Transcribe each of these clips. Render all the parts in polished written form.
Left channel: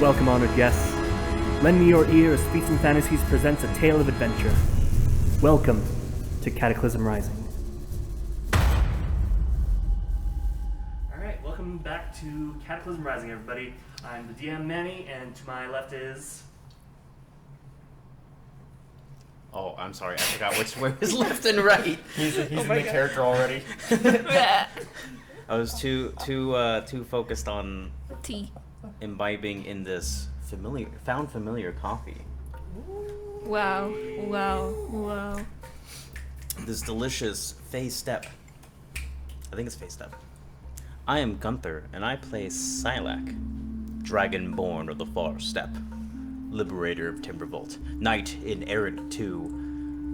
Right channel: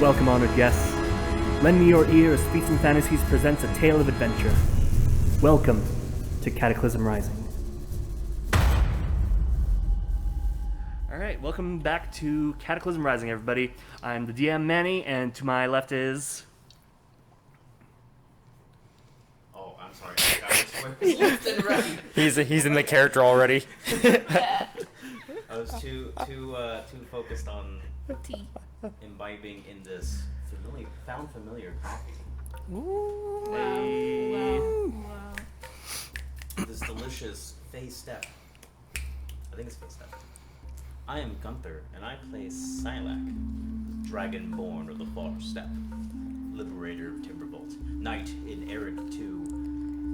Welcome, honored guests. Lend me your ear as Feats Fantasies presents a tale of adventure. Welcome to Cataclysm Rising. Alright, welcome back to Cataclysm Rising, everybody. I'm the DM, Manny, and to my left is... Oh, I'm sorry, I forgot which way was left and right. He's in the character already. I was too focused on Tea. imbibing in this found familiar coffee. Wow. This delicious Fey Step. I think it's Fey Step. I am Gunther, and I play Sylack, Dragonborn of the Far Steppe, Liberator of Timbervault, Knight in errant to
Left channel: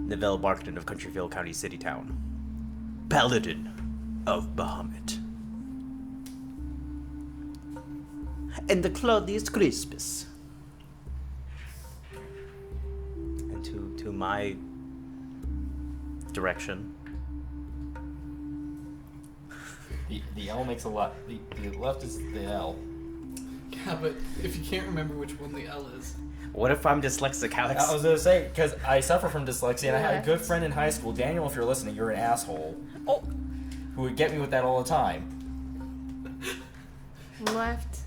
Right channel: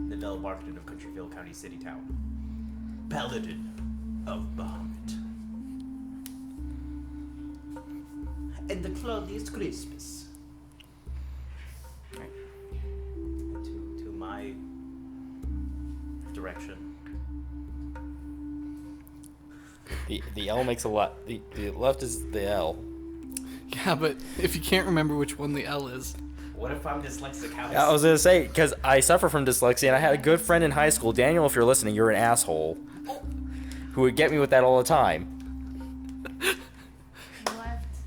Nivelle Barkton of Countryville County City Town, Paladin of Bahamut, and the Claudius Crispus. And to my direction. The L makes a lot. The left is the L. Yeah, but if you can't remember which one the L is. What if I'm dyslexic, Alex? I was gonna say, because I suffer from dyslexia, and I had a good friend in high school, Daniel. If you're listening, you're an asshole. Who would get me with that all the time. Left.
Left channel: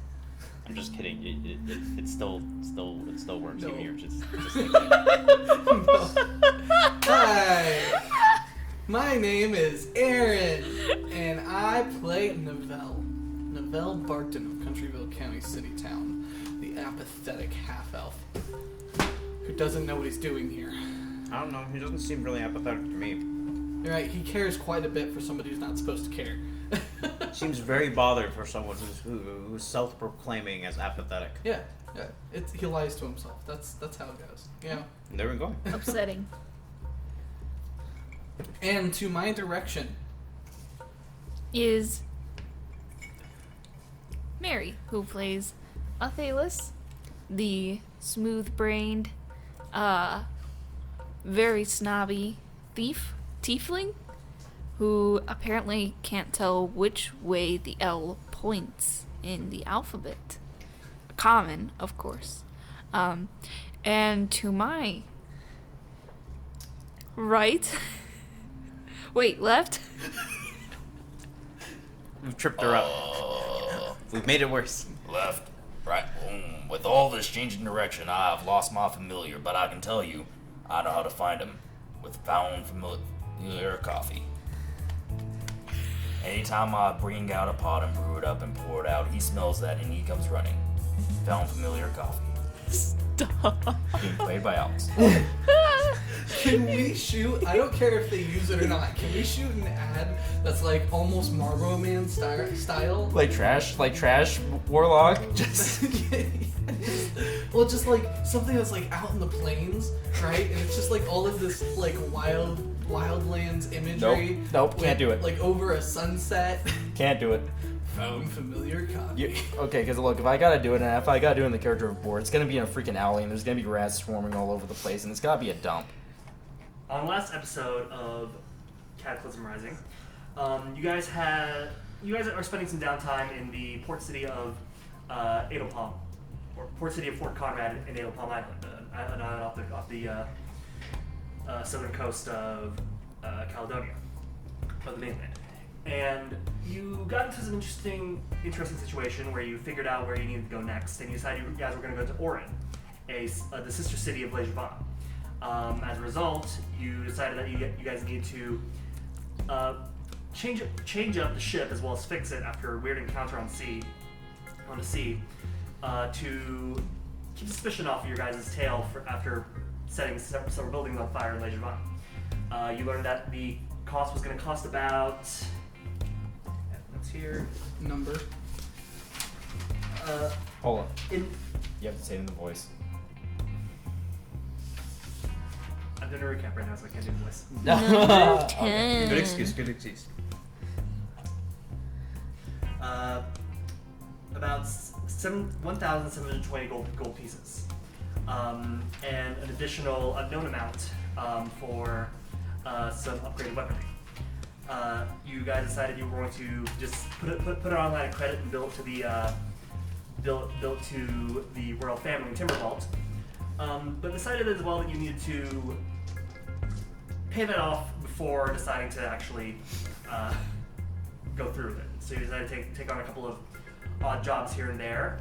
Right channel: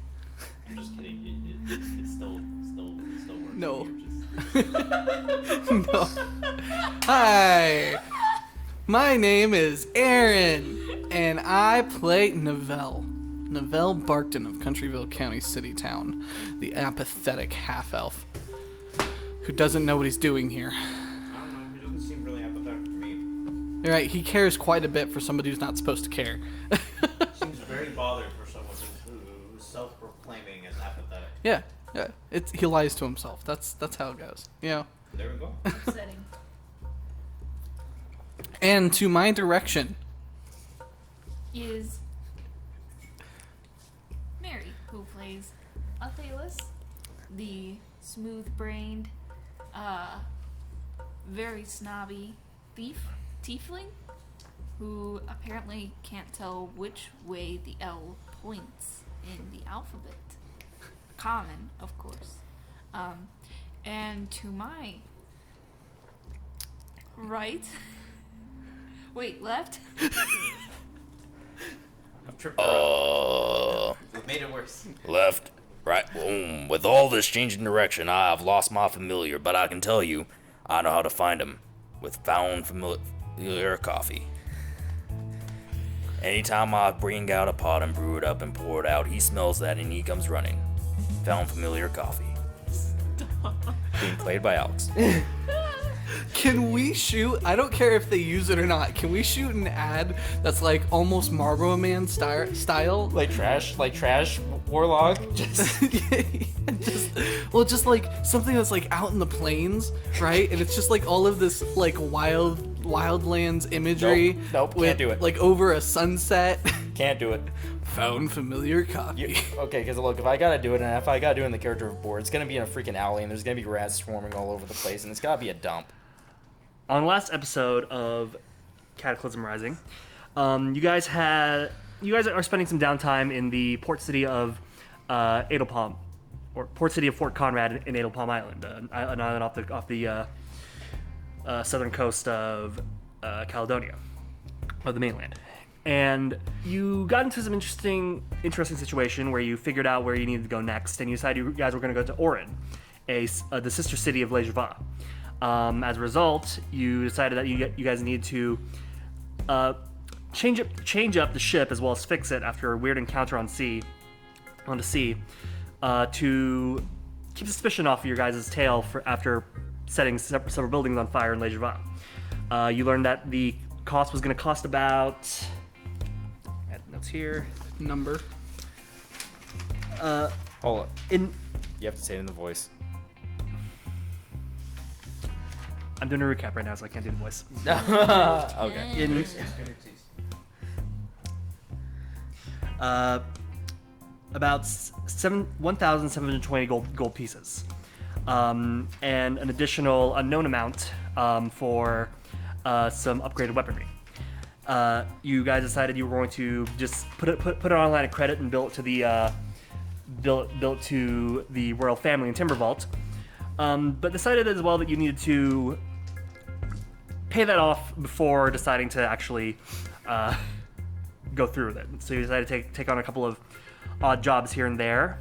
I'm just kidding. It still works. No. You're just No. Hi, my name is Aaron, and I play Nivelle Barkton of Countryville County City Town, the apathetic half-elf who doesn't know what he's doing here. I don't know. He doesn't seem really apathetic to me. You're right, he cares quite a bit for somebody who's not supposed to care. Seems very bothered for someone who's self-proclaiming as apathetic. Yeah. He lies to himself. That's how it goes. You know. There we go. Upsetting. And to my direction Is Mary, who plays Athelas, the smooth-brained, very snobby tiefling, who apparently can't tell which way the L points in the alphabet. Common, of course. And to my right... Wait, left? We've tripped her up. We've made it worse. Left, right, boom. With all this changing direction, I've lost my familiar, but I can tell you, I know how to find him with found familiar coffee. Anytime I bring out a pot and brew it up and pour it out, he smells that and he comes running. Found familiar coffee. Stop. Played by Alex. Can we shoot? I don't care if they use it or not. Can we shoot an ad that's like almost Marlboro Man style? Like trash warlock. just like something that's like out in the plains, right? And it's just like all of this like wildlands imagery. Nope, can't do it. Like over a sunset. Can't do it. Found familiar copy. Okay, because look, if I gotta do it in the character of board, it's gonna be in a freaking alley, and there's gonna be rats swarming all over the place, and it's gotta be a dump. On the last episode of Cataclysm Rising, you guys are spending some downtime in the port city of Adle Palm, or port city of Fort Conrad in Adle Palm Island, an island off the southern coast of Caledonia, of the mainland. And you got into some interesting situation where you figured out where you needed to go next, and you decided you guys were going to go to Orin, the sister city of Lazarvosk. As a result, you decided that you guys need to change up the ship as well as fix it after a weird encounter on the sea, to keep suspicion off of your guys' tail after setting several buildings on fire in Lazarvosk. You learned that the cost was going to cost about... Notes here. Number. Hold on. You You have to say it in the voice. I'm doing a recap right now, so I can't do the voice. Okay. Good excuse. About 1,720 gold pieces, and an additional unknown amount for some upgraded weaponry. You guys decided you were going to just put it on a line of credit and bill it to the built to the royal family in Timber Vault, but decided as well that you needed to pay that off before deciding to actually go through with it. So you decided to take on a couple of odd jobs here and there.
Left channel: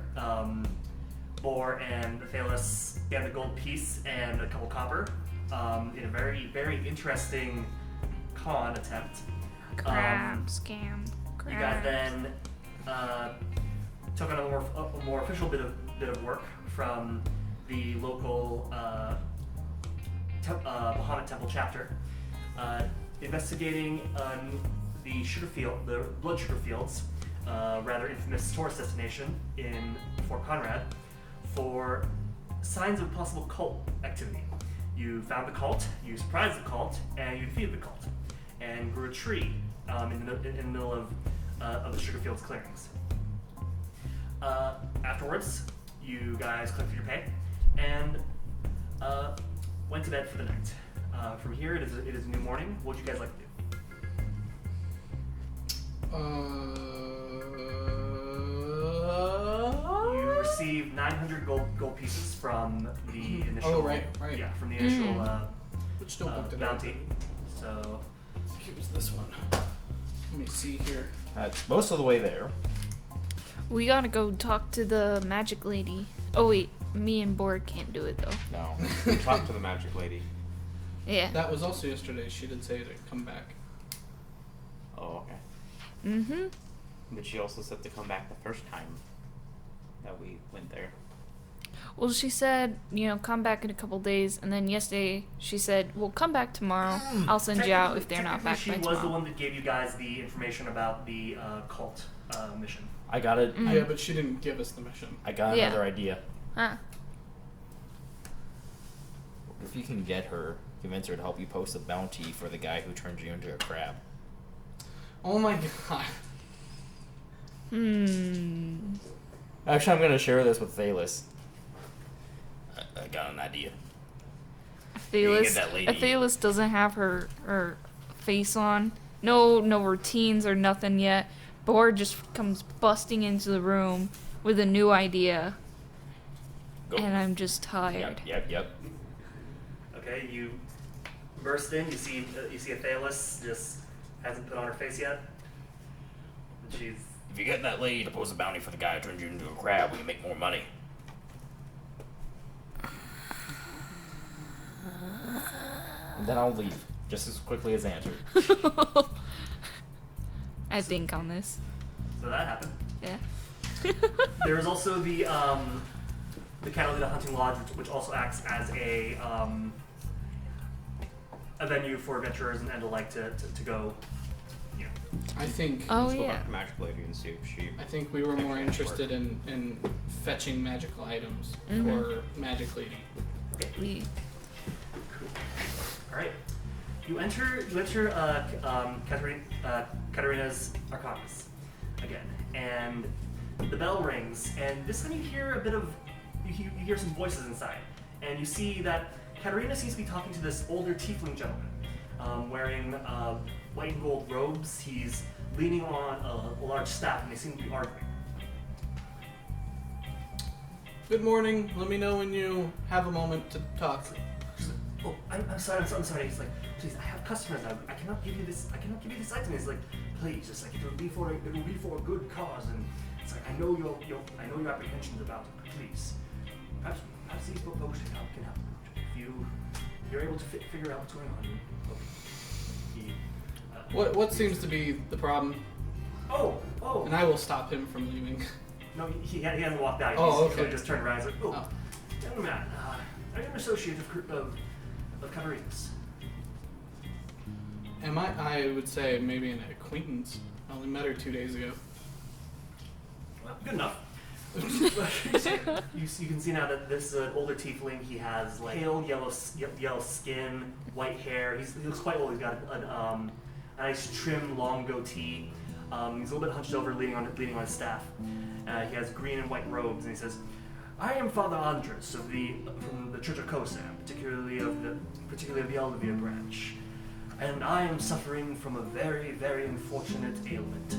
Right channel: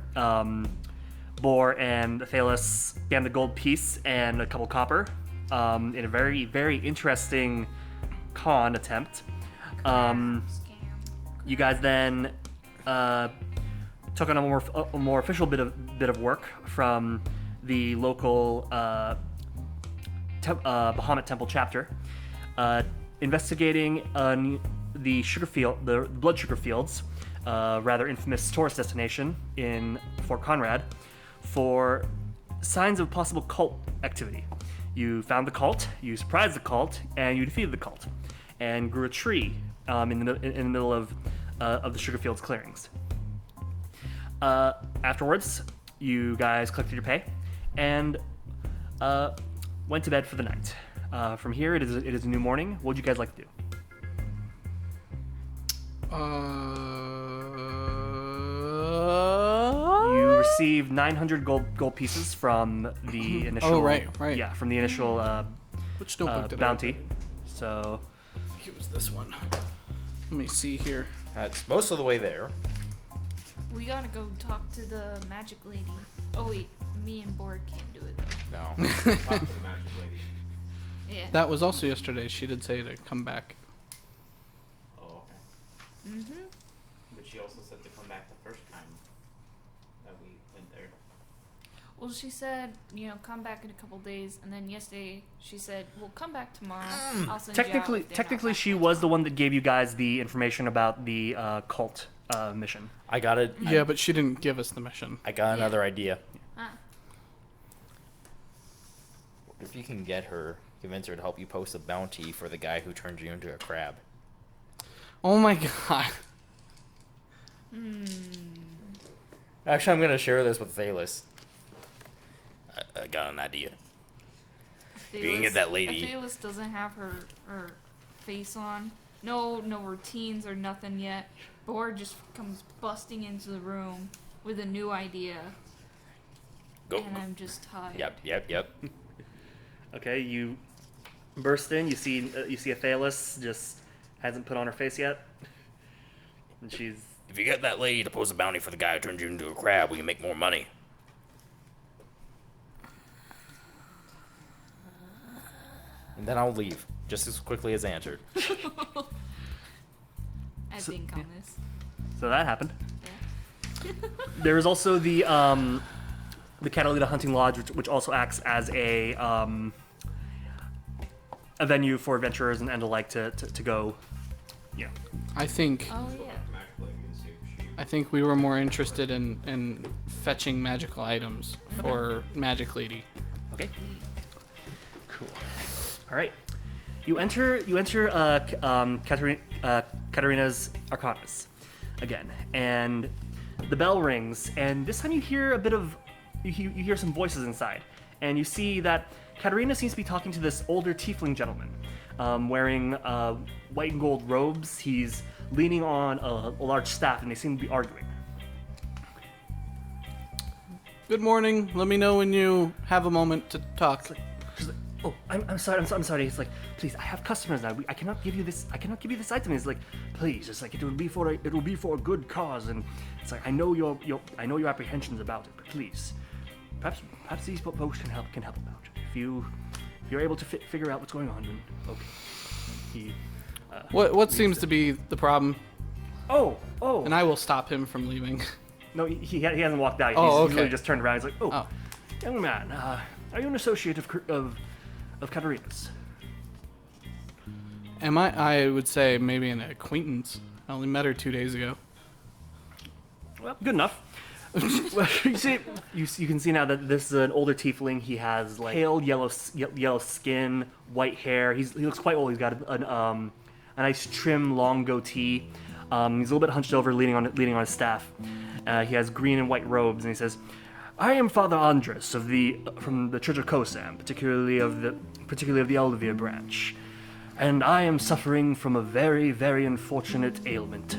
Bor and Athelas scammed a gold piece and a couple copper in a very, very interesting con attempt. Scam. You guys then took on a more official bit of work from the local Bahamut Temple chapter, investigating the blood sugar fields, rather infamous tourist destination in Fort Conrad, for signs of possible cult activity. You found the cult, you surprised the cult, and you defeated the cult, and grew a tree in the middle of the sugar fields clearings. Afterwards, you guys collected your pay and went to bed for the night. From here, it is a new morning. What would you guys like to do? You received 900 gold pieces from the initial. Oh, right. Yeah, from the initial Which notebook did bounty. So I think it was this one. Let me see here. It's most of the way there. We gotta go talk to the magic lady. Oh wait, me and Borg can't do it though. No. Talk to the magic lady. Yeah. That was also yesterday. She did say to come back. Oh, okay. Mm-hmm. But she also said to come back the first time that we went there. Well, she said, come back in a couple days, and then yesterday she said, well, come back tomorrow. I'll send you out if they're not technically, back she by was the tomorrow." one that gave you guys the information about the cult mission. I got it. Yeah, but she didn't give us the mission. I got Yeah. another idea. Huh. If you can get her, convince her to help you post a bounty for the guy who turned you into a crab. Oh my god. Actually, I'm gonna share this with Athelas. I got an idea. You can get that lady. Athelas doesn't have her face on. No routines or nothing yet. Borg just comes busting into the room with a new idea. Go. And I'm just tired. Yep. Okay, you burst in. You see Athelas just hasn't put on her face yet, and she's. If you get that lady to post a bounty for the guy who turned you into a crab, we can make more money. And then I'll leave, just as quickly as answered. I think on this. So that happened. Yeah. There is also the Catalina Hunting Lodge, which also acts as a venue for adventurers and alike to go. Yeah. I think Oh Let's go yeah. back to magic lady and see if she. I think we were more interested in fetching magical items for Magic Lady. Okay. We- All right. You enter Katarina's Arcanas again, and the bell rings, and this time you hear a bit of you hear some voices inside, and you see that Katarina seems to be talking to this older tiefling gentleman, wearing white and gold robes. He's leaning on a large staff, and they seem to be arguing. Good morning. Let me know when you have a moment to talk. She's like, "Oh, I'm sorry. I'm sorry." He's like, "Please, I have customers now. I cannot give you this. I cannot give you this item." He's like, "Please, just like it will be for a good cause." And it's like, I know your apprehensions about it, but please, perhaps these folks can help out. If you're able to figure out what's going on, then okay. He, What seems to be the problem? Oh. And I will stop him from leaving. No, he hasn't walked out. Oh, He's okay. really just turned around. He's like, "Oh, Oh. young man, are you an associate of Katarina's?" Am I? I would say maybe an acquaintance. I only met her 2 days ago. Well, good enough. Well, you can see now that this is an older tiefling. He has like pale yellow skin, white hair. He looks quite old. He's got a nice trim, long goatee. He's a little bit hunched over, leaning on his staff. He has green and white robes, and he says, "I am Father Andres from the Church of Kosam, particularly of the Eldevier branch, and I am suffering from a very, very unfortunate ailment."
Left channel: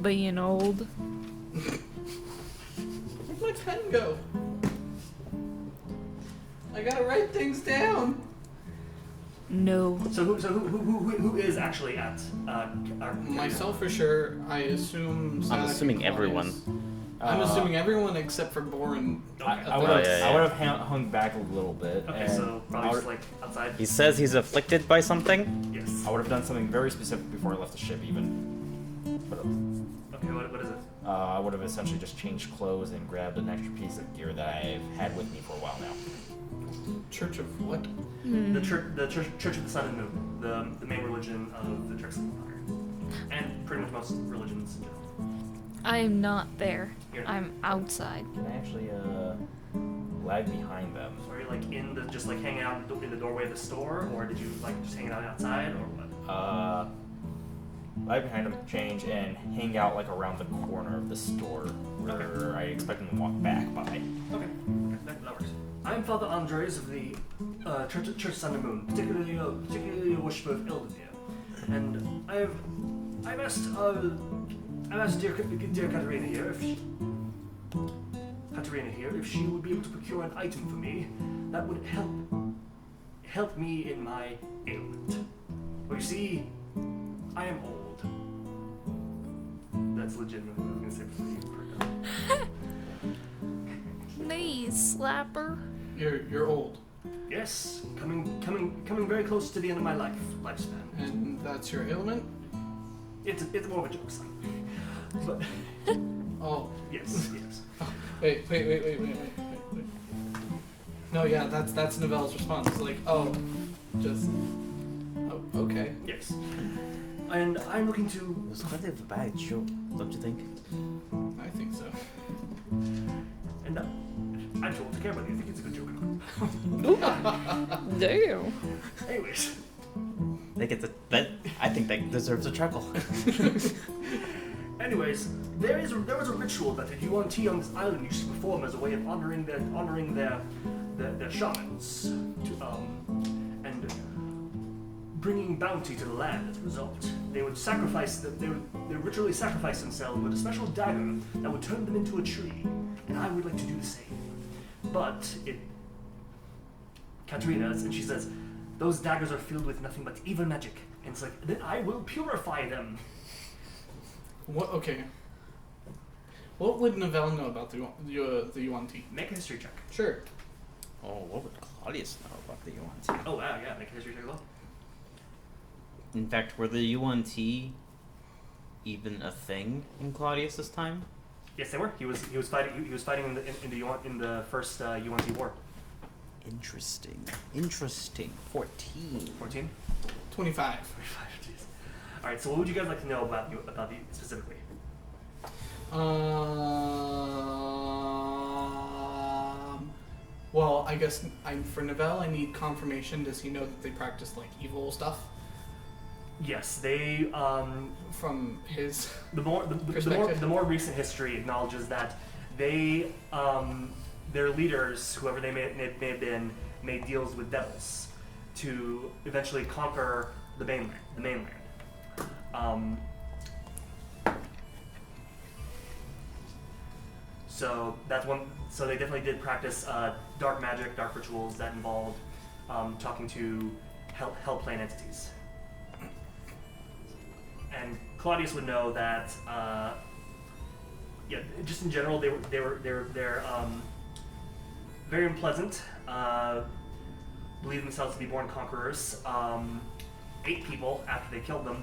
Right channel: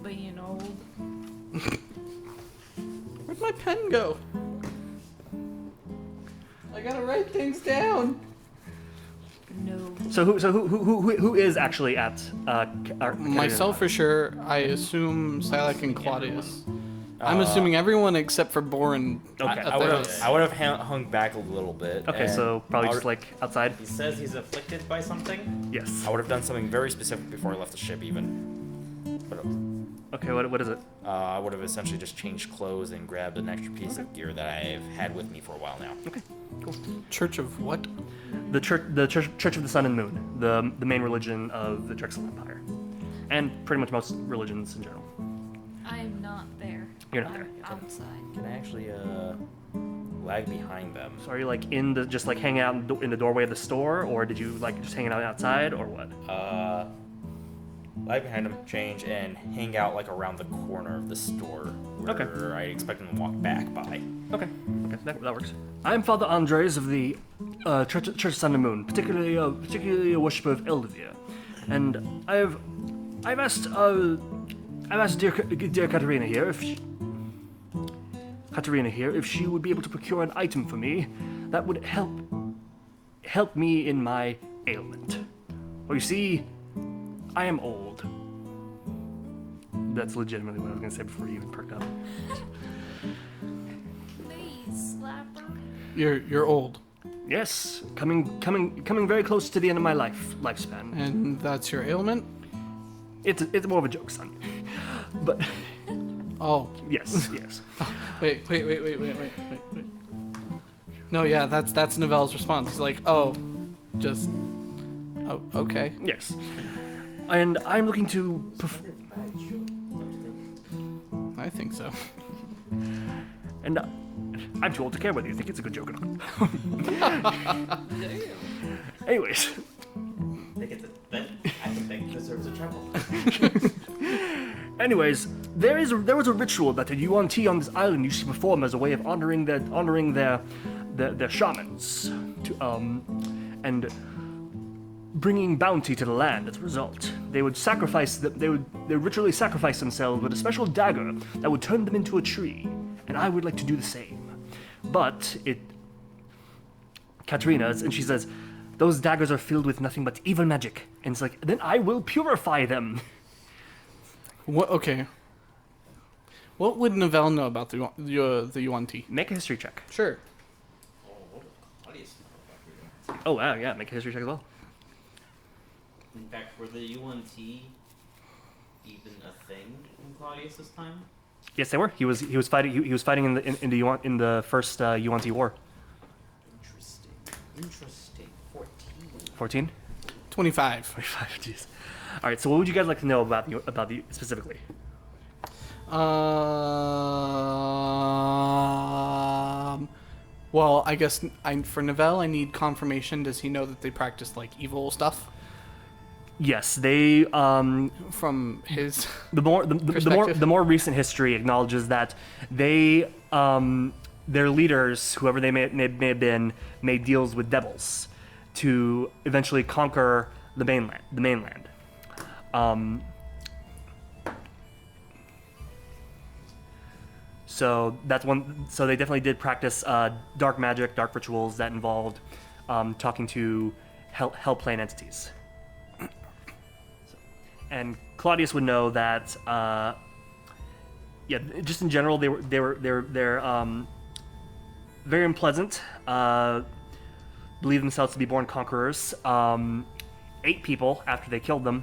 Being old. Where'd my pen go? I gotta write things down. No. So who is actually at Myself for sure. I assume Sylack and assuming Claudius. everyone. I'm assuming everyone except for Boren. Okay. I would have yeah, yeah. I would have hung back a little bit. Okay, and so probably I just would- like outside. He says he's afflicted by something. Yes. I would have done something very specific before I left the ship, even. But, Okay, what is it? I would have essentially just changed clothes and grabbed an extra piece of gear that I've had with me for a while now. Church of what? The Church of the Sun and Moon, the main religion of the Drexel Empire, and pretty much most religions in general. I am not there. You're not I'm outside. Can I actually lag behind them? So are you like just like hanging out in the doorway of the store, or did you like just hanging out outside, or what? Lag behind them, change, and hang out like around the corner of the store where Okay. I expect them to walk back by. Okay, that works. I am Father Andres of the Church of Sun and Moon, particularly a worshipper of Eldervere, and I've asked dear Katerina here if she would be able to procure an item for me that would help me in my ailment. Well, you see, I am old. That's legitimately what I was gonna say before you even perked up. Please, slapper. You're old, Yes, coming very close to the end of my lifespan. and that's your ailment. It's more of a joke, son. But Oh, yes. wait. No, yeah, that's Novelle's response. It's like, oh, okay. Yes. And I'm looking to. It's kind of a bad joke, don't you think? I think so. And I'm too old to care whether you think it's a good joke or not. Damn. Anyways, I think that deserves a chuckle. there was a ritual that the UNT on this island used to perform as a way of honoring their shamans, and bringing bounty to the land as a result. They would ritually sacrifice themselves with a special dagger that would turn them into a tree, and I would like to do the same. But Katerina's, and she says, those daggers are filled with nothing but evil magic, and it's like, then I will purify them. What? Okay. What would Novelle know about the UNT? Make a history check. Sure. Oh, what would Claudius know about the UNT? Oh wow, yeah, make a history check as well. In fact, were the UNT even a thing in Claudius's time? Yes, they were. He was fighting in the first UNT war. Interesting. 14. 14? 25. 25. Jeez. All right. So, what would you guys like to know about the specifically? Well, I guess for Novelle, I need confirmation. Does he know that they practice like evil stuff? Yes, they. From his The more recent history acknowledges that they their leaders, whoever they may have been, made deals with devils to eventually conquer the mainland. So that's one. So they definitely did practice dark magic, dark rituals that involved talking to hell plane entities. And Claudius would know that. Yeah, just in general, they're very unpleasant. Believe themselves to be born conquerors. Ate people after they killed them,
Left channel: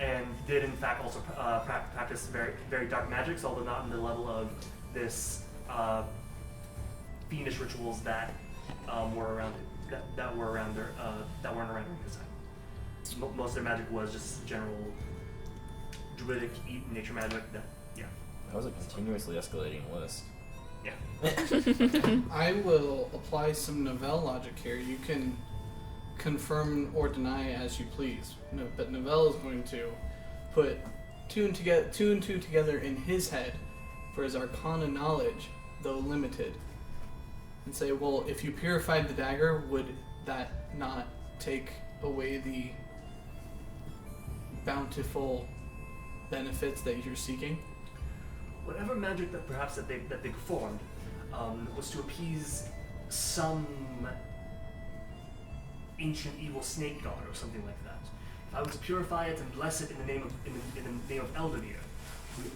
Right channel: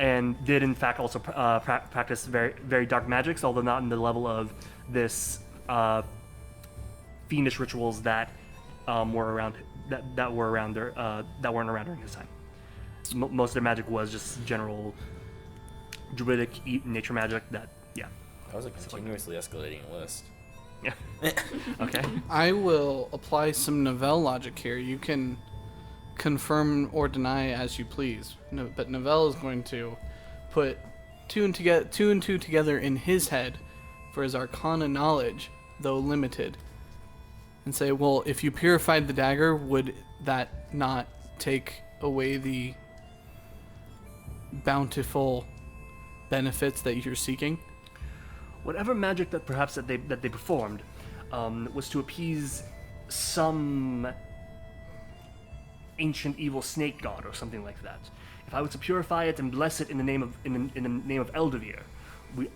and did in fact also practice very very dark magics, although not in the level of this fiendish rituals that were around that weren't around during his time. Most of their magic was just general druidic nature magic. That That was a continuously escalating list. yeah. Okay. I will apply some Novelle logic here. You can confirm or deny as you please. No, but Novelle is going to put two and two together in his head for his arcana knowledge, though limited, and say, well, if you purified the dagger, would that not take away the bountiful benefits that you're seeking? whatever magic that perhaps that they performed was to appease some ancient evil snake god or something like that. If I were to purify it and bless it in the name of Eldervere,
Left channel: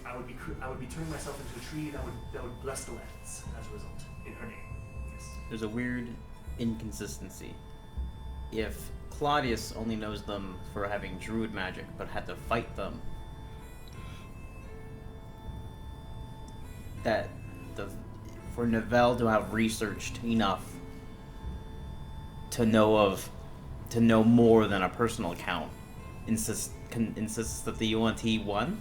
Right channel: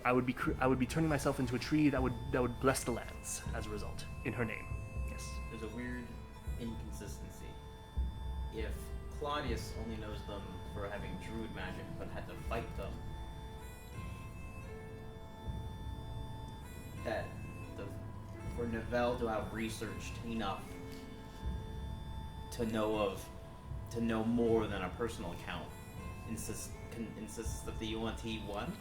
I would be turning myself into a tree that would bless the lands as a result in her name. Yes. There's a weird inconsistency. If Claudius only knows them for having druid magic, but had to fight them, for Novell to have researched enough to know more than a personal account, insists that the UNT won.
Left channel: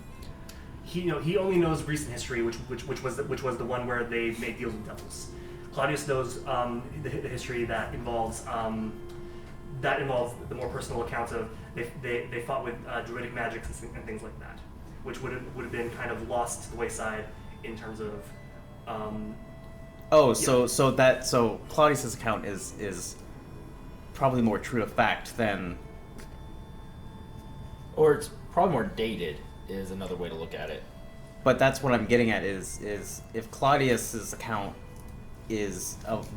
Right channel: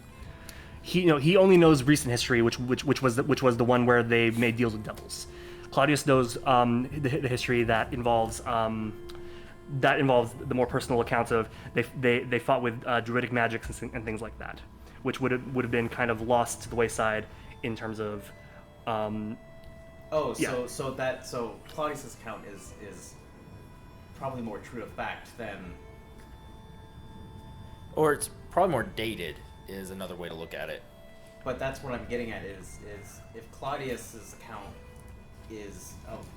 He only knows recent history, which was the one where they made deals with devils. Claudius knows the history that involves the more personal accounts of they fought with druidic magics and things like that, which would have been kind of lost to the wayside in terms of. So Claudius's account is probably more true to fact than. Or it's probably more dated, is another way to look at it. But that's what I'm getting at is if Claudius's account is of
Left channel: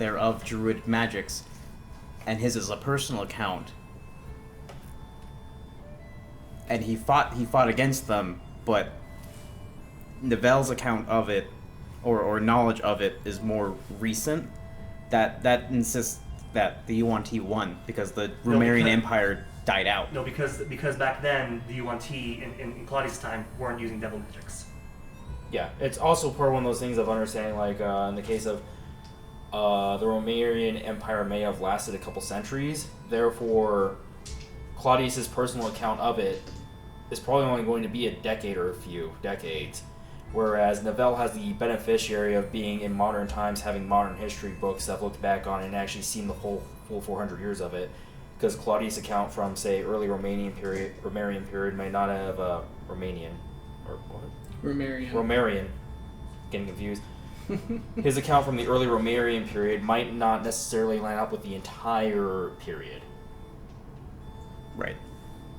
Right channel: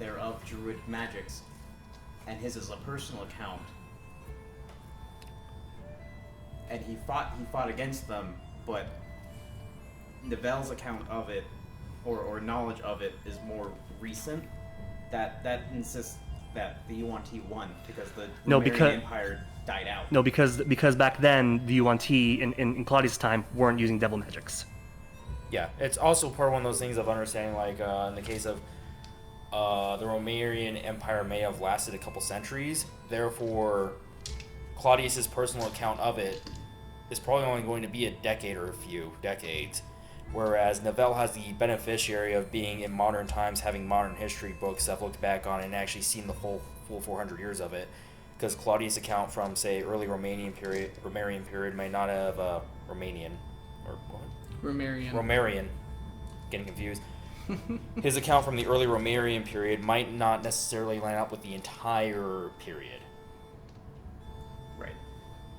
druid magics, and his is a personal account, and he fought against them, but Novell's account of it, or knowledge of it, is more recent. That insists that the UNT won because the Romarian Empire died out. No, because back then the UNT in Claudius' time weren't using devil magics. Yeah, it's also part of one of those things of understanding, like in the case of the Romarian Empire may have lasted a couple centuries, therefore Claudius's personal account of it is probably only going to be a decade or a few decades, whereas Novell has the beneficiary of being in modern times, having modern history books that have looked back on it and actually seen the full 400 years of it, because Claudius' account from, say, early Romarian period may not have Romarian, getting confused. His account from the early Romarian period might not necessarily line up with the entire period. Right.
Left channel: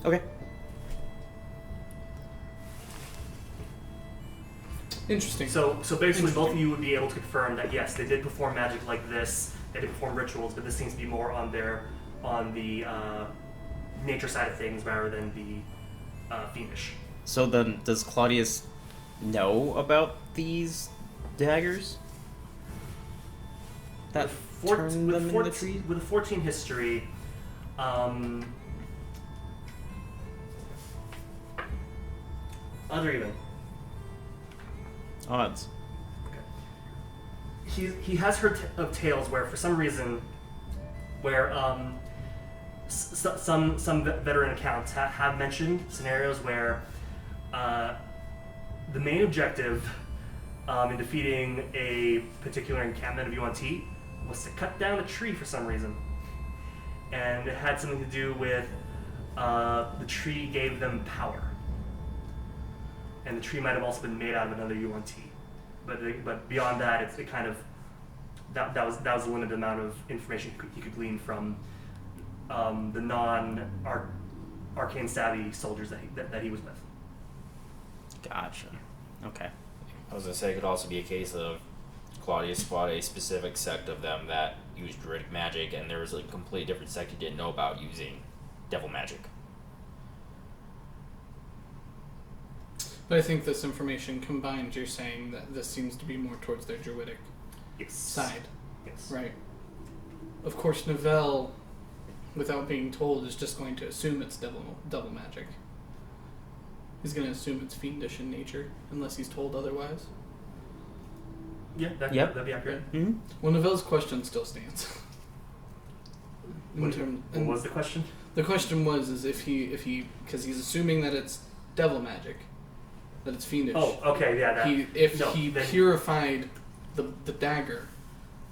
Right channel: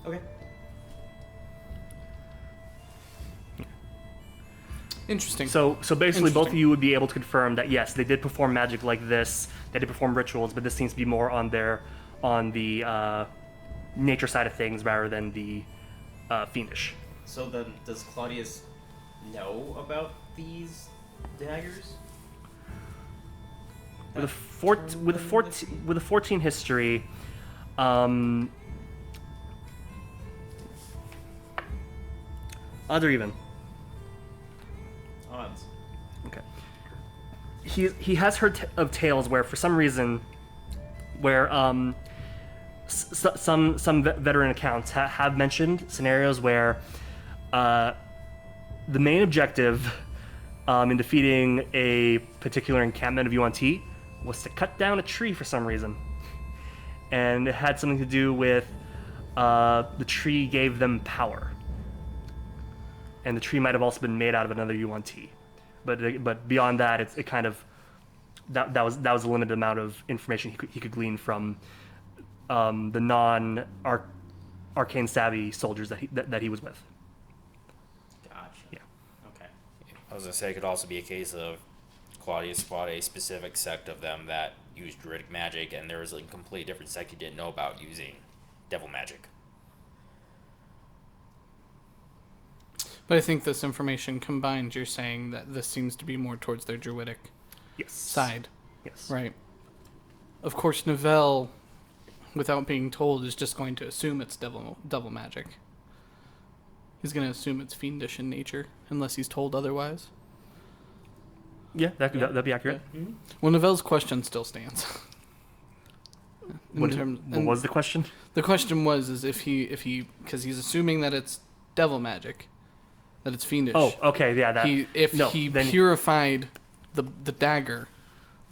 Okay. Interesting. So basically, both of you would be able to confirm that yes, they did perform magic like this. They did perform rituals, but this seems to be more on the nature side of things rather than the fiendish. So then, does Claudius know about these daggers? With a 14 history, odd or even? Odds. Okay. He has heard of tales where, for some reason, where some veteran accounts have mentioned scenarios where the main objective in defeating a particular encampment of UNT was to cut down a tree for some reason, and it had something to do with the tree gave them power. And the tree might have also been made out of another UNT, but beyond that, it kind of that was a limited amount of information he could glean from the arcane savvy soldiers that he was with. Gotcha. Yeah. Okay. I was gonna say it could also be a case of Claudius fought a specific sect of them that used druidic magic, and there was a completely different sect he didn't know about using devil magic. But I think this information combined, you're saying that this seems to be more towards their druidic side. Yes. Right. Of course, Novell, without being told, is just going to assume it's devil magic. He's going to assume it's fiendish in nature, unless he's told otherwise. Yeah, that'd be accurate. Yeah. Mm-hmm. Well, Novell's question still stands. What was the question? The question was if he because he's assuming that it's devil magic, that it's fiendish. Oh, okay, yeah. If he purified the dagger,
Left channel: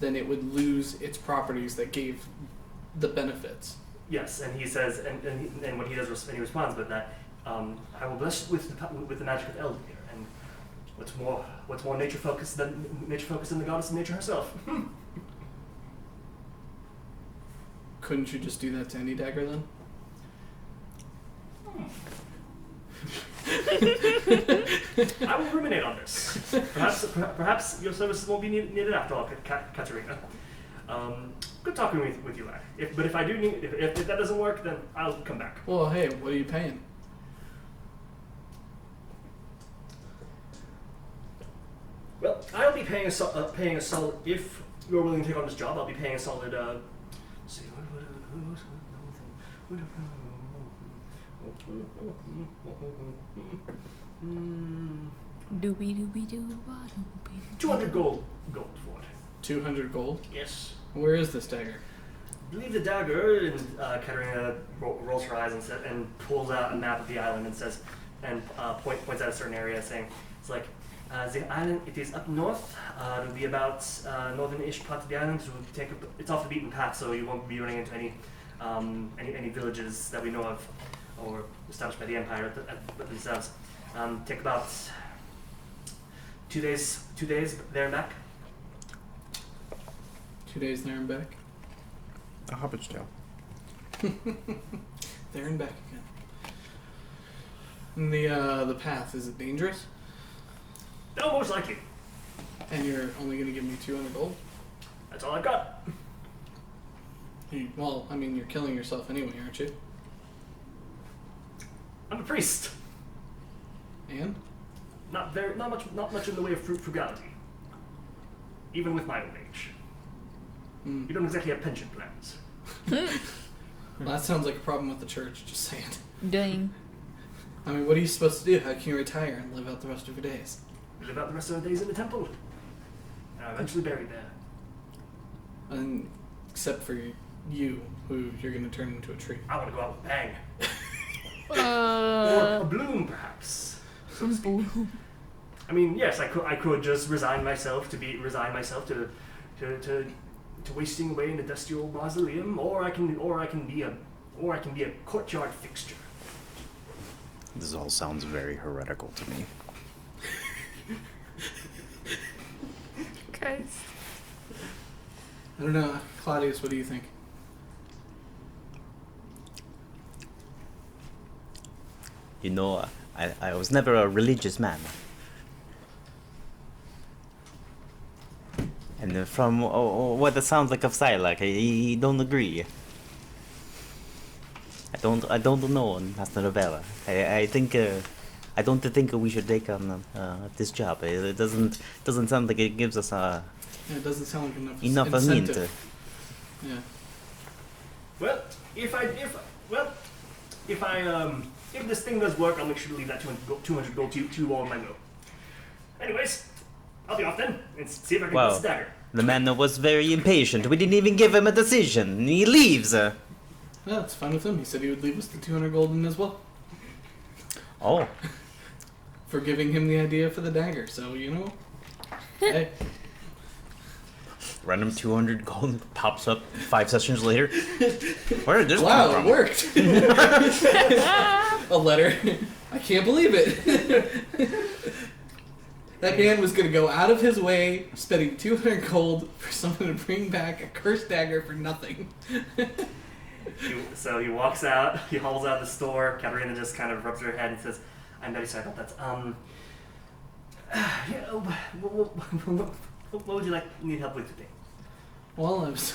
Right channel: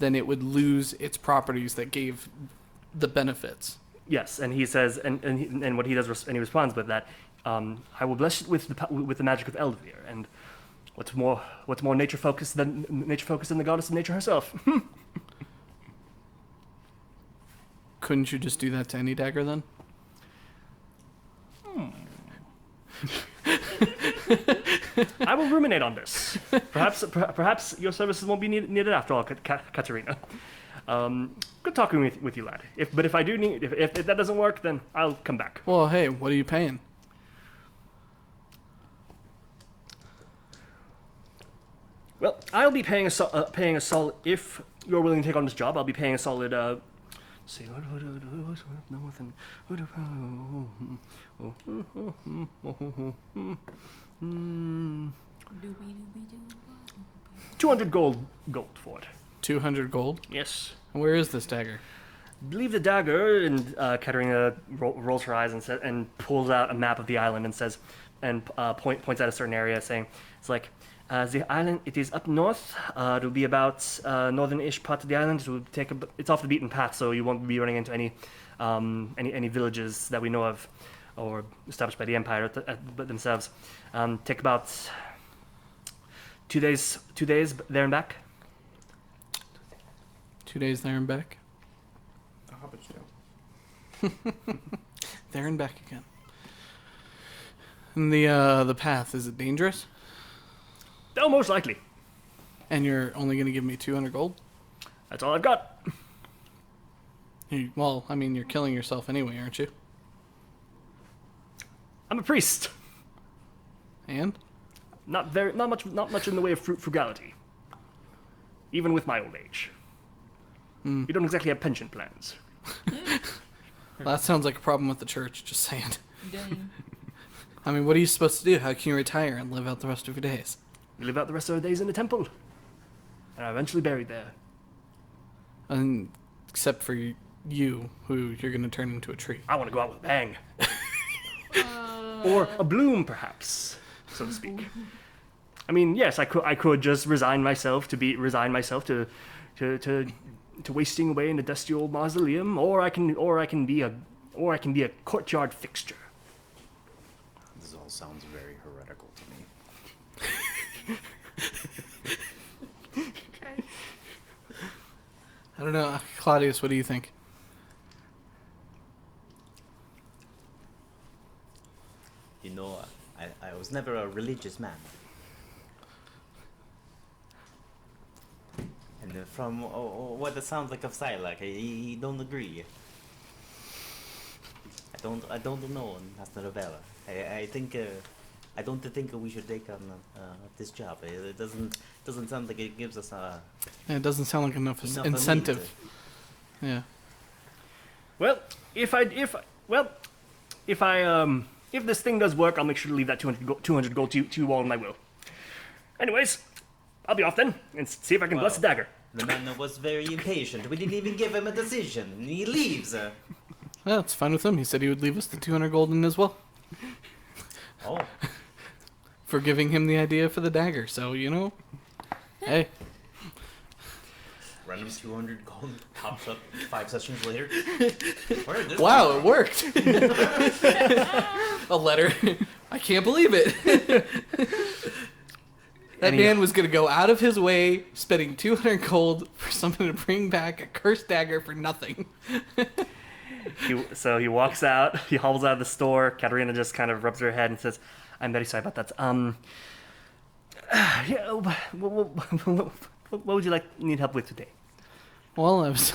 then it would lose its properties that gave the benefits. Yes, and he says, and what he does, and he responds with that, I will bless it with the magic of Eldervere, and what's more nature focused than the goddess of nature herself. Couldn't you just do that to any dagger then? I will ruminate on this. Perhaps your services won't be needed after all, Katerina. Good talking with you, lad. If that doesn't work, then I'll come back. Well, hey, what are you paying? Well, I'll be paying a solid. If you're willing to take on this job, I'll be paying a solid. See Doobie doobie doo. 200 gold for it. 200 gold? Yes. Where is this dagger? I believe the dagger, and Katerina rolls her eyes and pulls out a map of the island and says, points at a certain area, saying, it's like, the island, it is up north. It'll be about northern-ish part of the island. It's off the beaten path, so you won't be running into any villages that we know of or established by the Empire themselves. Take about 2 days there and back. 2 days there and back? A hobbit's tale. There and back again. And the path, is it dangerous? No, most likely. And you're only going to give me 200 gold? That's all I've got. Well, I mean, you're killing yourself anyway, aren't you? I'm a priest. And? Not much in the way of frugality. Even with my old age. Mm. You don't exactly have pension plans. Well, that sounds like a problem with the church, just saying. Dang. I mean, what are you supposed to do? How can you retire and live out the rest of your days? We live out the rest of our days in the temple. And are eventually buried there. And except for you, who you're going to turn into a tree. I want to go out with a bang. Or a bloom, perhaps, so to speak. I mean, yes, I could just resign myself to wasting away in the dusty old mausoleum, or I can be a courtyard fixture. This all sounds very heretical to me. Guys. I don't know. Claudius, what do you think? You know, I was never a religious man. And from what it sounds like of Sylack, I don't agree. I don't know, Master Novella. I don't think we should take on this job. It doesn't sound like it gives us Yeah, it doesn't sound like enough incentive. Yeah. Well, if this thing does work, I'll make sure to leave that 200 gold to you all in my will. Anyways, I'll be off then and see if I can bless the dagger. The man was very impatient. We didn't even give him a decision. He leaves. Well, it's fine with him. He said he would leave us the 200 gold in as well. Oh. For giving him the idea for the dagger. So, you know, hey. Random 200 gold pops up 5 sessions later. Where did this come Wow, from? it worked. A letter. I can't believe it. That man was going to go out of his way, spending 200 gold for someone to bring back a cursed dagger for nothing. So he walks out, he hobbles out of the store. Katerina just kind of rubs her head and says, I'm very sorry about that. Yeah, what would you need help with today? Well, I was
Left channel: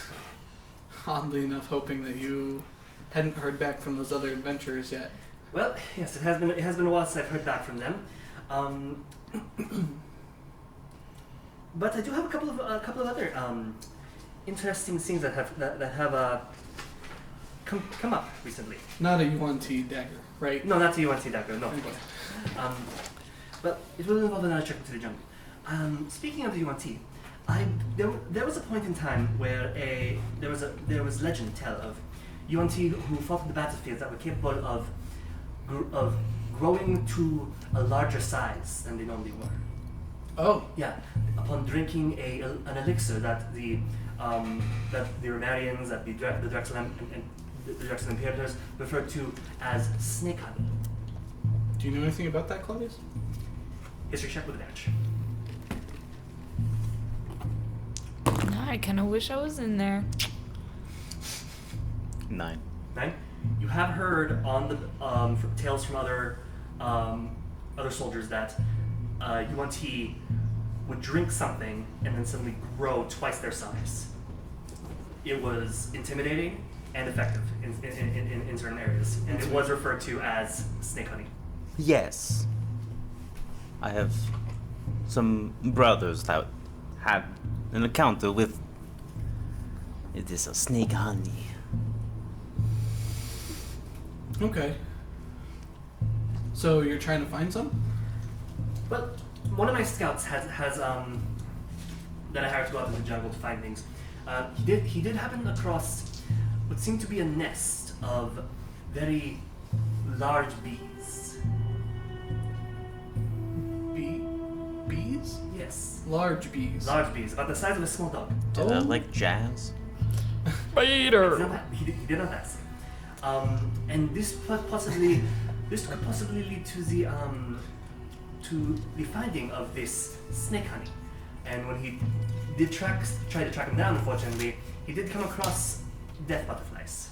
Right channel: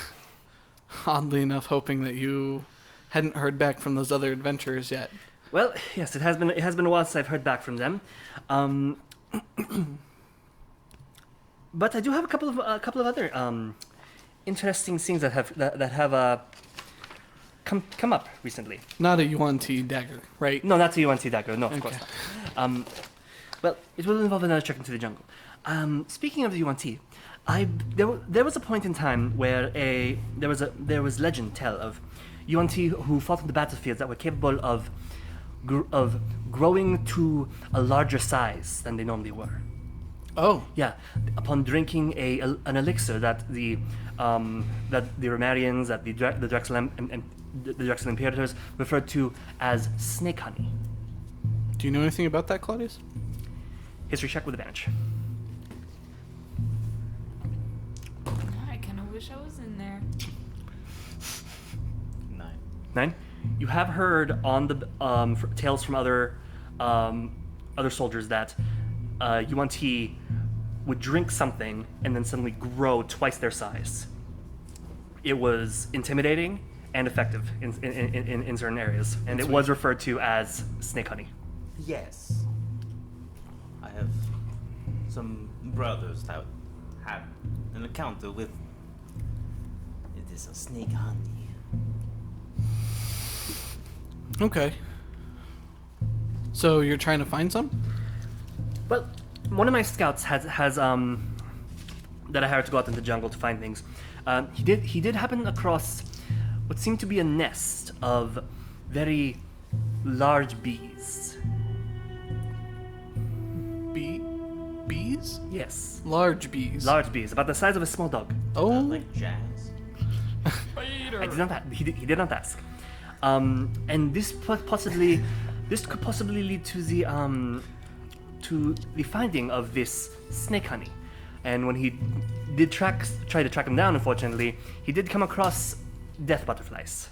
oddly enough hoping that you hadn't heard back from those other adventurers yet. Well, yes, it has been a while since I've heard back from them. But I do have a couple of other interesting things that have come up recently. Not a UNT dagger, right? No, not the UNC dagger. No, of Okay. course. Well, it will involve another trek into the jungle. Speaking of the UNT, there was a point in time where there was legend tell of UNT who fought on the battlefields that were capable of growing to a larger size than they normally were. Oh, Yeah, upon drinking an elixir that the Romarians, that the Drexel and the Drexel Imperators referred to as snake honey. do you know anything about that, Claudius? History check with advantage. Now I kind of wish I was in there. 9. 9. You have heard on the tales from other soldiers that Yuan-Ti would drink something and then suddenly grow twice their size. It was intimidating and effective in certain areas, and it was referred to as snake honey. Yes. I have some brothers that had an encounter with. It is a snake honey. Okay. So you're trying to find some? Well, one of my scouts has that I hired to go out into the jungle to find things. He did happen across what seemed to be a nest of very large bees. Bees? Yes, Large bees. large bees, about the size of a small dog. Oh. Like jazz? He did not ask. And this could possibly lead to the finding of this snake honey. And when he did try to track him down, unfortunately, he did come across death butterflies.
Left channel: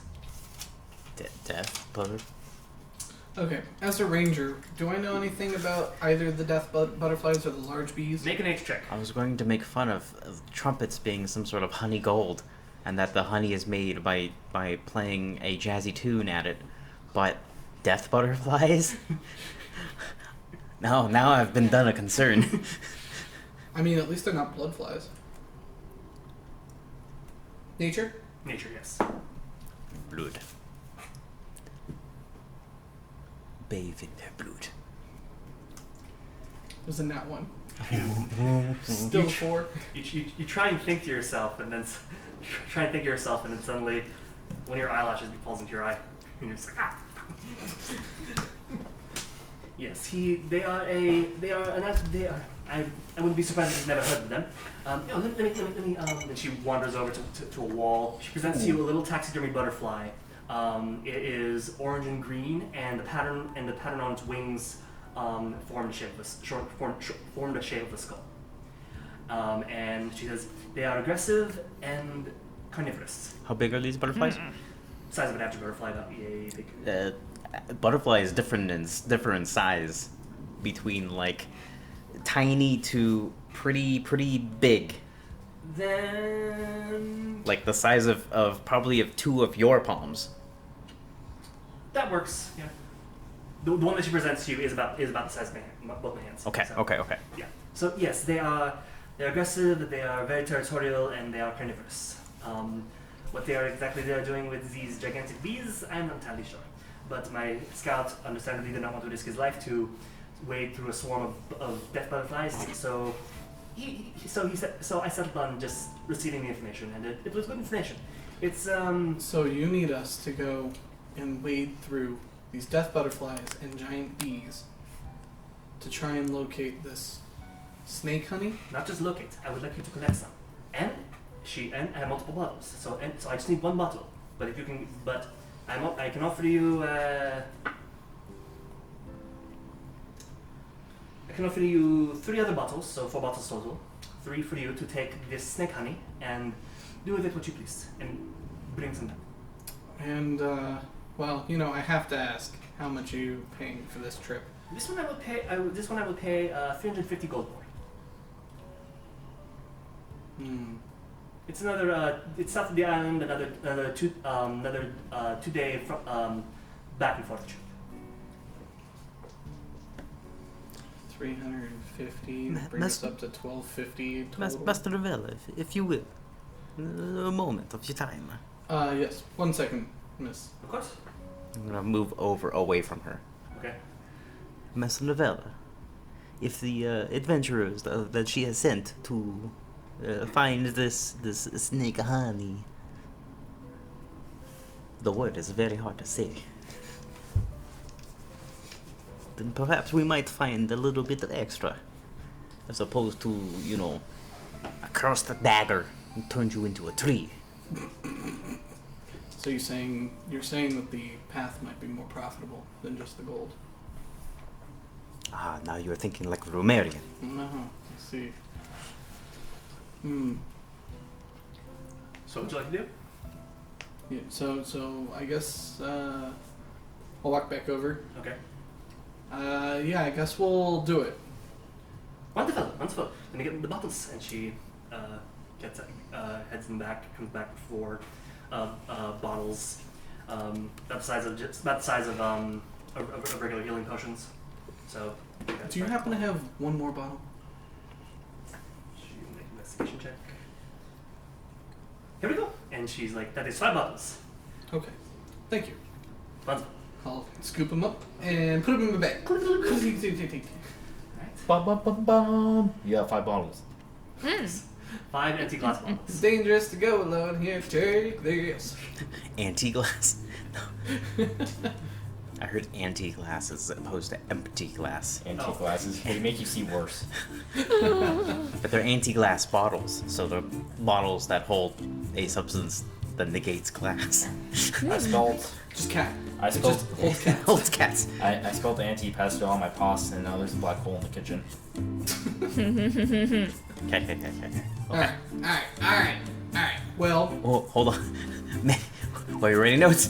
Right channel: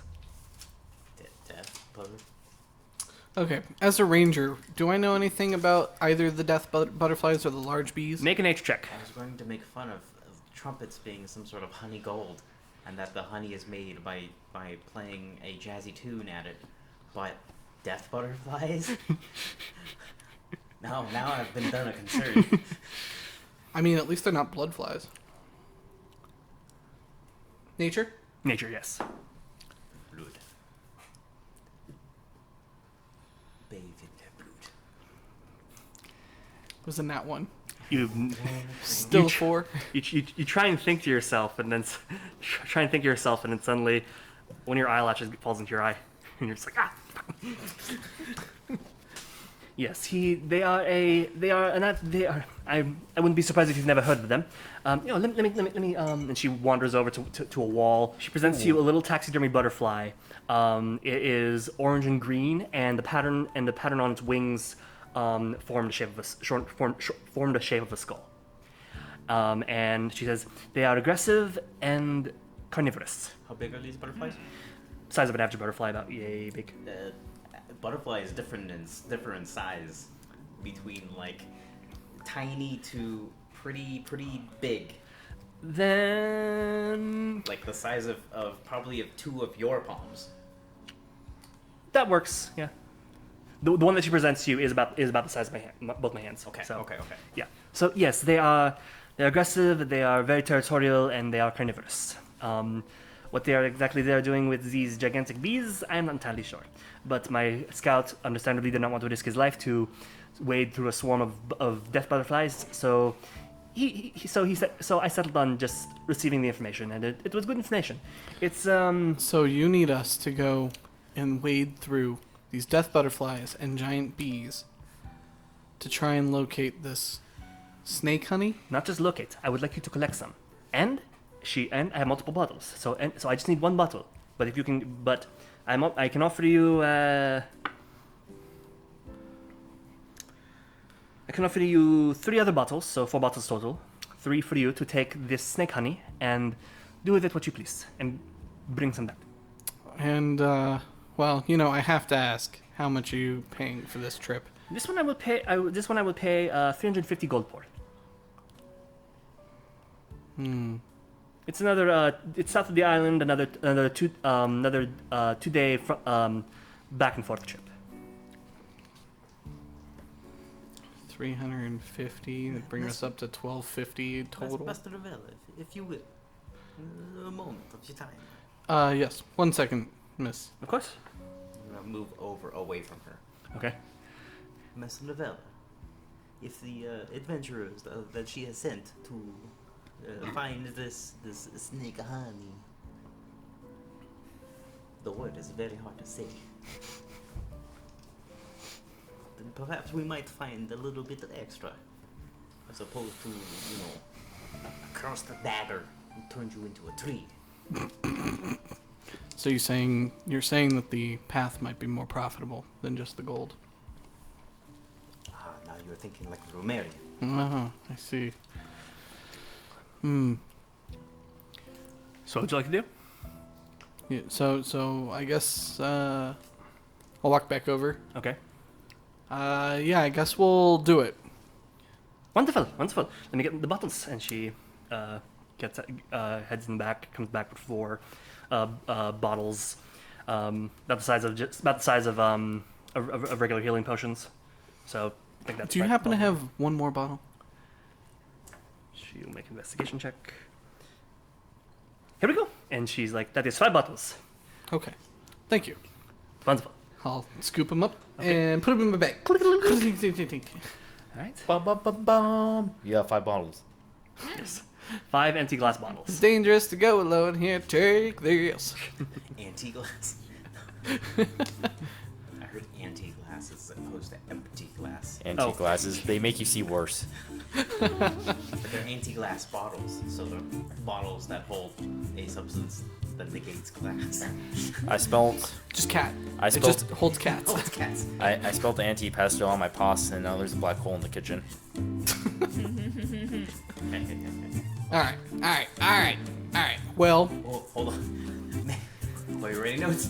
Death butter? Okay. As a ranger, do I know anything about either the death butterflies or the large bees? Make an H check. I was going to make fun of trumpets being some sort of honey gold, and that the honey is made by playing a jazzy tune at it, but death butterflies? Now I've been done a concern. I mean, at least they're not blood flies. Nature? Nature, yes. Blood. Bathe in their blood. It was a nat 1. You Still 4. you try and think to yourself, and then suddenly one of your eyelashes falls into your eye, and you're just like, ah. Yes, they are. I wouldn't be surprised if you've never heard of them. Let me. And she wanders over to a wall. She presents to you a little taxidermy butterfly. It is orange and green, and the pattern on its wings formed the shape of a skull. And she says they are aggressive and carnivorous. How big are these butterflies? Size of an average butterfly, about yay big. Butterfly is different in size, between like tiny to pretty big. Then Like the size of probably of 2 of your palms. that works. Yeah. The one that she presents to you is about the size of both my hands. Okay. So, Okay. Yeah. So yes, they're aggressive. They are very territorial, and they are carnivorous. What they are doing with these gigantic bees, I'm not entirely sure. But my scout, understandably, did not want to risk his life to wade through a swarm of death butterflies. So I settled on just receiving the information, and it was good information. It's So you need us to go and wade through these death butterflies and giant bees to try and locate this snake honey? not just locate. I would like you to collect some, and I have multiple bottles. So I just need one bottle. But if you can, I can offer you. I can offer you 3 other bottles, so 4 bottles total. 3 for you to take this snake honey and do with it what you please, and bring some back. And, well, I have to ask, how much are you paying for this trip? This one I would pay. 350 gold for. It's another. It's south of the island. Another 2-day back and forth trip. 350 bring us up to 1250 total. Master Novella, if you will. A moment of your time. Yes. 1 second, miss. Of course. I'm gonna move away from her. Okay. Master Novella, if the adventurers that she has sent to find this snake honey, the word is very hard to say, then perhaps we might find a little bit of extra, as opposed to, a cursed dagger and turn you into a tree. So you're saying that the path might be more profitable than just the gold? Ah, now you're thinking like a Romarian. Oh, I see. So what would you like to do? Yeah, so I guess I'll walk back over. Okay. Yeah, I guess we'll do it. Wonderful, wonderful. Let me get the bottles. And she gets heads in the back, comes back with 4 bottles, about the size of of regular healing potions. So I think that's Do you right. happen to have one more bottle? She'll make an investigation check. Here we go. And she's like, that is 5 bottles. Okay. Thank you. Wonderful. I'll scoop them up and put them in my bag. All right. Bum, bum, bum, bum. You got 5 bottles. 5 empty glass bottles. It's dangerous to go alone here. Take this. Anti-glass. I heard anti-glass as opposed to empty glass. Antique glasses, they make you see worse. But they're anti-glass bottles, so they're bottles that hold a substance that negates glass. I spelled Just cat. I It spelled just holds cats. Holds cats. I spelled anti-pesto on my pasta, and now there's a black hole in the kitchen. Okay. Alright. Well, Oh, hold on. Man, are you writing notes?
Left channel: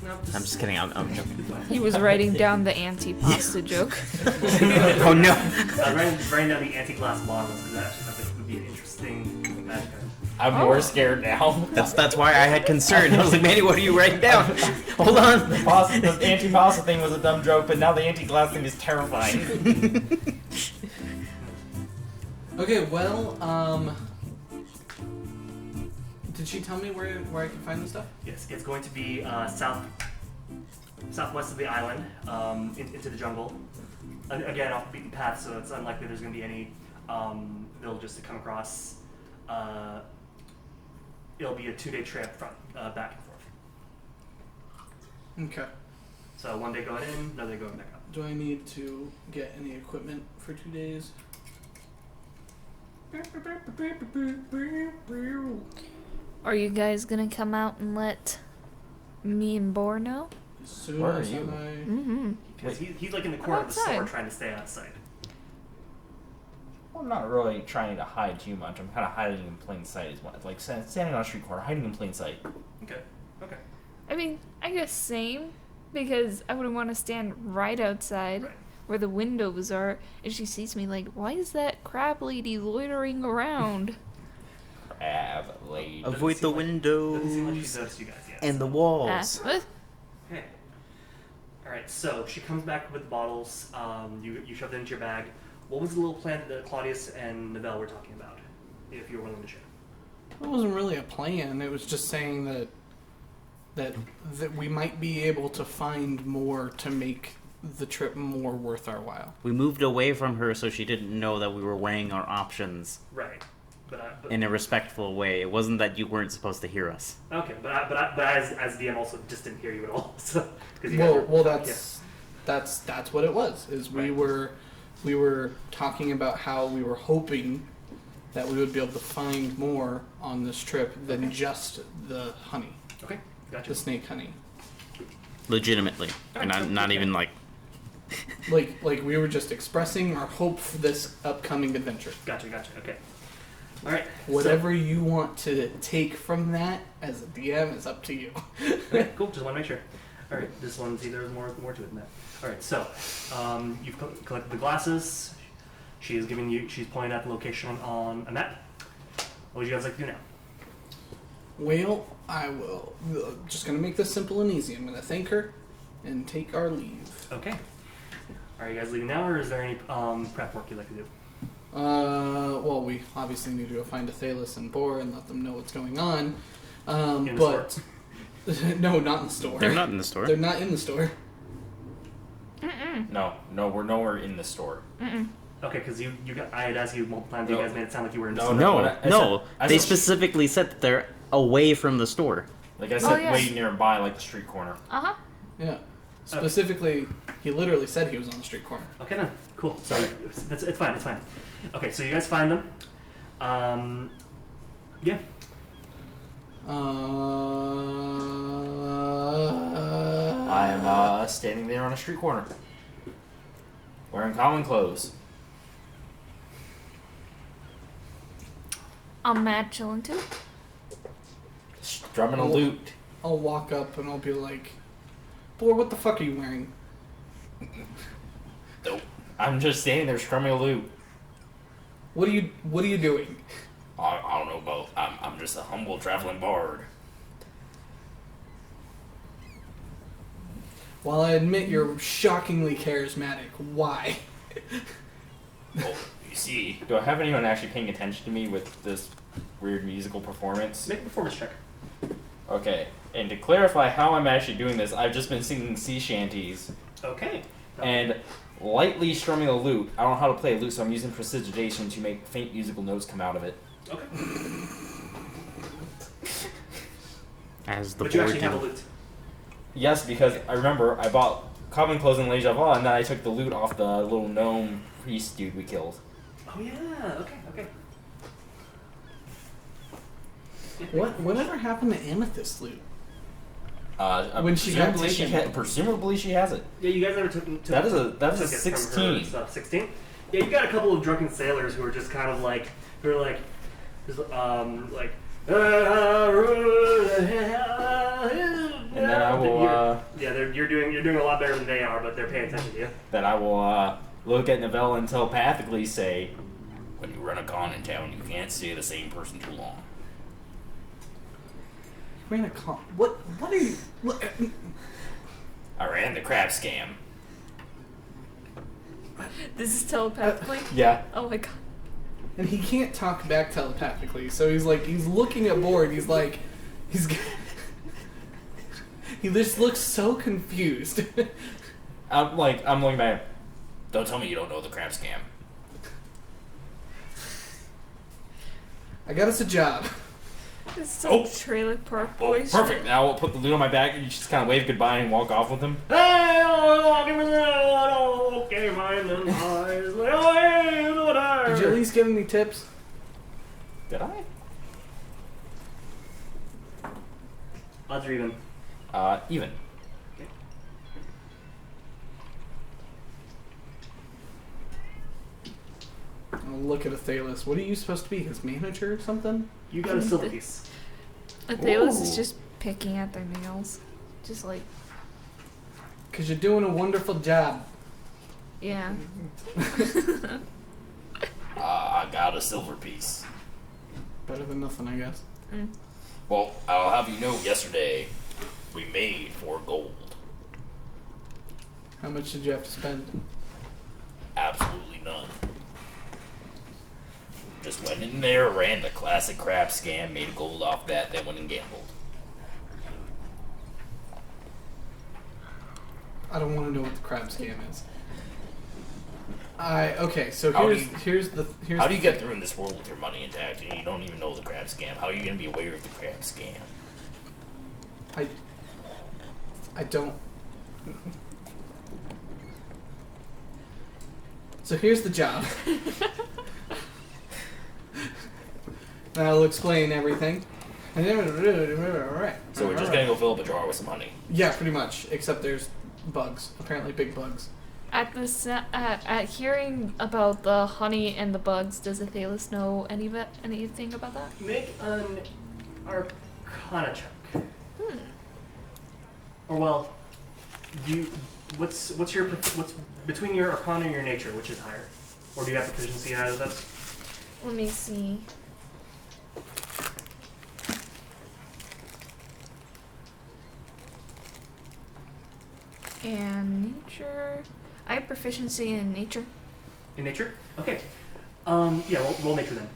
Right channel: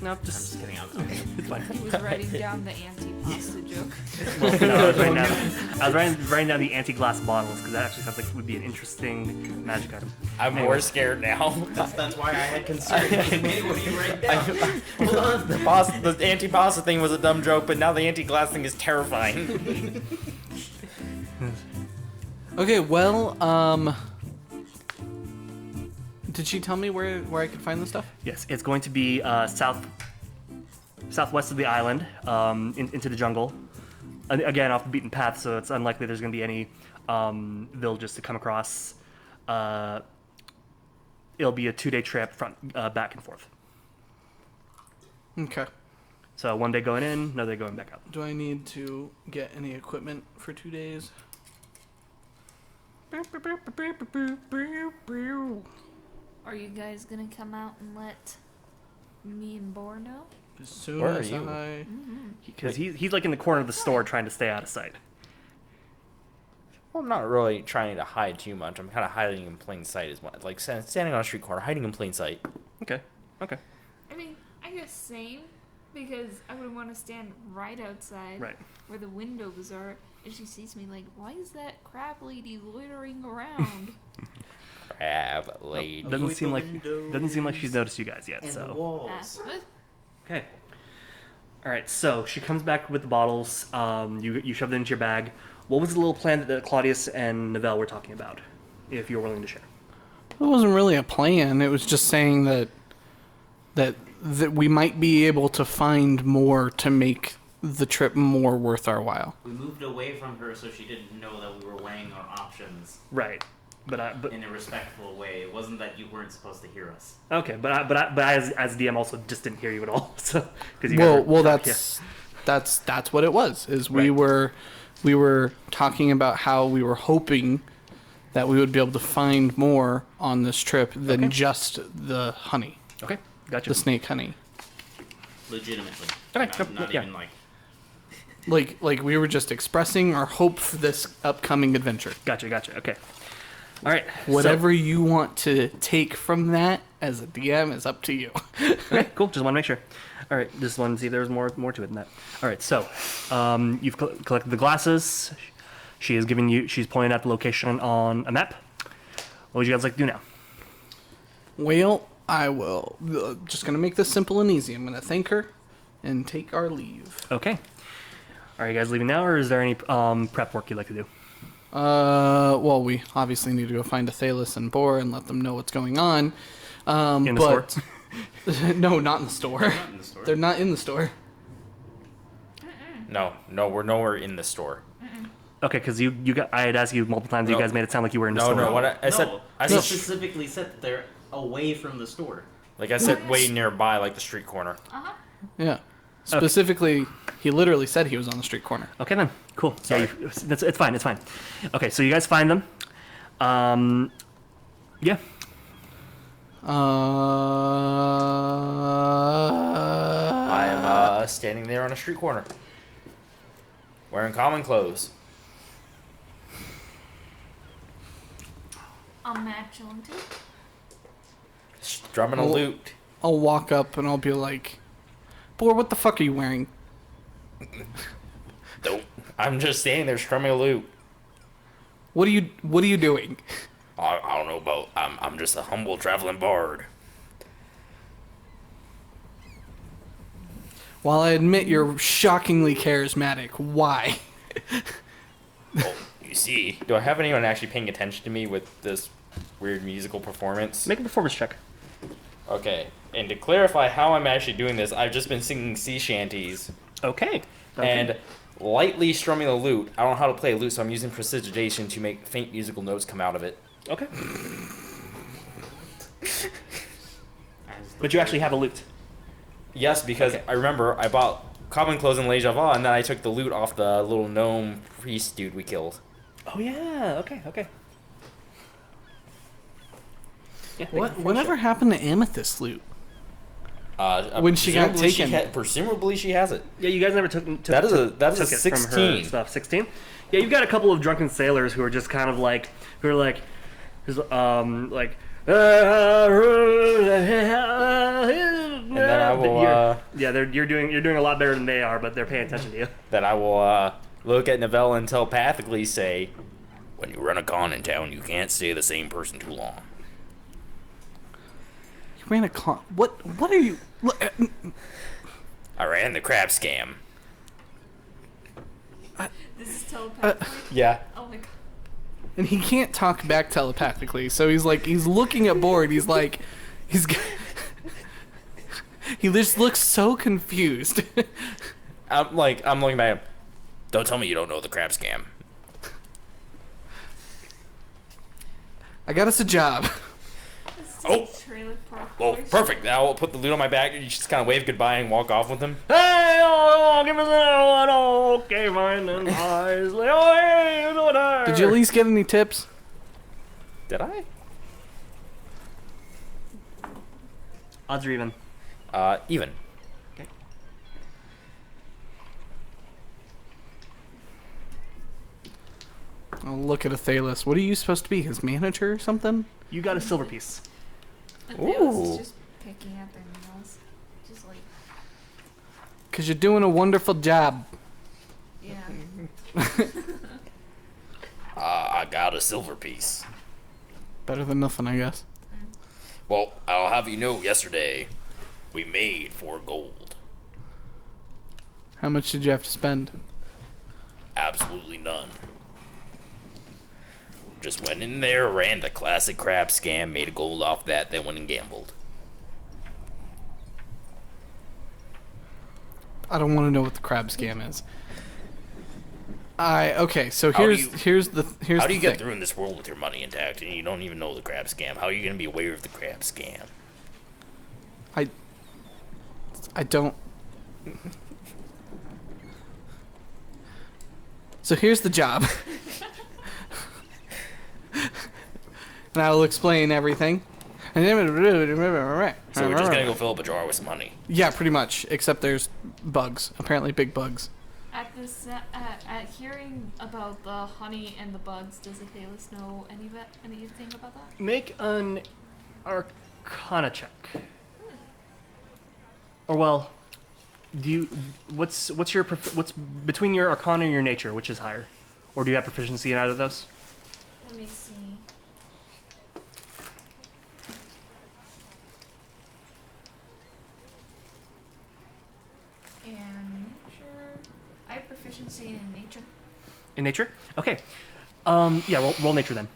No, I'm just kidding. I'm it's fine. He was writing down the anti-pasta joke. Oh no. I was writing down the anti-glass bottles because that actually sounds like it would be an interesting magic item. I'm more scared now. That's why I had concern. I was like, Manny, what are you writing down? Hold on. The anti-pasta thing was a dumb joke, but now the anti-glass thing is terrifying. okay, well, did she tell me where I could find this stuff? Yes, it's going to be southwest of the island, into the jungle. Again, off the beaten path, so it's unlikely there's going to be any villages to come across. It'll be a 2-day trip back and forth. Okay. So 1 day going in, another day going back out. Do I need to get any equipment for 2 days? Are you guys gonna come out and let me and Bor know? As soon Where are as you? Mm-hmm. Because he's like in the corner of the store Outside. trying to stay out of sight. Well, I'm not really trying to hide too much. I'm kind of hiding in plain sight, is what, like standing on a street corner, hiding in plain sight. Okay. I mean, I guess same, because I wouldn't want to stand right outside Right. where the windows are, and she sees me like, why is that crab lady loitering around? Crab lady. Doesn't Avoid seem the like- windows. Doesn't seem like she's noticed you guys yet. And so. the Ah, walls. what? Okay. All right. So she comes back with the bottles. You shove them into your bag. What was the little plan that Claudius and Novell were talking about? If you're willing to share. It wasn't really a plan. It was just saying that we might be able to find more to make the trip more worth our while. We moved away from her so she didn't know that we were weighing our options Right. But in a respectful way. It wasn't that you weren't supposed to hear us. okay. But I as DM also just didn't hear you at all. So because you guys Well, were, that's what it was. Is we Right. were talking about how we were hoping that we would be able to find more on this trip than Okay. just the honey, Okay. Gotcha. the snake honey. Legitimately. Okay, Not yeah. even like... Like we were just expressing our hope for this upcoming adventure. Gotcha. Okay. All right. Whatever you want to take from that as a DM is up to you. Okay, cool. Just want to make sure. All right, this one. See, there's more to it than that. All right, so you've collected the glasses. She is giving you. She's pointing out the location on a map. What would you guys like to do now? Well, I will. Just gonna make this simple and easy. I'm gonna thank her and take our leave. Okay. Are you guys leaving now, or is there any prep work you'd like to do? Well, we obviously need to go find Athelas and Bor and let them know what's going on. In the but no, not in the store. They're not in the store. They're not in the store. No, we're nowhere in the store. Okay, because you got. I had asked you multiple times. You No. guys made it sound like you were in the No, store. no. No, what I said- no. I They said- specifically said that they're away from the store. Like I said, yes. way nearby, like the street corner. Uh-huh. Yeah. Specifically, he literally said he was on the street corner. Okay then. Cool. So it's fine. It's fine. Okay, so you guys find them. Yeah. I am standing there on a street corner, wearing common clothes. I'm mad chilling too. Strumming a Oh. lute. I'll walk up and I'll be like, Bor, what the fuck are you wearing? Nope. I'm just standing there strumming a lute. What are you doing? I don't know about. I'm just a humble traveling bard. While I admit you're shockingly charismatic, why? Well, you see, do I have anyone actually paying attention to me with this weird musical performance? Make a performance check. Okay, and to clarify how I'm actually doing this, I've just been singing sea shanties Okay. and lightly strumming the lute. I don't know how to play a lute, so I'm using prestidigitation to make faint musical notes come out of it. Okay. As the But you board actually have a game. lute. Yes, because I remember I bought common clothes in Le Java, and then I took the lute off the little gnome priest dude we killed. Oh yeah. Okay. Yeah, Whatever happened to Amethyst loot? When she got presumably taken. presumably she has it. Yeah, you guys never took That is a took it from her 16. stuff. 16. Yeah, you've got a couple of drunken sailors who are just kind of like just like. And then I will you're doing a lot better than they are, but they're paying attention to you. look at Novell and telepathically say, when you run a con in town, you can't stay the same person too long. You ran a con. What are you? I ran the crab scam. This is telepathically. Yeah. Oh my god. And he can't talk back telepathically, so he's looking at board. He just looks so confused. I'm looking back. Don't tell me you don't know the crab scam. I got us a job. This is Oh. trailer park Oh, boys. perfect. Now I'll put the loot on my back and you just kind of wave goodbye and walk off with him. Hey, oh, give us that. Okay, fine. And eyes. Like, oh, hey, you know what I- Did you at least get any tips? Did I? Odds are even. Even. I'll look at Athelas. What are you supposed to be? His manager or something? You got a silver piece. Athelas is Ooh. just picking at their nails. Just like, Because you're doing a wonderful job. yeah. I got a silver piece. Better than nothing, I guess. Well, I'll have you know, yesterday we made 4 gold. How much did you have to spend? Absolutely none. Just went in there, ran the classic crab scam, made a gold off that, then went and gambled. I don't want to know what the crab scam is. Okay, so How do here's the How do you get thing. through in this world with your money intact and you don't even know the crab scam? How are you going to be aware of the crab scam? I don't. So here's the job. And I'll explain everything. And then So we're just going to go fill up a jar with some honey. Yeah, pretty much. Except there's bugs. Apparently big bugs. At hearing about the honey and the bugs, does Athelas know anything about that? Make an Arcana check. Or well, what's between your Arcana and your Nature, which is higher, or do you have proficiency in either of those? Let me see. And nature. I have proficiency in nature. In Nature, okay. Yeah, roll Nature then.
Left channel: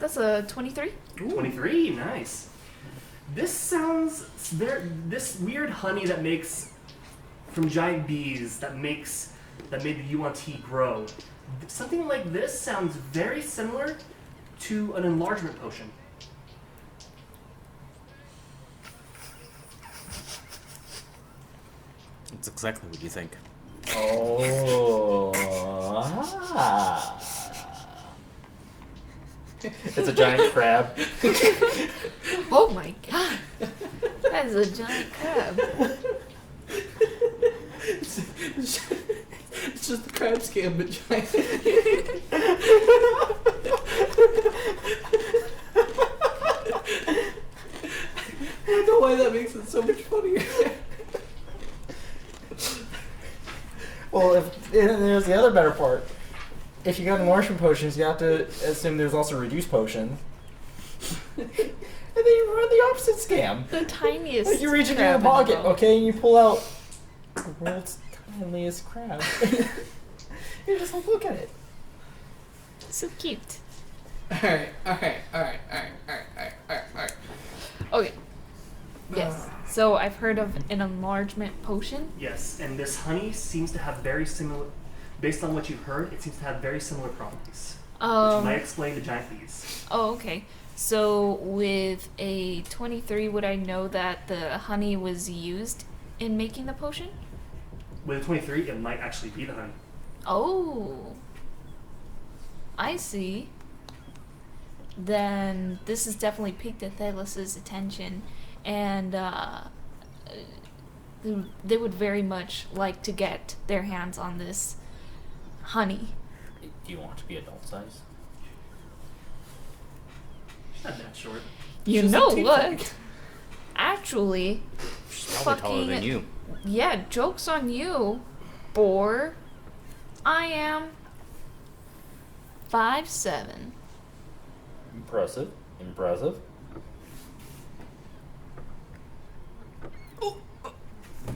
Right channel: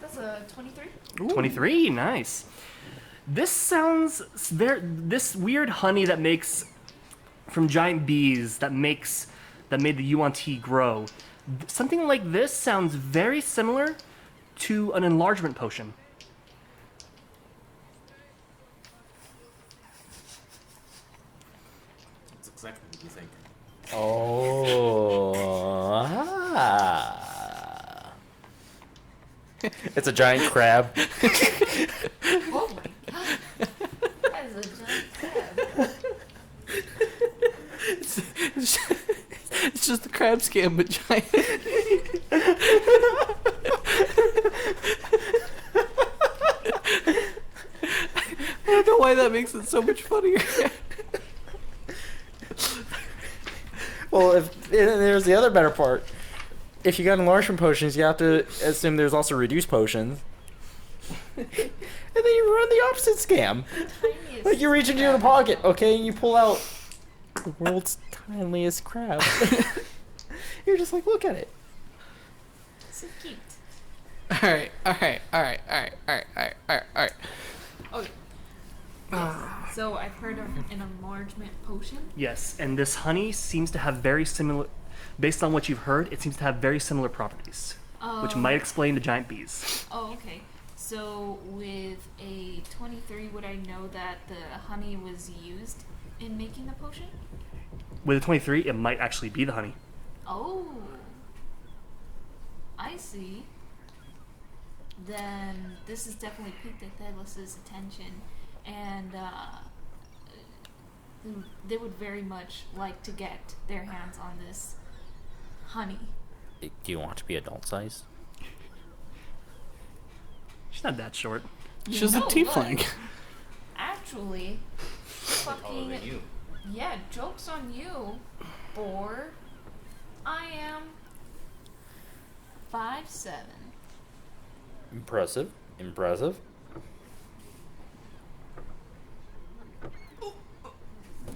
That's a 23. 23, nice. This sounds this weird honey that makes from giant bees that made the yuan-ti grow. Something like this sounds very similar to an enlargement potion. That's exactly what you think. Oh. It's a giant crab. Oh my god. That is a giant crab. It's just the crab scam, but giant. I don't know why that makes it so much funnier. Well, and there's the other better part. If you got enlargement potions, you have to assume there's also reduced potions. And then you run the opposite scam. The tiniest. Like you reach into crab your in the pocket, boat. okay, and you pull out the world's tiniest crab. You're just like, look at it. So cute. Alright. Okay. Yes. So I've heard of an enlargement potion. Yes, and this honey seems to have very similar, based on what you've heard, it seems to have very similar properties, which might explain the giant bees. Oh, okay. So with a 23, would I know that the honey was used in making the potion? With a 23, it might actually be the honey. Oh. I see. Then this has definitely piqued Athelas' attention, and they would very much like to get their hands on this honey. Do you want to be adult size? She's not that short. You She's know a tiefling. what? Actually, Probably taller than you. yeah, joke's on you, Boar. I am 5'7". Impressive. You're thought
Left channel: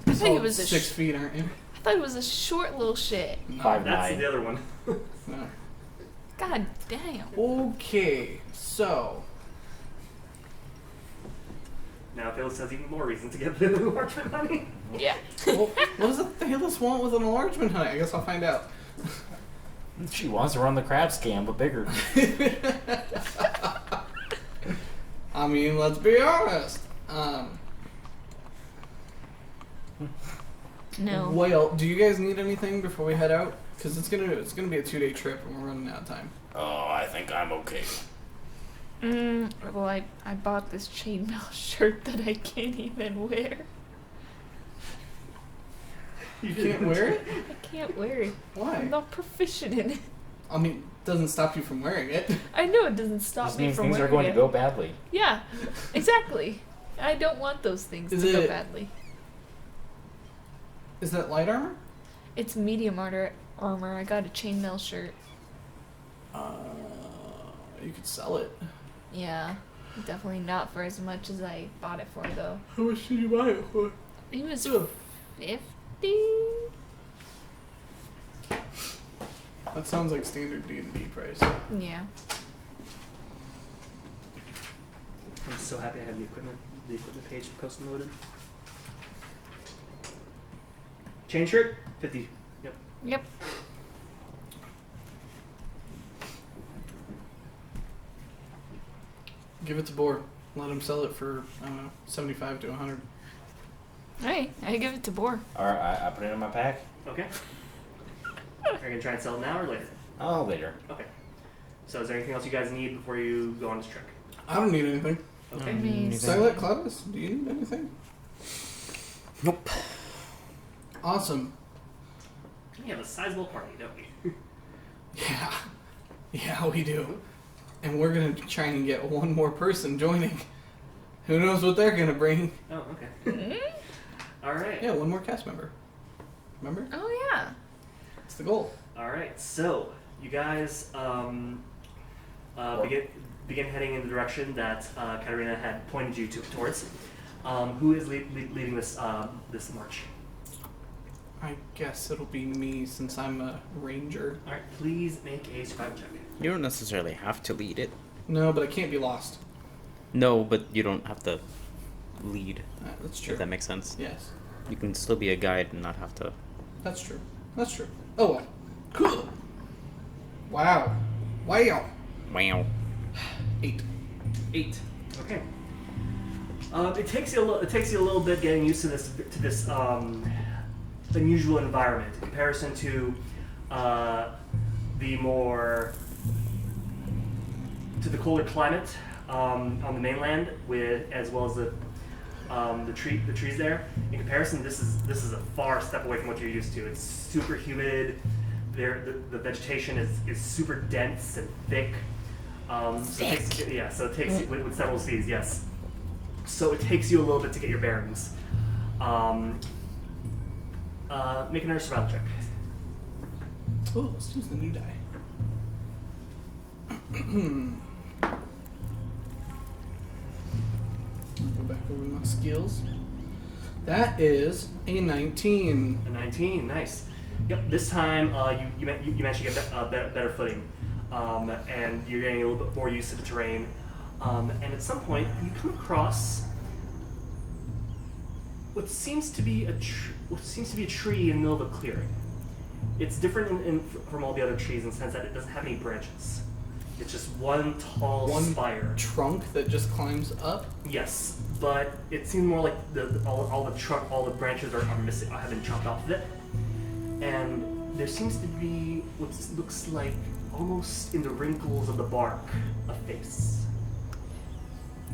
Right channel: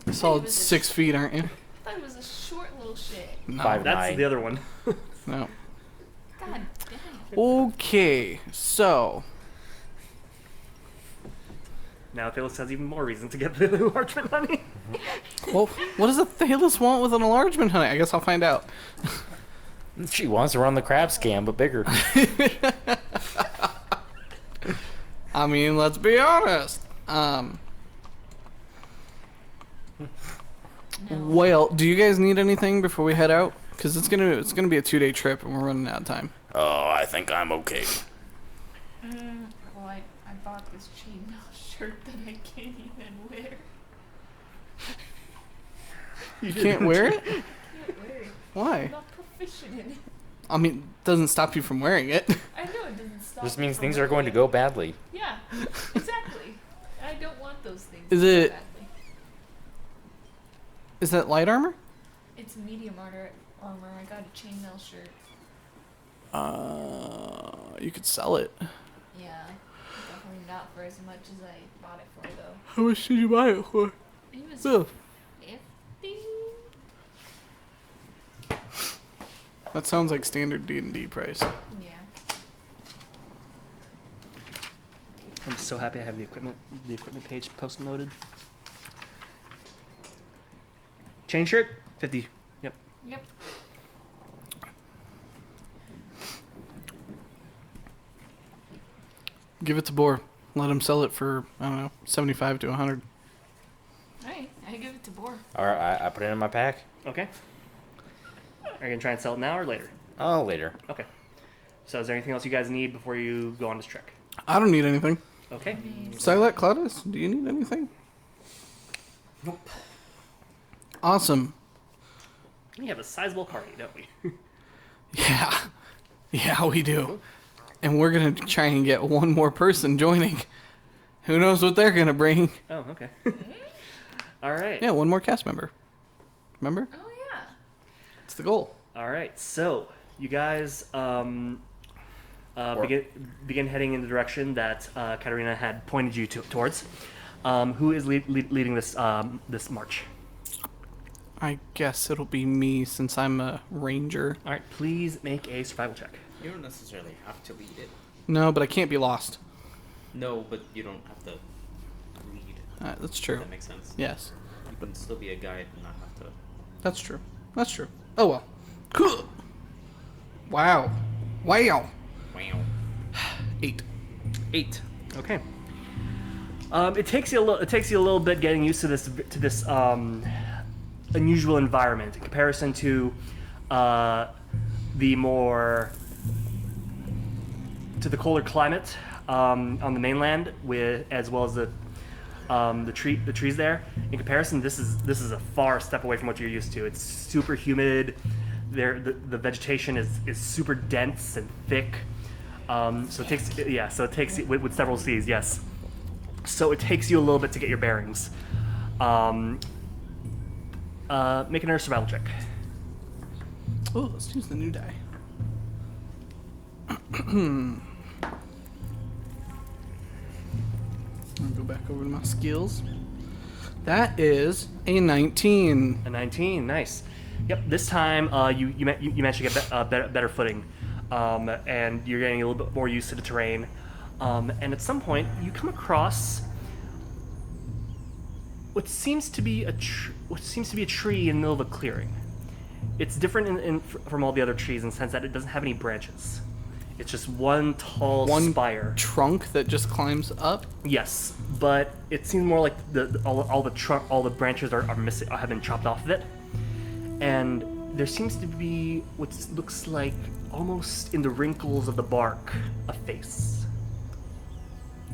he solid was a 6 feet, aren't you? I thought he was a short little shit. No. 5'9". That's the other one. No. God damn. Okay, so Now Phyllis has even more reason to get the enlargement honey. Yeah. well, what does Athelas want with an enlargement honey? I guess I'll find out. She wants to run the crab scam, but bigger. I mean, let's be honest. No. Well, do you guys need anything before we head out? Because it's gonna be a 2-day trip and we're running out of time. Oh, I think I'm okay. Well, I bought this chainmail shirt that I can't even wear. You can't wear it? I can't wear it. I'm Why? not proficient in it. I mean, it doesn't stop you from wearing it. I know it doesn't stop This me means from things are wearing going to it. go badly. Yeah, exactly. I don't want those things Is to it- go badly. Is that light armor? It's medium armor. I got a chainmail shirt. You could sell it. Yeah, definitely not for as much as I bought it for though. How much did you buy it for? It was Ugh. 50. That sounds like standard D&D price. Yeah. I'm so happy I have the equipment page post loaded. Chain shirt, 50. Yep. Yep. Give it to Boar. Let him sell it for, I don't know, 75 to 100. Alright, I give it to Boar. Alright, I put it in my pack. Okay. Are you gonna try and sell it now or later? Oh, later. Okay. So is there anything else you guys need before you go on this trek? I don't need anything. Okay. I mean, Sylack, Claudius, do you need anything? Nope. Awesome. We have a sizable party, don't we? Yeah. Yeah, we do. And we're going to try and get one more person joining. Who knows what they're going to bring? Oh, okay. All right. Yeah, one more cast member. Remember? oh yeah. It's the goal. All right. So you guys begin heading in the direction that Katarina had pointed you towards. Who is leading this this march? I guess it'll be me since I'm a ranger. All right. Please make a survival check. You don't necessarily have to lead it. No, but I can't be lost. No, but you don't have to lead. That's If true. that makes sense. Yes, You can still be a guide and not have to. that's true. That's true. Oh well. Cool. Wow. Wow. Wow. 8. 8. Okay. It takes you a little bit getting used to this unusual environment in comparison to the colder climate on the mainland, as well as the trees there. In comparison, this is a far step away from what you're used to. It's super humid. The vegetation is super dense and thick. So it takes with several C's. Yes. So it takes you a little bit to get your bearings. Make another survival check. Oh, let's use the new die. I'll go back over to my skills. That is a 19. A 19, nice. Yep, this time you managed to get better footing, and you're getting a little bit more used to the terrain. And at some point, you come across what seems to be a tree in the middle of a clearing. It's different from all the other trees in the sense that it doesn't have any branches. It's just one tall spire. Trunk that just climbs up. Yes, but it seems more like all the branches are missing, have been chopped off of it, and there seems to be what looks like almost in the wrinkles of the bark a face.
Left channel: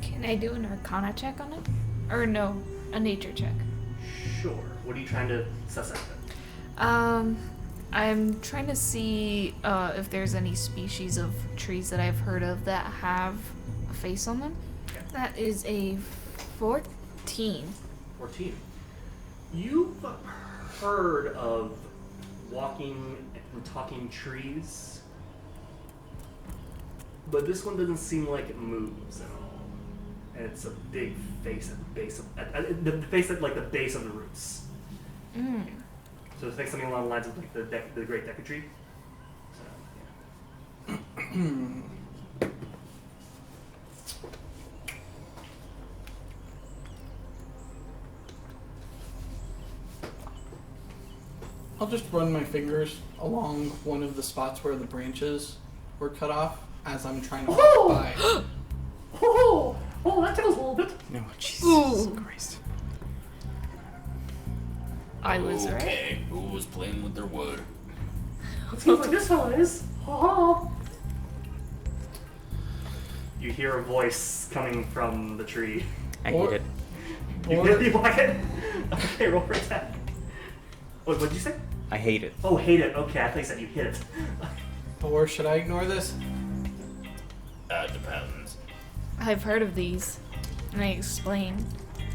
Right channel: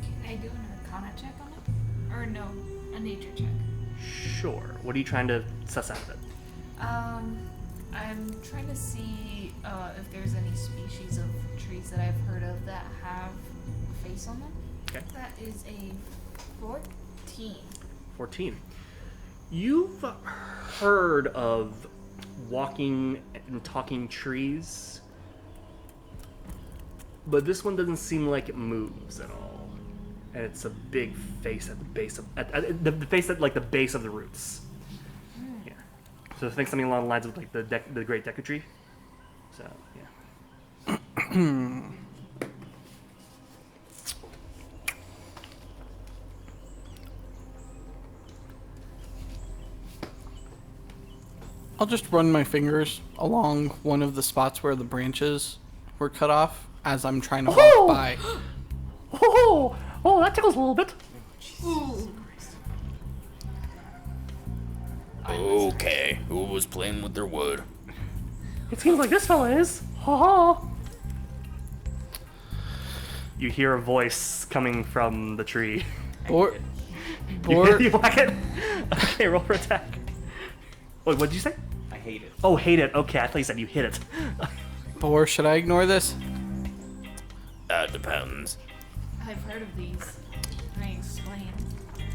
Can I do an Arcana check on it? Or no, a nature check. Sure. What are you trying to suss out of it? I'm trying to see if there's any species of trees that I've heard of that have a face on them. Okay. That is a 14. 14. You've heard of walking and talking trees, but this one doesn't seem like it moves at all. And it's a big face at the base of the face at like the base of the roots. Mm. Yeah. So think something along the lines of like the Great Deca Tree. So yeah. I'll just run my fingers along one of the spots where the branches were cut off as I'm trying to walk by. Oh, that tickles a little bit. No, Jesus Christ. I was Okay, who was playing with their wood? It seems like this fella is. Ha ha. You hear a voice coming from the tree. I Or- hate it. You whack it? Okay, roll for attack. Wait, what did you say? I hate it. Oh, hate it. Okay, I thought you said you hit it. Or should I ignore this? That depends. I've heard of these. And I explain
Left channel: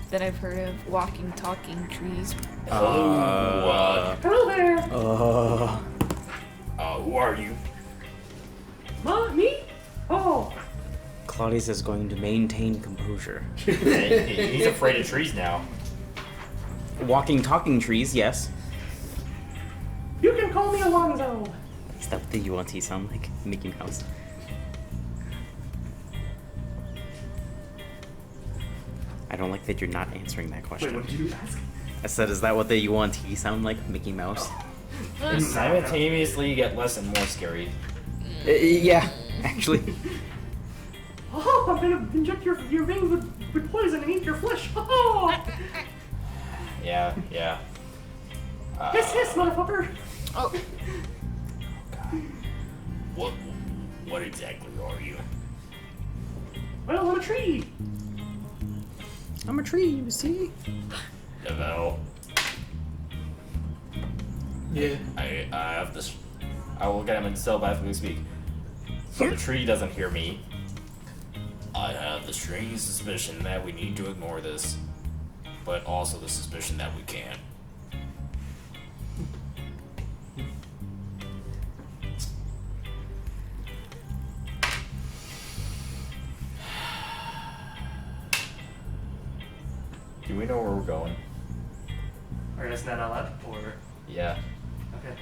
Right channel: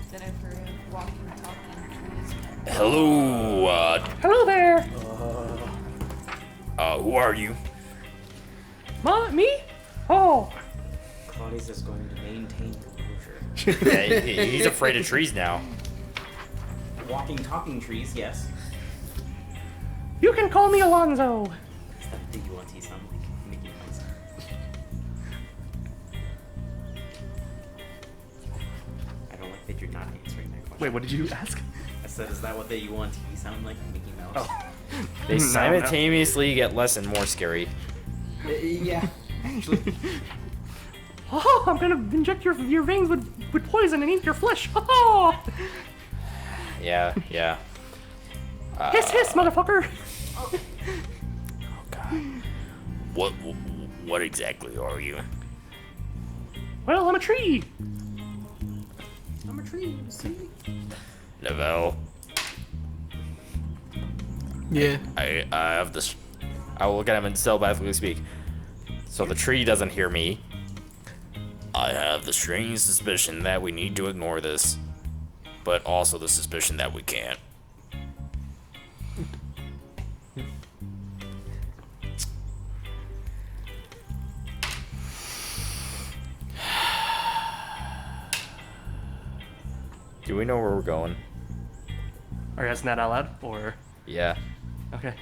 that I've heard of walking, talking trees. Hello, Hello there. who are you? Me? Oh. Claudius is going to maintain composure. He's afraid of trees now. Walking, talking trees, yes. You can call me Alonzo. Is that what the UNT sound like? Mickey Mouse. I don't like that you're not answering that question. Wait, what did you ask? I said, is that what the UNT sound like? Mickey Mouse? They simultaneously get less and more scary. Yeah, actually. Oh, I'm gonna inject your veins with poison and eat your flesh. Oh. Yeah. Hiss, motherfucker. Oh, God. What exactly are you? Well, I'm a tree. I'm a tree, you see? Lavelle, Yeah. I have this. I will look at him and telepathically speak. So the tree doesn't hear me. I have the strange suspicion that we need to ignore this, but also the suspicion that we can't. Do we know where we're going? Are you asking that out loud, or? Yeah. Okay.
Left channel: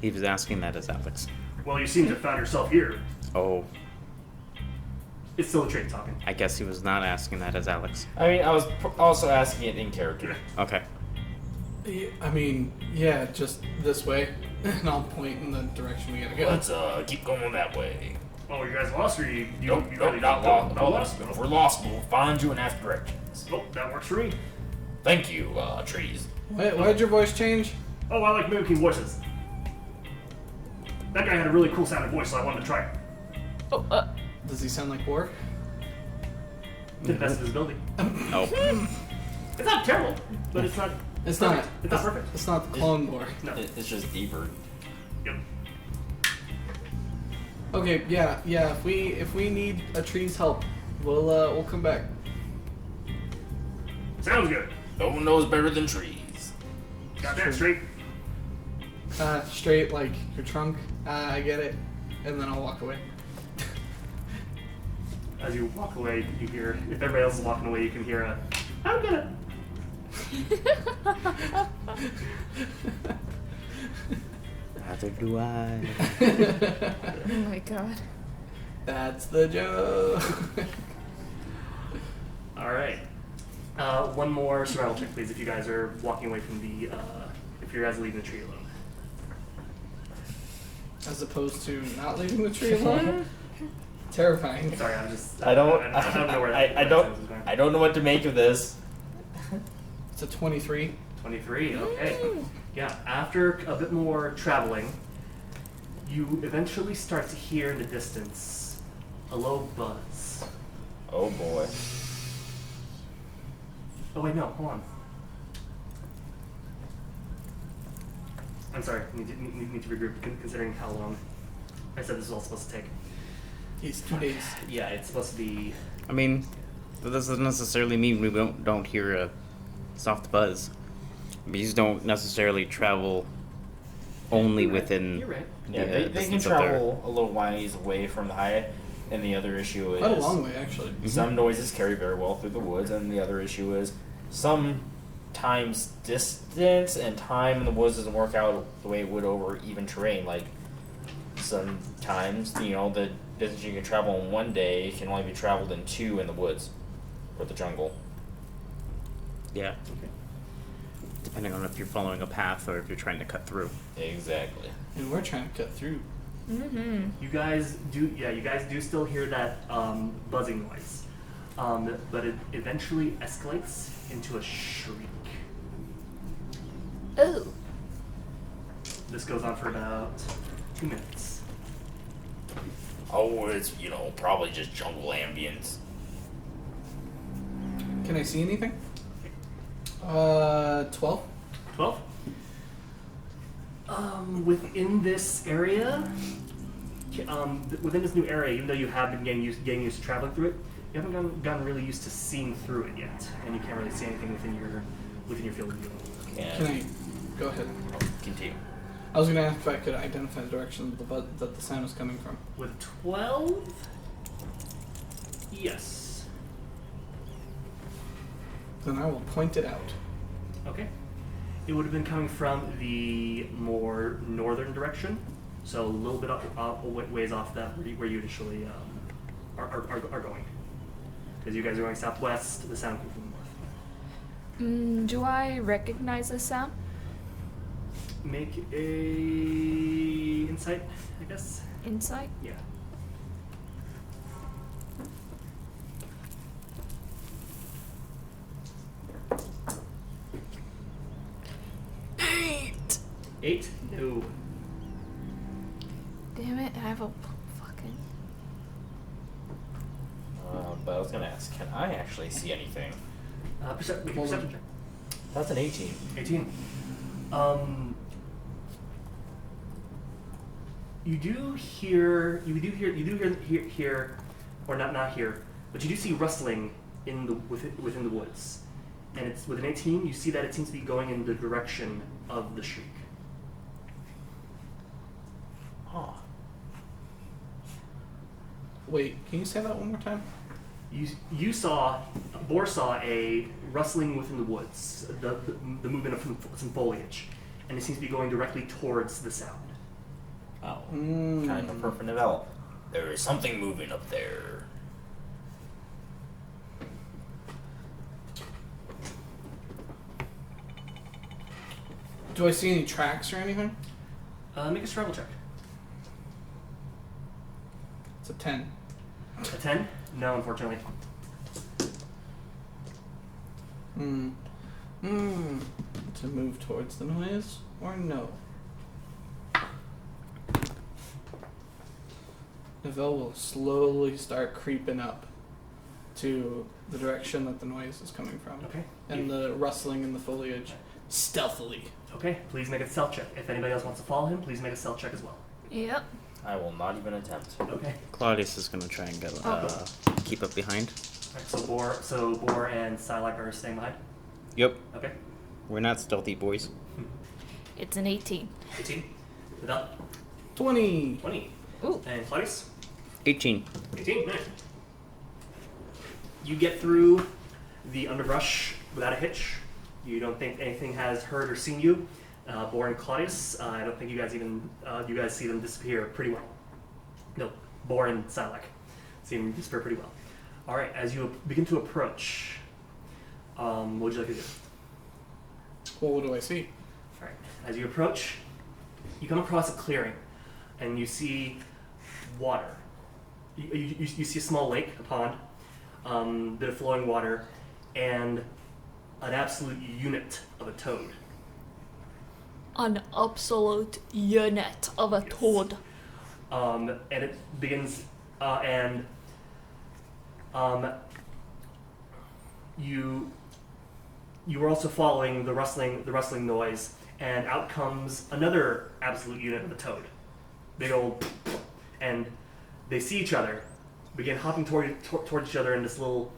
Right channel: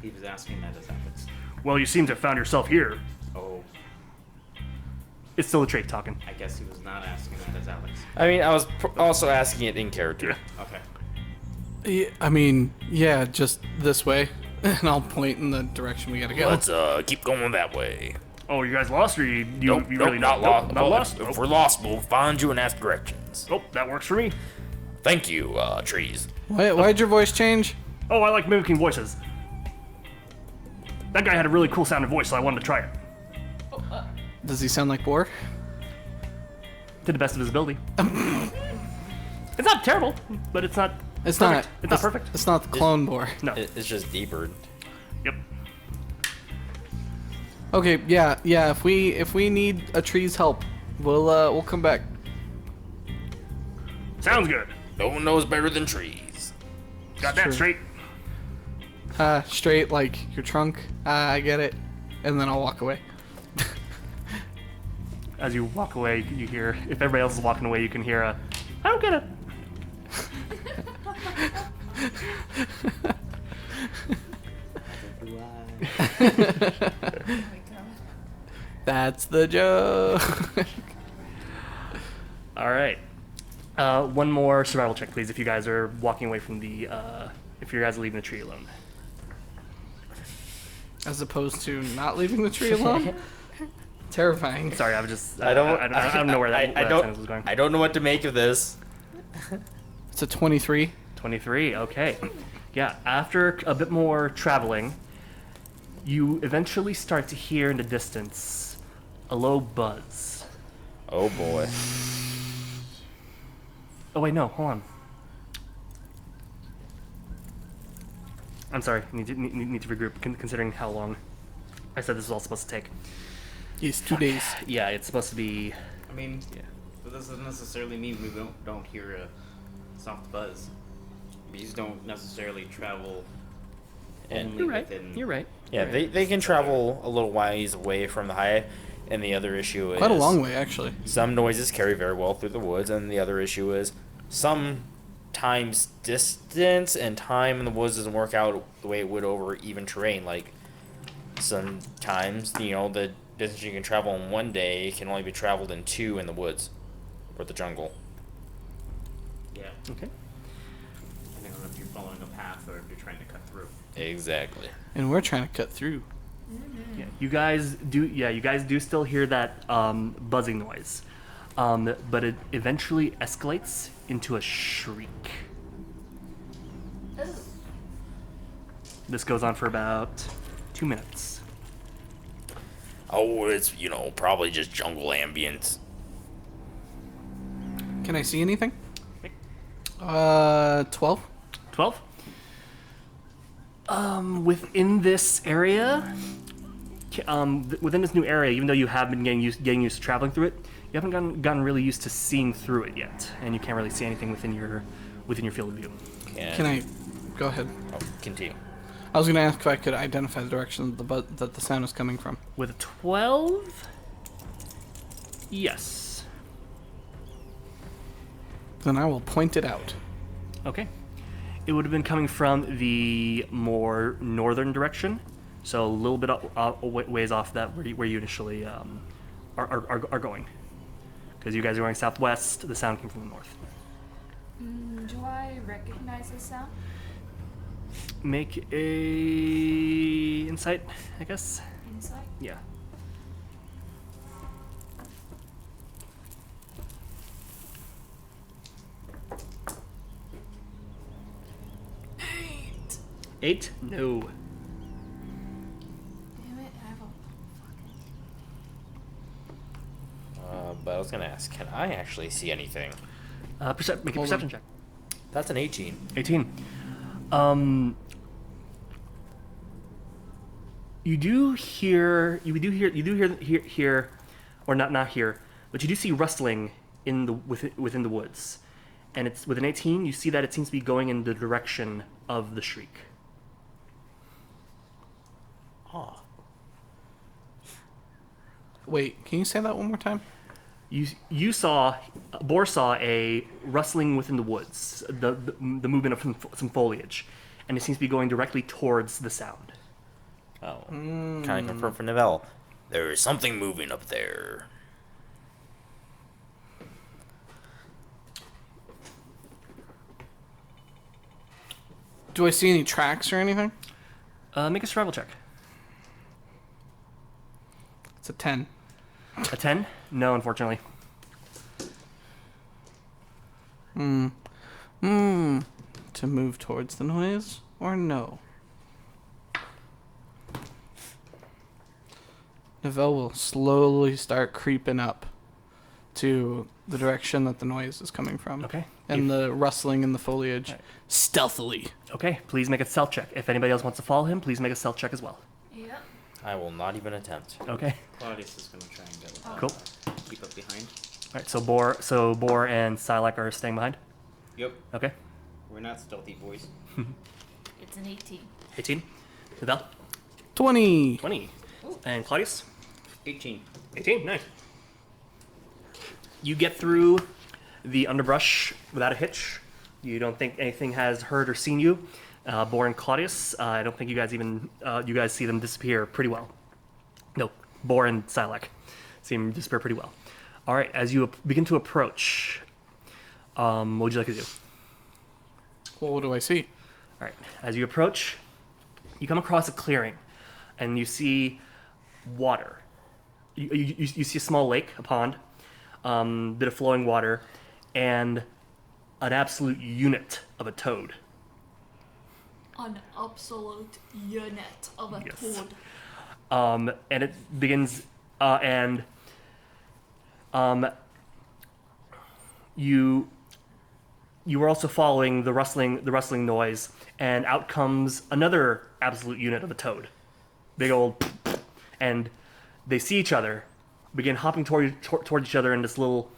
He was asking that as Alex. Well, you seem to have found yourself here. Oh, It's still a trait talking. I guess he was not asking that as Alex. I mean, I was also asking it in character. Okay. Yeah, I mean, yeah, just this way. And I'll point in the direction we gotta go. Let's keep going that way. Oh, you guys lost, or you Nope, really not nope, lost. Not lost. If we're lost, we'll find you and ask directions. Oh, that works for me. Thank you, trees. Why'd your voice change? Oh, I like mimicking voices. That guy had a really cool sounding voice, so I wanted to try it. oh, Does he sound like Boar? To the best of his ability. Oh. It's not terrible, but it's not. It's perfect. not. It's not perfect. It's not the clone Boar. No. It's just deeper. Yep. Okay, yeah. If we need a tree's help, we'll come back. Sounds good. No one knows better than trees. Got that straight. straight like your trunk. I get it, and then I'll walk away. As you walk away, you hear, if everybody else is walking away, you can hear a, I don't get it. Neither do I. Oh my god. That's the joke. All right. One more survival check, please, if you guys are walking away from the, if you guys are leaving the tree alone. As opposed to not leaving the tree alone. Terrifying. Sorry, I'm just, I don't know where that, I that don't sentence was going. I don't know what to make of this. It's a 23. 23, okay. Yeah, after a bit more traveling, you eventually start to hear in the distance a low buzz. Oh boy. Oh wait, no, hold on. I'm sorry, need to regroup, considering how long I said this was all supposed to take. Yes, 2 days. Yeah, it's supposed to be... I mean, that doesn't necessarily mean we don't hear a soft buzz. Bees don't necessarily travel only You're right, within. You're right. Yeah, they can distance of their- travel a little ways away from the hive, and the other issue is Quite a long way, actually. some noises carry very well through the woods, and the other issue is sometimes distance and time in the woods doesn't work out the way it would over even terrain. Like sometimes, the distance you can travel in one day can only be traveled in 2 in the woods or the jungle. Yeah, Okay. depending on if you're following a path or if you're trying to cut through. Exactly. And we're trying to cut through. You guys do still hear that buzzing noise, but it eventually escalates into a shriek. Oh. This goes on for about 2 minutes. Oh, it's probably just jungle ambience. Can I see anything? 12. 12. Within this area, within this new area, even though you have been getting used to traveling through it, you haven't gotten really used to seeing through it yet, and you can't really see anything within your field of view. Can I go ahead? Continue? I was going to ask if I could identify the direction that the sound is coming from. With a 12, yes. Then I will point it out. Okay. It would have been coming from the more northern direction, so a little bit ways off that where you initially are going. Because you guys are going southwest, the sound came from the north. Do I recognize this sound? Make a insight, I guess. Insight? Yeah. Eight. 8? No. Damn it! I have a fucking. But I was gonna ask, can I actually see anything? Make a Hold perception on. check. That's an 18. 18. You do hear, or not hear, but you do see rustling within the woods, and it's with an 18. You see that it seems to be going in the direction of the shriek. Huh. Wait, can you say that one more time? Boar saw a rustling within the woods, the movement of some foliage, and it seems to be going directly towards the sound. Oh. Kind of confirm for Novell. There is something moving up there. Do I see any tracks or anything? Make a survival check. It's a 10. A 10? No, unfortunately. To move towards the noise or no? Novell will slowly start creeping up to the direction that the noise is coming from. Okay. And the rustling in the foliage. Right. Stealthily. Okay, please make a stealth check. If anybody else wants to follow him, please make a stealth check as well. Yep. I will not even attempt. Okay. Claudius is gonna try and go, Cool. keep up behind. All right. So Boar and Sylack are staying behind. Yep, Okay. we're not stealthy boys. It's an 18. 18. Navel? 20. 20. Ooh. And Claudius? 18. 18. Nice. You get through the underbrush without a hitch. You don't think anything has heard or seen you. Bor and Claudius, I don't think you guys even you guys see them disappear pretty well. No, Bor and Sylack see them disappear pretty well. All right, as you begin to approach, what would you like to do? Well, what do I see? All right, as you approach, you come across a clearing, and you see water. You see a small lake, a pond, bit of flowing water, and an absolute unit of a toad. An absolute unit of a Yes. toad. And it begins, you were also following the rustling noise, and out comes another absolute unit of a toad, big old, and they see each other, begin hopping toward each other in this little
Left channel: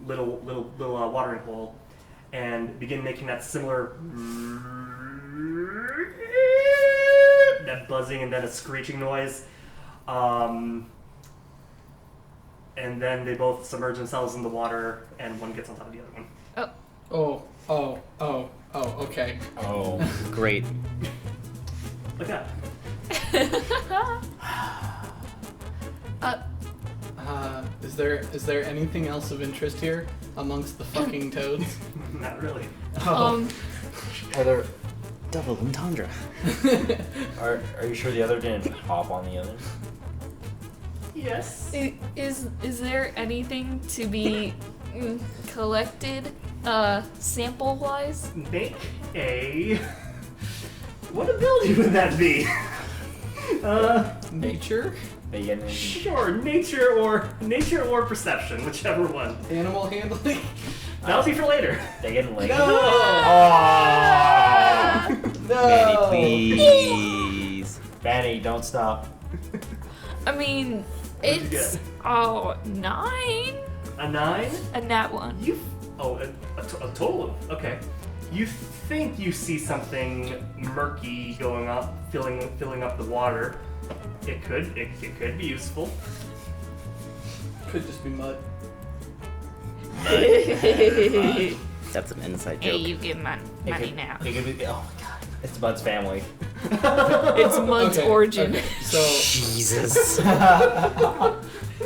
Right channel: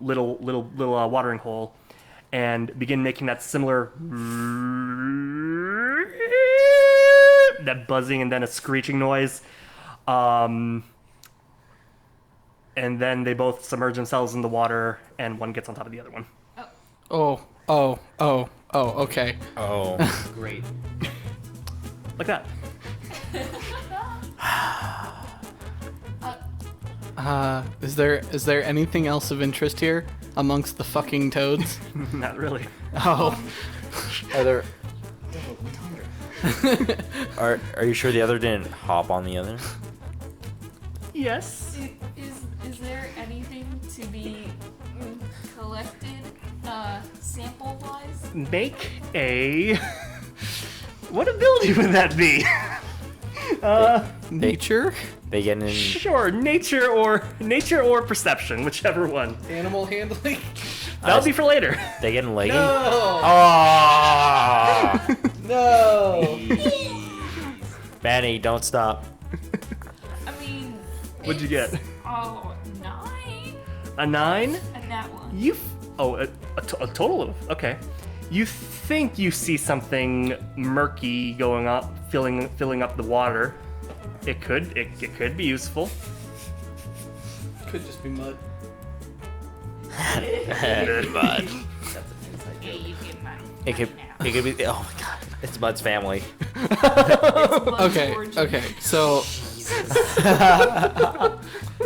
watering hole, and begin making that similar that buzzing and then a screeching noise. And then they both submerge themselves in the water, and one gets on top of the other one. Okay. Oh. Great. Like that. Is there anything else of interest here amongst the fucking toads? Not really. Oh, Are there? Double entendre. Are you sure the other didn't hop on the other? Yes. Is there anything to be collected, sample-wise? Make a. What ability would that be? nature? They get in. Sure, nature or perception, whichever one. Animal handling? That'll be for later. They get in late. No. Oh! No. Please. Benny, don't stop. I mean, What'd you it's... get? Oh, 9? A 9? A nat 1. A total of, okay. You think you see something murky going up, filling up the water. It could be useful. Could just be mud. That's an inside Hey, joke. you get money now. It could be. Oh my god! It's Bud's family. It's Bud's origin. Okay. So Jesus.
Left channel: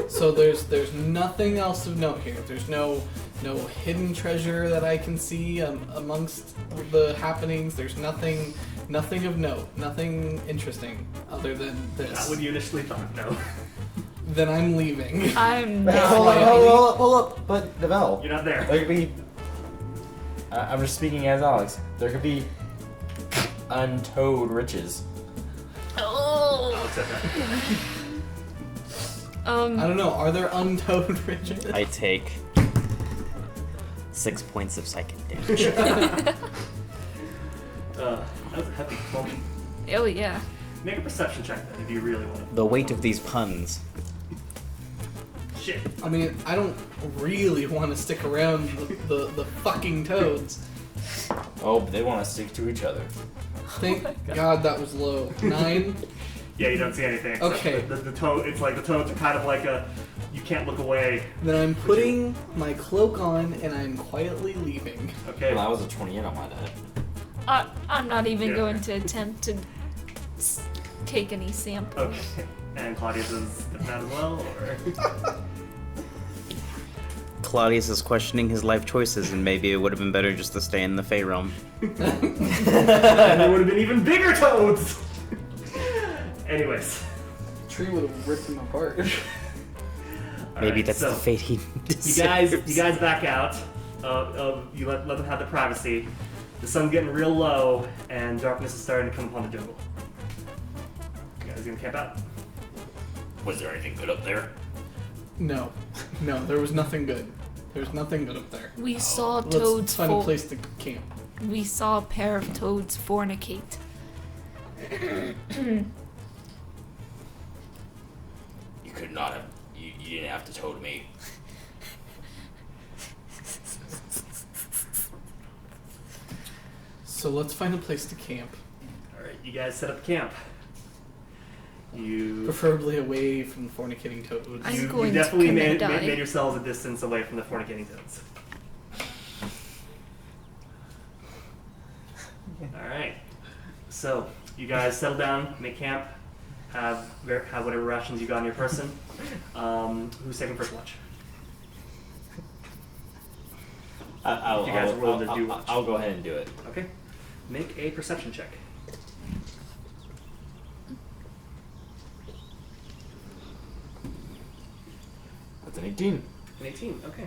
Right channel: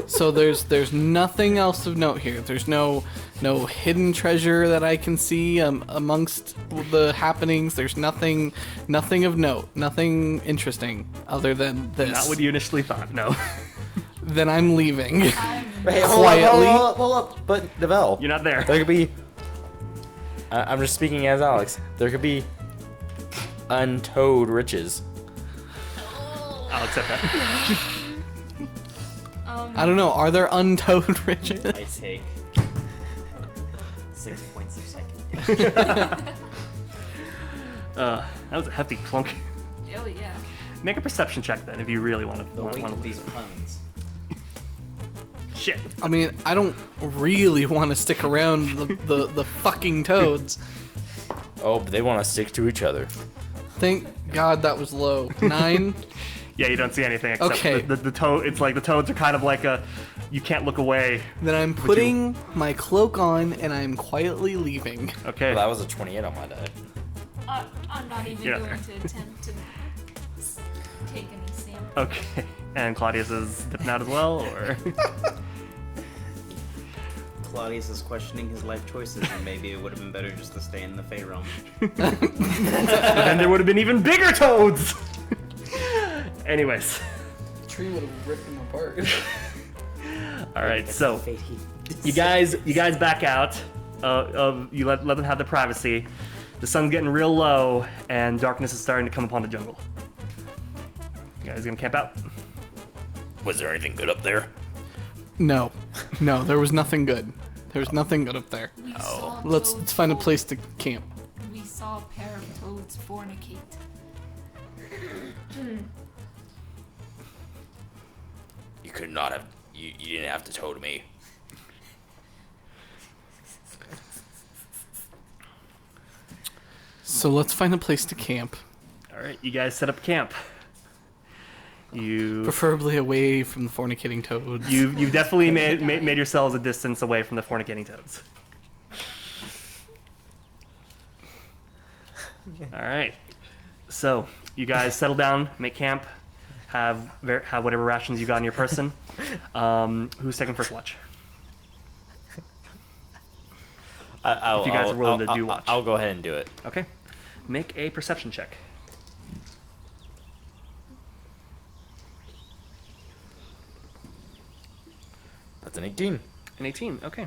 so there's nothing else of note here. There's no hidden treasure that I can see amongst the happenings. There's nothing of note, nothing interesting other than this. Not what you initially thought, no. Then I'm leaving. I'm Quietly. Hold up. But Devel, You're not there. there could be. I'm just speaking as Alex. There could be untold riches. Oh. I'll accept that. I don't know. Are there untold riches? I take 6 points of psychic damage. That was a hefty plunk. Oh, yeah. Make a perception check then, if you really want to. The weight of these puns. Shit. I mean, I don't really want to stick around the fucking toads. Oh, but they want to stick to each other. Thank God that was low. 9. Yeah, you don't see anything except Okay. the toad. It's like the toads are kind of like you can't look away. Then I'm putting my cloak on and I'm quietly leaving. Okay. Well, that was a 28 on my die. I'm not even Yeah. going to attempt to take any sample. Okay. And Claudius is stepping out as well, or? Claudius is questioning his life choices, and maybe it would have been better just to stay in the Fey realm. And there would have been even bigger toads. Anyways. The tree would have ripped them apart. All Maybe right. that's So the fate he you guys back out. You let them have the privacy. The sun's getting real low, and darkness is starting to come upon the jungle. You guys gonna camp out? Was there anything good up there? No, there was nothing good. There was nothing good up there. We saw Let's toads. find a for- place to camp. We saw a pair of toads fornicate. You could not have. You didn't have to told me. So let's find a place to camp. right, you guys set up camp. You Preferably away from the fornicating toads. you Schooling's definitely gonna made die. yourselves a distance away from the fornicating toads. All right. So you guys settle down, make camp, have whatever rations you got on your person. Who's taking first watch? If you guys are willing to do watch. I'll go ahead and do it. Okay. Make a perception check. That's an 18. An 18. Okay.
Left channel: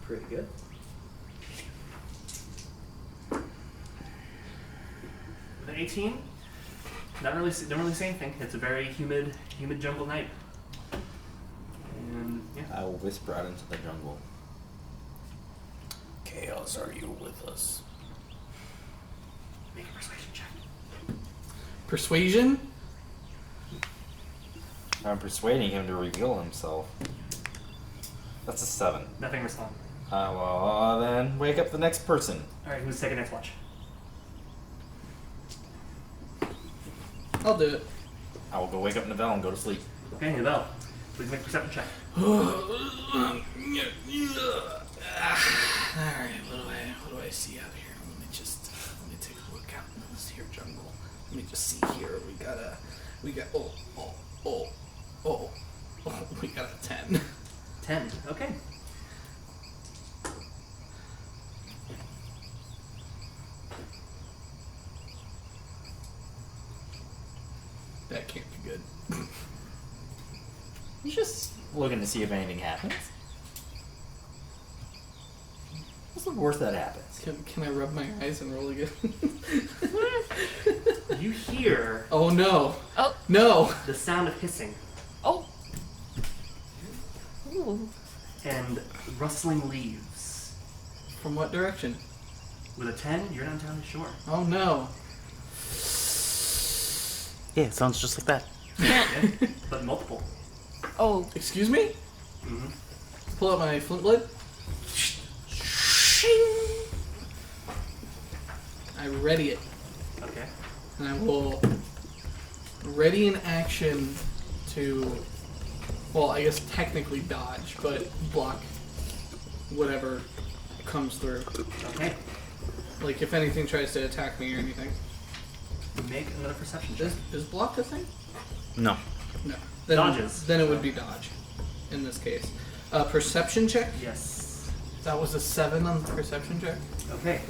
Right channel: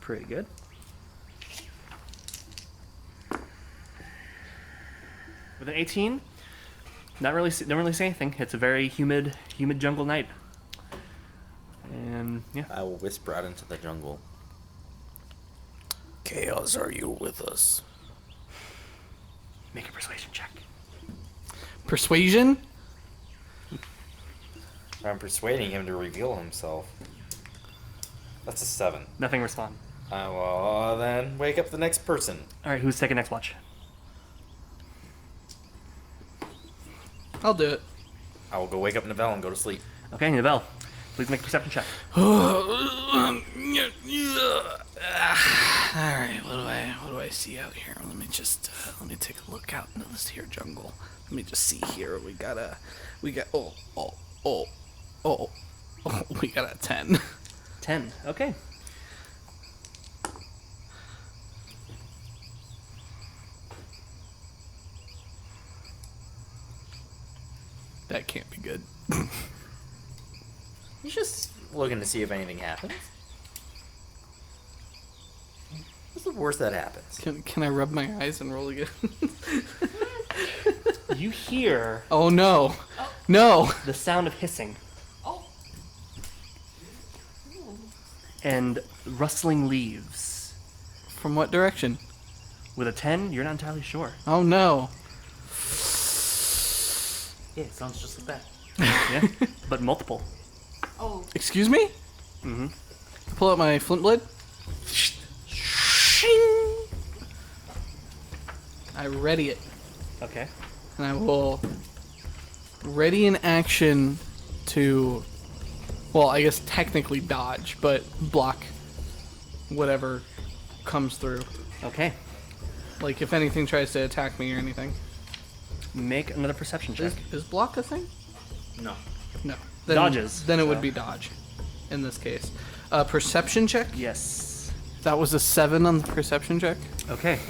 Pretty good. With an 18, don't really say anything. It's a very humid jungle night. And yeah. I will whisper out into the jungle. Chaos, are you with us? Make a persuasion check. Persuasion? I'm persuading him to reveal himself. That's a 7. Nothing respond. Well, then wake up the next person. All right, who's taking next watch? I'll do it. I will go wake up Neville and go to sleep. Okay, Nibel, please make a perception check. Alright, what do I see out here? Let me take a look out into this here jungle. Let me just see here. We got we got a 10. 10. Okay. That can't be good. He's just looking to see if anything happens. What's the worst that happens? Can I rub my eyes and roll again? You hear Oh no. Oh. No. the sound of hissing Oh. Ooh. and rustling leaves. From what direction? With a 10, you're not entirely sure. Oh no. Yeah, it sounds just like that. Yeah, but multiple. Oh. Excuse me? Mm-hmm. Pull out my flint blade. I ready it. Okay. And I will ready an action to, well, I guess technically dodge, but block whatever comes through. Okay. Like if anything tries to attack me or anything. Make another perception check. Is block a thing? No. No. Dodges. Then it would be dodge in this case. Perception check? Yes. That was a 7 on the perception check. Okay.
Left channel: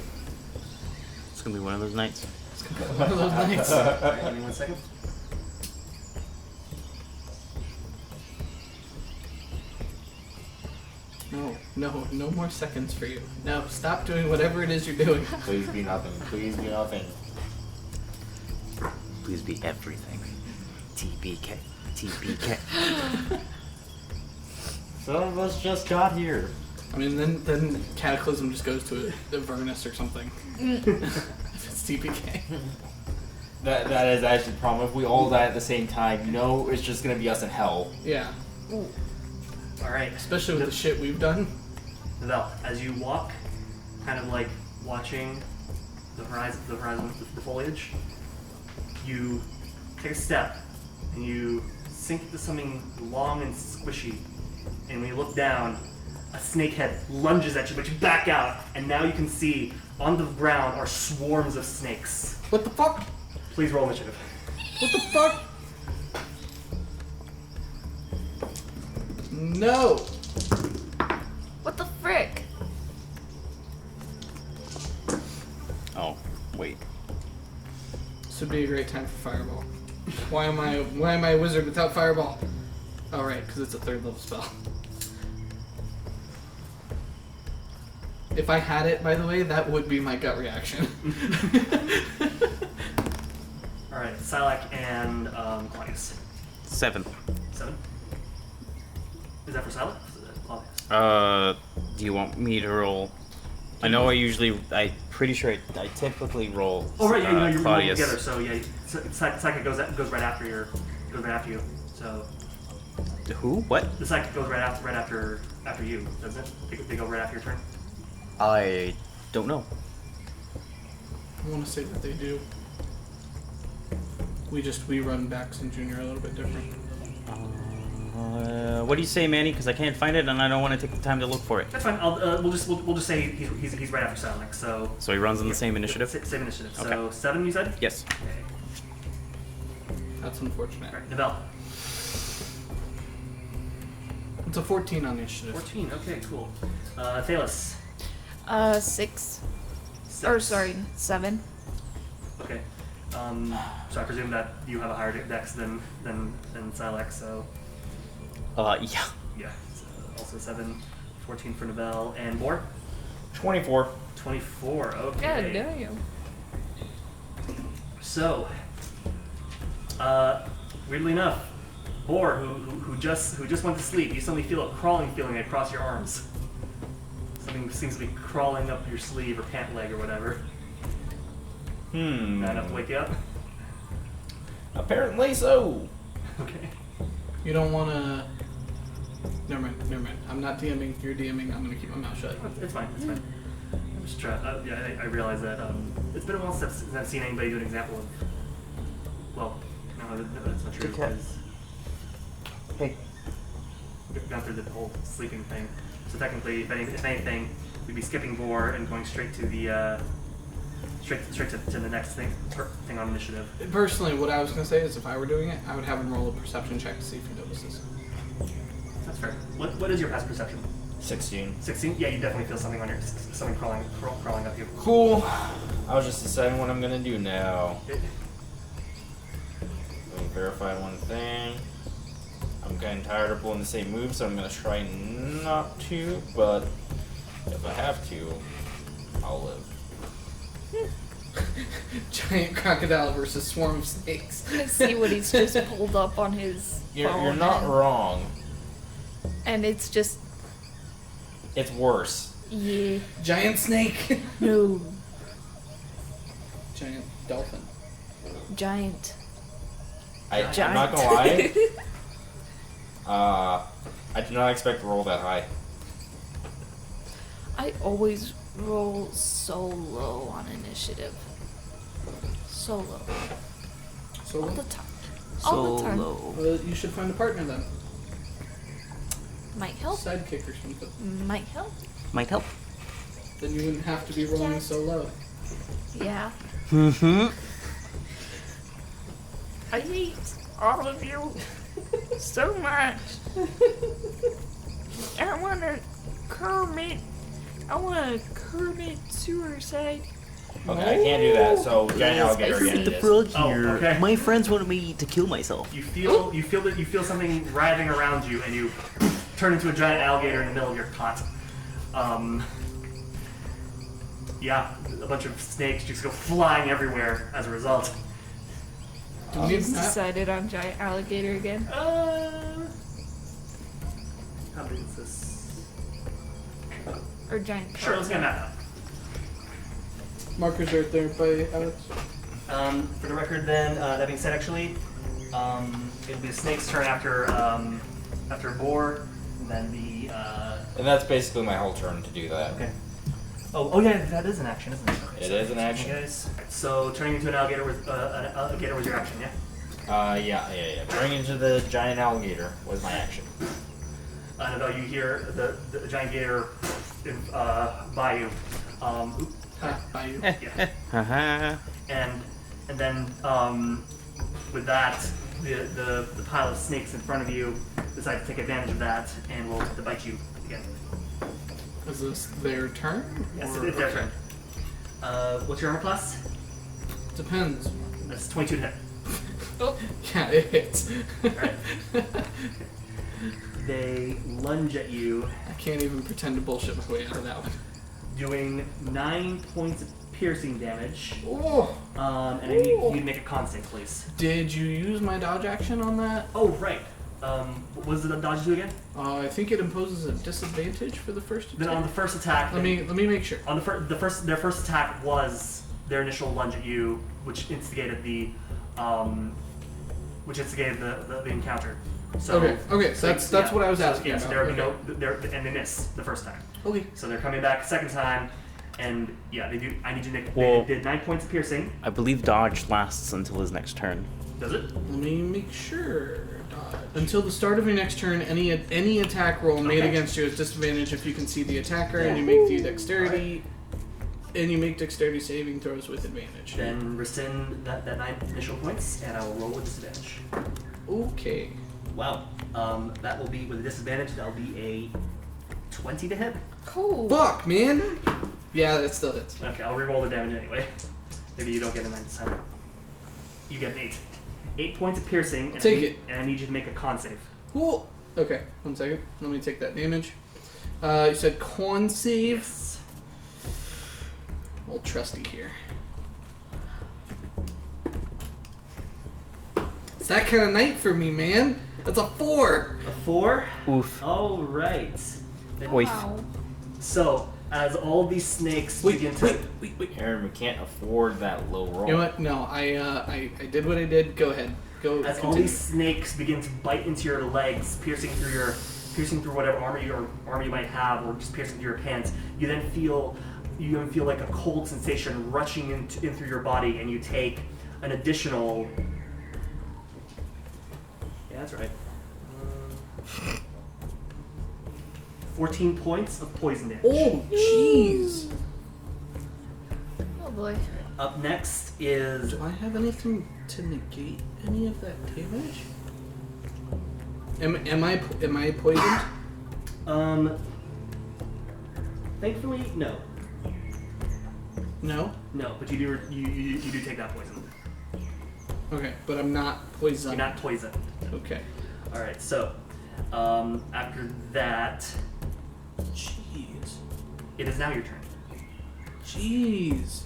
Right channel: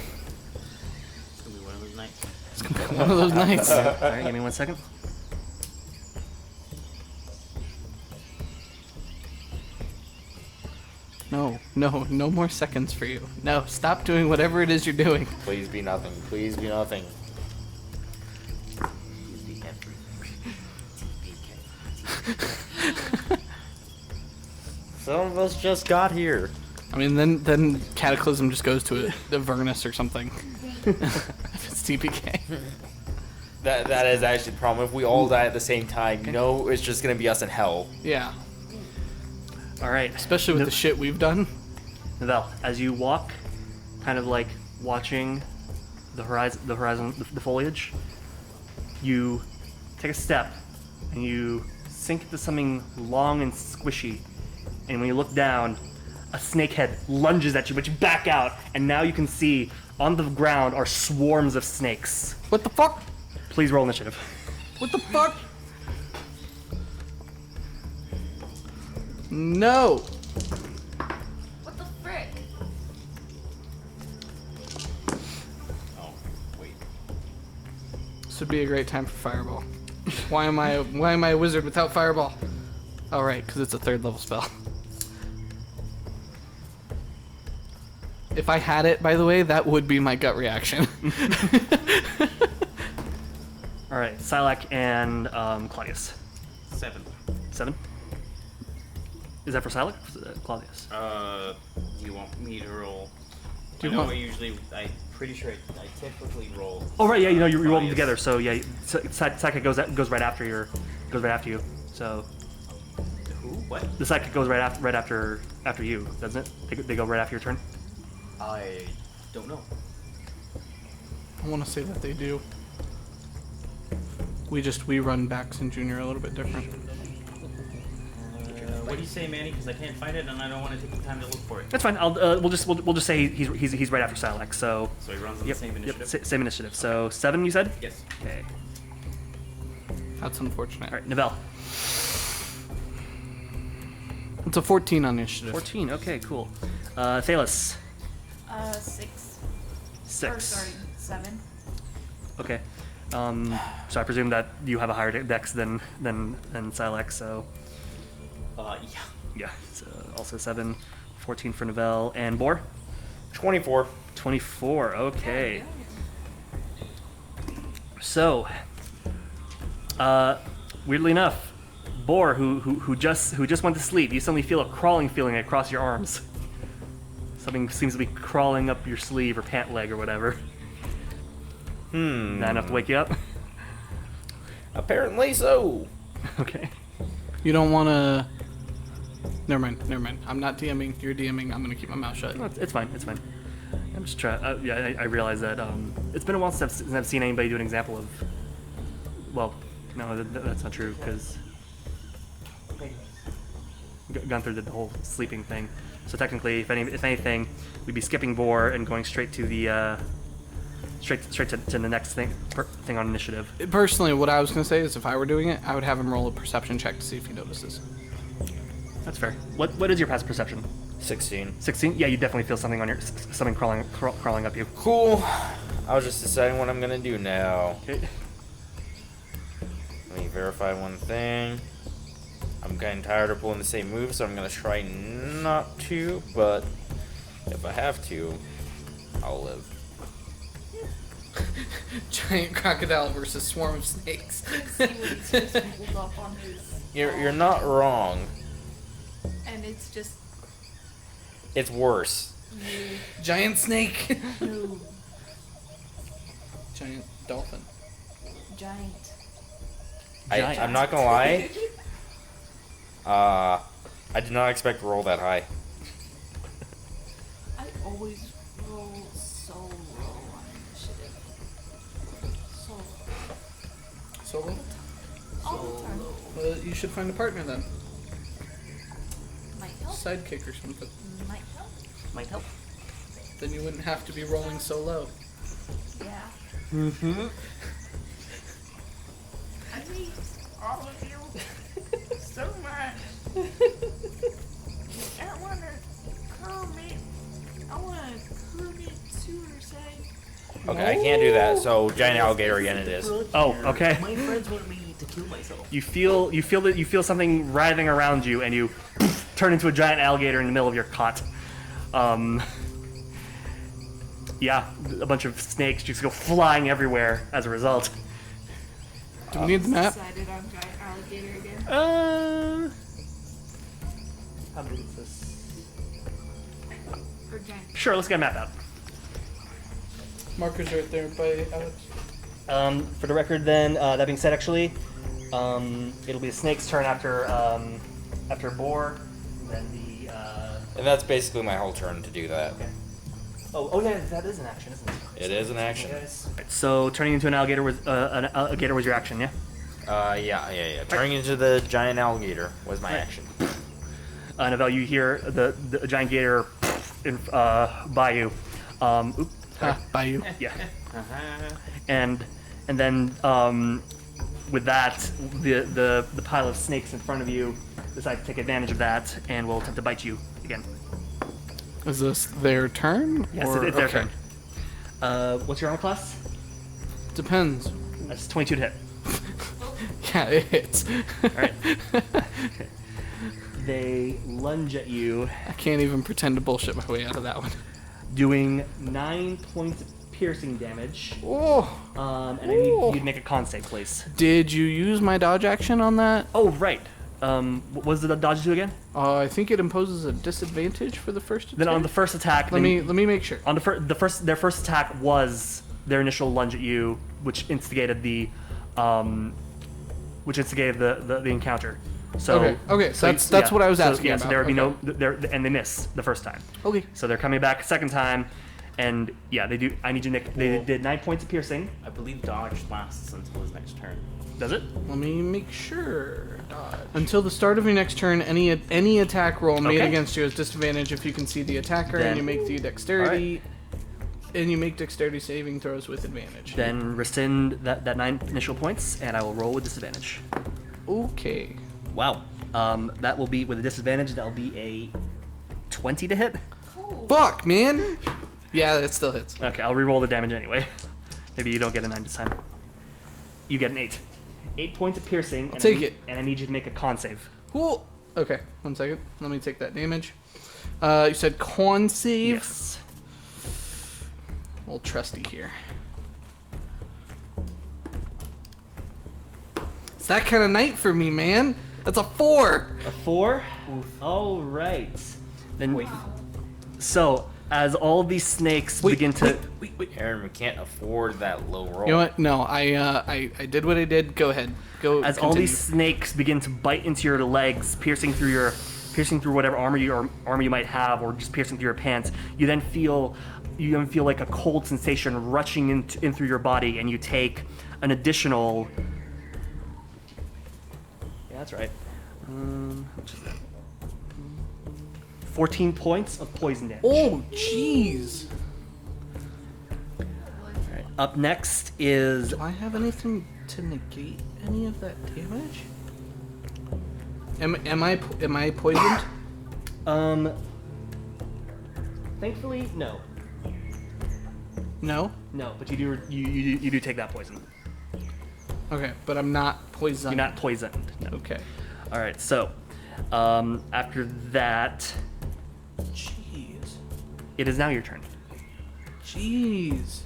It's gonna be one of those nights. It's gonna be one of those nights. All right, give me 1 second. No more seconds for you. No, stop doing whatever it is you're doing. Please be nothing. Please be nothing. Please be everything. TPK. TPK. Some of us just got here. I mean, then Cataclysm just goes to a Avernus or something. If it's TPK. That is actually the problem. If we all die at the same time, it's just gonna be us in hell. Yeah. All right. Especially with the shit we've done. Navel, as you walk, kind of like watching the horizon, the foliage, you take a step and you sink into something long and squishy. And when you look down, a snake head lunges at you, but you back out, and now you can see on the ground are swarms of snakes. What the fuck? Please roll initiative. What the fuck? No. What the frick? Oh, wait. This would be a great time for Fireball. Why am I a wizard without Fireball? All right, because it's a 3rd level spell. If I had it, by the way, that would be my gut reaction. All right, Sylack and Claudius. 7. 7. Is that for Sylack? Or is that Claudius? Do you want me to roll? I know I'm pretty sure I typically roll. Oh right, yeah, you roll Claudius. together. So yeah, Psychic goes right after you. So Who? What? the Psychic goes right after you, doesn't it? They go right after your turn. I don't know. I want to say that they do. We run Bax and Junior a little bit different. What do you say, Manny? Because I can't find it and I don't want to take the time to look for it. That's fine. We'll just say he's right after Sylack. So So he runs on the same initiative? Same initiative. So Okay. 7, you said? Yes. Okay. That's unfortunate. All right, Novell. It's a 14 on initiative. 14. Okay, cool. Athelas. 6. 6. Or sorry, 7. Okay. So I presume that you have a higher dex than Sylack. So Yeah. yeah. So also 7. 14 for Novell and Boar. 24. 24. Okay. Yeah, yeah. So, weirdly enough, Boar, who just went to sleep, you suddenly feel a crawling feeling across your arms. Something seems to be crawling up your sleeve or pant leg or whatever. Not enough to wake you up? Apparently so. Okay. You don't want to... Never mind. I'm not DMing. You're DMing. I'm going to keep my mouth shut. Oh, it's fine. I'm just trying. Yeah, I realize that it's been a while since I've seen anybody do an example of. Well, no, that's not true because Gunther did the whole sleeping thing. So technically, if anything, we'd be skipping Vor and going straight to the straight to the next thing on initiative. Personally, what I was going to say is if I were doing it, I would have him roll a perception check to see if he notices. That's fair. What is your past perception? 16. 16? Yeah, you definitely feel something on your something crawling up you. Cool. I was just deciding what I'm gonna do now. Okay. Let me verify one thing. I'm kind of tired of pulling the same move, so I'm gonna try not to, but if I have to, I'll live. Giant crocodile versus swarm of snakes. I see what he's just pulled up on his You're phone, not wrong. and it's just It's worse. yeah. Giant snake. No. Giant dolphin. Giant. I'm not gonna lie. I did not expect to roll that high. I always roll so low on initiative. So low. So All the time. All the time. Well, you should find a partner then. Might help. Sidekick or something. Might help. Might help. Then you wouldn't have to be rolling so low. Yeah. Mm-hmm. I hate all of you so much. I want to Kermit suicide. Okay, I can't do that, so giant alligator again it is. Oh, okay. My friends want me to kill myself. You feel something writhing around you, and you turn into a giant alligator in the middle of your cot. Yeah, a bunch of snakes just go flying everywhere as a result. Do we need the map? Decided on giant alligator again. How big is this? Or giant. Sure, let's get a map out. Marker's right there by Alex. For the record, then, that being said, actually, it'll be the snake's turn after Boar, and then the. And that's basically my whole turn to do that. Okay. Oh yeah, that is an action, isn't it? It is an action. Guys. So turning into an alligator was your action, yeah? Yeah. Turning into the giant alligator was my action. Novell, you hear the giant gator by you. Oop. By you. Yeah. Uh-huh. And then with that, the pile of snakes in front of you decide to take advantage of that and will attempt to bite you again. Is this their turn? Yes, or... it's their okay. turn. What's your armor class? Depends. That's 22 to hit. Yeah, it hits. Alright. They lunge at you, I can't even pretend to bullshit my way out of that one. doing 9 points of piercing damage. Oh! And I need you to make a con save, please. Did you use my dodge action on that? Oh, right. What does the dodge do again? I think it imposes a disadvantage for the first attack. Then on the first attack, Let me make sure. on their first attack was their initial lunge at you, which instigated the encounter. So Okay, so that's what I was asking Yeah, about. so there would be and they miss the first time. Okay. So they're coming back second time, And yeah, they do. I need you to make. Well- They did 9 points of piercing. I believe dodge lasts until his next turn. Does it? Let me make sure. Until the start of your next turn, any attack roll made Okay. against you is disadvantage if you can see the attacker, Then- and you make the dexterity, and you make dexterity saving throws with advantage. Then rescind that 9 initial points, and I will roll with disadvantage. Okay. Wow. That will be with a disadvantage. That'll be a 20 to hit. Cool. Fuck, man. Yeah, it still hits. Okay, I'll re-roll the damage anyway. Maybe you don't get a 9 this time. You get an 8. 8 points of piercing. And Take I need, it. And I need you to make a con save. Cool. Okay, 1 second. Let me take that damage. You said con save. Yes. Old trusty here. It's that kind of night for me, man. That's a 4. A 4. Oof. All right. Then Wait. Wow. So as all these snakes begin to. wait. Aaron, we can't afford that low roll. You know what? No, I did what I did. Go ahead. Go. As all continue. these snakes begin to bite into your legs, piercing through whatever armor you might have, or just piercing through your pants, you then feel like a cold sensation rushing in through your body, and you take an additional. Yeah, that's right. 14 points of poison damage. Oh, jeez. Oh boy. Up next is Do I have anything to negate any of that damage? Am I poisoned? Thankfully, no. No. No, but you do take that poison. Okay, but I'm not poisoned. You're not poisoned. No. Okay. All right. So, after that, Jeez. it is now your turn. Jeez.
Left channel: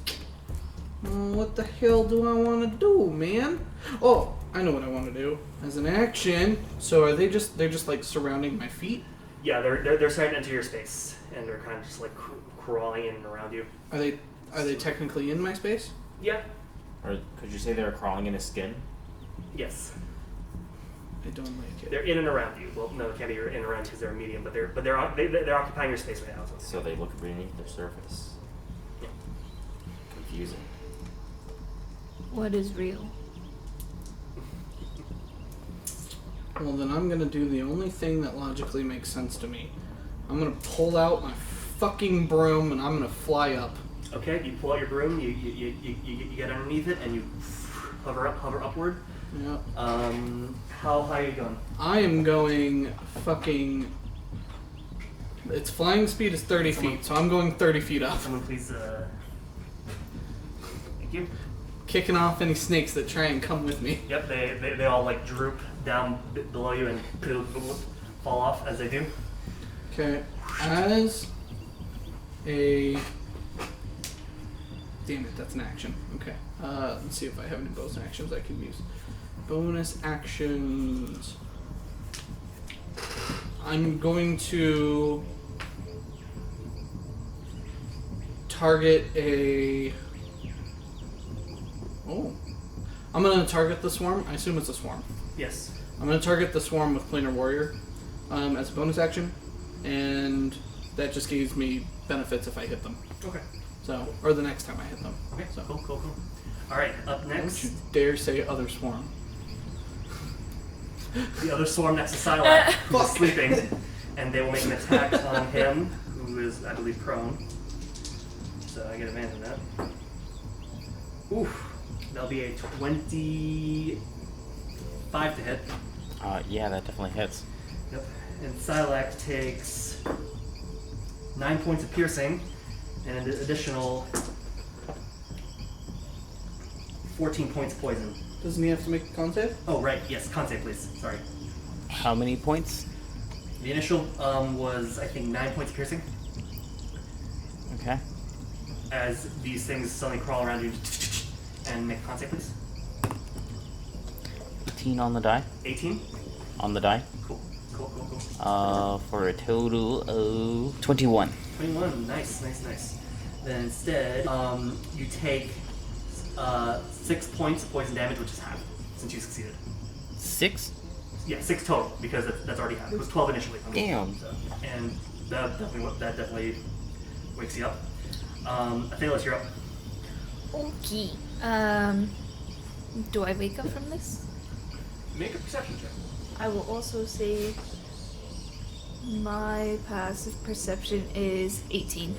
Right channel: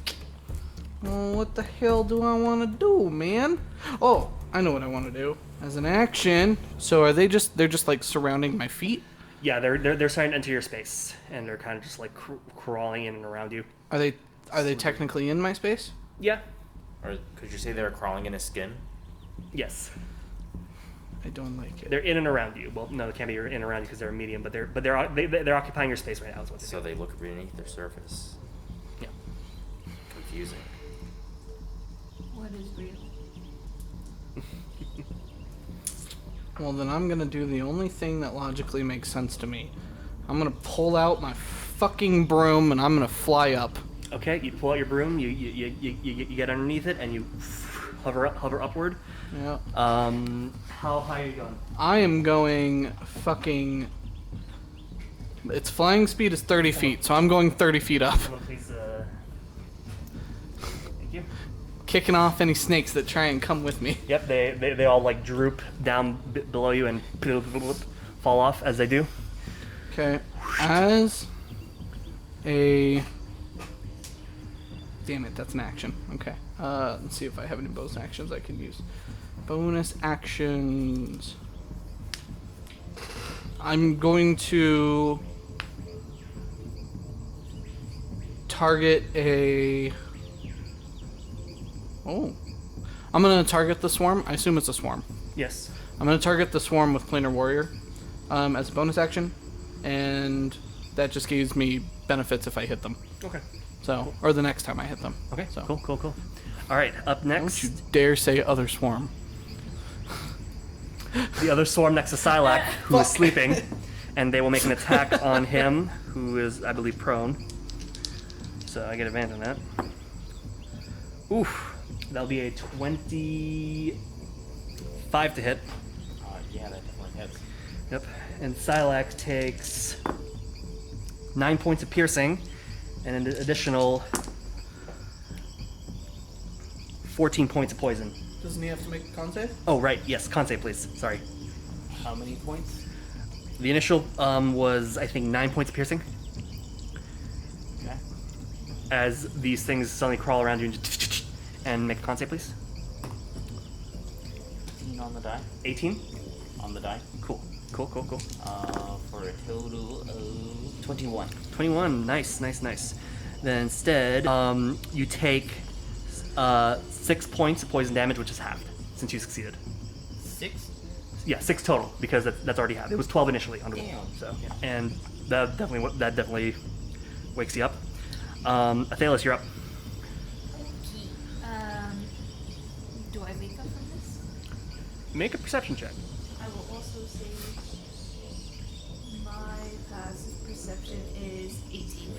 What the hell do I want to do, man? Oh, I know what I want to do. As an action. So are they're just like surrounding my feet? Yeah, they're starting to enter your space, and they're kind of just like crawling in and around you. Are they technically in my space? Yeah. Or could you say they're crawling in his skin? Yes. I don't like it. They're in and around you. Well, no, they can't be in and around because they're a medium, but they're occupying your space right now. Is what So they look beneath their surface. Yeah. Confusing. What is real? Well, then I'm gonna do the only thing that logically makes sense to me. I'm gonna pull out my fucking broom and I'm gonna fly up. Okay, you pull out your broom, you get underneath it, and you hover upward. Yeah. How high are you going? I am going fucking. Its flying speed is 30 feet, so I'm going 30 feet up. Someone please. Thank you. Kicking off any snakes that try and come with me. Yep, they all like droop down below you and fall off as they do. Okay. As a. Damn it, that's an action. Okay. Let's see if I have any bonus actions I can use. Bonus actions. I'm going to target a. Oh. I'm going to target the swarm. I assume it's a swarm. Yes. I'm going to target the swarm with Planar Warrior as a bonus action, and that just gives me benefits if I hit them. Okay. So, or the next time I hit them. Okay. So, Cool. All right. Up don't next, you dare say other swarm. the other swarm next to Sylack, who is sleeping, and they will make an attack on him, who is, I believe, prone. So I get advantage on that. Oof. That'll be a 25 to hit. Yeah, that definitely hits. Yep. And Sylack takes 9 points of piercing, and an additional 14 points of poison. Doesn't he have to make a con save? Oh, right. Yes. Con save, please. Sorry. How many points? The initial was, I think, 9 points of piercing. Okay. As these things suddenly crawl around you and make a con save, please. 18 on the die. 18. On the die. Cool. For a total of 21. 21. Nice. Then instead, you take 6 points of poison damage, which is halved since you succeeded. 6? Yeah, 6 total because that's already halved. It was 12 initially. Damn. So, and that definitely wakes you up. Athelas, you're up. Okay. Do I wake up from this? Make a perception check. I will also say my passive perception is 18.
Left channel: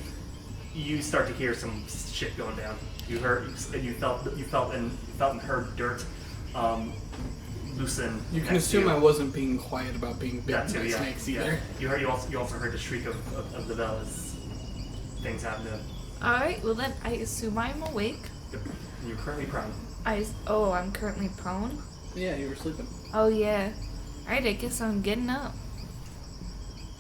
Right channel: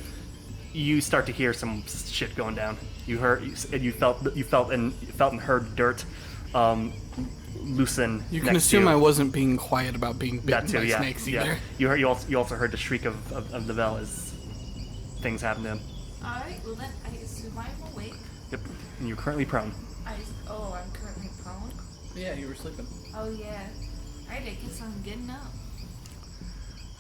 You start to hear some shit going down. You felt and heard dirt loosen. You can next assume to I you. wasn't being quiet about being That bitten too, by yeah. snakes Yeah. either. You also heard the shriek of the bell as things happen to him. Alright, well then I assume I'm awake. Yep. And you're currently prone. I'm currently prone. Yeah, you were sleeping. Oh yeah. Alright, I guess I'm getting up.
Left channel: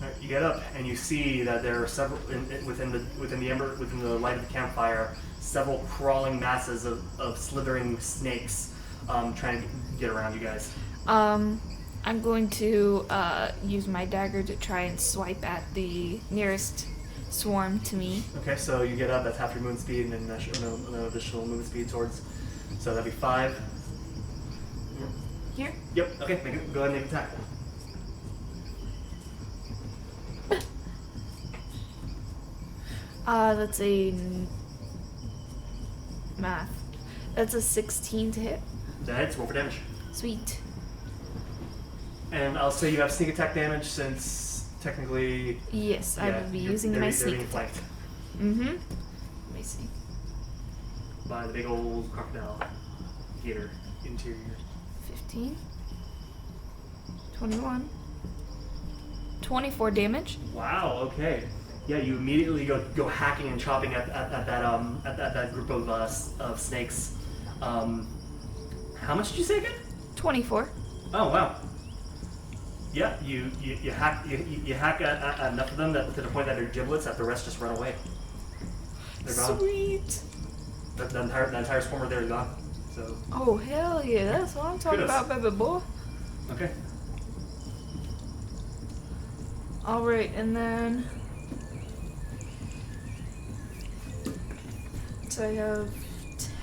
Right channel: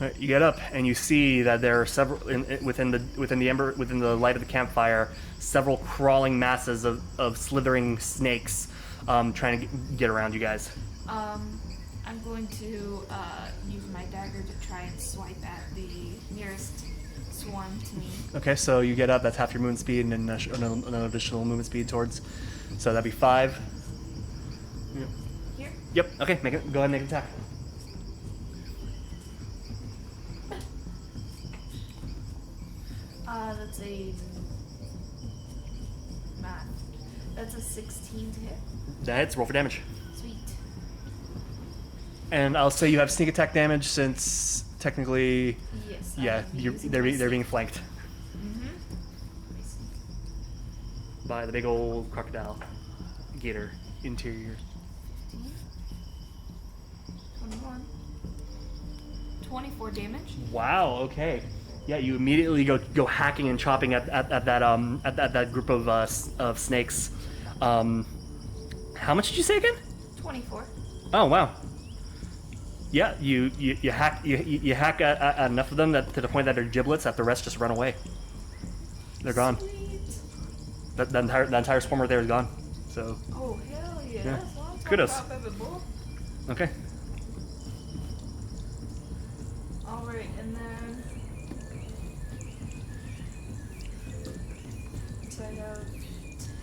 Alright, you get up and you see that there are several within the light of the campfire, several crawling masses of slithering snakes trying to get around you guys. I'm going to use my dagger to try and swipe at the nearest swarm to me. Okay, so you get up. That's half your movement speed, and then an additional movement speed towards. So that'd be 5. Here? Yep. Okay, go ahead and make an attack. That's a math. That's a 16 to hit. That hits. Roll for damage. Sweet. And I'll say you have sneak attack damage since technically, Yes, I yeah, will be using my they're sneak. being flanked Mm-hmm. Let me see. by the big old crocodile gator interior. 15. 21. 24 damage. Wow. Okay. Yeah, you immediately go hacking and chopping at that group of snakes. How much did you say again? 24. Oh wow. Yeah, you hack at enough of them to the point that they're giblets, that the rest just run away. They're gone. Sweet. The entire swarm right there is gone. So Oh, hell yeah. That's what I'm talking Kudos. about, baby boy. okay. Alright, and then... So I have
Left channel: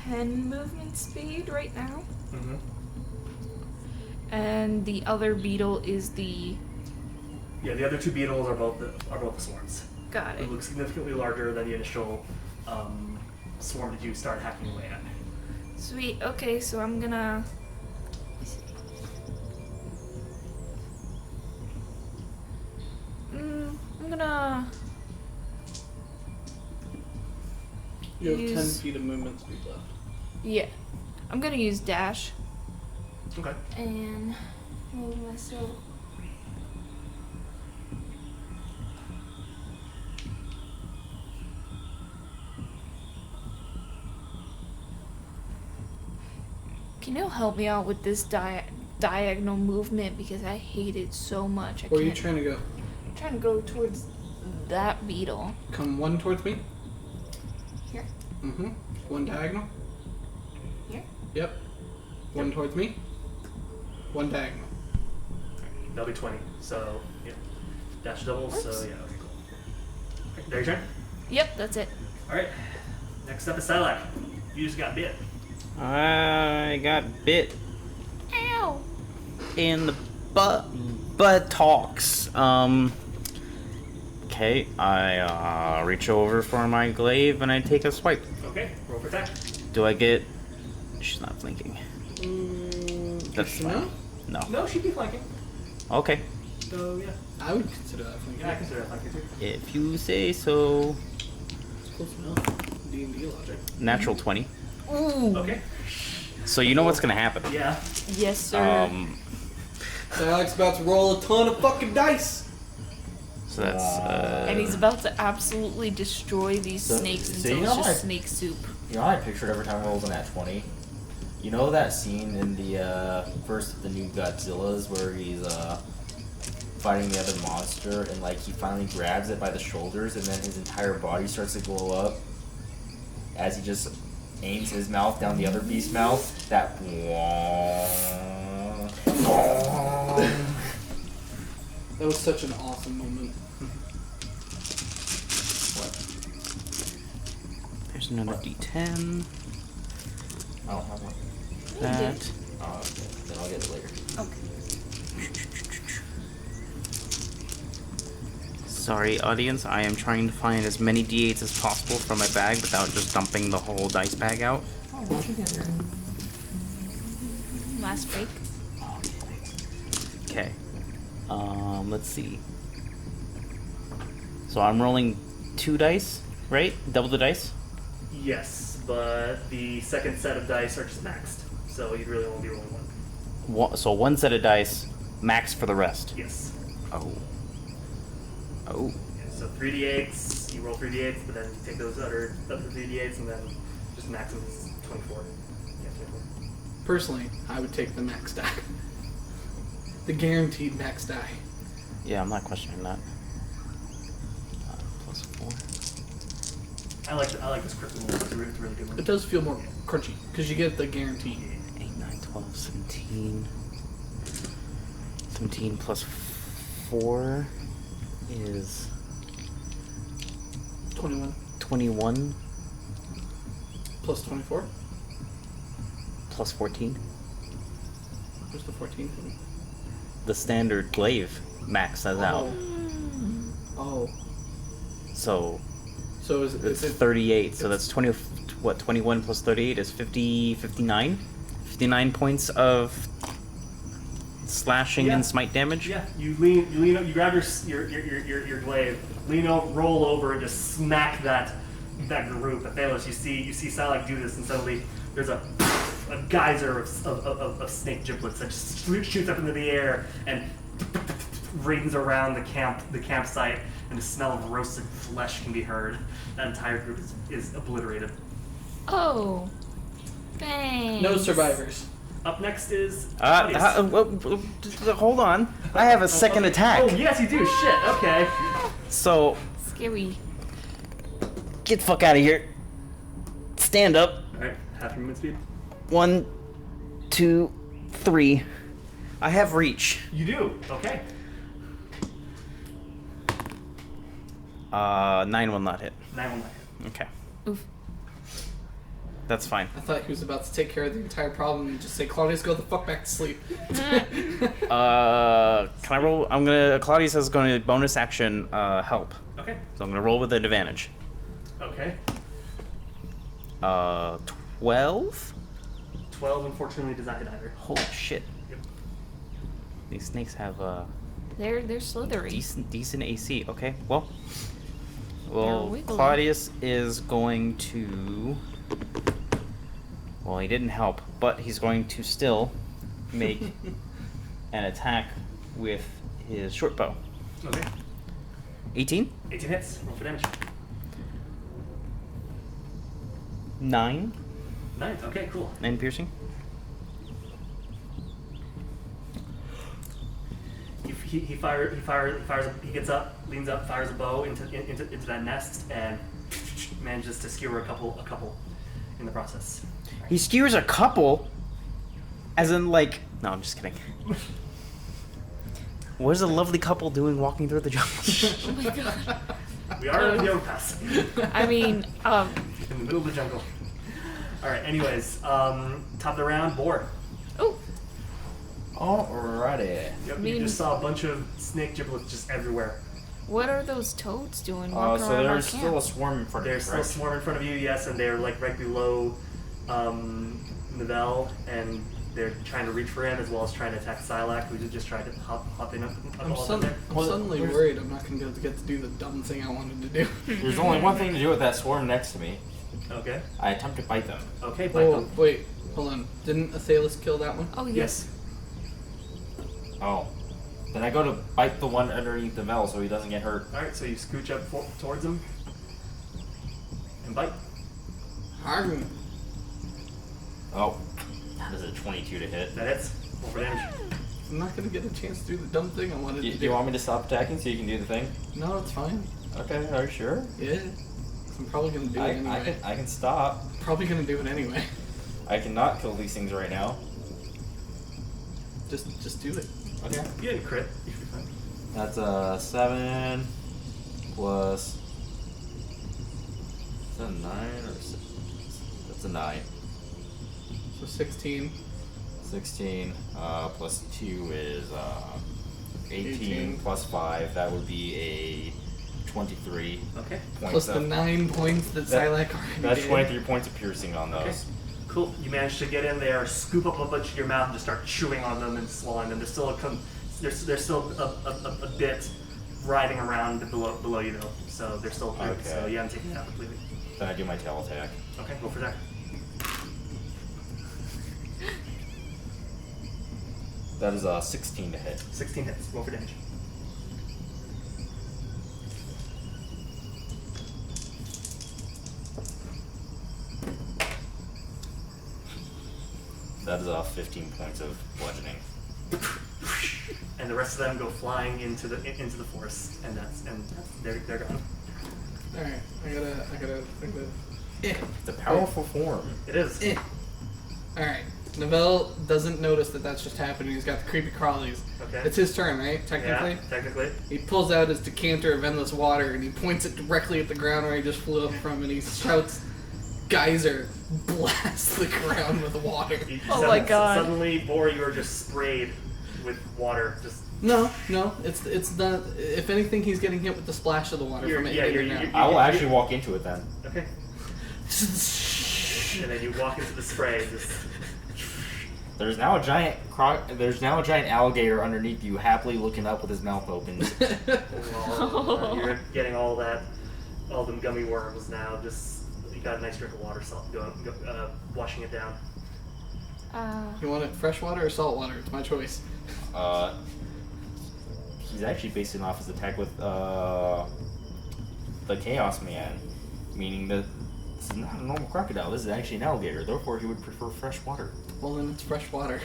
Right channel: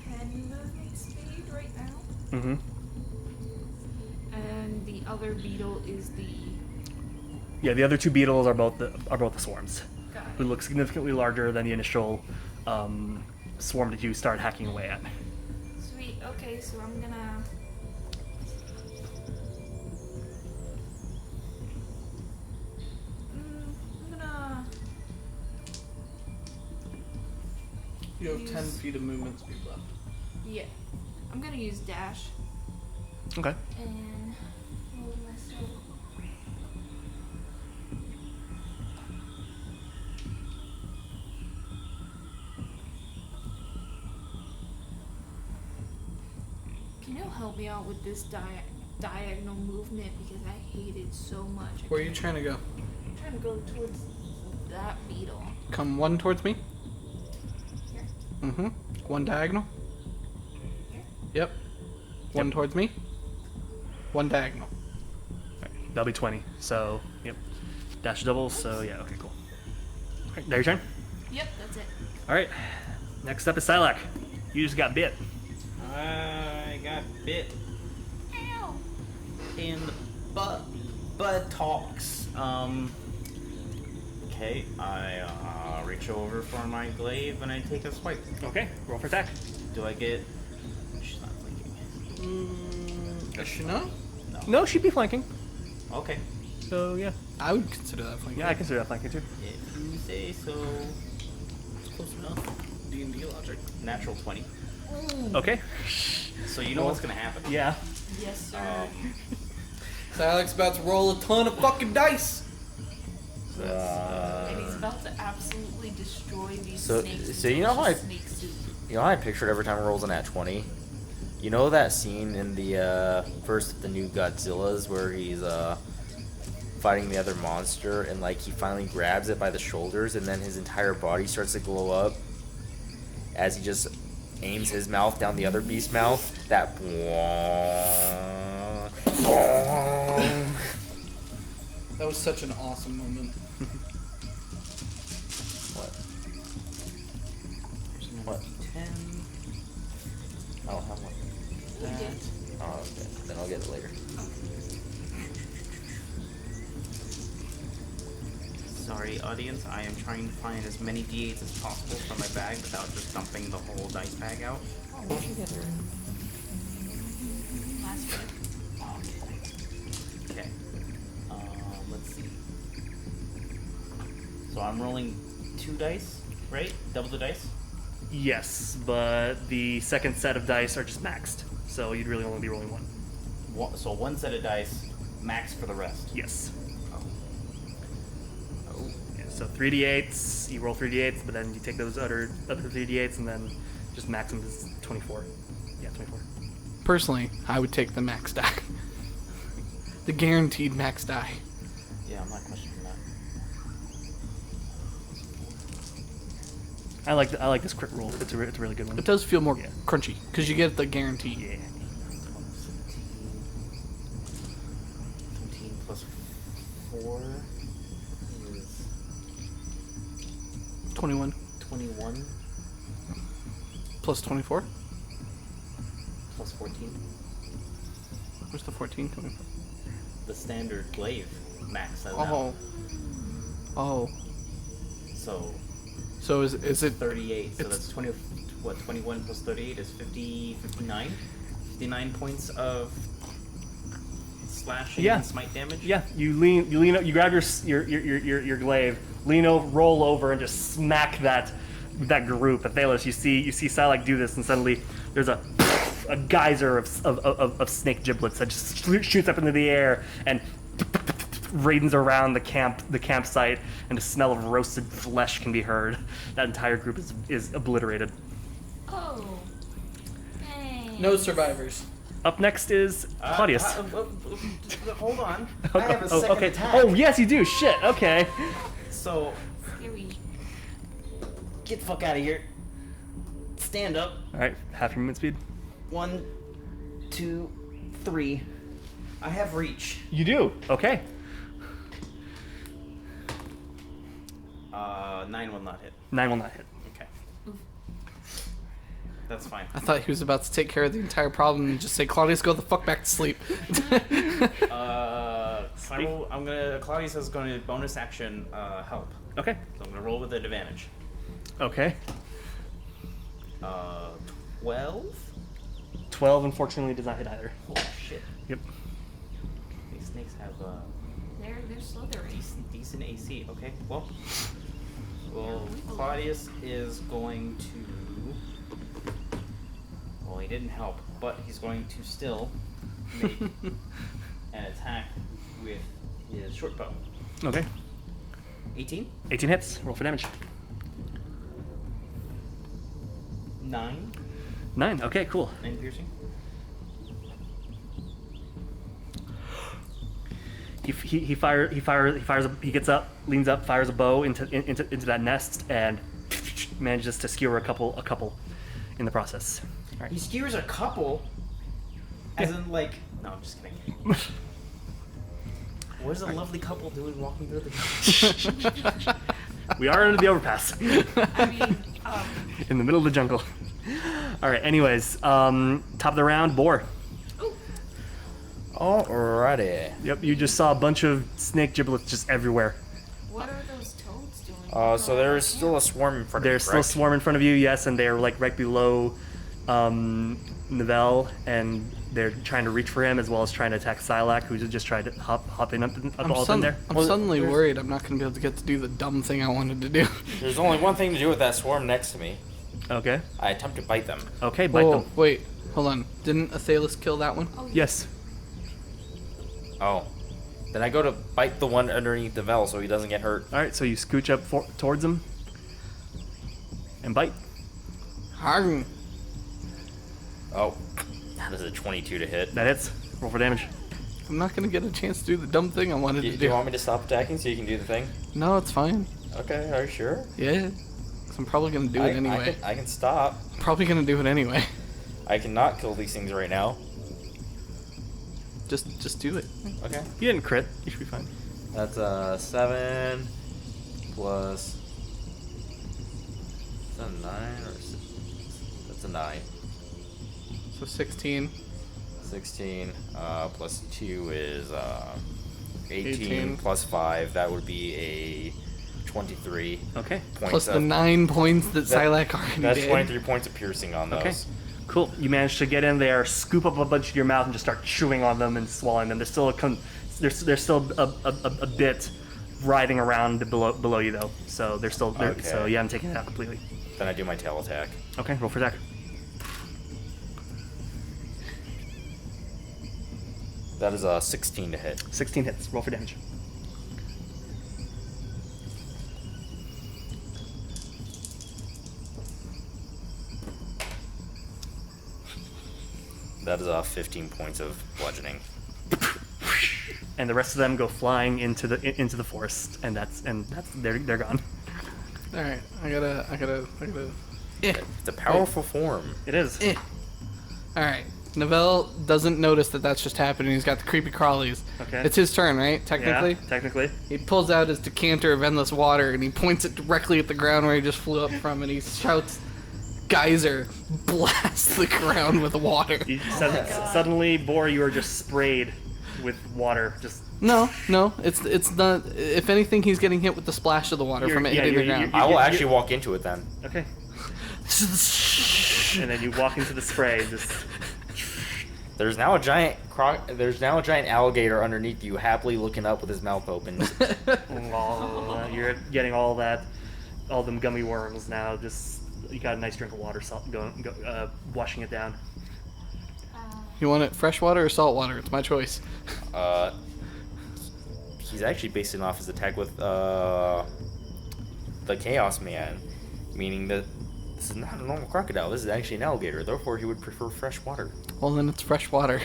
10 movement speed right now. Mm-hmm. And the other beetle is the... Yeah, the other two beetles are both the swarms. Got They it. look significantly larger than the initial swarm that you start hacking away at. Sweet. Okay, so I'm gonna... I'm gonna... You have 10 Use- feet of movement speed left. Yeah. I'm gonna use dash Okay. and move myself. Can you help me out with this diagonal movement, because I hate it so much. Where are you trying to go? I'm trying to go towards that beetle. Come one towards me. Here. Mm-hmm. One diagonal. Here. Yep. One towards me. One diagonal. Alright, that'll be 20. So, yep. Dash doubles, so yeah, okay, cool. Okay, now your turn. Yep, that's it. Alright. Next up is Sylack. You just got bit. I got bit Ow! in the buttocks. Okay, I reach over for my glaive and I take a swipe. Okay, roll for attack. Do I get? She's not flanking. That's she fine. not? No. No, she'd be flanking. Okay. So yeah. I would consider that flanking. Yeah, I consider that flanking too. If you say so. It's close enough. D&D logic. Natural 20. Okay. So you know what's gonna happen. Yeah. Yes, sir. Alex about to roll a ton of fucking dice. So that's And he's about to absolutely destroy these So- snakes so until you it's know just what? snake soup. You know, I pictured every time it rolls an nat 20. You know that scene in the first of the new Godzillas where he's fighting the other monster and like he finally grabs it by the shoulders and then his entire body starts to glow up as he just aims his mouth down the other beast's mouth? That That was such an awesome moment. there's another D10. Oh, how much? That. Oh, okay. Then I'll get it later. Okay. Sorry, audience. I am trying to find as many d8s as possible from my bag without just dumping the whole dice bag out. Last break. Okay. Let's see. So I'm rolling 2 dice, right? Double the dice? Yes, but the second set of dice are just maxed, so you'd really only be rolling one. So 1 set of dice, max for the rest. Yes. Oh. Oh. Yeah, so 3d8s, you roll 3d8s, but then you take those other 3d8s and then just max them as 24. Yeah, 24. Personally, I would take the max die. The guaranteed max die. Yeah, I'm not questioning that. Plus 4. I like this crit roll. It's a really good one. It does feel more Yeah. crunchy because you get the guarantee. Yeah. 8, 9, 12, 17. 17 plus 4 is 21 21 plus 24. plus 14. Where's the 14 coming? The standard glaive max as out. Oh. So So is it's it 38. So it's- that's 20. What 21 plus 38 is 50. 59. 59 points of slashing Yeah. and smite damage. Yeah, you lean, you grab your glaive, lean over, roll over, and just smack that group. Athelas, you see Sylack do this, and suddenly there's a geyser of snake giblets that just shoots up into the air and rains around the campsite, and the smell of roasted flesh can be heard. That entire group is obliterated. Oh. Thanks. no survivors? Up next is Claudius. Hold on. I have a second okay. attack. Oh yes, you do. Shit. Okay. So Scary. get the fuck out of here. Stand up. All right, half your movement speed. 1, 2, 3. I have reach. You do. Okay. 9 will not hit. 9 will not hit. Okay. Oof. That's fine. I thought he was about to take care of the entire problem and just say, Claudius, go the fuck back to sleep. Can I roll? Claudius is going to bonus action help. Okay. So I'm going to roll with an advantage. Okay. 12? 12 unfortunately does not hit either. Holy shit. Yep. These snakes have They're slithery. decent AC. Okay, well. They're Well, wiggly. Claudius is going to... Well, he didn't help, but he's going to still make an attack with his short bow. Okay. 18? 18 hits. Roll for damage. 9? 9. Okay, cool. 9 piercing? He gets up, leans up, fires a bow into that nest, and manages to skewer a couple in the process. All right. He skewers a couple? As in, like... No, I'm just kidding. What is a lovely couple doing walking through the jungle? We are under the overpass. I mean, In the middle of the jungle. All right. Anyways, top of the round, Boar. oh, Alrighty. Yep. You just saw a bunch of snake giblets just everywhere. what are those toads doing? So walking around our there's still a camp? swarm in front of There's me, still a correct? swarm in front of you, yes, and they're like right below Manuel, and they're trying to reach for him as well as trying to attack Sylack, who just tried to hop in up in there. I'm suddenly worried I'm not going to be able to get to do the dumb thing I wanted to do. There's only one thing to do with that swarm next to me. Okay. I attempt to bite them. Okay, bite Oh, them. wait. Hold on. Didn't Athelas kill that one? Oh, Yes. Oh. Then I go to bite the one underneath the Vel so he doesn't get hurt. All right, so you scooch up towards him and bite. Harm. Oh. That is a 22 to hit. That hits. Roll for damage. I'm not going to get a chance to do the dumb thing I wanted Do to you do. want me to stop attacking so you can do the thing? No, it's fine. Okay, are you sure? Yeah. 'Cause I'm probably going to do it anyway. I can stop. Probably going to do it anyway. I cannot kill these things right now. Just do it. Okay. You didn't crit. You should be fine. That's a 7 plus. Is that a 9 or 6? That's a 9. So 16. 16 plus 2 is 18 18. plus 5. That would be 23 Okay. points Plus the 9 points that Sylack already That's did. 23 points of piercing on those. Okay. Cool. You manage to get in there, scoop up a bunch of your mouth, and just start chewing on them and swallowing them. There's still there's still a bit riding around below you though. So they're still there. Okay. So you haven't taken it out completely. Then I do my tail attack. Okay. Roll for attack. That is 16 to hit. 16 hits. Roll for damage. That is 15 points of bludgeoning. And the rest of them go flying into the forest, and they're gone. All right, I gotta. It's a powerful form. It is. All right, Novell doesn't notice that that's just happening. He's got the creepy crawlies. Okay. It's his turn, right? Technically. Yeah, technically. He pulls out his decanter of endless water and he points it directly at the ground where he just flew up from, and he shouts, "Geyser!" Blasts the ground with water. Oh my God. Suddenly, Boar, you are just sprayed with water. Just No, it's not. If anything, he's getting hit with the splash of the water from it hitting the ground. I will actually walk into it then. okay. And then you walk into the spray. Just There's now a giant alligator underneath you, happily looking up with his mouth open. you're getting all them gummy worms now. Just you got a nice drink of water, washing it down. You want it fresh water or salt water? It's my choice. He's actually basing off his attack with the Chaos Man, meaning that this is not a normal crocodile. This is actually an alligator. Therefore, he would prefer fresh water. Well, then it's fresh water.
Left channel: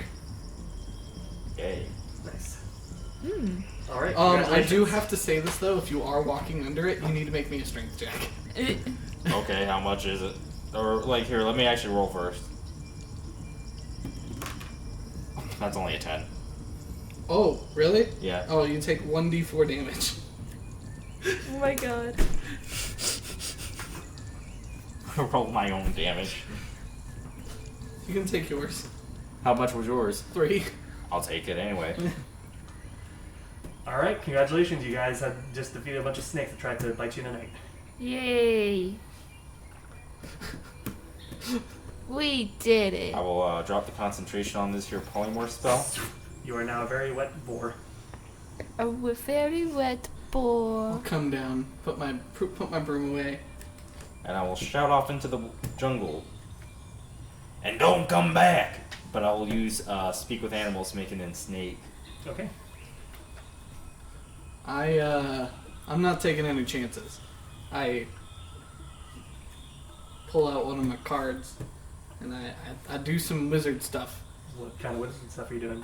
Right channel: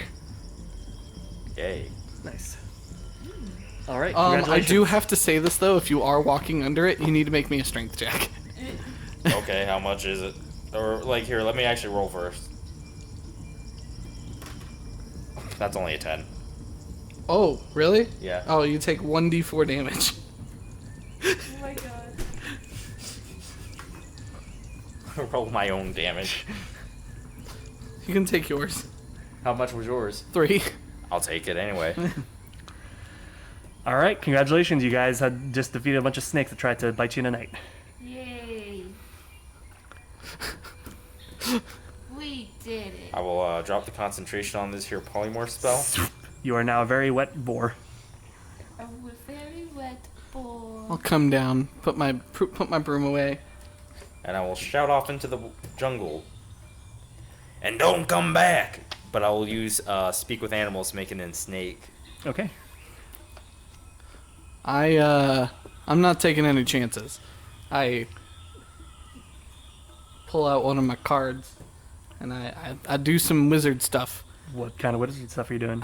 Yay! Nice. All right. I do have to say this though. If you are walking under it, you need to make me a strength check. Okay, how much is it? Or here, let me actually roll first. That's only a 10. Oh, really? Yeah. Oh, you take 1d4 damage. Oh my God. Roll my own damage. You can take yours. How much was yours? 3. I'll take it anyway. All right. Congratulations, you guys had just defeated a bunch of snakes that tried to bite you in the night. Yay. We did it. I will drop the concentration on this here polymorph spell. You are now a very wet boar. A very wet boar. I'll come down, put my broom away. And I will shout off into the jungle. And don't come back! But I will use Speak with Animals, making it snake. Okay. I'm not taking any chances. I pull out one of my cards, and I do some wizard stuff. What kind of wizard stuff are you doing?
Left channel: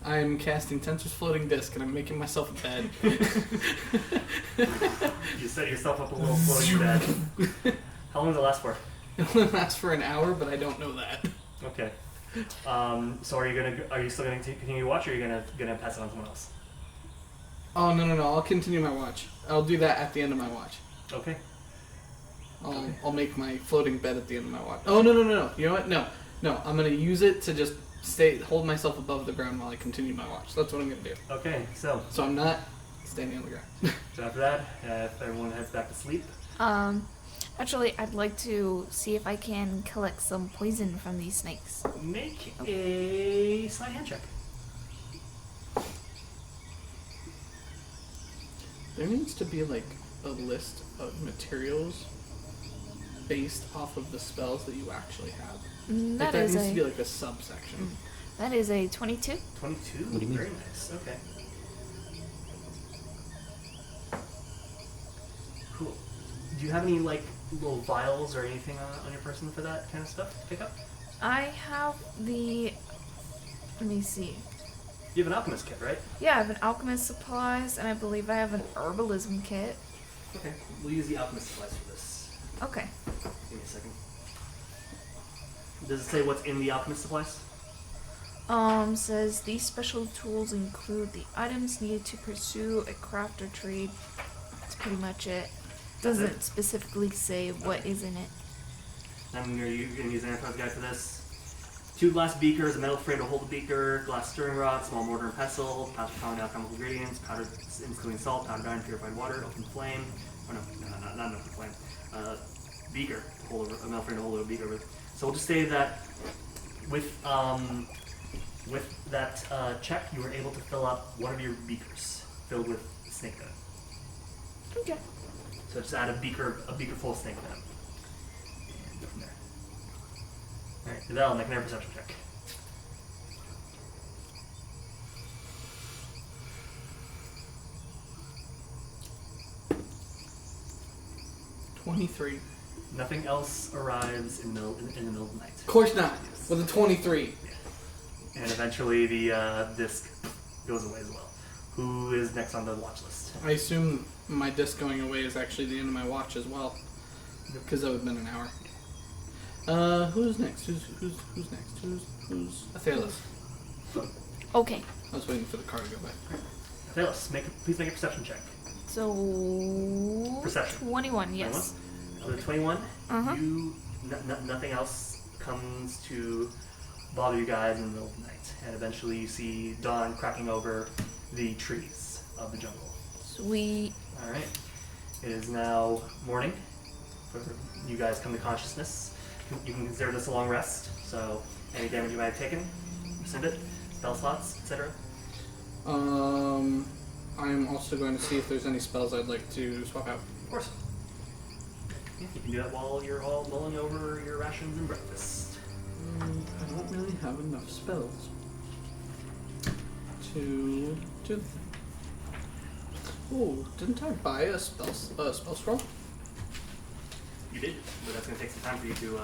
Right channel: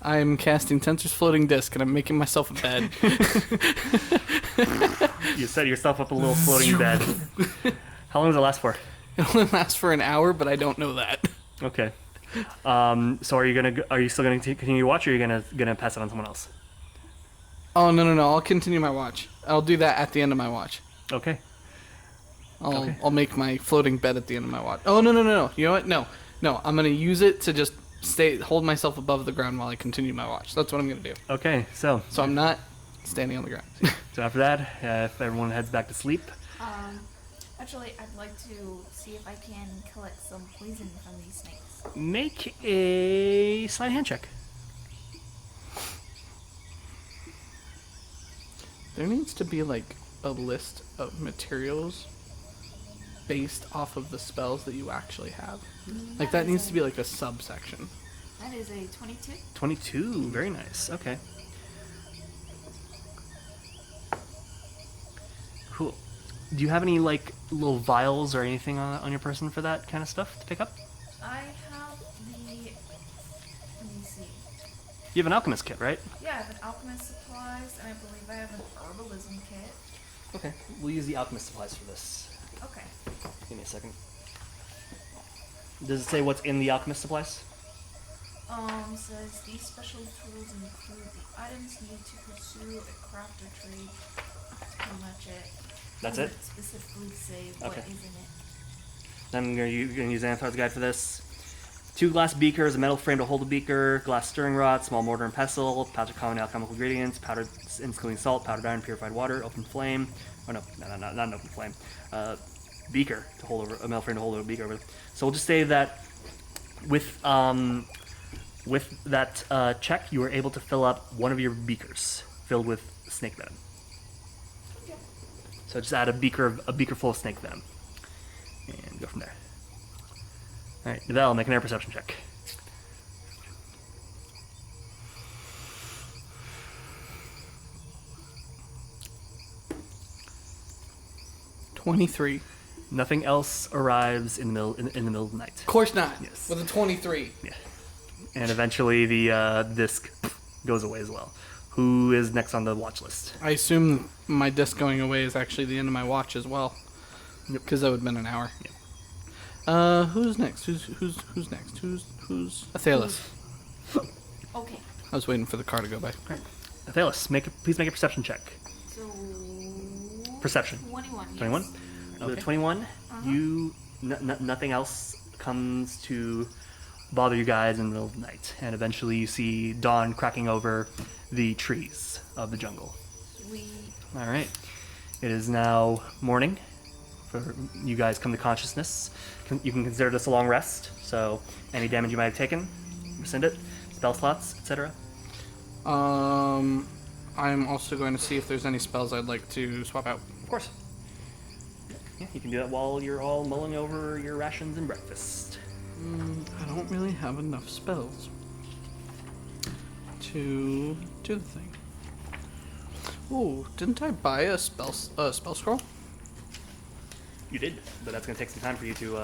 I'm casting Tensor's Floating Disc, and I'm making myself a bed. You set yourself up a little floating bed. How long does it last for? It only lasts for an hour, but I don't know that. Okay. So are you still gonna continue to watch, or are you gonna pass it on to someone else? Oh, no. I'll continue my watch. I'll do that at the end of my watch. Okay. I'll make my floating bed at the end of my watch. Oh, no. You know what? No. I'm going to use it to just hold myself above the ground while I continue my watch. That's what I'm going to do. Okay. So I'm not standing on the ground. so after that, if everyone heads back to sleep. Actually, I'd like to see if I can collect some poison from these snakes. Make a sleight of hand check. There needs to be like a list of materials based off of the spells that you actually have. Like that needs to be like a subsection. That is a 22. 22. Very nice. Okay. Cool. Do you have any like little vials or anything on your person for that kind of stuff to pick up? I have the... Let me see. You have an alchemist kit, right? Yeah, I have an alchemist supplies, and I believe I have an herbalism kit. Okay. We'll use the alchemist supplies for this. Okay. Give me a second. Does it say what's in the alchemist supplies? Says these special tools include the items needed to pursue a craft or trade. That's pretty much it. That's Doesn't it? specifically say what is in it. Then you're gonna use Anathar's guide for this. 2 glass beakers, a metal frame to hold the beaker, glass stirring rod, small mortar and pestle, pouch of common alchemical ingredients, powdered instilling salt, powdered iron, purified water, open flame. Oh no, not an open flame. Beaker to hold a metal frame to hold a beaker with. So we'll just say that with that check, you were able to fill up one of your beakers filled with snake venom. Okay. So just add a beaker full of snake venom, and go from there. All right, Val, make an air perception check. $23. Nothing else arrives in the middle of the night. Of course not. Yes. With a 23. Yeah. And eventually the disc goes away as well. Who is next on the watch list? I assume my disc going away is actually the end of my watch as well. Yep. Because that would have been an hour. Who's next? Who's next? Who's Athelas? Okay. I was waiting for the car to go by. Athelas, please make a perception check. So. Perception. 21. Yes. 21? With a 21, Uh-huh. nothing else comes to bother you guys in the middle of the night. And eventually you see dawn cracking over the trees of the jungle. Sweet. All right. It is now morning. For you guys come to consciousness. You can consider this a long rest. So any damage you might have taken, rescind it. Spell slots, etc. I'm also going to see if there's any spells I'd like to swap out. Of course. Yeah, you can do that while you're all mulling over your rations and breakfast. I don't really have enough spells to do the thing. Oh, didn't I buy a spell scroll? You did, but that's going to take some time for you to...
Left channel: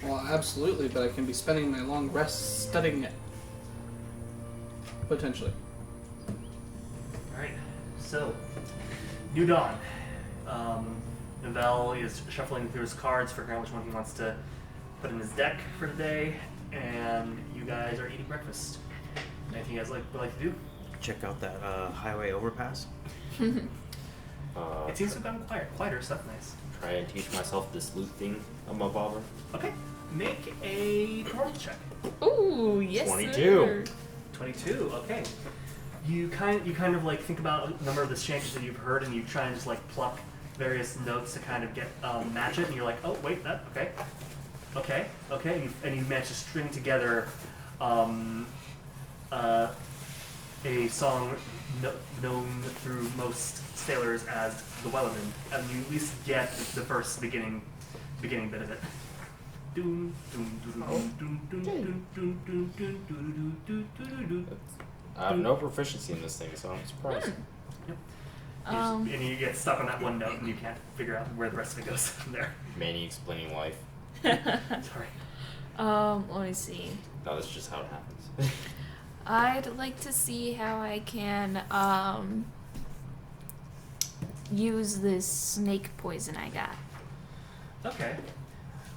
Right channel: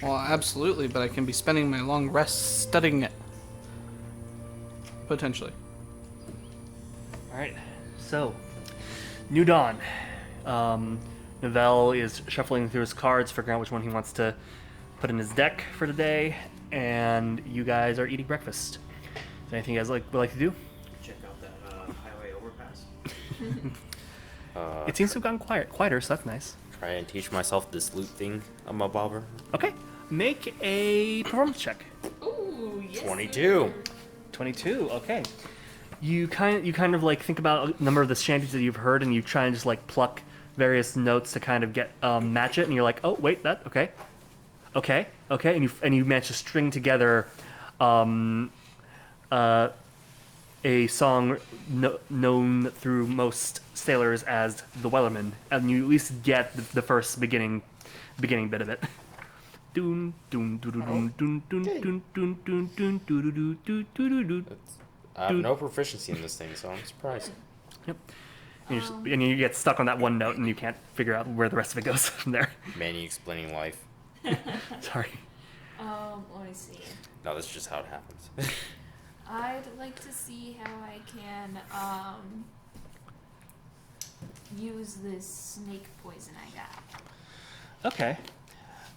Well, absolutely, but I can be spending my long rest studying it. Potentially. Alright, so, new dawn. Manuel is shuffling through his cards, figuring out which one he wants to put in his deck for today, and you guys are eating breakfast. Anything you guys would like to do? Check out that highway overpass. It seems to have gotten quieter, so that's nice. Try and teach myself this loot thing I'm above her. Okay, make a performance check. Ooh, yes. 22. Sir. 22. Okay. You kind of like think about a number of the shanties that you've heard, and you try and just like pluck various notes to kind of get match it, and you're like, oh wait, that okay, and you manage to string together a song known through most sailors as the Wellerman, and you at least get the first beginning bit of it. Doon doon doon doon doon doon doon doon doon doon doon doon doon. I have no proficiency in this thing, so I'm surprised. Yep. And you get stuck on that one note, and you can't figure out where the rest of it goes from there. Manny explaining life. Sorry. Let me see. No, that's just how it happens. I'd like to see how I can use this snake poison I got. Okay.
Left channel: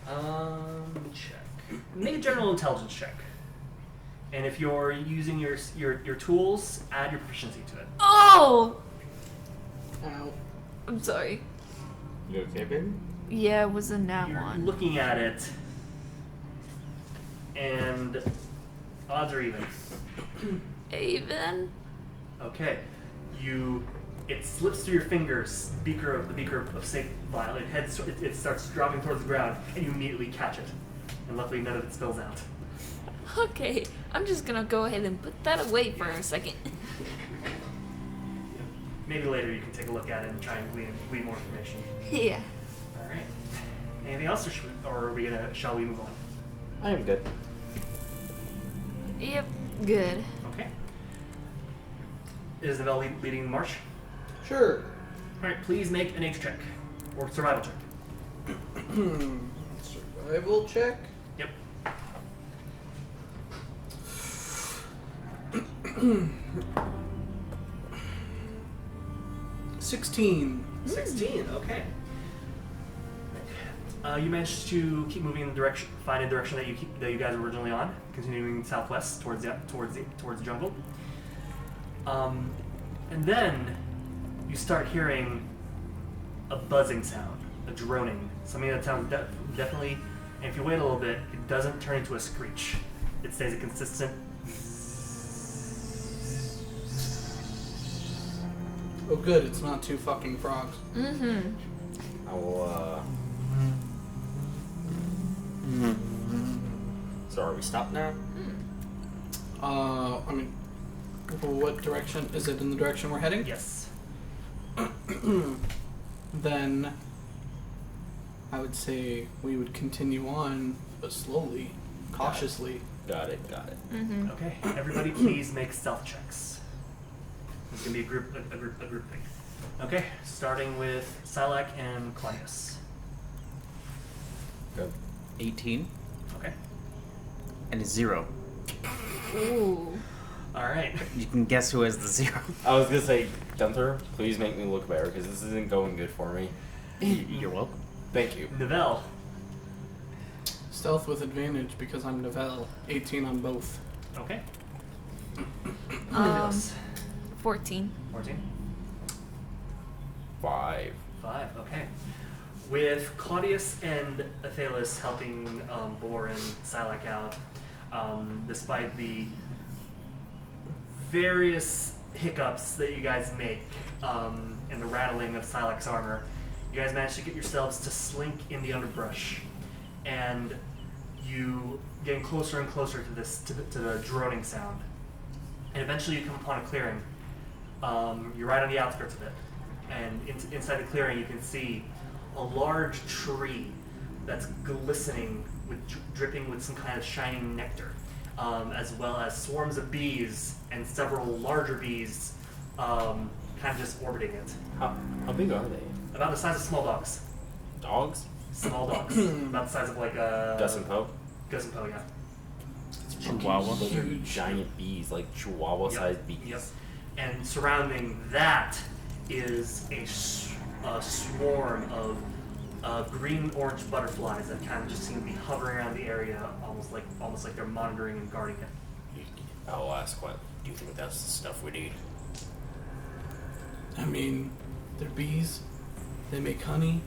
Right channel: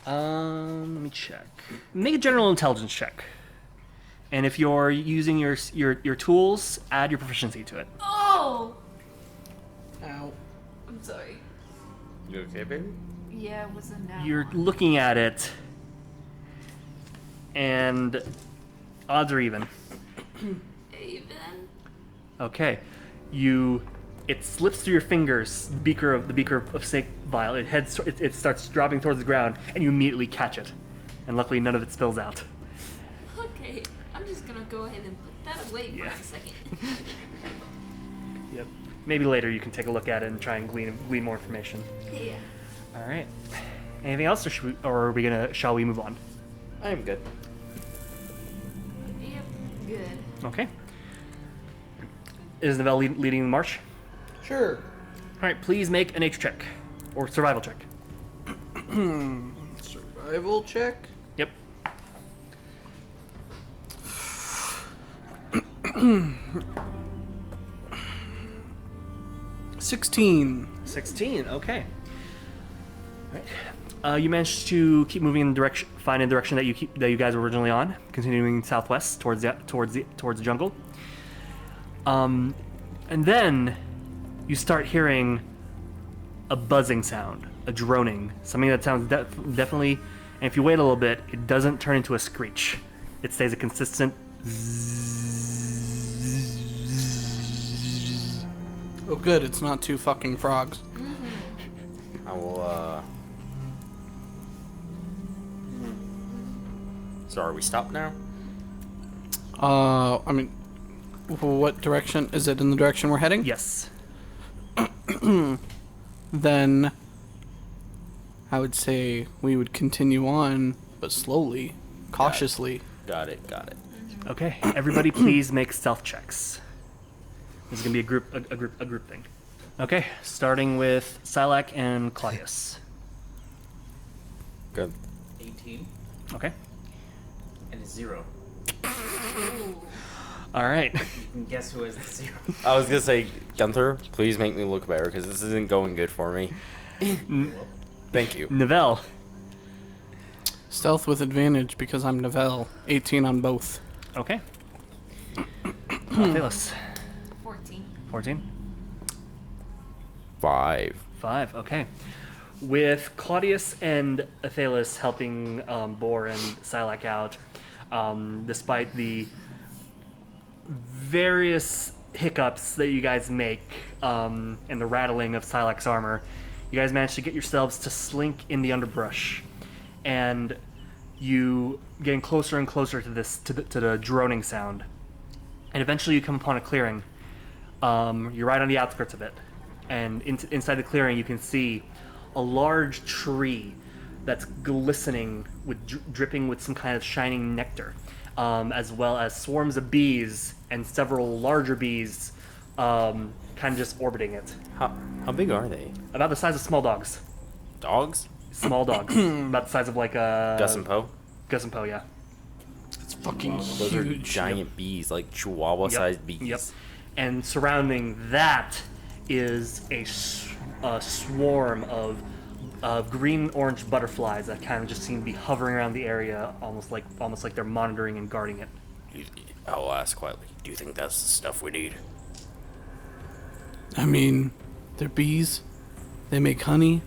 Let me check. Make a general intelligence check. And if you're using your tools, add your proficiency to it. Oh! Ow. I'm sorry. You okay, baby? Yeah, it was a nat You're one. looking at it, and odds are even. Even? Okay, it slips through your fingers. The beaker of snake vial. It starts dropping towards the ground, and you immediately catch it. And luckily, none of it spills out. Okay, I'm just gonna go ahead and put that away for a second. Yep. Maybe later you can take a look at it and try and glean more information. Yeah. All right. Anything else, shall we move on? I am good. Yep. Good. Okay. Is Novell leading the march? Sure. All right. Please make a nature check or survival check. Survival check. Yep. 16. 16. Okay. You managed to keep moving in the direction, find a direction that you guys were originally on, continuing southwest towards the jungle. And then you start hearing a buzzing sound, a droning, something that sounds definitely. And if you wait a little bit, it doesn't turn into a screech. It stays a consistent. Oh, good. It's not two fucking frogs. I will. So are we stopped now? I mean, what direction? Is it in the direction we're heading? Yes. Then I would say we would continue on, but slowly, cautiously. Got it. Okay. Everybody, please make stealth checks. This is gonna be a group thing. Okay. Starting with Sylack and Claudius. Good. 18 Okay. and a 0. Ooh. All right. You can guess who has the 0. I was gonna say, Gunther, please make me look better because this isn't going good for me. You're welcome. Thank you. Novell. Stealth with advantage because I'm Novell. 18 on both. Okay. Athelas. 14. 14. 5. 5. Okay. With Claudius and Athelas helping Bor and Sylack out, despite the various hiccups that you guys make and the rattling of Sylack's armor, you guys manage to get yourselves to slink in the underbrush, and you getting closer and closer to the droning sound, and eventually you come upon a clearing. You're right on the outskirts of it, and inside the clearing you can see a large tree that's glistening with dripping with some kind of shining nectar, as well as swarms of bees and several larger bees kind of just orbiting it. How big are they? About the size of small dogs. Dogs? Small dogs. About the size of like a... Gus and Poe? Gus and Poe, yeah. Those are Huge. giant bees, like chihuahua-sized bees. Yep. And surrounding that is a swarm of green-orange butterflies that kind of just seem to be hovering around the area, almost like they're monitoring and guarding it. I'll ask quietly. Do you think that's the stuff we need? I mean, they're bees. They make honey.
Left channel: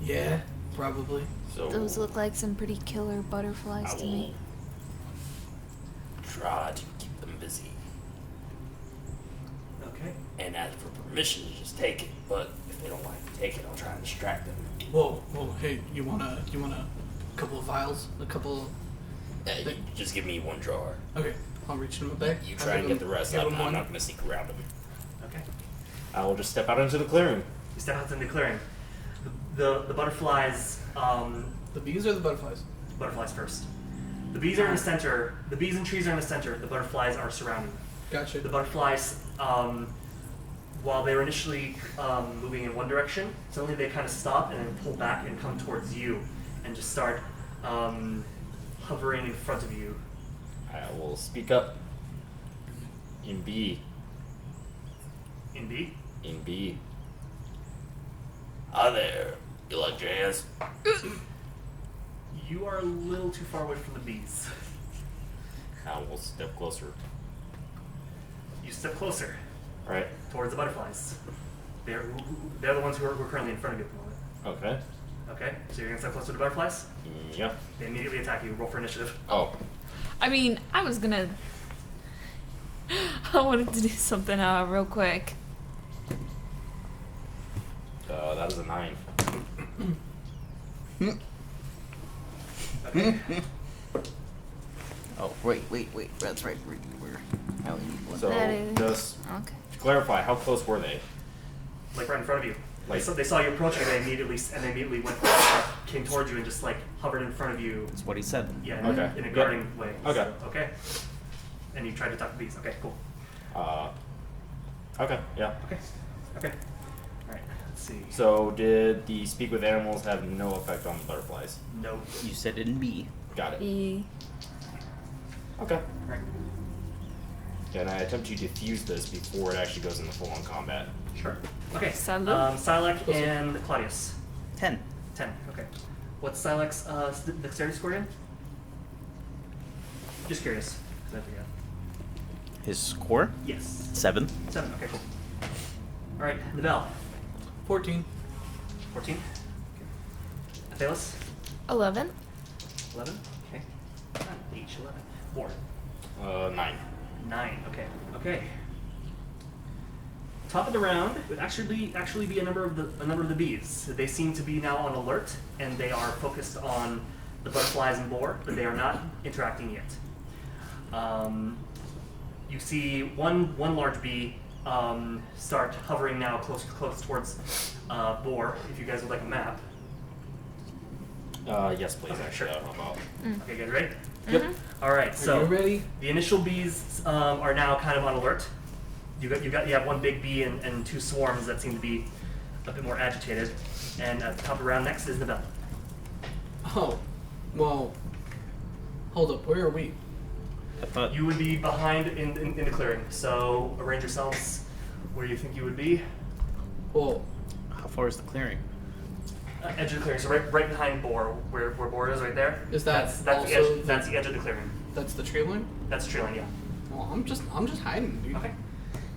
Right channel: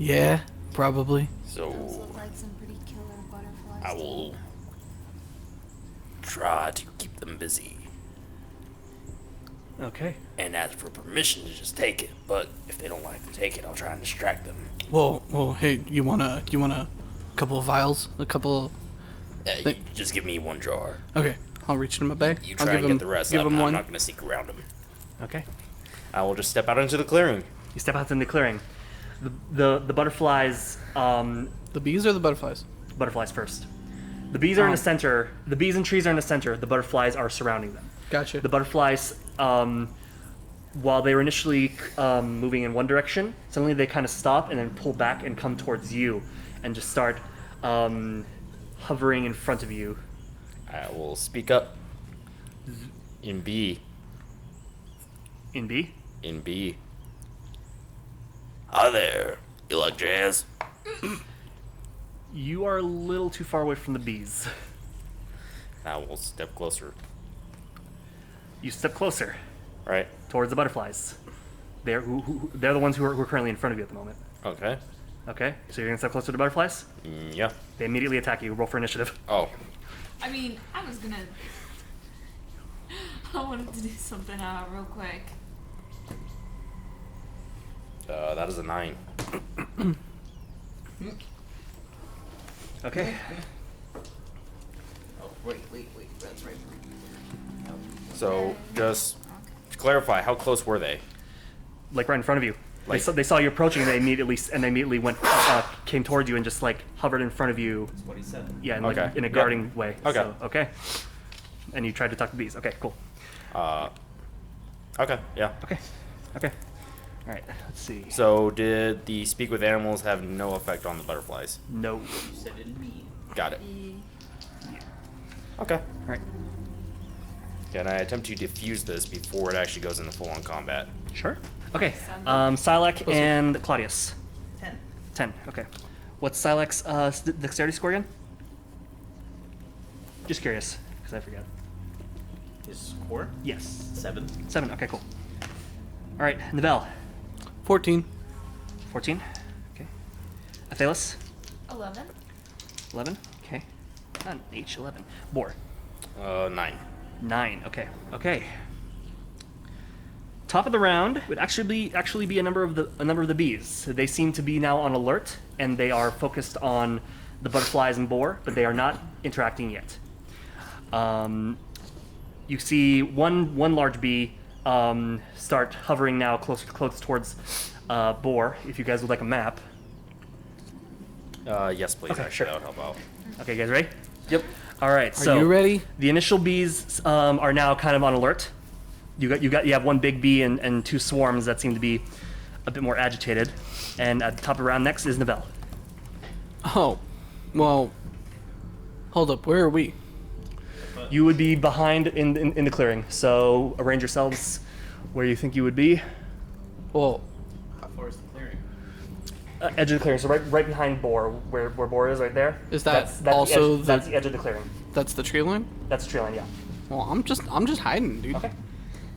Yeah, probably. So Those look like some pretty killer butterflies I to me. will try to keep them busy Okay. and ask for permission to just take it. But if they don't like to take it, I'll try and distract them. Whoa, hey, you want a couple of vials? A couple. You just give me one jar. Okay, I'll reach in my bag. You I'll try give and him, get the rest. Give I'm him one. not going to sneak around them. Okay. I will just step out into the clearing. You step out in the clearing. The butterflies. The bees or the butterflies? Butterflies first. The bees are in the center. The bees and trees are in the center. The butterflies are surrounding them. Gotcha. The butterflies, while they were initially moving in one direction, suddenly they kind of stop and then pull back and come towards you, and just start hovering in front of you. I will speak up. In B. In B. In B. Hi there. You like jazz? You are a little too far away from the bees. I will step closer. You step closer Right? towards the butterflies. They're the ones who are currently in front of you at the moment. Okay. Okay, so you're gonna step closer to the butterflies. Yeah. They immediately attack you. Roll for initiative. Oh. I mean, I was gonna. I wanted to do something real quick. That is a 9. Okay. Oh, wait. That's right. So, That is- just Okay. to clarify, how close were they? Like right in front of you. Like- They saw you approaching, and they immediately went came towards you and just like hovered in front of you. That's what he said. Yeah, in, Okay. in a Yep. guarding way. Okay. So, okay. And you tried to talk to bees. Okay, cool. Okay, yeah. Okay. Okay. All right. Let's see. So, did the speak with animals have no effect on the butterflies? No. You said in B. Got it. E. Okay. All right. Yeah, and I attempt to defuse this before it actually goes into full-on combat. Sure. Okay. Salud. Sylack and Claudius. 10. 10. Okay. What's Sylack's dexterity score again? Just curious, because I forgot. His score? Yes. 7. 7. Okay, cool. All right. Nivelle. 14. 14. Okay. Athelas. 11. 11. Okay. not H 11. Boar. 9. 9. Okay. Okay. Top of the round would actually be a number of the bees. They seem to be now on alert, and they are focused on the butterflies and boar, but they are not interacting yet. You see one large bee start hovering now close towards boar. If you guys would like a map. Yes, please. Okay, Actually, sure. that would help out. Okay, guys, ready? Yep. All right. So Are you ready? the initial bees are now kind of on alert. You have one big bee and 2 swarms that seem to be a bit more agitated. And at the top of the round next is Nivelle. Oh, well. Hold up. Where are we? I thought You would be behind in the clearing. So arrange yourselves where you think you would be. Well, how far is the clearing? Edge of the clearing. So right behind Boar, where Boar is right there. Is that that's also that's the edge of the clearing. that's the tree line? That's the tree line, yeah. Well, I'm just hiding, dude. Okay.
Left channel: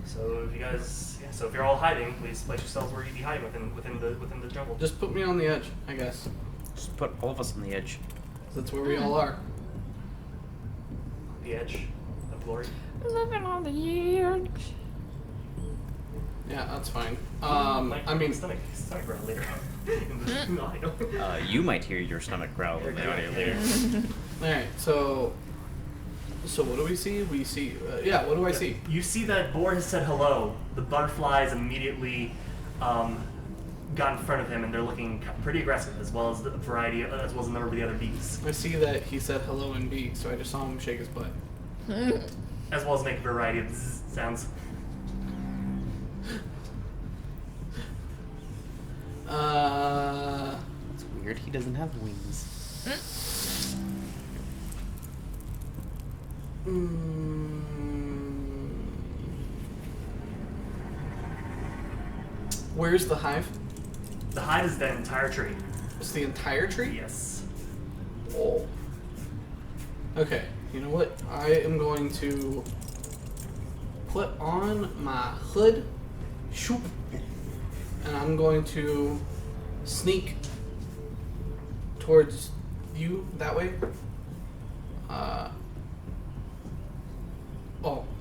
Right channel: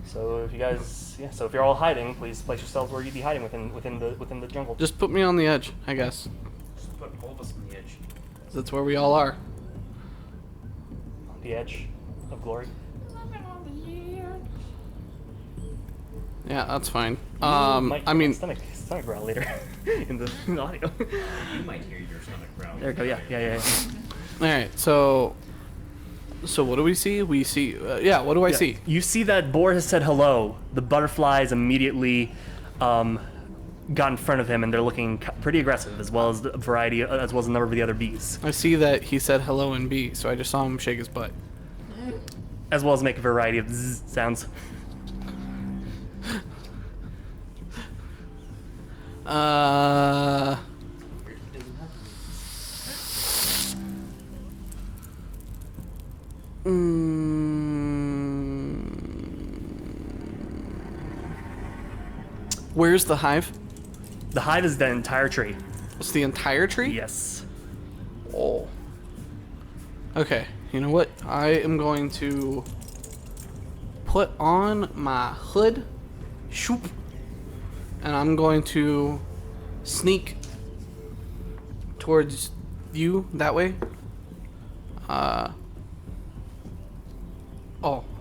So if you guys, so if you're all hiding, please place yourselves where you'd be hiding within the jungle. Just put me on the edge, I guess. Just put all of us on the edge. That's where we all are. The edge of glory. Living on the edge. Yeah, that's fine. Might I mean, stomach growl later in the audio. You might hear your stomach growl. There in you the go, audio. yeah. all right. So what do we see? We see. Yeah. What do I see? You see that Boar has said hello. The butterflies immediately got in front of him, and they're looking pretty aggressive, as well as a number of the other bees, I see that he said hello in B, so I just saw him shake his butt. as well as make a variety of zzz sounds. It's weird he doesn't have wings. Where's the hive? The hive is the entire tree. It's the entire tree? Yes. Oh. Okay, you know what? I am going to put on my hood, shoop, and I'm going to sneak towards you that way.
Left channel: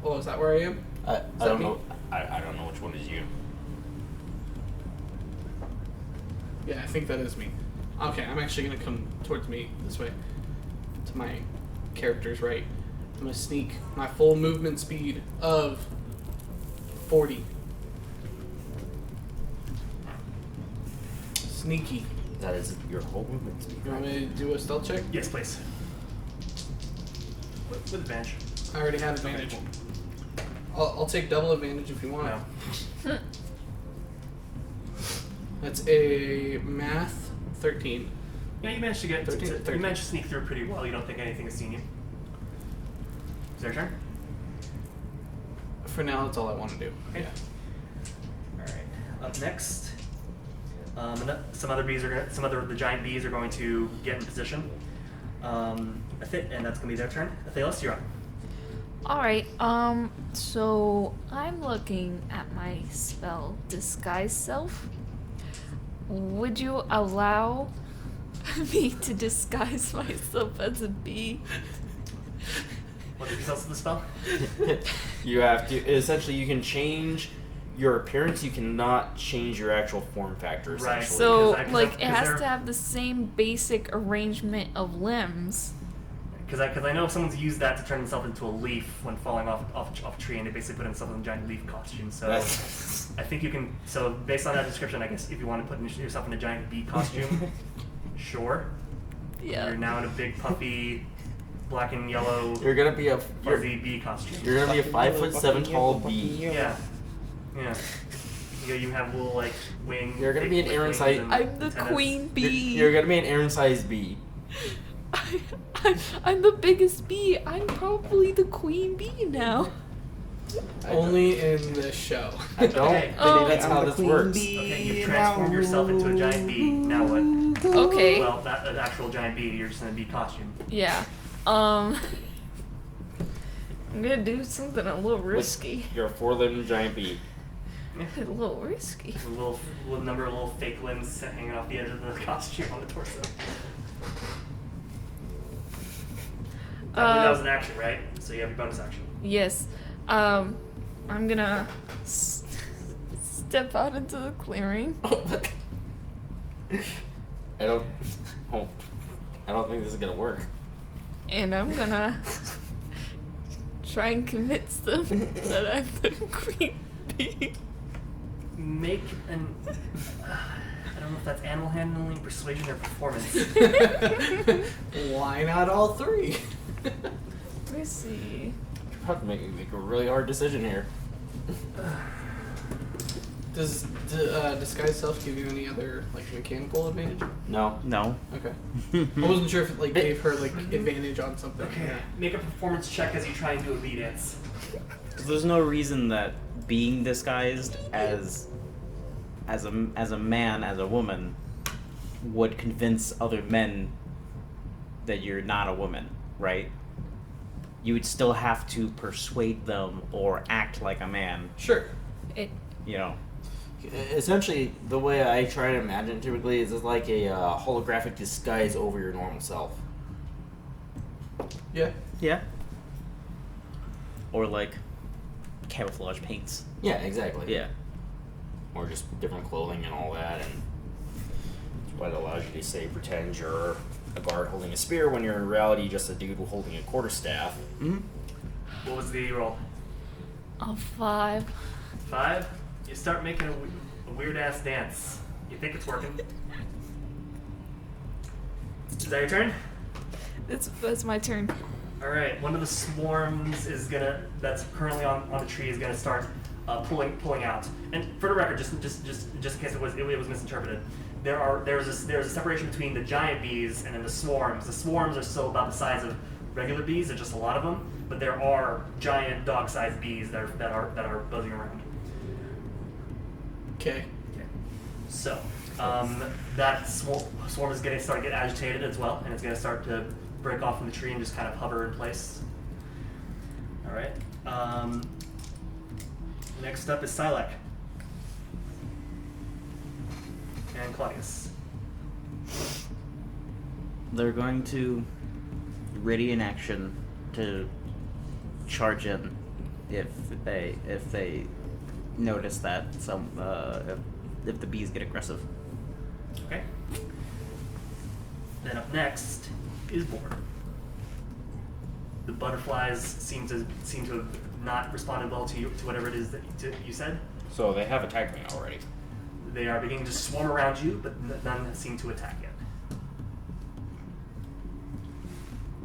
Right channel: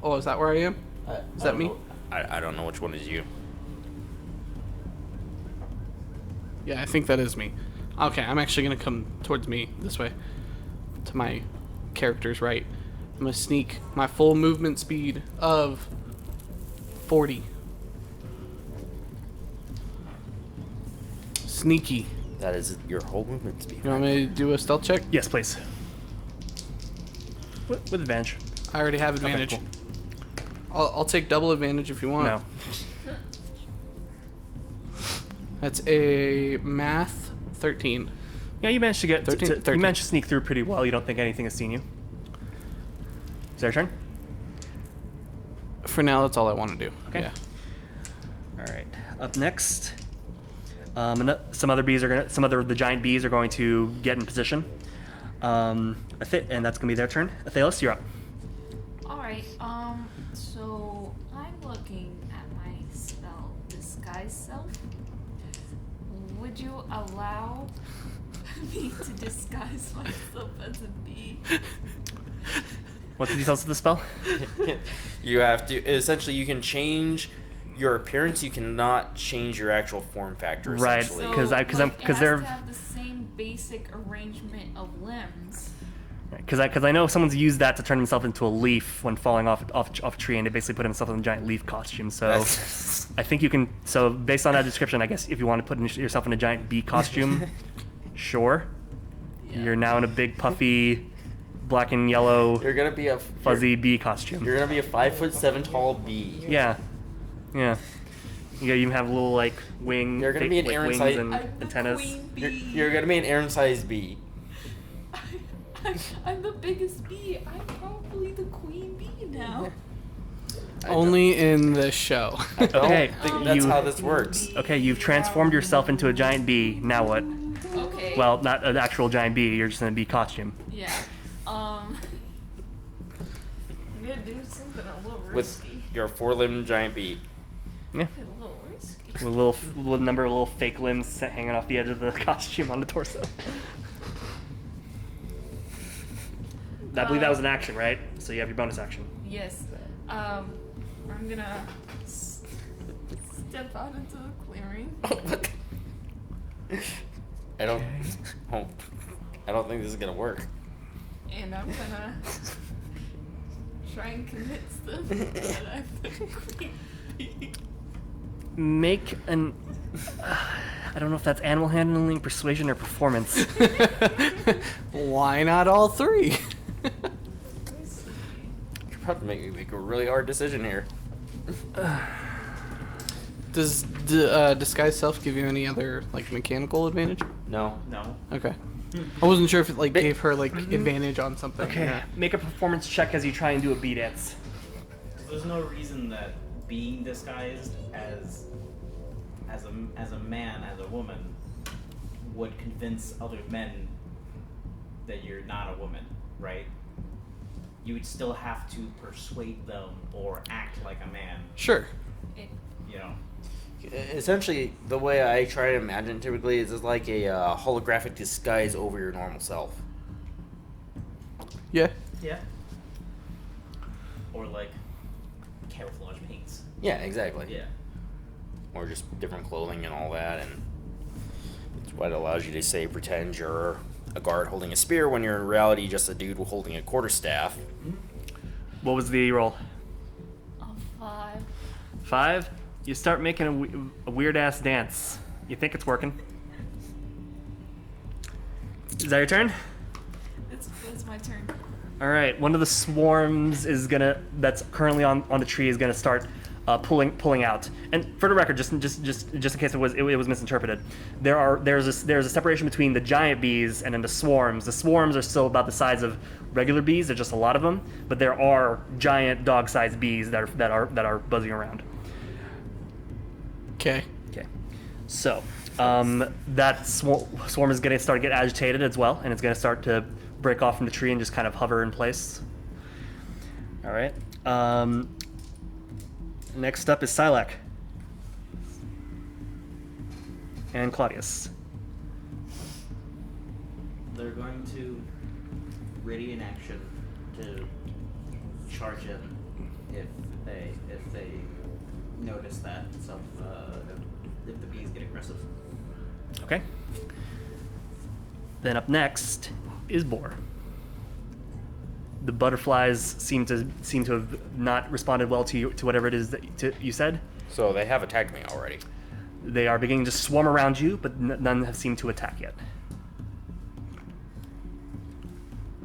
Oh, is that where I am? I that don't me? know. I don't know which one is you. Yeah, I think that is me. Okay, I'm actually gonna come towards me this way. To my character's right. I'm gonna sneak my full movement speed of 40. Sneaky. That is your whole movement speed. You want me to do a stealth check? Yes, please. With advantage. I already have advantage. Okay, I'll take double advantage if you want. No. That's a math 13. Yeah, you managed to get 13. you managed to sneak through pretty well. You don't think anything has seen you. Is that your turn? For now, that's all I want to do. Okay. Yeah. All right. Up next, some other of the giant bees are going to get in position. And that's gonna be their turn. Athelas, you're up. Alright, so I'm looking at my spell Disguise Self. Would you allow me to disguise myself as a bee? What's the details of the spell? You have to essentially. You can change your appearance. You cannot change your actual form factor. Right. essentially. So, 'Cause it has they're- to have the same basic arrangement of limbs. Because I know someone's used that to turn himself into a leaf when falling off a tree, and they basically put himself in a giant leaf costume. So I think you can. So based on that description, I guess if you want to put yourself in a giant bee costume, sure. Yeah. You're now in a big puffy, black and yellow, You're gonna be a fuzzy bee costume. You're gonna be a 5'7" tall bee. Yeah. Yeah. You even have a little like wing. You're gonna be an like, Aaron wings size- and I'm the antennas. queen bee. You're gonna be an Aaron-sized bee. I'm the biggest bee. I'm probably the queen bee now. Only in this show. Okay. Oh. That's you- how this works. Okay, you've transformed yourself into a giant bee. Now what? Okay. Well, not an actual giant bee. You're just in a bee costume. Yeah. I'm gonna do something a little risky. You're a 4-limbed giant bee. Yeah. A little risky. With a little number of little fake limbs hanging off the edge of the costume on the torso. I believe that was an action, right? So you have your bonus action. Yes. I'm gonna step out into the clearing. I don't think this is gonna work. And I'm gonna try and convince them that I'm the queen bee. Make an. I don't know if that's animal handling, persuasion, or performance. Why not all three? Let me see. You're about to make me make a really hard decision here. Does disguise self give you any other like mechanical advantage? No. No. Okay. I wasn't sure if it like gave her like advantage on something. Okay, Yeah. make a performance check as you try and do a bee dance. There's no reason that being disguised as a man, as a woman, would convince other men that you're not a woman, right? You would still have to persuade them or act like a man, Sure. It, you know. Essentially, the way I try to imagine typically is it's like a holographic disguise over your normal self. Yeah. Yeah. Or like camouflage paints. Yeah, exactly. Yeah. Or just different clothing and all that, and it's what allows you to say pretend you're a guard holding a spear when you're in reality just a dude holding a quarterstaff. Mm-hmm. What was the roll? a 5. 5. You start making a weird ass dance. You think it's working. Is that your turn? That's my turn. All right. One of the swarms that's currently on the tree is gonna start pulling out. And for the record, just in case it was misinterpreted, there's a separation between the giant bees and then the swarms. The swarms are still about the size of regular bees. There's just a lot of them, but there are giant dog-sized bees that are buzzing around. Okay. Okay. So that swarm is gonna start to get agitated as well, and it's gonna start to break off from the tree and just kind of hover in place. All right. Next up is Sylack and Claudius. They're going to ready in action to charge in if they notice that if the bees get aggressive. Okay. Then up next is Boar. The butterflies seem to have not responded well to whatever it is that you said. So they have attacked me already. They are beginning to swarm around you, but none have seemed to attack yet.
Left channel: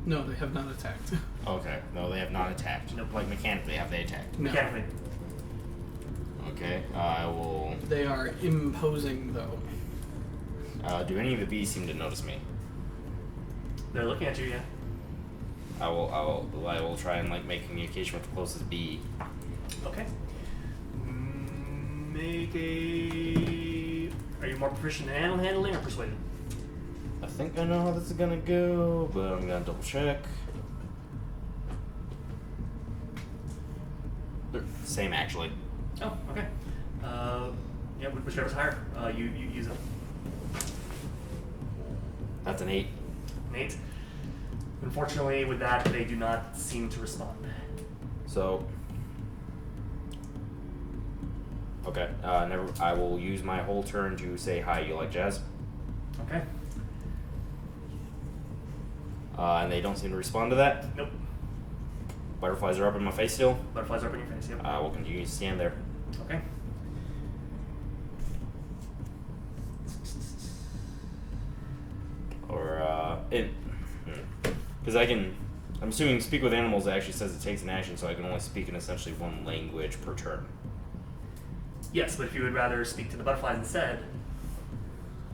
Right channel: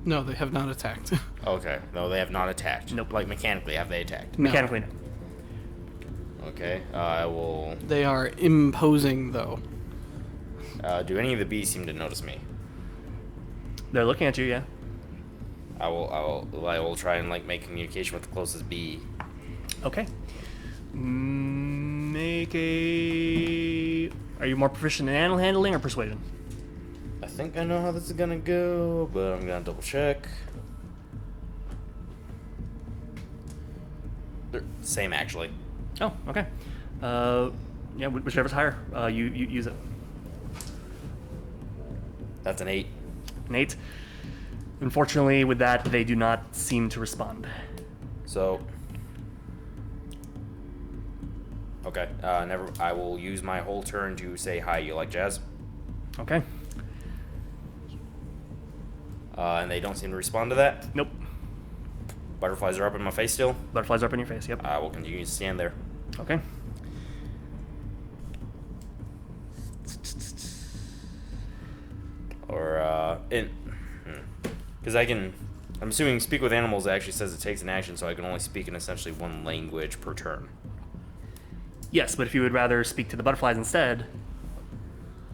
No, they have not attacked. Okay. No, they have not attacked. Nope. Like mechanically, have they attacked? No. Mechanically. Okay. I will. They are imposing though. Do any of the bees seem to notice me? They're looking at you, yeah. I will try and like make communication with the closest bee. Okay. Make a. Are you more proficient in animal handling or persuasion? I think I know how this is gonna go, but I'm gonna double check. Same actually. Oh, okay. Yeah, whichever's higher, you use it. That's an 8. Nate. Unfortunately, with that, they do not seem to respond. So. Okay. Never. I will use my whole turn to say hi. You like jazz? Okay. And they don't seem to respond to that. Nope. Butterflies are up in my face still. Butterflies are up in your face. Yep. I will continue to stand there. Okay. Or because I can. I'm assuming speak with animals actually says it takes an action, so I can only speak in essentially one language per turn. Yes, but if you would rather speak to the butterflies instead,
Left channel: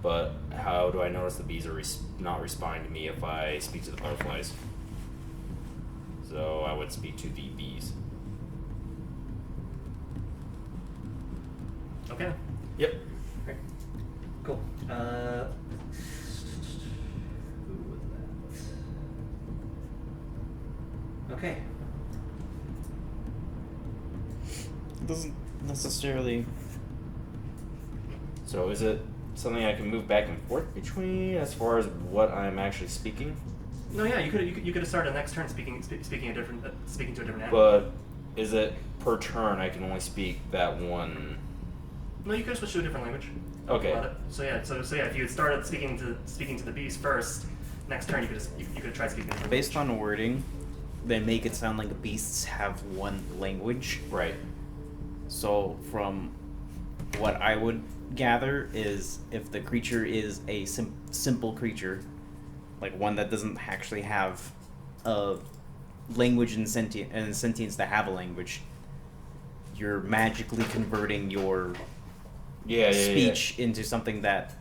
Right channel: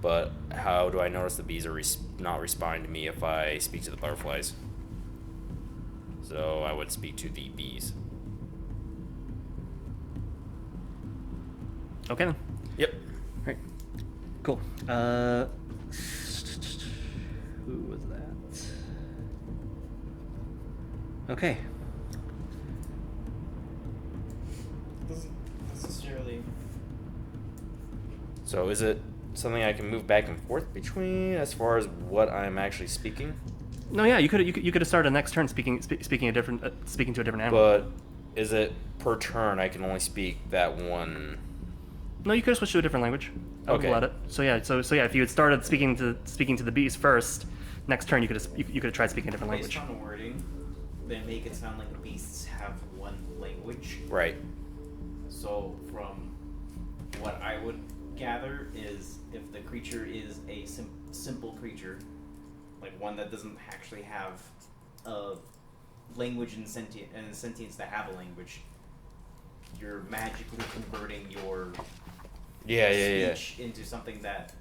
But how do I notice the bees are not responding to me if I speak to the butterflies? So I would speak to the bees. okay then. Yep. Great. Cool. Who was that? Okay. Doesn't necessarily. So is it something I can move back and forth between as far as what I'm actually speaking? No, yeah, you could have started next turn speaking to a different animal. But is it per turn I can only speak that one? No, you could have switched to a different language. I would Okay. let it. So yeah, if you had started speaking to the beast first, next turn you could have tried speaking a different Based language. on wording, they make it sound like beasts have one language. Right. So from what I would gather is if the creature is a simple creature, like one that doesn't actually have a language and sentience that have a language, you're magically converting your speech into something that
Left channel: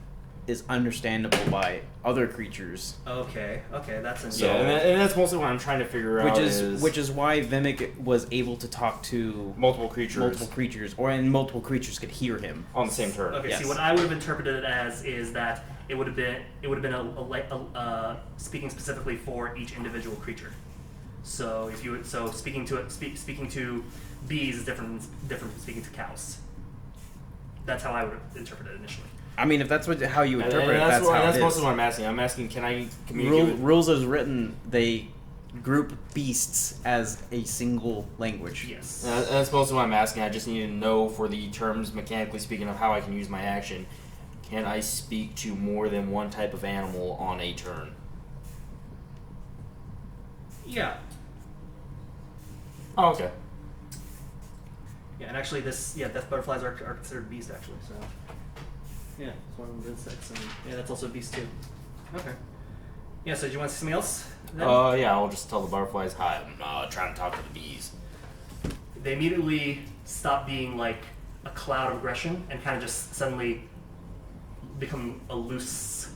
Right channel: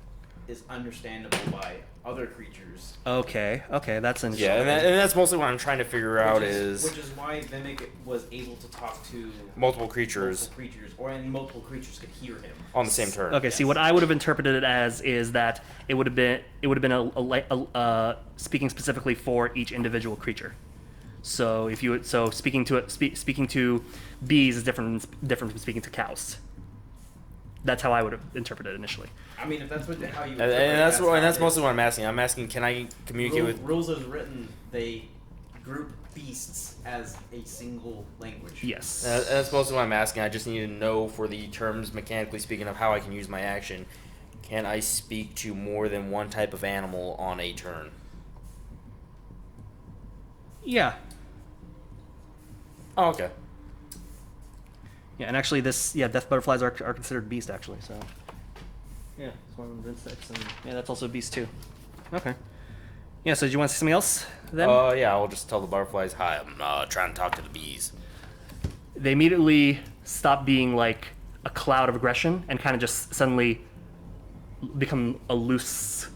is understandable by other creatures. Okay, that's interesting. Yeah, and that's mostly what I'm trying to figure out Which is why Vimic was able to talk to multiple creatures and multiple creatures could hear him on the same turn. Okay, Yes. see, what I would have interpreted it as is that it would have been a speaking specifically for each individual creature. So speaking to bees is different from speaking to cows. That's how I would have interpreted it initially. I mean, if that's how you And interpret it, that's how it mostly is. what I'm asking. I'm asking, can I communicate with? Rules as written, they group beasts as a single language. Yes. And that's mostly what I'm asking. I just need to know for the terms, mechanically speaking, of how I can use my action. Can I speak to more than one type of animal on a turn? Yeah. Oh, okay. Yeah, and actually, death butterflies are considered beast actually. So. Yeah, it's one of the insects, and yeah, that's also a beast too. Okay. Yeah. So, do you want to see something else? Then. Yeah. I'll just tell the butterflies, "Hi, I'm trying to talk to the bees." They immediately stop being like a cloud of aggression and kind of just suddenly become a loose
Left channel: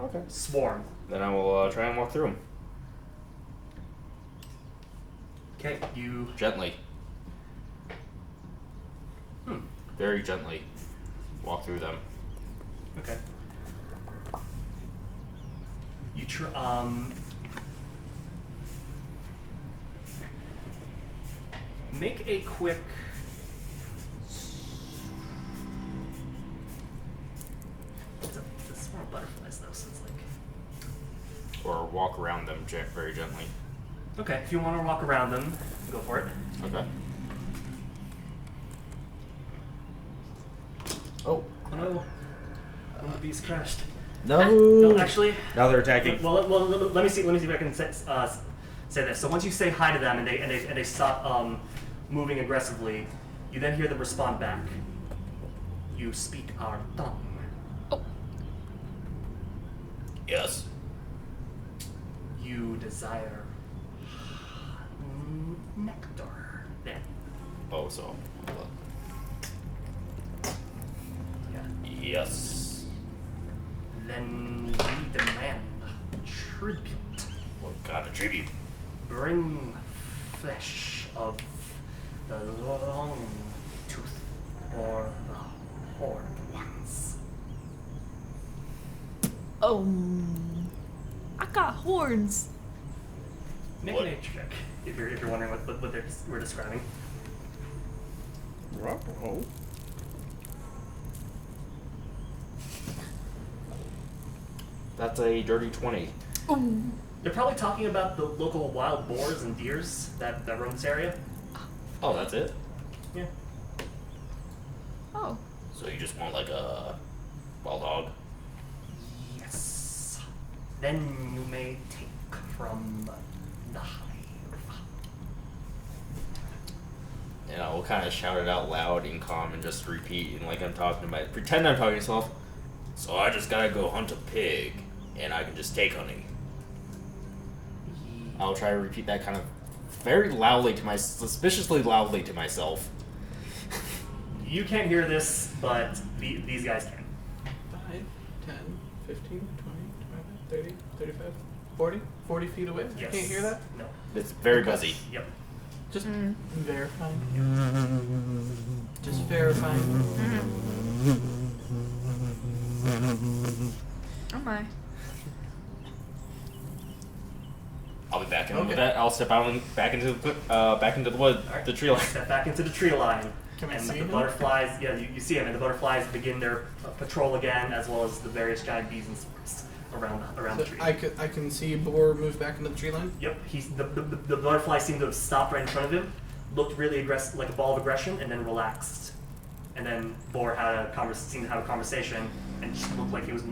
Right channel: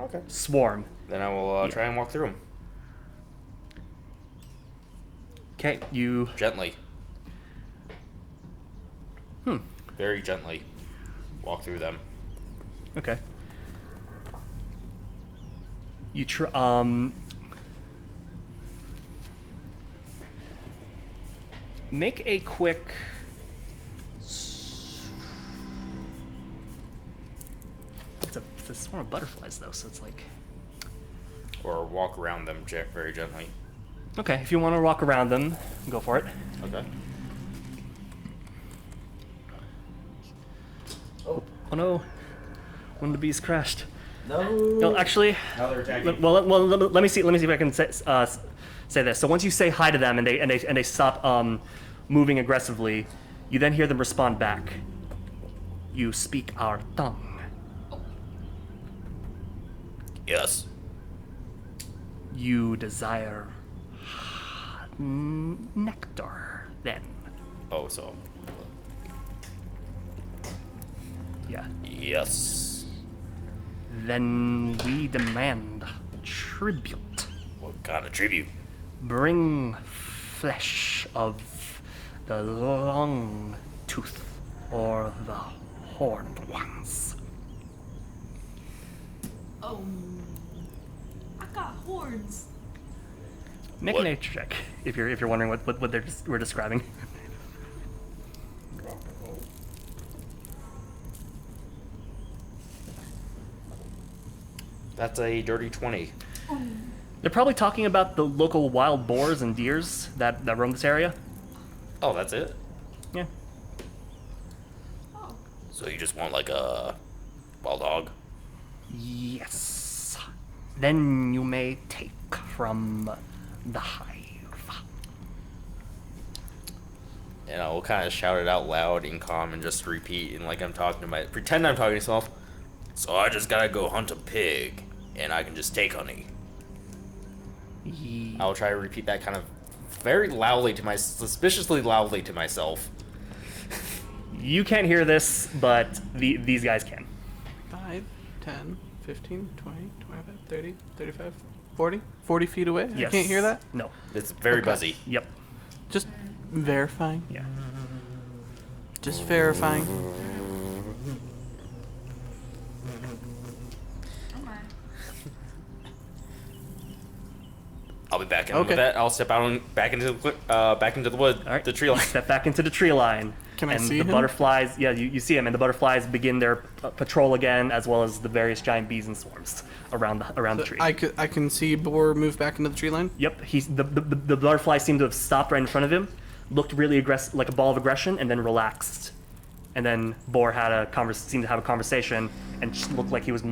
Okay. swarm. Then I will try and walk through them Okay, you. gently, Hmm. very gently. Walk through them. Okay. You make a quick. It's a swarm of butterflies though, so it's like. Or walk around them very gently. Okay, if you want to walk around them, go for it. Okay. Oh. Oh no! One of the bees crashed. No. No, actually. Now they're attacking. Well, let me see. Let me see if I can say this. So once you say hi to them and they stop moving aggressively, you then hear them respond back. You speak our tongue. Yes. You desire nectar. Then, Oh, so. yeah. Yes. Then we demand tribute. What kind of tribute? Bring flesh of the long tooth or the horned ones. Oh, I got horns. Make What? a nature check if you're wondering what we're describing. That's a dirty 20. They're probably talking about the local wild boars and deers that roam this area. Oh, that's it? Yeah. Oh, So you just want like a wild hog? Yes. Then you may take from the hive. And I will kind of shout it out loud in calm and just repeat and like I'm talking to pretend I'm talking to myself. So I just gotta go hunt a pig and I can just take honey. I'll try to repeat that kind of very loudly suspiciously loudly to myself. You can't hear this, but these guys can. 5, 10, 15, 20, 25, 30, 35, 40? 40 feet away? Yes. I can't hear that? No. It's very Okay. buzzy. Yep. Just verifying. Yeah. Just verifying. oh my. I'll be back in Okay. with that. I'll step out back into the wood, All right. the tree line. Step back into the tree line. Can I and see the him? butterflies, yeah, you see them, and the butterflies begin their patrol again, as well as the various giant bees and swarms. around the tree. I can see Boar move back into the tree line. Yep, the butterfly seemed to have stopped right in front of him, looked really aggressive, like a ball of aggression, and then relaxed. And then Boar seemed to have a conversation, and just looked like he was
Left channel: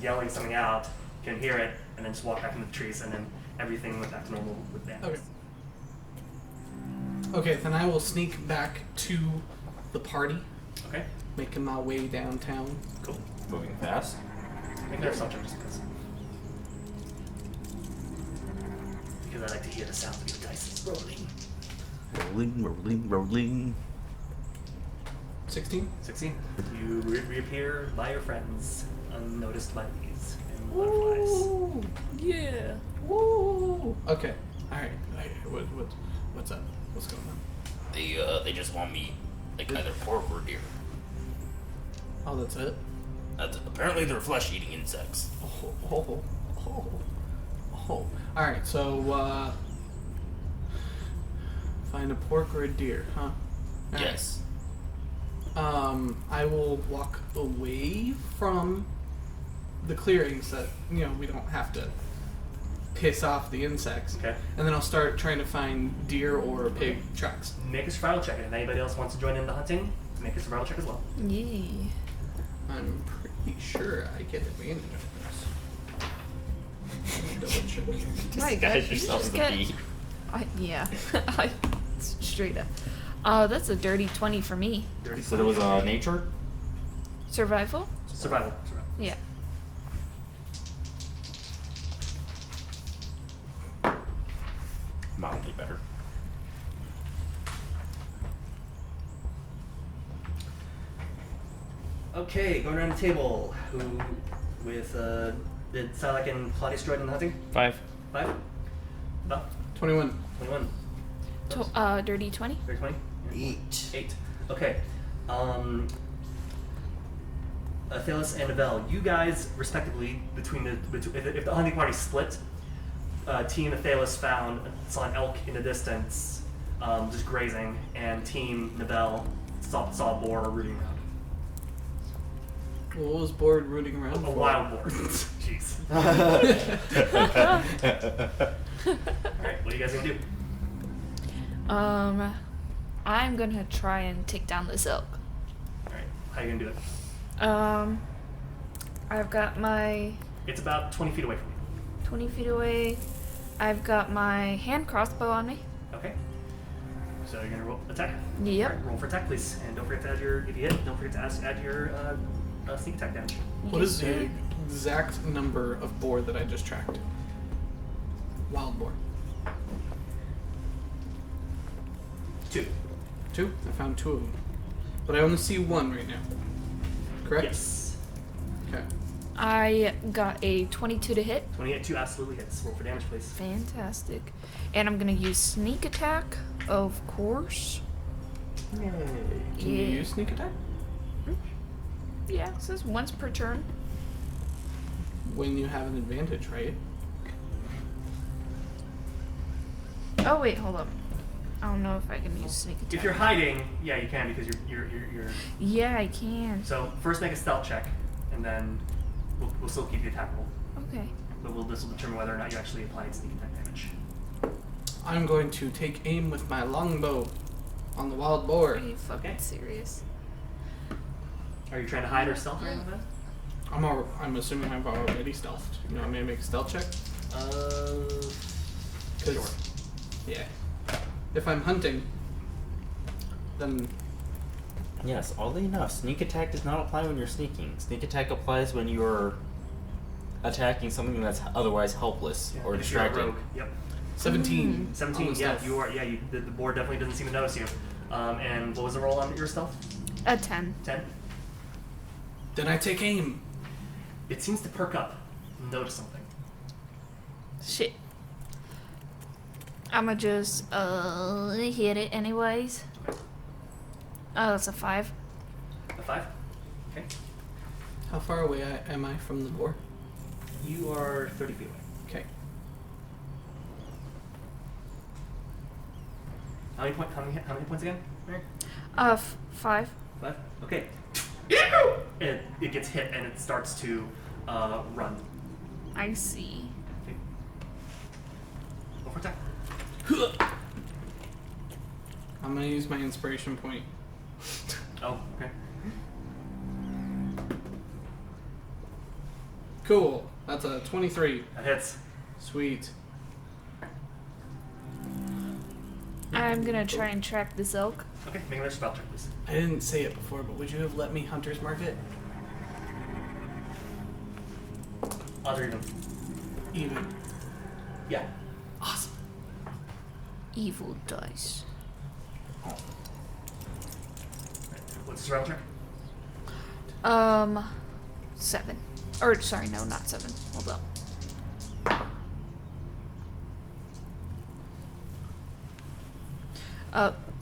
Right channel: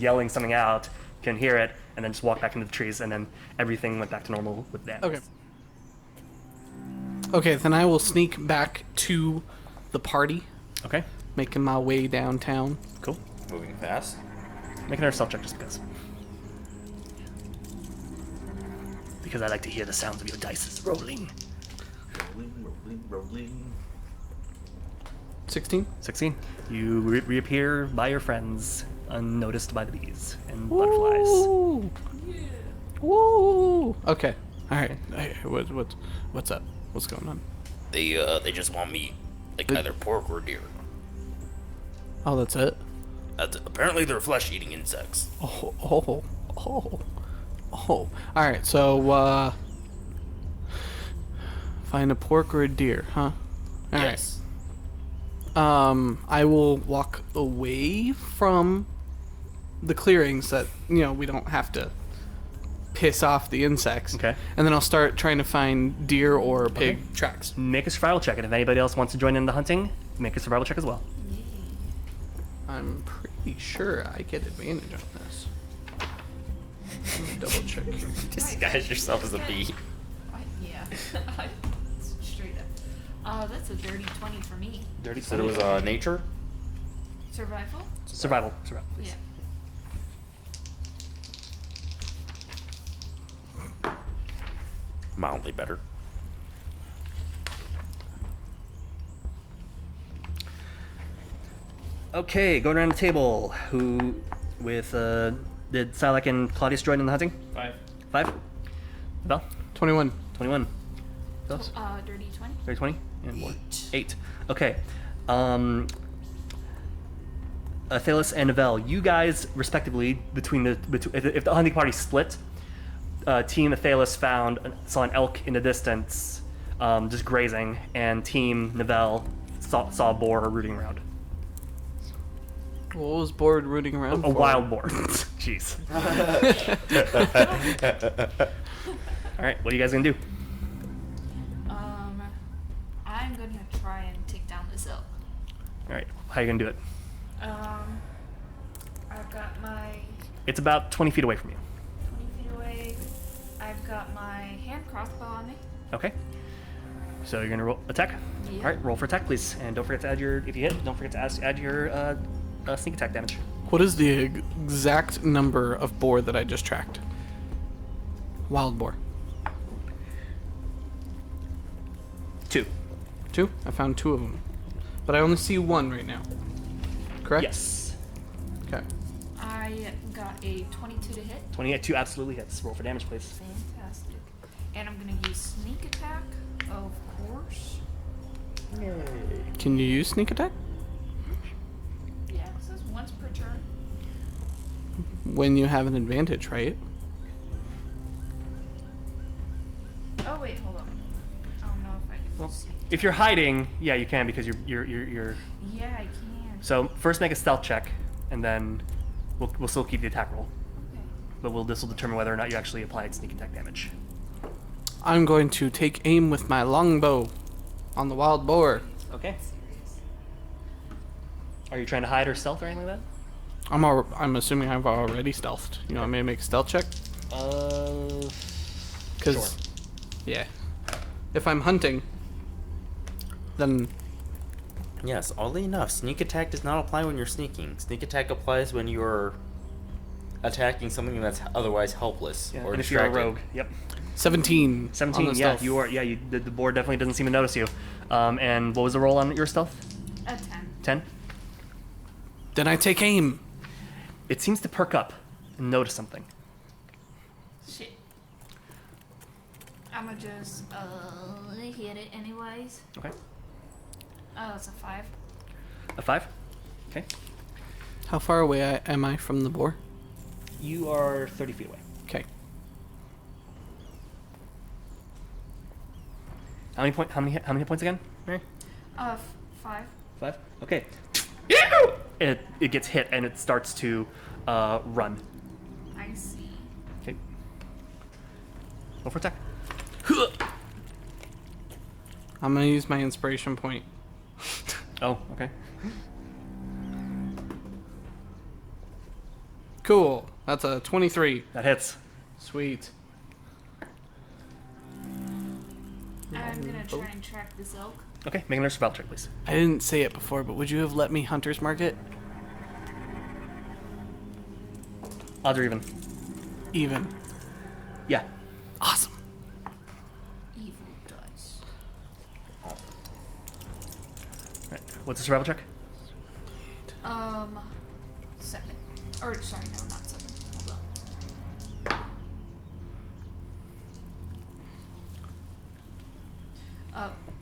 yelling something out. Couldn't hear it, and then just walked back into the trees, and then everything went back to normal with that. Okay. Okay, then I will sneak back to the party, Okay. making my way downtown. Cool. Moving fast. Make another stealth check just because. Because I like to hear the sounds of your dice rolling. Rolling. 16. 16. You reappear by your friends, unnoticed by the bees and butterflies. Woo! Yeah. Woo! Okay. All right. What's up? What's going on? They just want me, like, either pork or deer. Oh, that's it. Apparently they're flesh-eating insects. Oh. All right. So, find a pork or a deer, huh? All right. Yes. I will walk away from the clearings that, we don't have to piss off the insects. Okay. And then I'll start trying to find deer or pig tracks. Make a survival check, and if anybody else wants to join in the hunting, make a survival check as well. Yeah. I'm pretty sure I get advantage on this. Let me double check. Disguise yourself as a bee. Yeah. Straight up. That's a dirty 20 for me. Dirty. So it was nature? Survival? Survival. Yeah. Mildly better. Okay, going around the table. Did Sylack and Claudius join in the hunting? 5. 5? Bell? 21. 21. Those? Dirty 20? Dirty 20? Yeah, 8. Okay. Athelas and Novell, you guys, respectively, if the hunting party split, Team Athelas saw an elk in the distance, just grazing, and Team Novell saw a boar rooting around. What was Boar rooting around A for? wild boar. Jeez. All right, what are you guys gonna do? I'm gonna try and take down this elk. All right, how are you gonna do it? I've got my It's about 20 feet away from you. 20 feet away. I've got my hand crossbow on me. Okay. So you're gonna roll attack. Yep. All right, roll for attack, please, and don't forget to add if you hit, don't forget to add your sneak attack damage. What is the exact number of boar that I just tracked? Wild boar. 2. 2? I found 2 of them. But I only see 1 right now. Correct? Yes. Okay. I got a 22 to hit. 28, 2 absolutely hits. Roll for damage, please. Fantastic. And I'm gonna use sneak attack, of course. Can you use sneak attack? Yeah, it says once per turn. When you have an advantage, right? Oh wait, hold up. I don't know if I can use sneak attack. If you're hiding, yeah, you can because you're. Yeah, I can. So first make a stealth check, and then we'll still keep the attack roll, Okay. but this will determine whether or not you actually applied sneak attack damage. I'm going to take aim with my longbow on the wild boar. Are you fucking Okay. serious? Are you trying to hide or stealth or anything like I'm assuming I've already stealthed. You want me to make a stealth check? that? Because, yeah. If I'm hunting, then Yes, oddly enough, sneak attack does not apply when you're sneaking. Sneak attack applies when you are attacking something that's otherwise helpless Yeah, or and if you're a distracted. rogue, yep. 17. 17, on the yeah, stealth. you are. Yeah, the board definitely doesn't seem to notice you. And what was the roll on your stealth? A 10. 10. Then I take aim. It seems to perk up and notice something. Shit. I'ma just hit it anyways. Okay. Oh, that's a 5. A 5. Okay. How far away am I from the boar? You are 30 feet away. Okay. How many hit points again? Mary? 5. 5. Okay. It gets hit and it starts to run. I see. Okay. Roll for attack. I'm gonna use my inspiration point. Oh, okay. Cool. That's a 23. That hits. Sweet. I'm gonna try and track this elk. Okay, make another spell check, please. I didn't say it before, but would you have let me hunter's mark it? Odds or even? Even. Yeah. Awesome. Evil dice. Right. What's the survival check? 7. Or sorry, no, not 7. Hold up.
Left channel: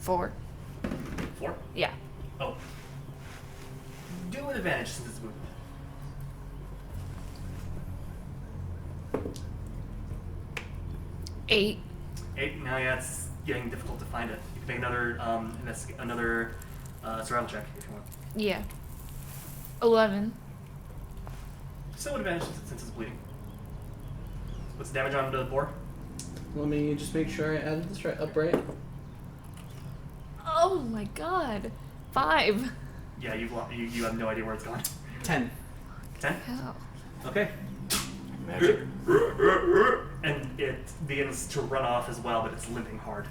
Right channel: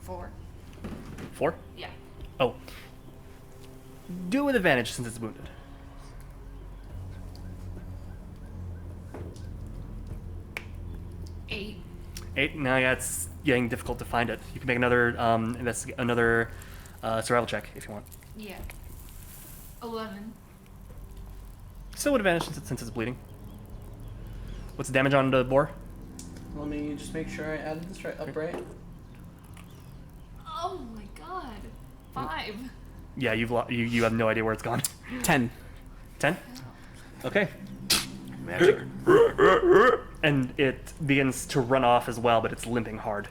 4. 4? Yeah. Oh. Do it with advantage since it's wounded. 8. 8. Now, yeah, it's getting difficult to find it. You can make another survival check if you want. Yeah. 11. Still with advantage since it's bleeding. What's the damage on the boar? Let me just make sure I added this right up right. Oh my god. 5. Yeah, you have no idea where it's gone. 10. 10? Hell. Okay. Magic. And it begins to run off as well, but it's limping hard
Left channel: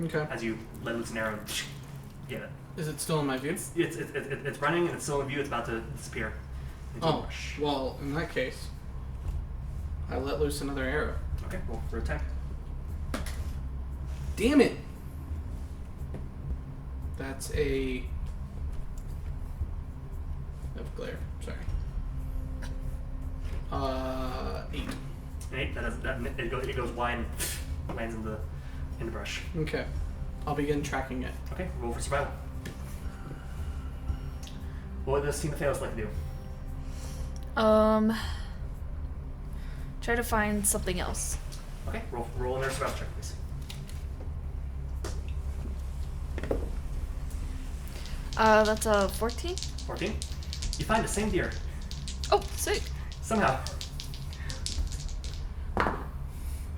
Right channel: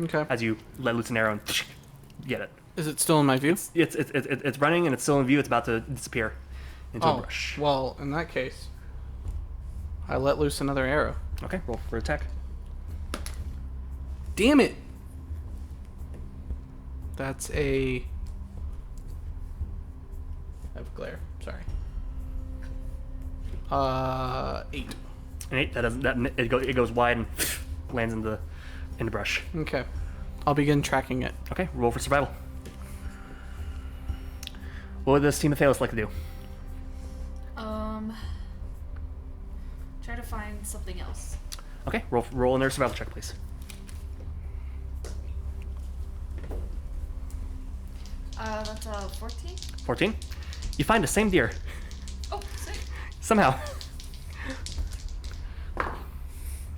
Okay. as you let loose an arrow and get it. Is it still in my view? It's running and it's still in view. It's about to disappear into a Oh, brush. well, in that case, I let loose another arrow. Okay, roll for attack. Damn it! That's a... I have glare. Sorry. 8. An 8. It goes wide and lands in the brush. Okay. I'll begin tracking it. Okay, roll for survival. What would this team of Athelas like to do? Try to find something else. Okay, roll another survival check, please. That's a 14. 14. You find the same deer Oh, sick. somehow.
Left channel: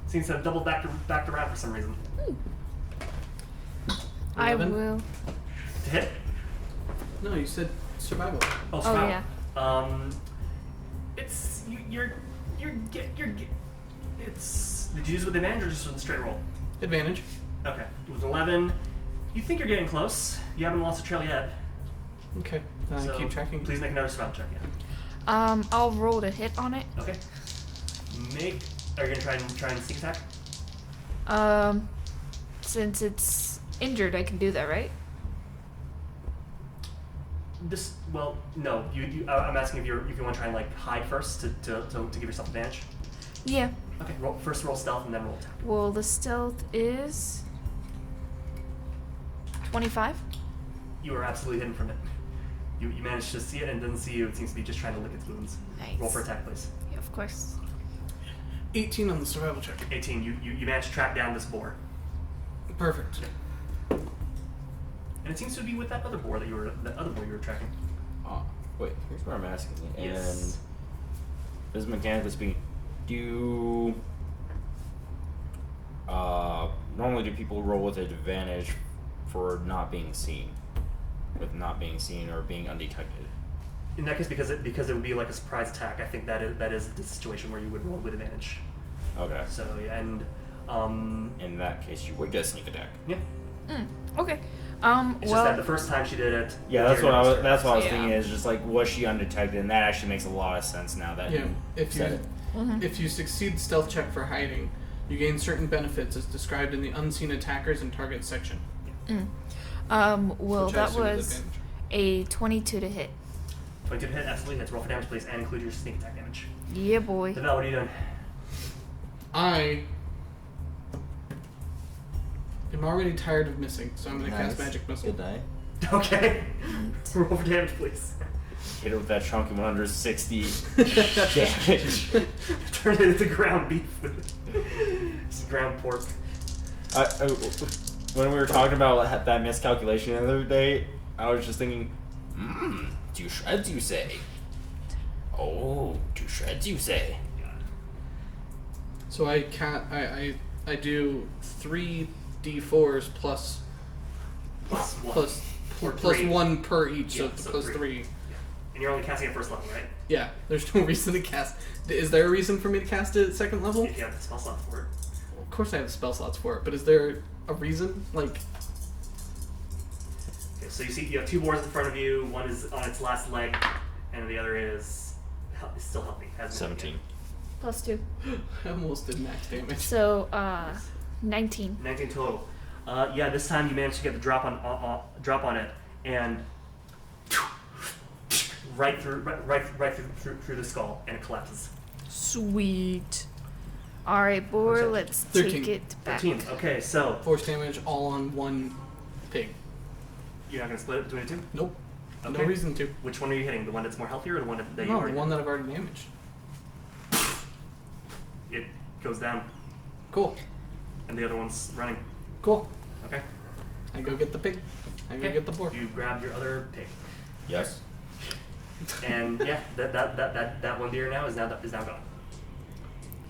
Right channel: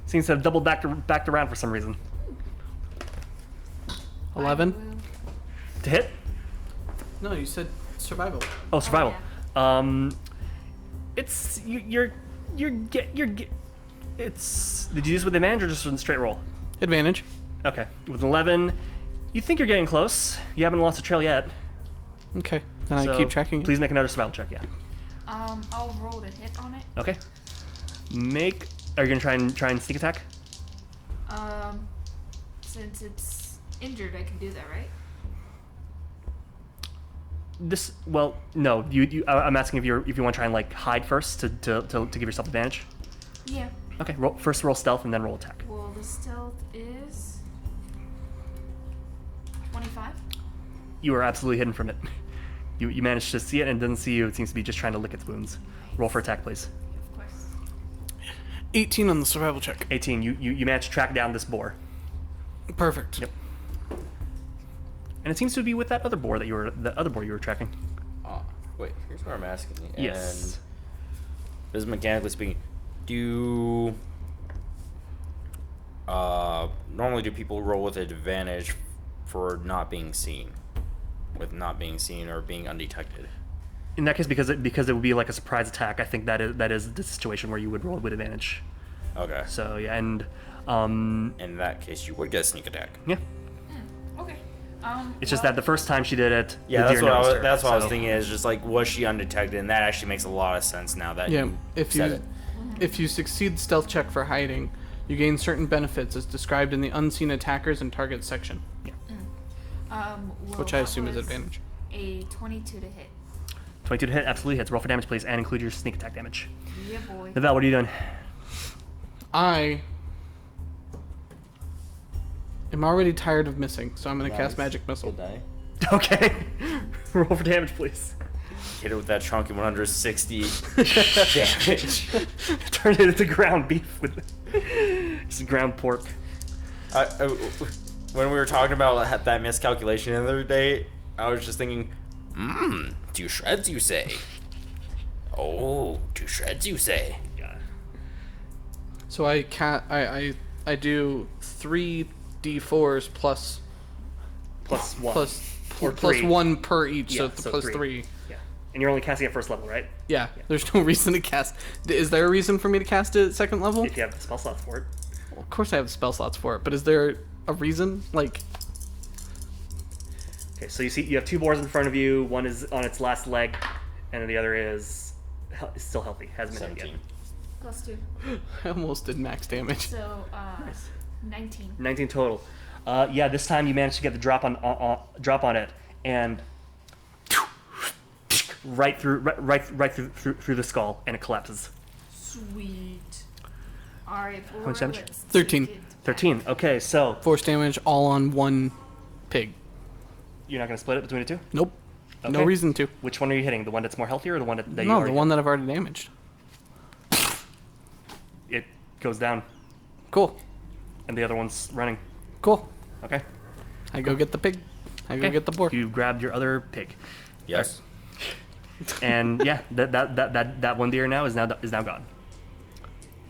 Seems to have doubled backed around for some reason. 11? I will. To hit? No, you said survival. Oh, survival. yeah. It's it's. Did you use it with advantage or just with a straight roll? Advantage. Okay, with 11, you think you're getting close. You haven't lost a trail yet. Okay. Then so I keep tracking. Please make another survival check. Yeah. I'll roll to hit on it. Okay. Are you gonna try and sneak attack? Since it's injured, I can do that, right? No. I'm asking if you want to try and like hide first to give yourself advantage. Yeah. Okay. First roll stealth and then roll attack. Well, the stealth is 25. You are absolutely hidden from it. You managed to see it and it doesn't see you. It seems to be just trying to lick its wounds. Nice. Roll for attack, please. Yeah, of course. 18 on the survival check. 18. You managed to track down this boar. Perfect. Yep. And it seems to be with that other boar you were tracking. Wait, here's what I'm asking. Yes. And this is mechanically speaking. Normally do people roll with advantage for not being seen? With not being seen or being undetected? In that case, because it would be like a surprise attack, I think that is the situation where you would roll with advantage. Okay. So yeah, and In that case, you would get a sneak attack. yeah, Okay. it's just that the first time she did it, Yeah, the that's deer what I was. noticed her. That's what I was So- thinking. Is just like, was she undetected? And that actually makes a lot of sense now that Yeah. you If said you it. if you succeed stealth check for hiding, you gain certain benefits as described in the unseen attackers and targets section, Well, which I that assume is was advantage. a 22 to hit. 22 to hit, absolutely hits. Roll for damage, please, and include your sneak attack damage. Yeah, boy. Val, what are you doing? I am already tired of missing, so I'm going to cast magic missile. Good die. Okay, roll for damage, please. Hit it with that chunky 160 damage. Turn it into ground beef with just ground pork. When we were talking about that miscalculation the other day, I was just thinking, 2 shreds, you say? Oh, 2 shreds, you say? Yeah. So I can't. I do 3d4s plus Plus one. Or plus three. 1 per each. Yeah, so plus 3. Yeah. And you're only casting at first level, right? Yeah. There's no reason to cast. Is there a reason for me to cast it at second level? If you have the spell slots for it. Of course I have the spell slots for it, but is there a reason? Like, Okay, so you have 2 boars in front of you. One is on its last leg, and the other is still healthy. Hasn't been hit 17. yet. Plus 2. I almost did max damage. So, 19. 19 total. Yeah, this time you managed to get the drop on it, and right through the skull, and it collapses. Sweet. Alright, boy, Percentage? let's 13. take it back. 13. Okay, so Force damage all on 1 pig. you're not gonna split it between the 2. Nope. No Okay. reason to. Which one are you hitting? The one that's more healthy, or the one that you No, already the one that I've already damaged. it goes down, Cool. and the other one's running. Cool. Okay. I go get the pig. I go Okay. get the boar. You grabbed your other pig, Yes. and yeah, that one deer now is now gone.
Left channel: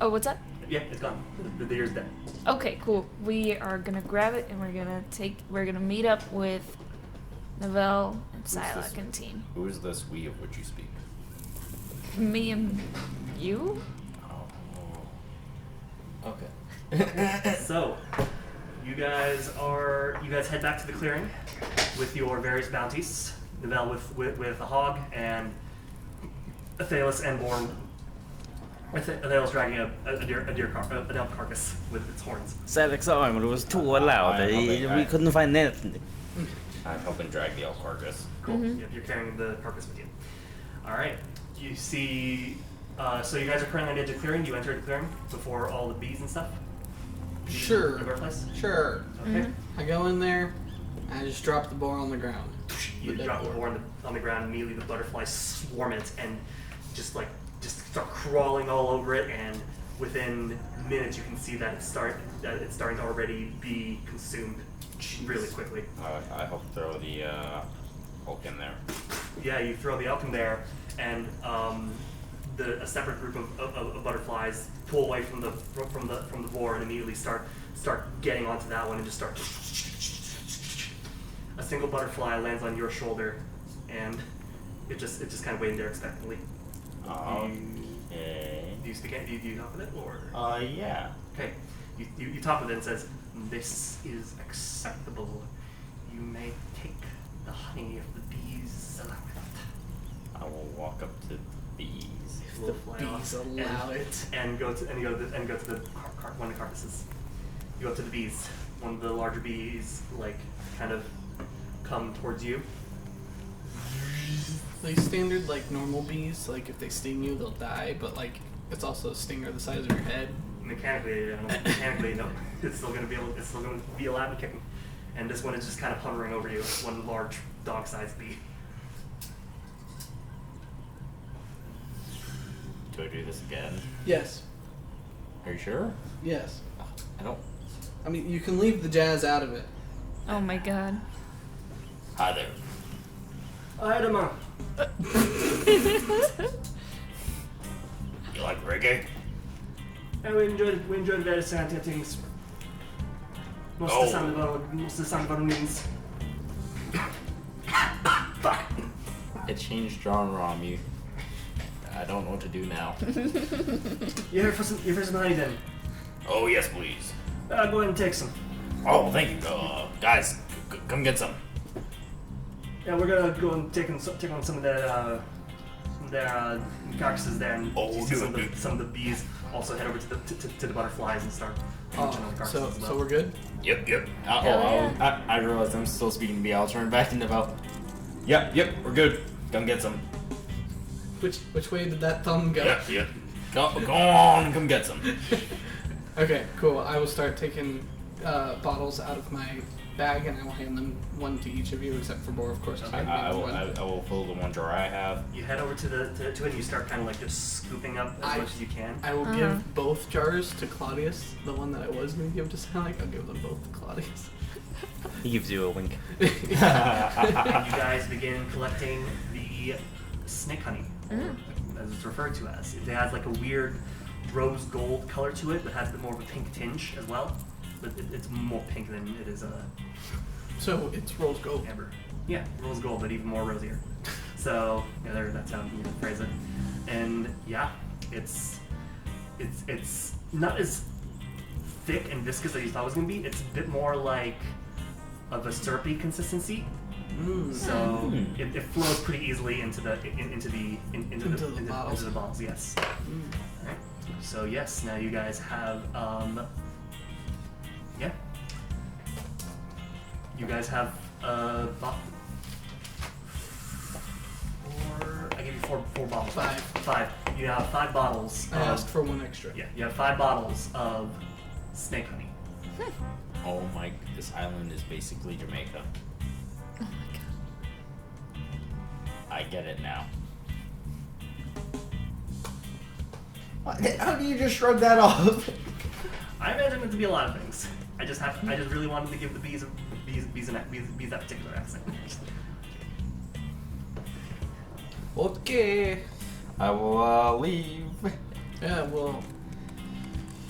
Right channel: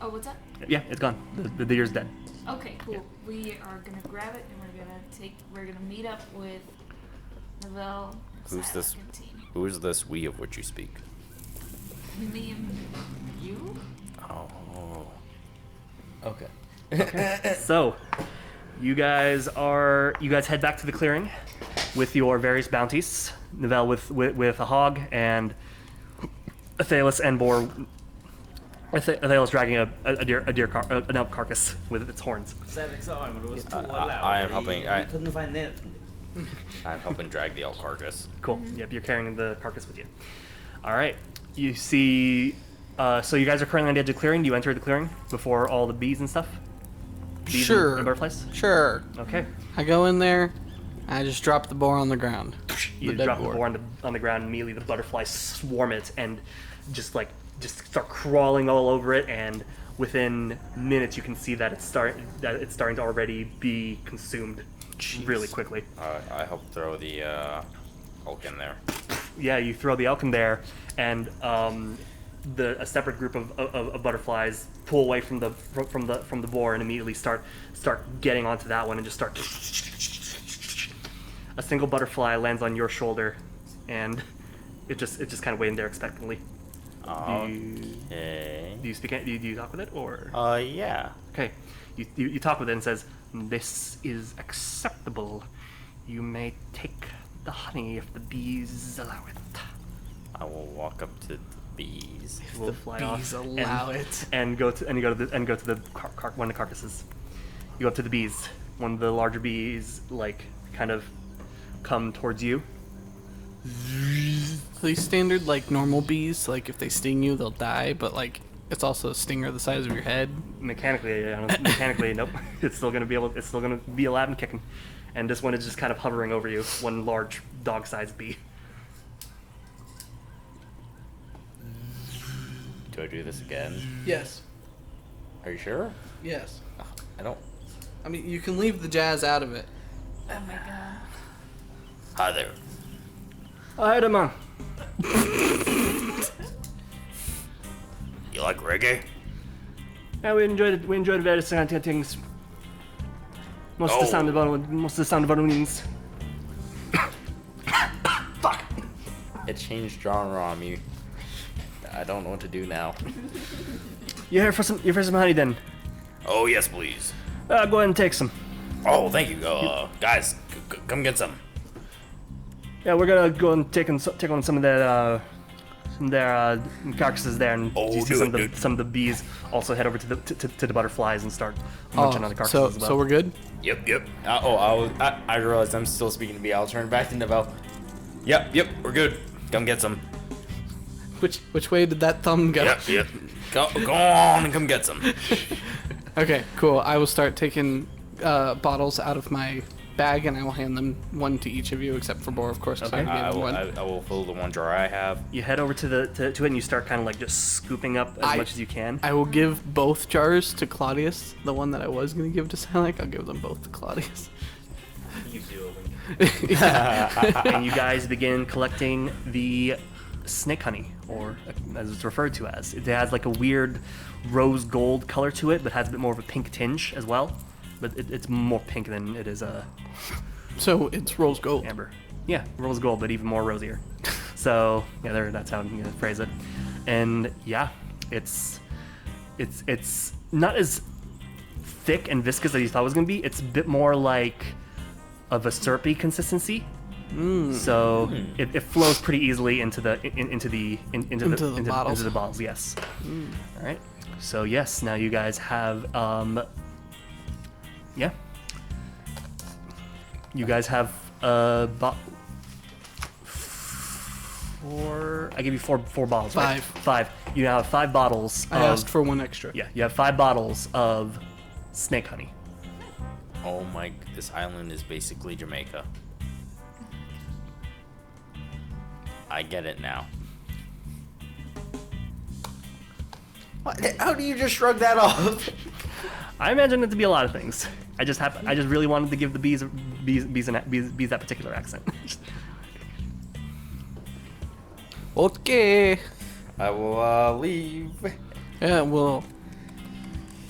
Oh, what's that? Yeah, it's gone. The deer's dead. Okay, cool. We are gonna grab it and we're gonna meet up with Novell and Who's this? Sylack and team. Who is this we of which you speak? Me and you? Oh. Okay. So, you guys head back to the clearing with your various bounties. Novell with a hog, and Athelas and Boar. Athelas dragging an elk carcass with its horns. Sadek's armor was too I- loud. I- We couldn't find anything. I'm helping drag the elk carcass. Cool. Yep, you're carrying the carcass with you. All right. You see. So you guys are currently on the edge of the clearing. Do you enter the clearing before all the bees and stuff? Bees Sure. And butterflies. Sure. Okay. I go in there. I just drop the boar on the ground. You dead drop the boar. boar on the ground. Immediately, the butterflies swarm it and just start crawling all over it. And within minutes, you can see that it's starting to already be consumed really quickly. I help throw the elk in there. Yeah, you throw the elk in there, and a separate group of butterflies pull away from the boar and immediately start getting onto that one and just start. A single butterfly lands on your shoulder, and it's just kind of waiting there expectantly. Okay. Do you talk with it, or? Yeah. Okay, you talk with it and says, "This is acceptable. You may take the honey if the bees allow it." I will walk up to the bees. Will The fly bees off allow it. and go to the one of the carcasses. You go up to the bees. One of the larger bees kind of come towards you. These standard normal bees, if they sting you, they'll die, but it's also a stinger the size of your head. Mechanically, nope. It's still gonna be alive and kicking. And this one is just kind of hovering over you. One large dog-sized bee. Do I do this again? Yes. Are you sure? Yes. I don't. I mean, you can leave the jazz out of it. Oh my god. Hi there. Hi, man. You like reggae? Yeah, we enjoyed various things. Most of the sound of our wings. Fuck. It changed genre on me. I don't know what to do now. You here for some honey then? Oh yes, please. Go ahead and take some. Oh, thank you. Guys, come get some. Yeah, we're gonna go and take on some of their carcasses there, and Oh, you see do some it, of some of the bees also head over to the butterflies and start Oh, munching on the carcasses as well. so we're good? Yep. I realized I'm still speaking to be. I'll turn back to Novell. Yep, we're good. Come get some. Which way did that thumb go? Yep. Go on and come get some. Okay, cool. I will start taking bottles out of my bag, and I will hand them one to each of you, except for Boar, of course. 'Cause Okay. I gave him one. I will fill the one jar I have. You head over to it, and you start kind of just scooping up as much as you can. I will give both jars to Claudius. The one that I was going to give to Sylack, I'll give them both to Claudius. He gives you a wink. And you guys begin collecting the snake honey, or as it's referred to as. It has like a weird rose gold color to it, but has a bit more of a pink tinge as well. But it's more pink than it is So it's rose gold. amber. Yeah, rose gold, but even more rosier. So yeah, that's how you phrase it. And yeah, it's not as thick and viscous as you thought it was gonna be. It's a bit more like of a syrupy consistency. So it flows pretty easily into the bottles. Yes. All right. So yes, now you guys have yeah. You guys have four. I give you four bottles. Right? Five. You now have 5 bottles. I asked for 1 extra. Yeah, you have 5 bottles of snake honey. Oh my! This island is basically Jamaica. I get it now. What? How do you just shrug that off? I imagine it to be a lot of things. I just really wanted to give the bees that particular accent. Okay. I will leave. Yeah, well,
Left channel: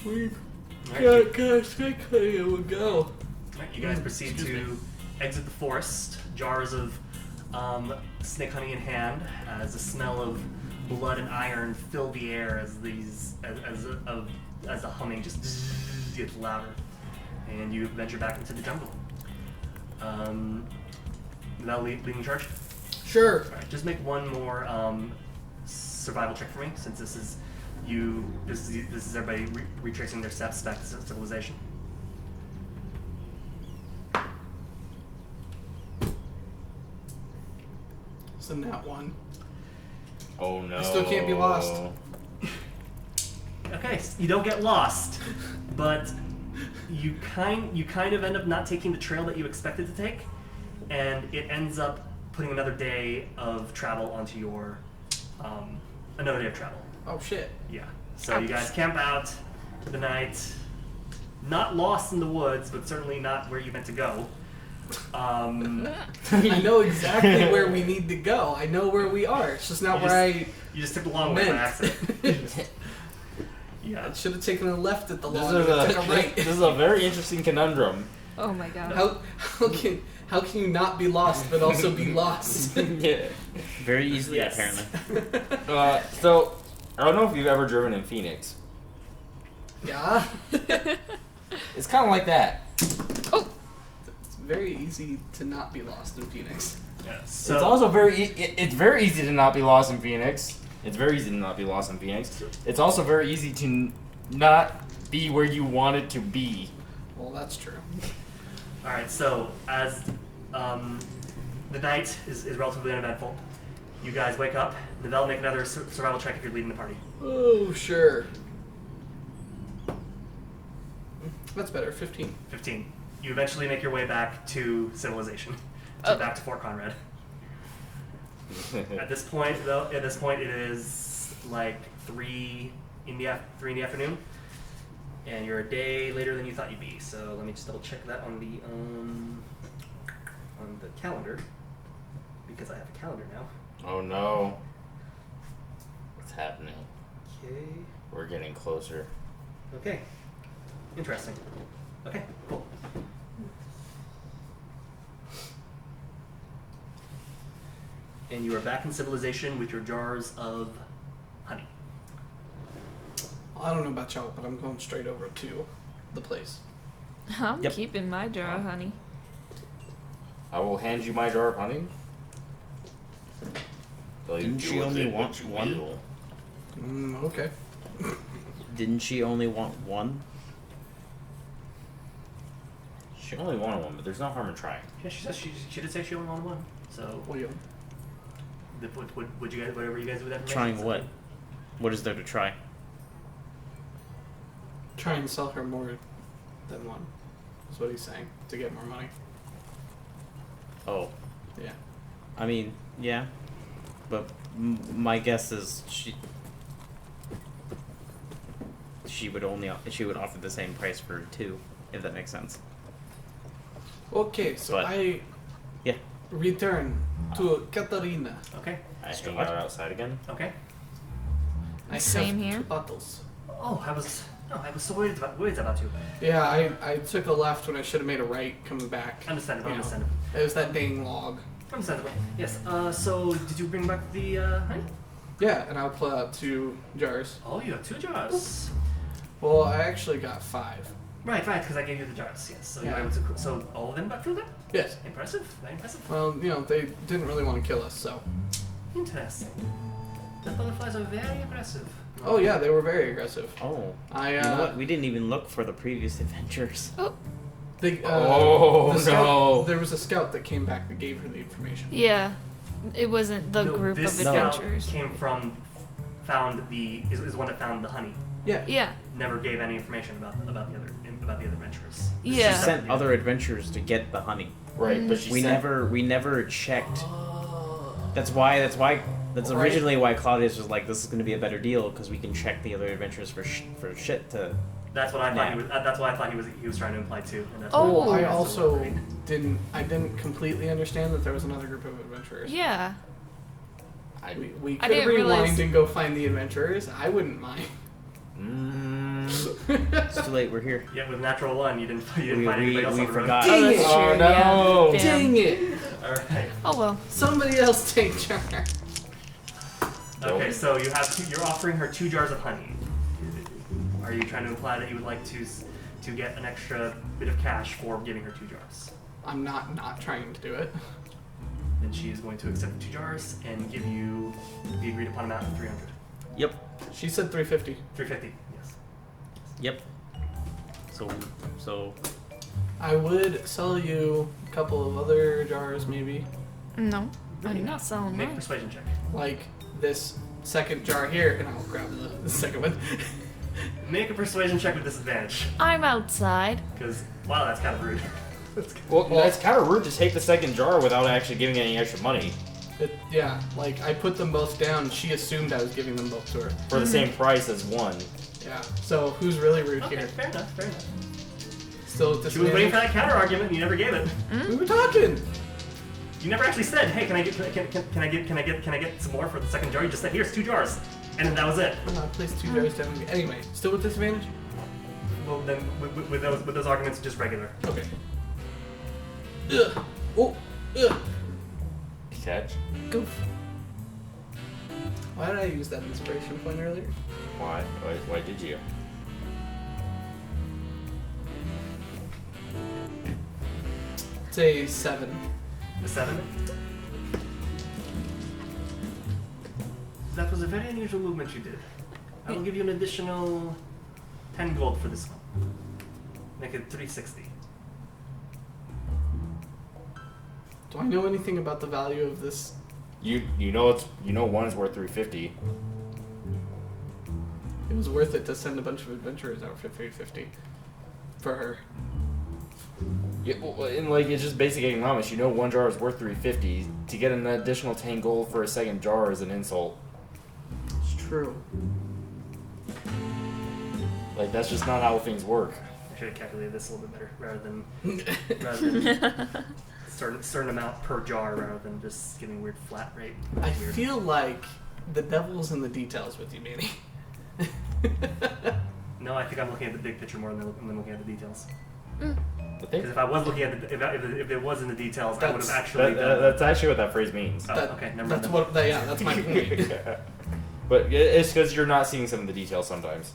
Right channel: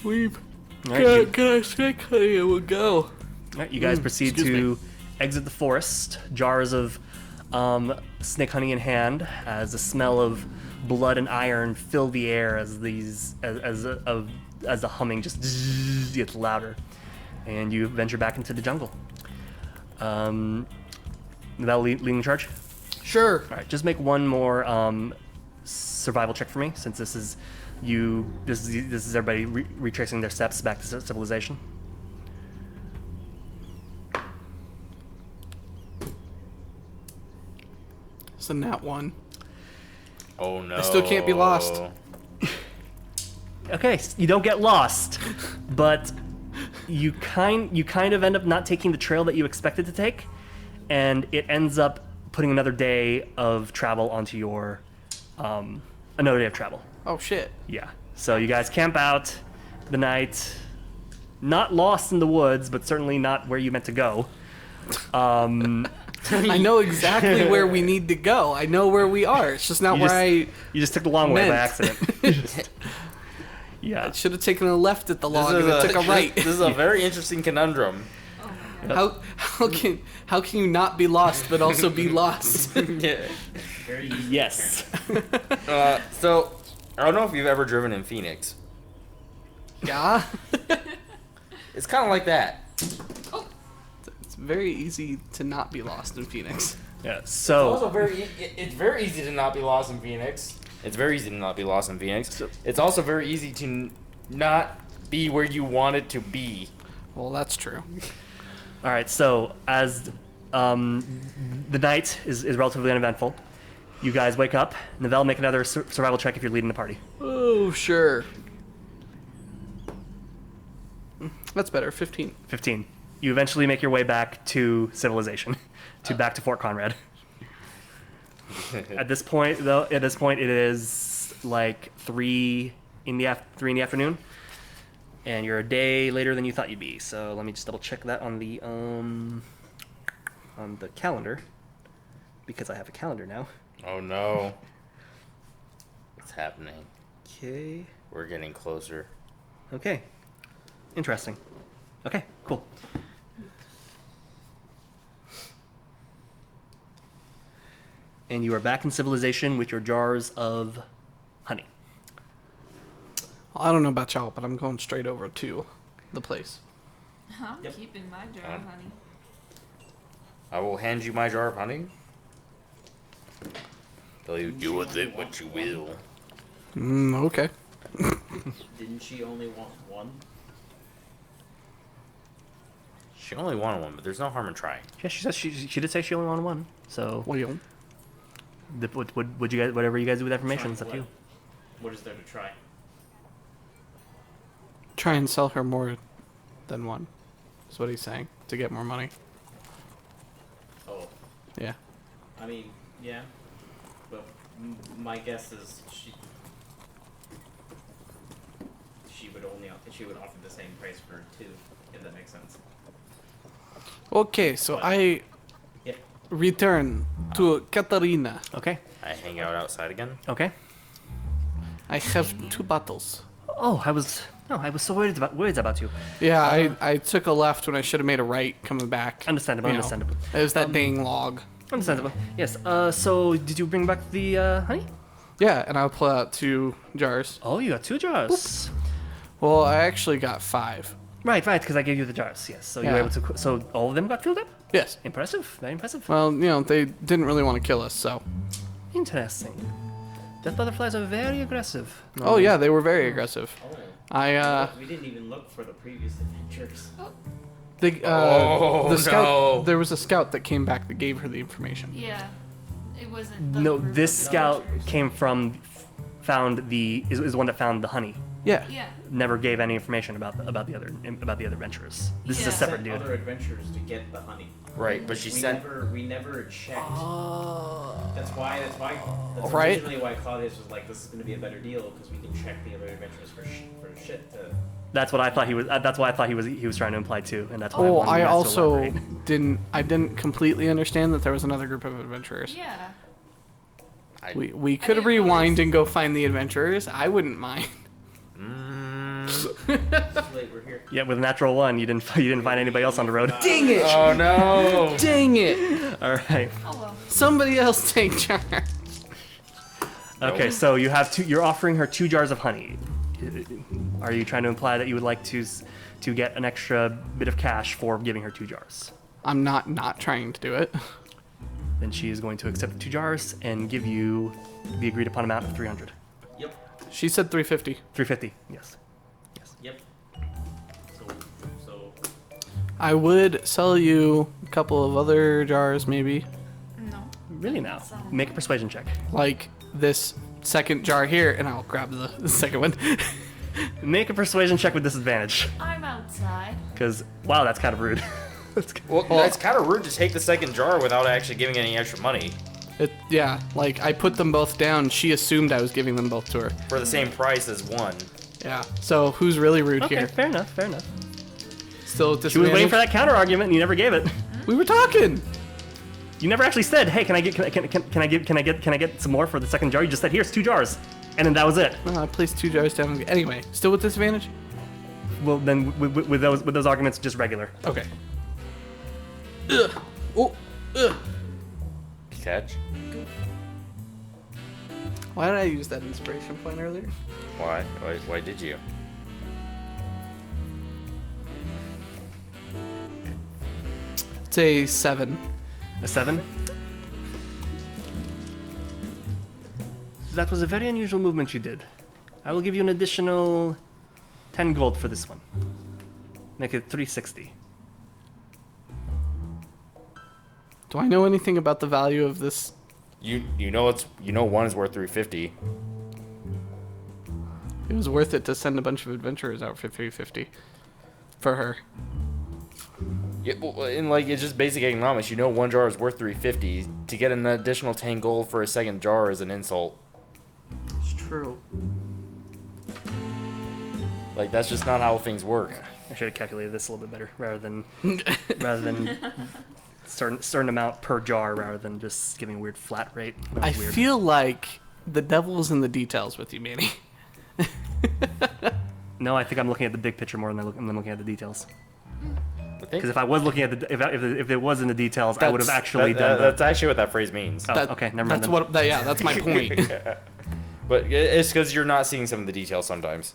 we've Alright, got a snake honey and we'll go. Alright, you guys proceed to exit the forest, jars of snake honey in hand, as the smell of blood and iron fill the air as the humming just gets louder, and you venture back into the jungle. Without leading charge? Sure. Alright, just make one more survival check for me, since this is everybody retracing their steps back to civilization. It's a nat 1. Oh no! I still can't be lost. Okay, you don't get lost, but you kind of end up not taking the trail that you expected to take, and it ends up putting another day of travel onto your another day of travel. Oh shit. Yeah. So you guys camp out the night, not lost in the woods, but certainly not where you meant to go. I know exactly where we need to go. I know where we are. It's just not You just took the long way by accident. Yeah. I should have taken a left at the log and took a right. This is a very interesting conundrum. Oh my god. How can you not be lost but also be lost? Yeah. Very easy, Yes. apparently. So, I don't know if you've ever driven in Phoenix. Yeah. It's kind of like that. Oh. It's very easy to not be lost in Phoenix. Yeah. It's So also it's very easy to not be lost in Phoenix. It's very easy to not be lost in Phoenix. It's also very easy to not be where you want it to be. Well, that's true. all right. So as the night is relatively uneventful, you guys wake up. Novell, make another survival check if you're leading the party. Oh, sure. That's better. 15. 15. You eventually make your way back to civilization, back to Fort Conrad. At this point, it is like 3 in the afternoon, and you're a day later than you thought you'd be. So let me just double check that on the calendar, because I have a calendar now. Oh no. What's happening? Okay. We're getting closer. Okay. Interesting. Okay. Cool. And you are back in civilization with your jars of honey. I don't know about y'all, but I'm going straight over to the place. I'm Yep. keeping my jar of honey. I will hand you my jar of honey. Tell you Didn't do she with only it want what you one? will. Okay. Didn't she only want one? She only wanted one, but there's no harm in trying. Yeah, she says she did say she only wanted one. So Well, would you guys, whatever you guys do with that information? Trying it's up to what? you. What is there to try? try and sell her more than one. Is what he's saying. To get more money. Oh, Yeah. I mean, yeah, but my guess is she would offer the same price for 2, if that makes sense. Okay, so But- I Yeah. return to Katarina. Okay. I hang out outside again. Okay. I Same have here. 2 bottles. Oh, I was so worried about you. Yeah, I took a left when I should have made a right coming back. Understandable. You know. Understandable. It was that dang log. Understandable. Yes. So did you bring back the honey? Yeah, and I'll pull out 2 jars. Oh, you got 2 jars. Well, I actually got 5. Right, because I gave you the jars. Yes. So you were Yeah. able to. So all of them got filled up. Yes. Impressive. Very impressive. Well, they didn't really want to kill us, so. Interesting. Death butterflies are very aggressive. Oh yeah, they were very aggressive. Oh. I You know what? We didn't even look for the previous adventures. the Oh, the scout. no. There was a scout that came back that gave her the information. Yeah. It wasn't the No, group this of scout adventurers. came from, is the one that found the honey. Yeah. Yeah. Never gave any information about the other adventurers. This is a Yeah. separate Sent deal. other adventurers to get the honey. Right, but she We sent. never checked. Oh. That's Right. originally why Claudius was like, this is going to be a better deal because we can check the other adventurers for shit to. That's what I thought Yeah. he was. That's what I thought he was trying to imply too, and that's why Oh, wanted I you guys to also elaborate. didn't completely understand that there was another group of adventurers. Yeah. We I could didn't rewind realize- and go find the adventurers. I wouldn't mind. It's too late. We're here. Yeah, with natural 1, you didn't find anybody else on the road. forgot. Dang it! Oh no! Dang it! All right. Oh well. Somebody else take charge. Okay, so you have 2. You're offering her 2 jars of honey. Are you trying to imply that you would like to get an extra bit of cash for giving her 2 jars? I'm not trying to do it. Then she is going to accept the 2 jars and give you the agreed upon amount of 300. Yep. She said 350. 350. Yes. Yep. So. I would sell you a couple of other jars, maybe. No. Really I'm now. not selling Make a mine. persuasion check. Like this second jar here, and I'll grab the second one. Make a persuasion check with disadvantage. I'm outside. Because, wow, that's kind of rude. That's kind Well, it's kind of rude to take the second jar without actually giving any extra money Yeah, like I put them both down. She assumed I was giving them both to her. for the same price as one. Yeah. So who's really rude Okay, here? fair enough, fair enough. Still at She was waiting for disadvantage? that counter argument and you never gave it. We were talking. You never actually said, "Hey, can I get some more for the second jar?" You just said, "Here's 2 jars," and then that was it. I placed 2 jars down. Anyway, still with disadvantage? Well, then with those arguments, just regular. Okay. Ugh. Oh. Ugh. Catch? Go. Why did I use that inspiration point earlier? Why? Why did you? It's a 7. A 7. That was a very unusual movement you did. I will give you an additional 10 gold for this one. Make it 360. Do I know anything about the value of this? You know one is worth 350. It was worth it to send a bunch of adventurers out for 350 for her. Yeah, well, and like it's just basic economics. You know one jar is worth 350. To get an additional 10 gold for a second jar is an insult. It's true. Like that's just not how things work. I should have calculated this a little bit better, rather than certain amount per jar, rather than just giving a weird flat rate. which I is weird. feel like the devil's in the details with you, Manny. No, I think I'm looking at the big picture more than I'm looking at the details. I think Because if I was looking at if it was in the details, I would have actually done. that's actually what that phrase means. Oh, okay, never mind. That's then. what. Yeah, that's my point. But it's because you're not seeing some of the details sometimes.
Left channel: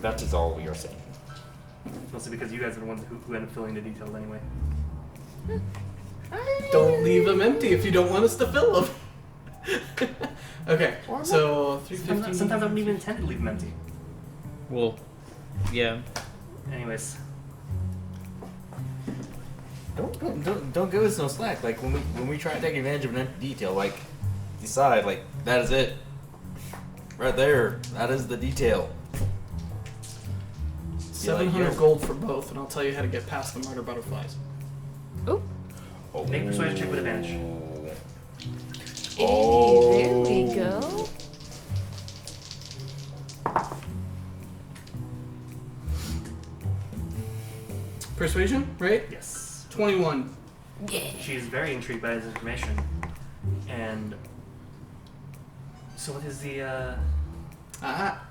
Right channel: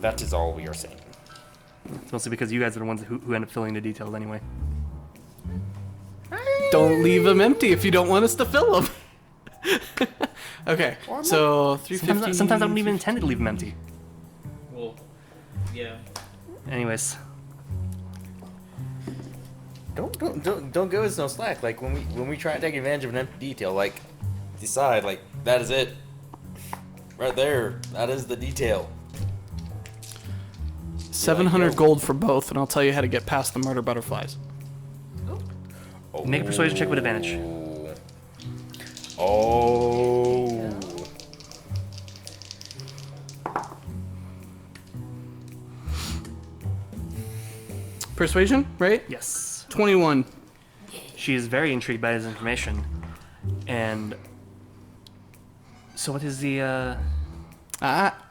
That is all we are saying. It's mostly because you guys are the ones who end up filling the details anyway. Don't leave them empty if you don't want us to fill them. Okay, so 350. Sometimes I don't even intend to leave them empty. Well, yeah. Anyways, Don't give us no slack. Like when we try to take advantage of an empty detail, like decide like that is it. Right there, that is the detail. 700 gold for both, and I'll tell you how to get past the murder butterflies. Oop. make a persuasion check with advantage. Oh. There we go. Persuasion, right? Yes. 21. She is very intrigued by this information. And so what is the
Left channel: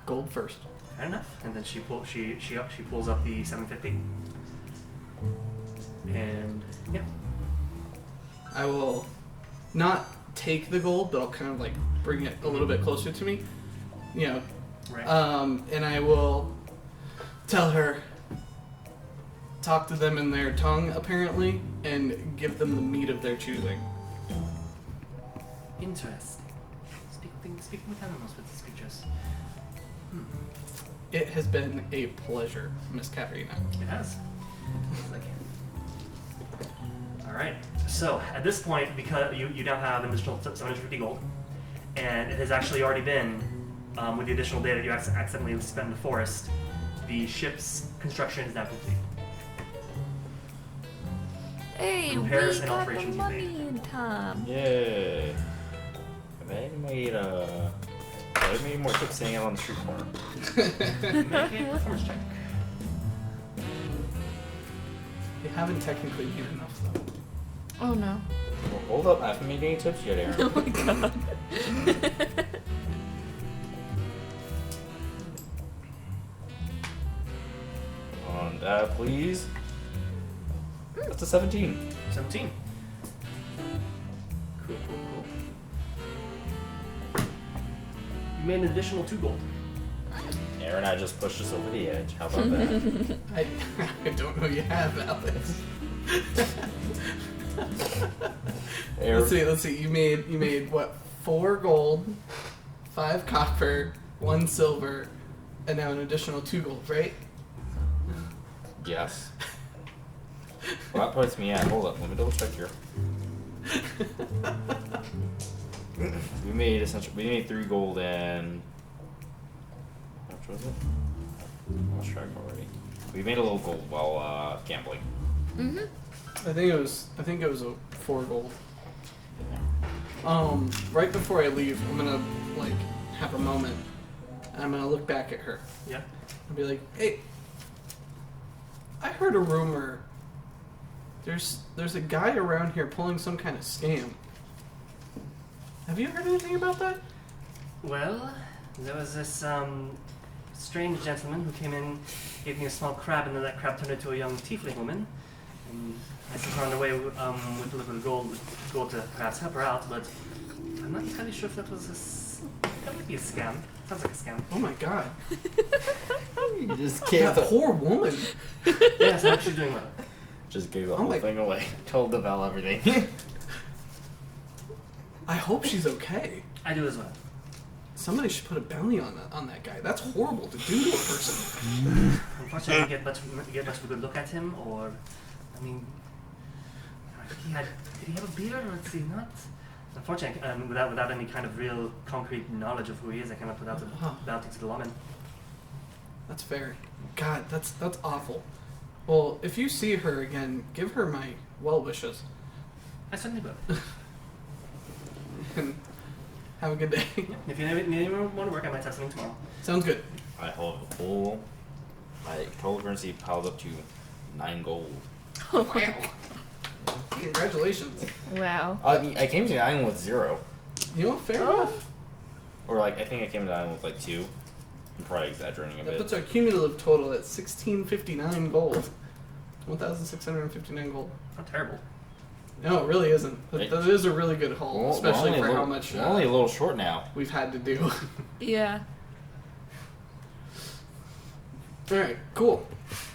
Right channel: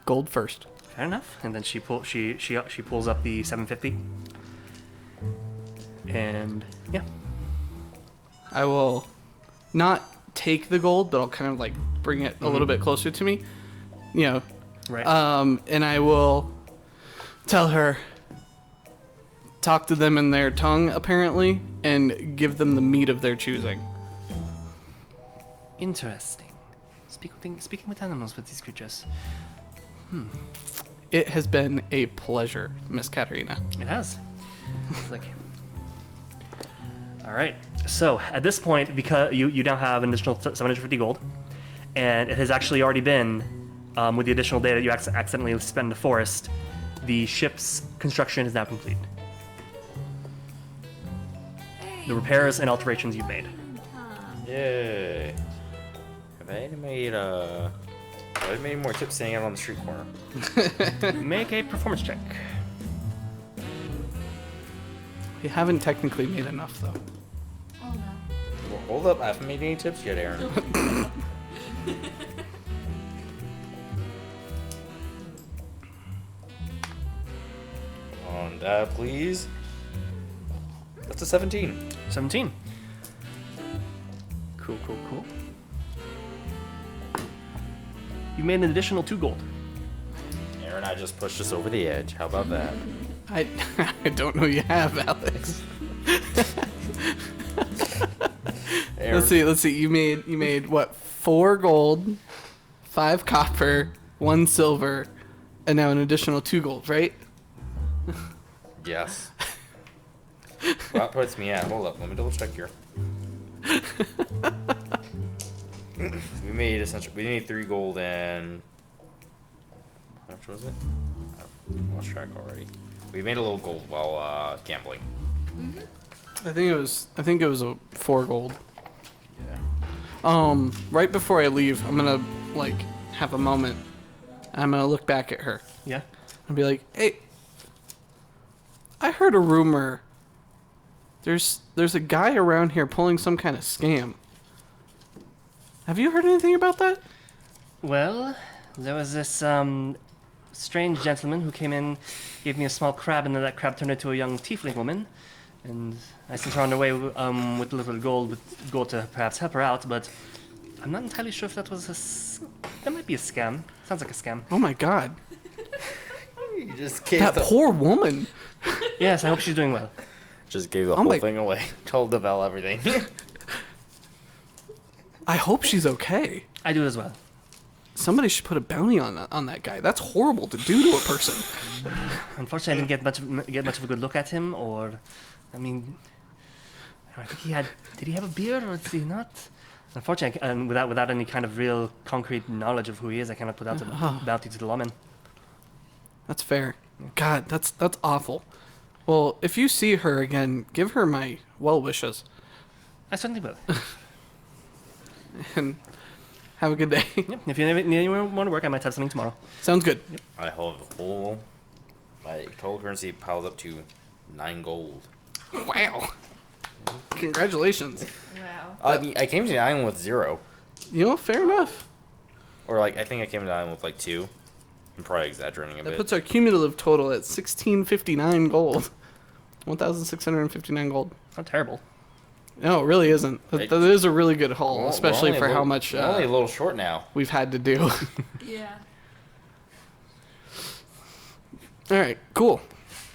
Gold first. fair enough. And then she pulls up the 750. And yeah. I will not take the gold, but I'll kind of like bring it a little bit closer to me. You know. Right. And I will tell her, talk to them in their tongue, apparently, and give them the meat of their choosing. Interesting. Speaking with animals with these creatures. It has been a pleasure, Miss Katerina. It has. It's like, all right. So at this point, because you now have an additional 750 gold, and it has actually already been, with the additional day that you accidentally spent in the forest, the ship's construction is now complete. Hey, The repairs we and have alterations you've made. money in time. Yay. Have I made more tips staying out on the street corner? Make a performance check. You haven't technically made enough, though. Oh no. Well, hold up, I haven't made any tips yet, Aaron. Oh my god. On that, please. That's a 17. 17. Cool. You made an additional 2 gold. Aaron, I just pushed us over the edge. How about that? I don't know you have, Alex. Aaron, Let's see. You made what? 4 gold, 5 copper, 1 silver, and now an additional 2 gold, right? Yes. Well, that puts me at. Hold up, let me double check here. We made 3 gold and how much was it? I lost track already. We made a little gold while gambling. I think it was a 4 gold. Right before I leave, I'm gonna like have a moment. And I'm gonna look back at her Yeah. and be like, "Hey, I heard a rumor. There's a guy around here pulling some kind of scam. Have you heard anything about that?" Well, there was this strange gentleman who came in, gave me a small crab, and then that crab turned into a young tiefling woman. And I sent her on her way with a little gold to perhaps help her out, but I'm not entirely sure if that was that might be a scam. Sounds like a scam. Oh my god, You just that poor woman. Yes, I hope she's doing well. Just gave the Oh whole my- thing away. Told Devel everything. I hope she's okay. I do as well. Somebody should put a bounty on that guy. That's horrible to do to a person. Unfortunately, I didn't get much of a good look at him, or, I mean, I think did he have a beard, or did he not? Unfortunately, and without any kind of real concrete knowledge of who he is, I cannot put out a bounty to the lawman. That's fair. God, that's awful. Well, if you see her again, give her my well wishes I certainly will. and have a good day. Yep. If you need any more work, I might have something tomorrow. Sounds good. I hold the full. My total currency piled up to 9 gold. Wow. Congratulations. Wow. I came to the island with 0. You know, fair enough. Or like, I think I came to the island with like 2. I'm probably exaggerating a That bit. puts our cumulative total at 1,659 gold. 1,659 gold. Not terrible. No, it really isn't. That is a really good haul, Well, especially we're for only a how little- much we're only a little short now. we've had to do. Yeah. All right, cool.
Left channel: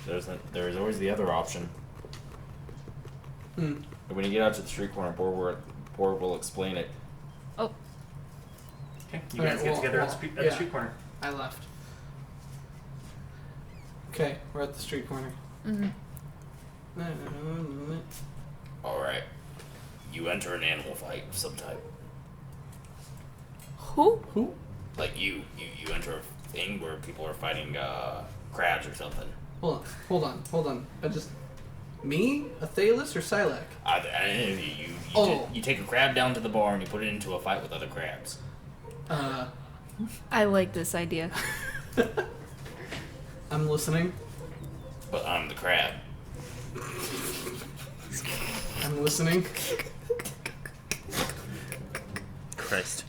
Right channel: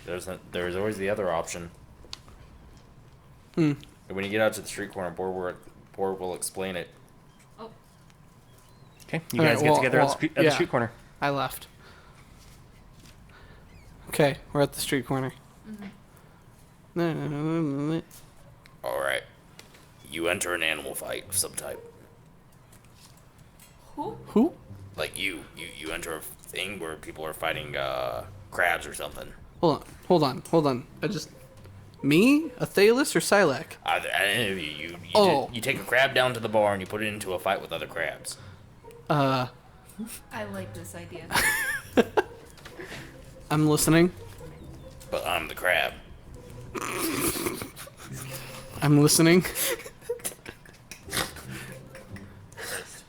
There's always the other option. Hmm. When you get out to the street corner, Board will explain it. Oh. Okay, you All guys right, get well, together well, at the yeah. street corner. I left. Okay, we're at the street corner. All right, you enter an animal fight of some type. Who? Who? Like you enter a thing where people are fighting crabs or something. Hold on. Me, Athelas, or Sylack? You take a crab down to the bar and you put it into a fight with other crabs. I like this idea. I'm listening. But I'm the crab. I'm listening. Christ.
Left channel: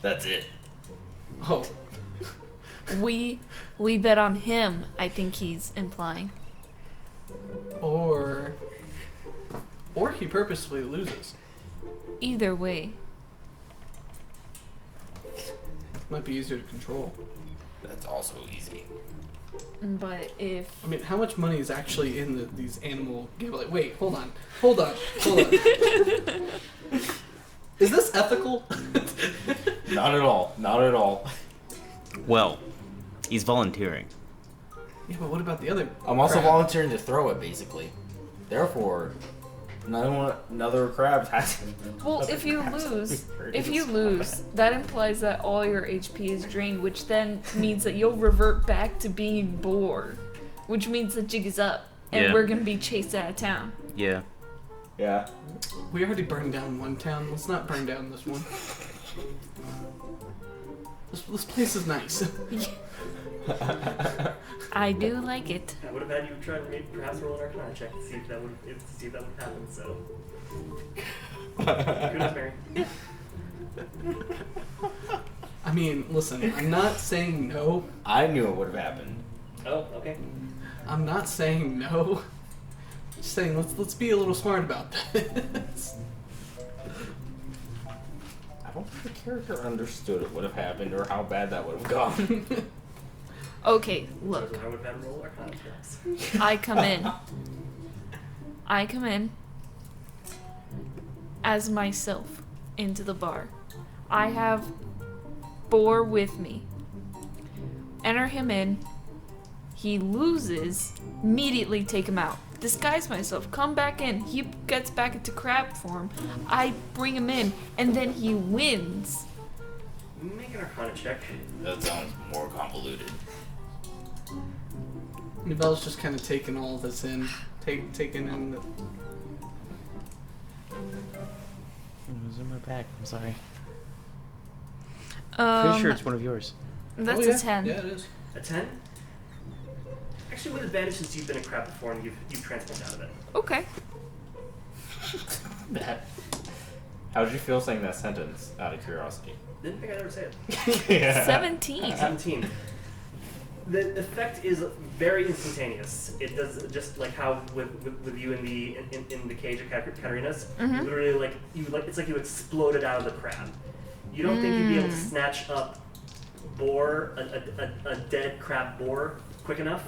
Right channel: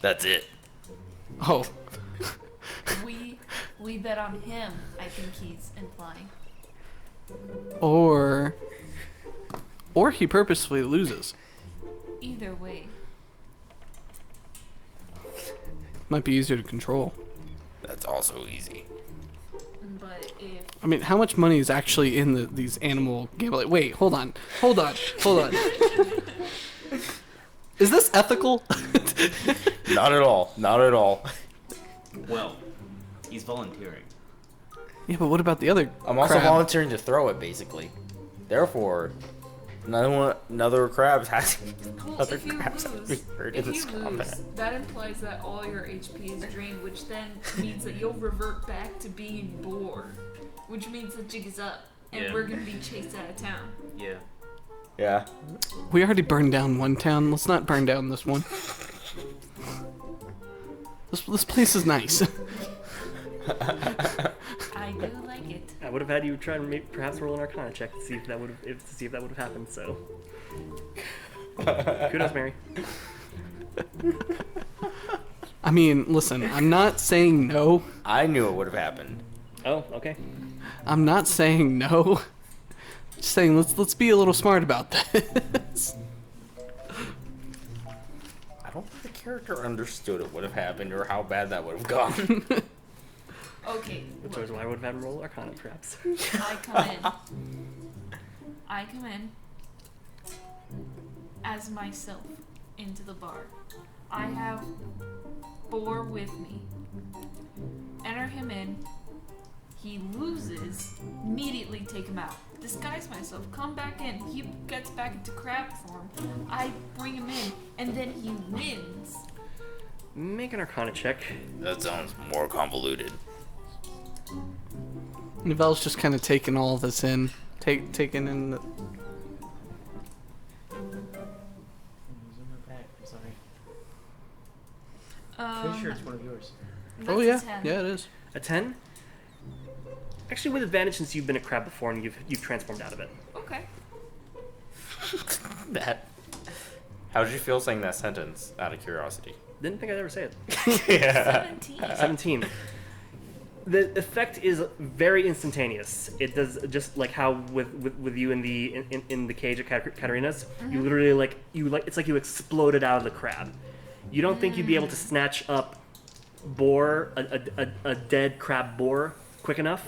That's it. Oh, We bet on him, I think he's implying. or he purposefully loses. Either way. Might be easier to control. That's also easy. But if I mean, how much money is actually in these animal gambling? Wait, hold on. Is this ethical? Not at all. Not at all. Well, he's volunteering. Yeah, but what about the other? I'm also crab? volunteering to throw it, basically. Therefore, another crab has. well, other if you crabs have to lose, be hurt if in you this lose, combat. that implies that all your HP is drained, which then means that you'll revert back to being bored, which means the jig is up, and Yeah. we're gonna be chased out of town. Yeah. Yeah. We already burned down one town. Let's not burn down this one. This place is nice. I do like it. I would have had you try and perhaps roll an Arcana check to see if that would have happened. So, kudos, Mary. I mean, listen, I'm not saying no. I knew it would have happened. Oh, okay. I'm not saying no. Just saying let's be a little smart about this. I don't think the character understood it would have happened or how bad that would have gone. Okay, That look. was why I would have had to roll Arcana, perhaps. I come in as myself into the bar. I have Boar with me. Enter him in. He loses. Immediately take him out. Disguise myself. Come back in. He gets back into crab form. I bring him in, and then he wins. Make an Arcana check. That sounds more convoluted. Nivelle's just kind of taking all this in, taking in. It was in my bag. I'm sorry. Pretty sure it's one of yours. That's oh, yeah. a 10. Yeah, it is. A 10? Actually, with advantage since you've been a crab before and you've transformed out of it. Okay. How did you feel saying that sentence, out of curiosity? Didn't think I'd ever say it. Yeah. 17. 17. The effect is very instantaneous. It does just like how with you in the cage of Katarina's. You literally it's like you exploded out of the crab. You don't think you'd be able to snatch up a dead crab boar quick enough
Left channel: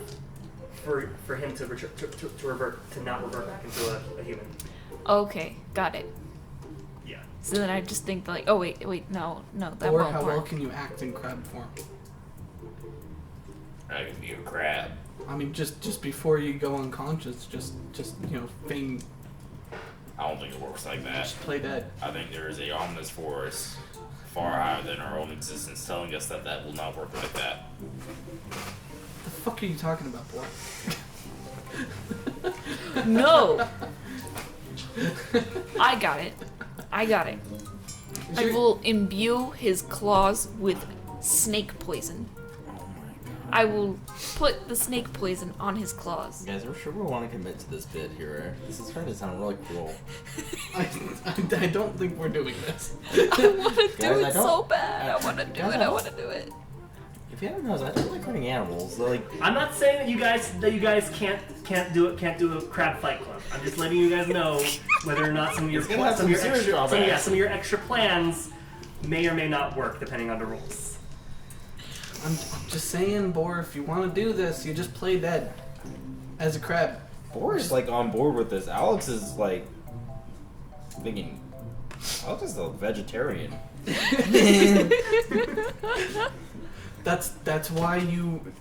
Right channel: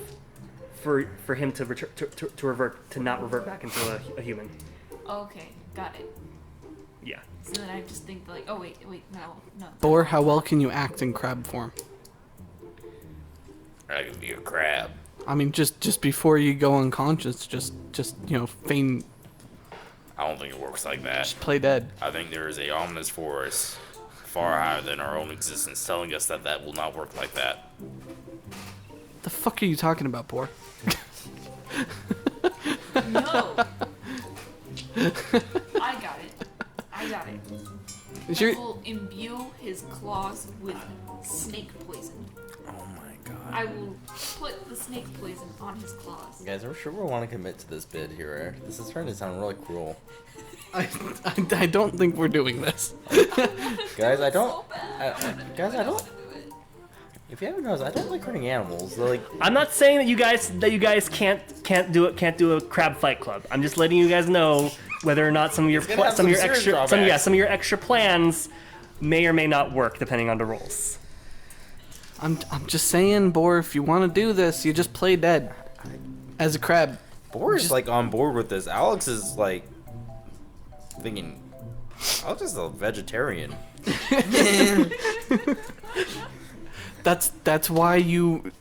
for him to not revert back into a human. Okay, got it. Yeah. So then I just think like, oh wait, no. that Or won't how well work. can you act in crab form? I could be a crab. I mean, just before you go unconscious, just feign, I don't think it works like that. just play dead. I think there is a ominous force far higher than our own existence telling us that will not work like that. The fuck are you talking about, boy? No. I got it. Is I your- will imbue his claws with snake poison. Oh my god. I will put the snake poison on his claws. Guys, I'm sure we want to commit to this bit here. This is starting to sound really cruel. I don't think we're doing this. I want to do Guys, I it so don't- bad. I want to do guys, it. I I don't- want to do it. If you haven't noticed, I don't like hurting animals. Like, I'm not saying that you guys can't do a crab fight club. I'm just letting you guys know whether or not some of your gonna have some serious drawbacks. some of your extra plans may or may not work depending on the rules. I'm just saying, Boar, if you want to do this, you just play dead as a crab. Boris like on board with this. Alex is like thinking, Alex is a vegetarian. That's why you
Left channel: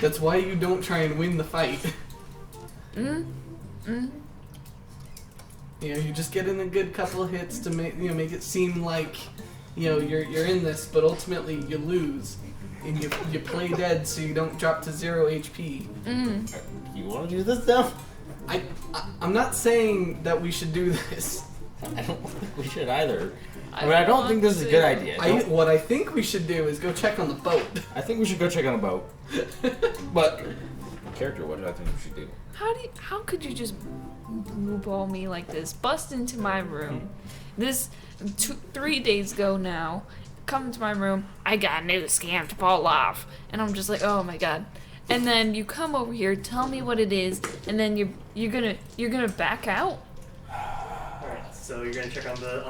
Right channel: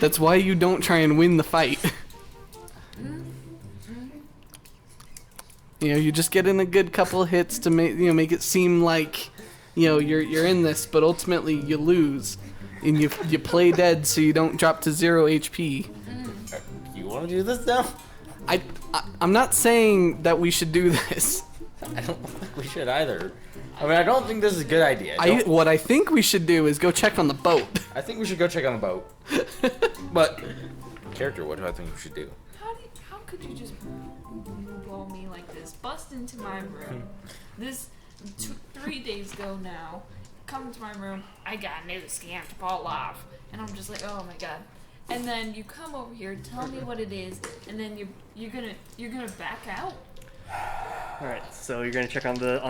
that's why you don't try and win the fight. You just get in a good couple of hits to make it seem like you're in this, but ultimately you lose. And you play dead so you don't drop to 0 HP. You want to do this now? I'm not saying that we should do this. I don't think we should either. I mean, I don't think this is a good idea. What I think we should do is go check on the boat. I think we should go check on the boat. But, character, what do I think we should do? How could you just blue ball me like this? Bust into my room. This 3 days ago now. Come to my room. I got a new scam to pull off, and I'm just like, oh my god. And then you come over here, tell me what it is, and then you're gonna back out. All right, so you're gonna check on the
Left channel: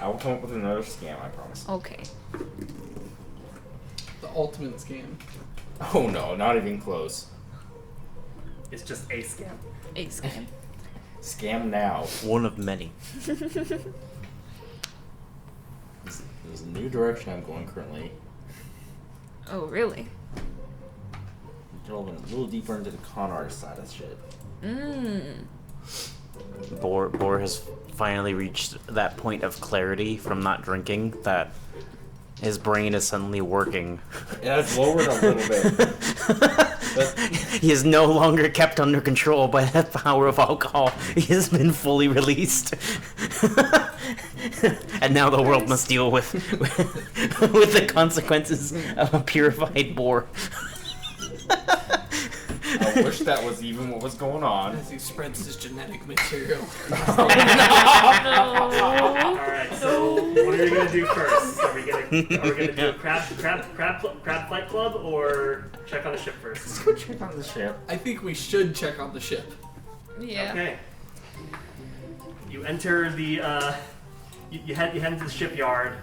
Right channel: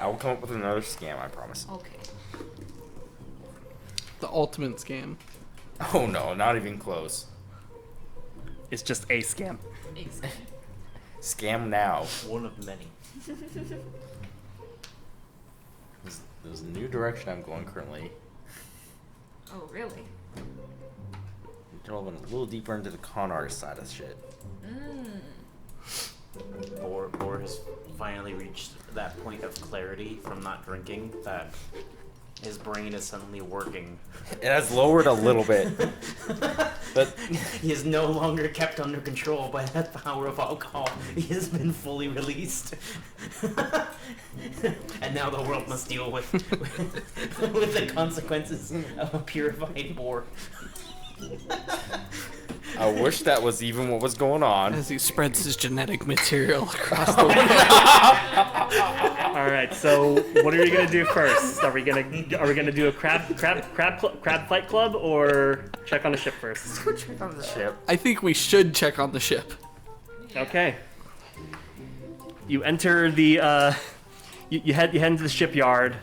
I will come up with another scam, I promise. Okay. The ultimate scam. Oh no, not even close. It's just a scam. A scam. Scam now. One of many. There's a new direction I'm going currently. Oh really? Delving a little deeper into the con artist side of shit. Boar has finally reached that point of clarity from not drinking that his brain is suddenly working. It has lowered a little bit. He is no longer kept under control by the power of alcohol. He has been fully released. And now the world must deal with the consequences of a purified boar. I wish that was even what was going on. As he spreads his genetic material across the All right, so what are you gonna do first? Are we gonna do a crab fight club or check on the ship first? Let's go check on the ship. I think we should check on the ship. Yeah. Okay. You enter the you head into the shipyard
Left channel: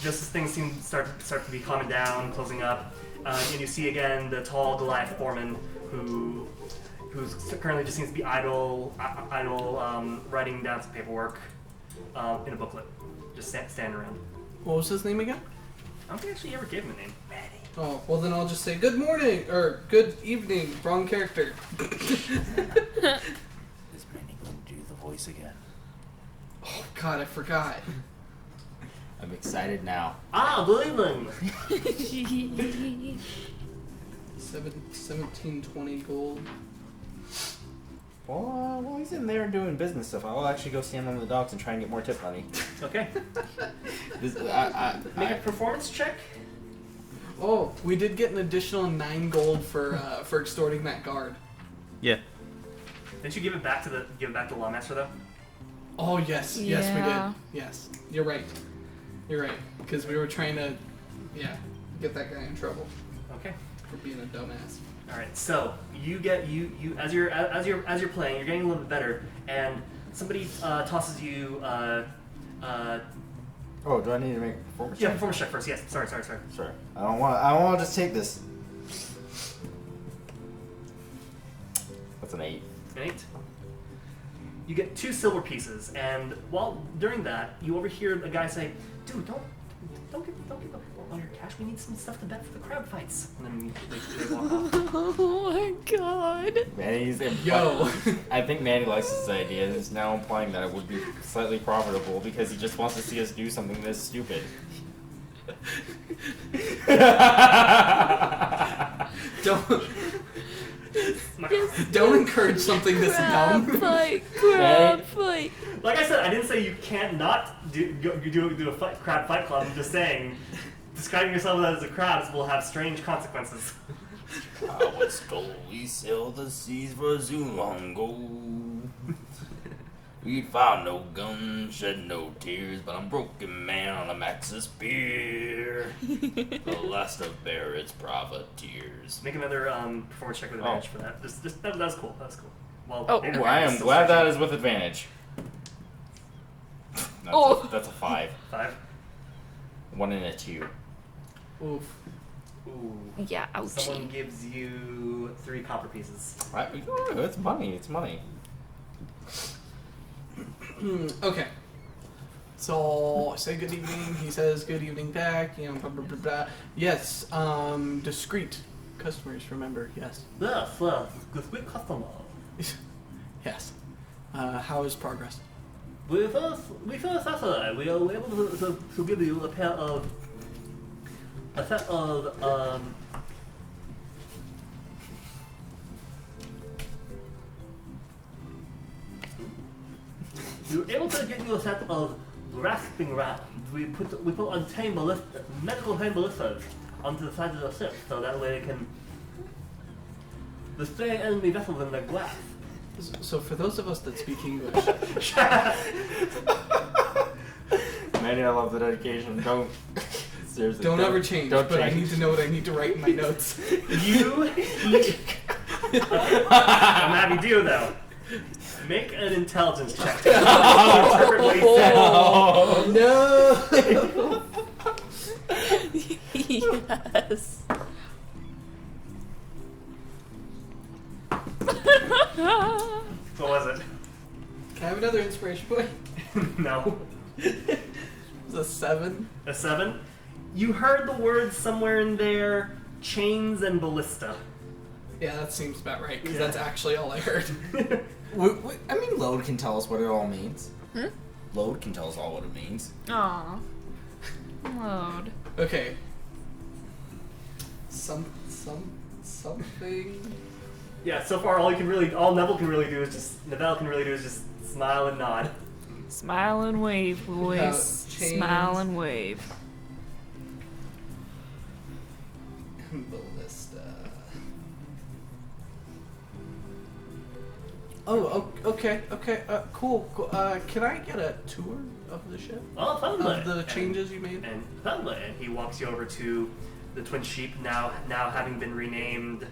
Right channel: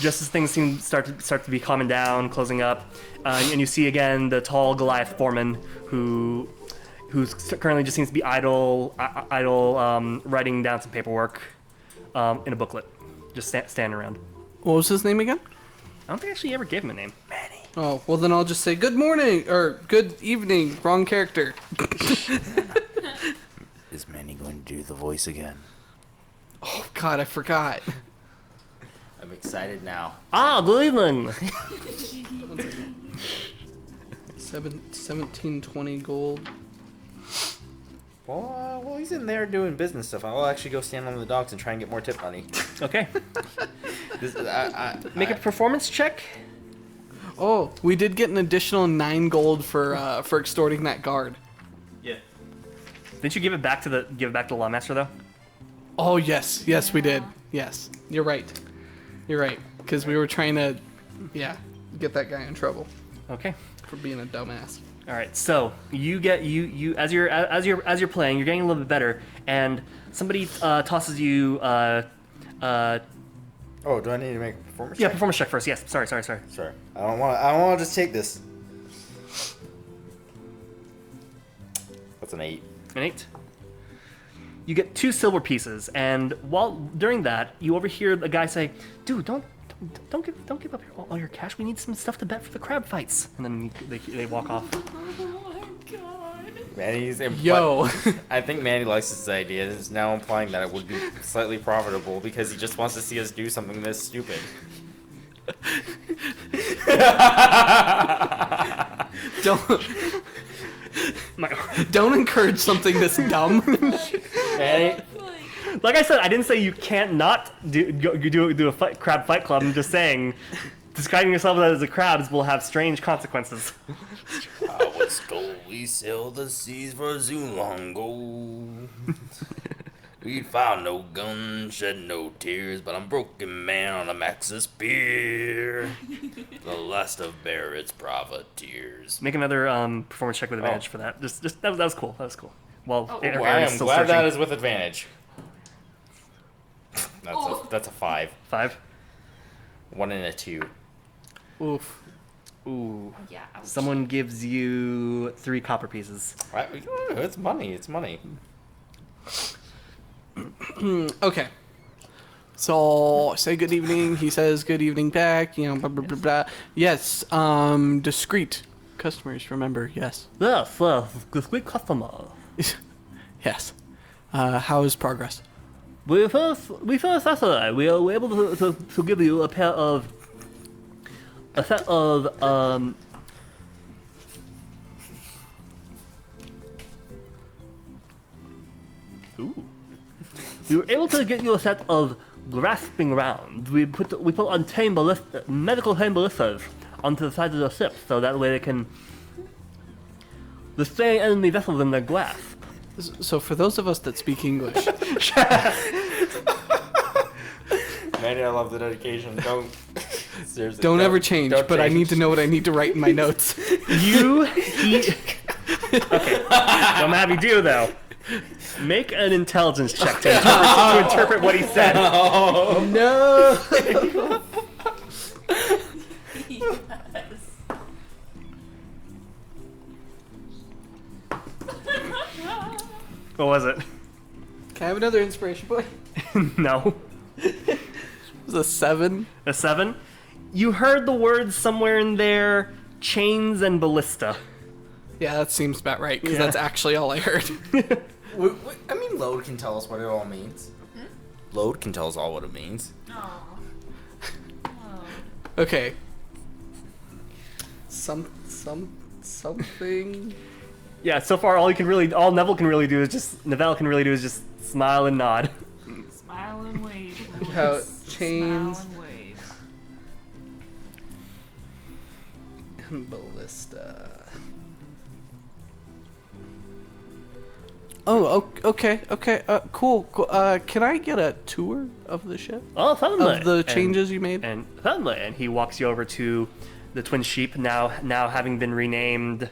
just as things start to be calming down, closing up, and you see again the tall Goliath foreman who's currently just seems to be idle, writing down some paperwork in a booklet, just standing around. What was his name again? I don't think I actually ever gave him a name. Manny. Oh, well then I'll just say good morning, or good evening, wrong character. Is Manny going to do the voice again? Oh god, I forgot. I'm excited now. Good evening. 1720 gold. Well, while he's in there doing business stuff, I'll actually go stand on the docks and try and get more tip money. Okay. Make a performance check. Oh, we did get an additional 9 gold for extorting that guard. Yeah. Didn't you give it back to the lawmaster though? Oh yes, yes we did. Yeah. Yes, you're right. You're right, because we were trying to, get that guy in trouble Okay. for being a dumbass. All right. So you get you as you're playing, you're getting a little bit better, and somebody tosses you. Oh, do I need to make a performance Yeah, check? performance check first. Yes. Sorry. Sure. I don't want to just take this. That's an 8. An 8. You get 2 silver pieces, and during that, you overhear a guy say, "Dude, don't give up all your cash. We need some stuff to bet for the crab fights." And then they walk off. Oh my god. Manny's Yo. I think Manny likes this idea. It's now implying that it would be slightly profitable because he just wants to see us do something this stupid. Don't encourage something this dumb. Fight. Like I said, I didn't say you can't not do a crab fight club. I'm just saying, describing yourself as a crab will have strange consequences. I was told we sailed the seas for too long ago. We found no guns, shed no tears, but I'm broken man on a Maxis spear. The last of Barrett's profiteers. Make another performance check with advantage for that. Just that was cool. That was cool. Well, Oh, Aaron I is am still glad searching. that is with advantage. That's a 5. 5. 1 and a 2. Oof. Ooh. Yeah, ouch. Someone gives you 3 copper pieces. It's money. It's money. Okay. So say good evening. He says good evening back. Blah blah blah blah. Yes. Discreet customers. Remember. Yes. Yes, good customer. Yes. How is progress? We first Saturday we were able to give you a set of we were able to get you a set of grasping rounds. We put on medical tame ballistas onto the sides of the ship so that way they can restrain enemy vessels in their grasp. So for those of us that speak English, Manuel, I love the dedication. Don't seriously. don't ever change. don't But I change. need to know what I need to write in my notes. Okay. I'm happy to do though. Make an intelligence check to interpret what he said. No. Yes. What was it? Can I have another inspiration point? No. It was a 7. A 7? You heard the words somewhere in there, chains and ballista. Yeah, that seems about right, because Yeah. that's actually all I heard. I mean, load can tell us what it all means. Load can tell us all what it means. Aw. Load. Okay. Something. Yeah, so far all Neville can really do is just smile and nod. Smile and wave, How boys. chains- Smile and wave. Ballista. Oh, okay. Cool. Can I get a tour of the ship? Oh, finally. Of the changes you made? And finally, and he walks you over to the Twin Sheep, now having been renamed.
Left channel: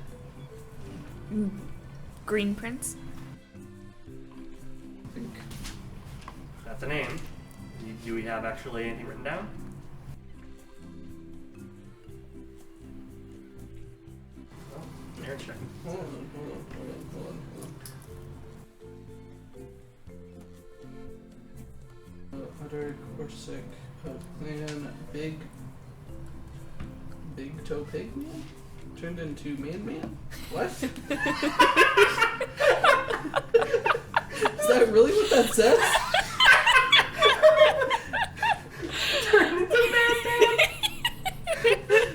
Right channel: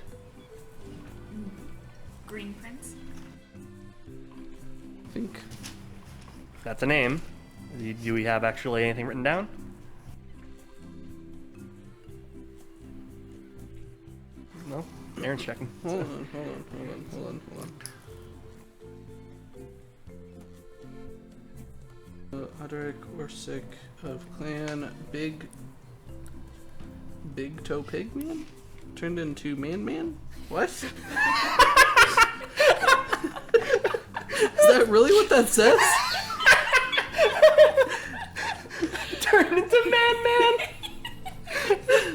Green Prince. I think. That's a name. Do we have actually anything written down? No. Aaron's checking. Hold on. Uderic Corsic of Clan Big Toe Pig Man? Turned into Man? What? Is that really what that says? Turn into Man.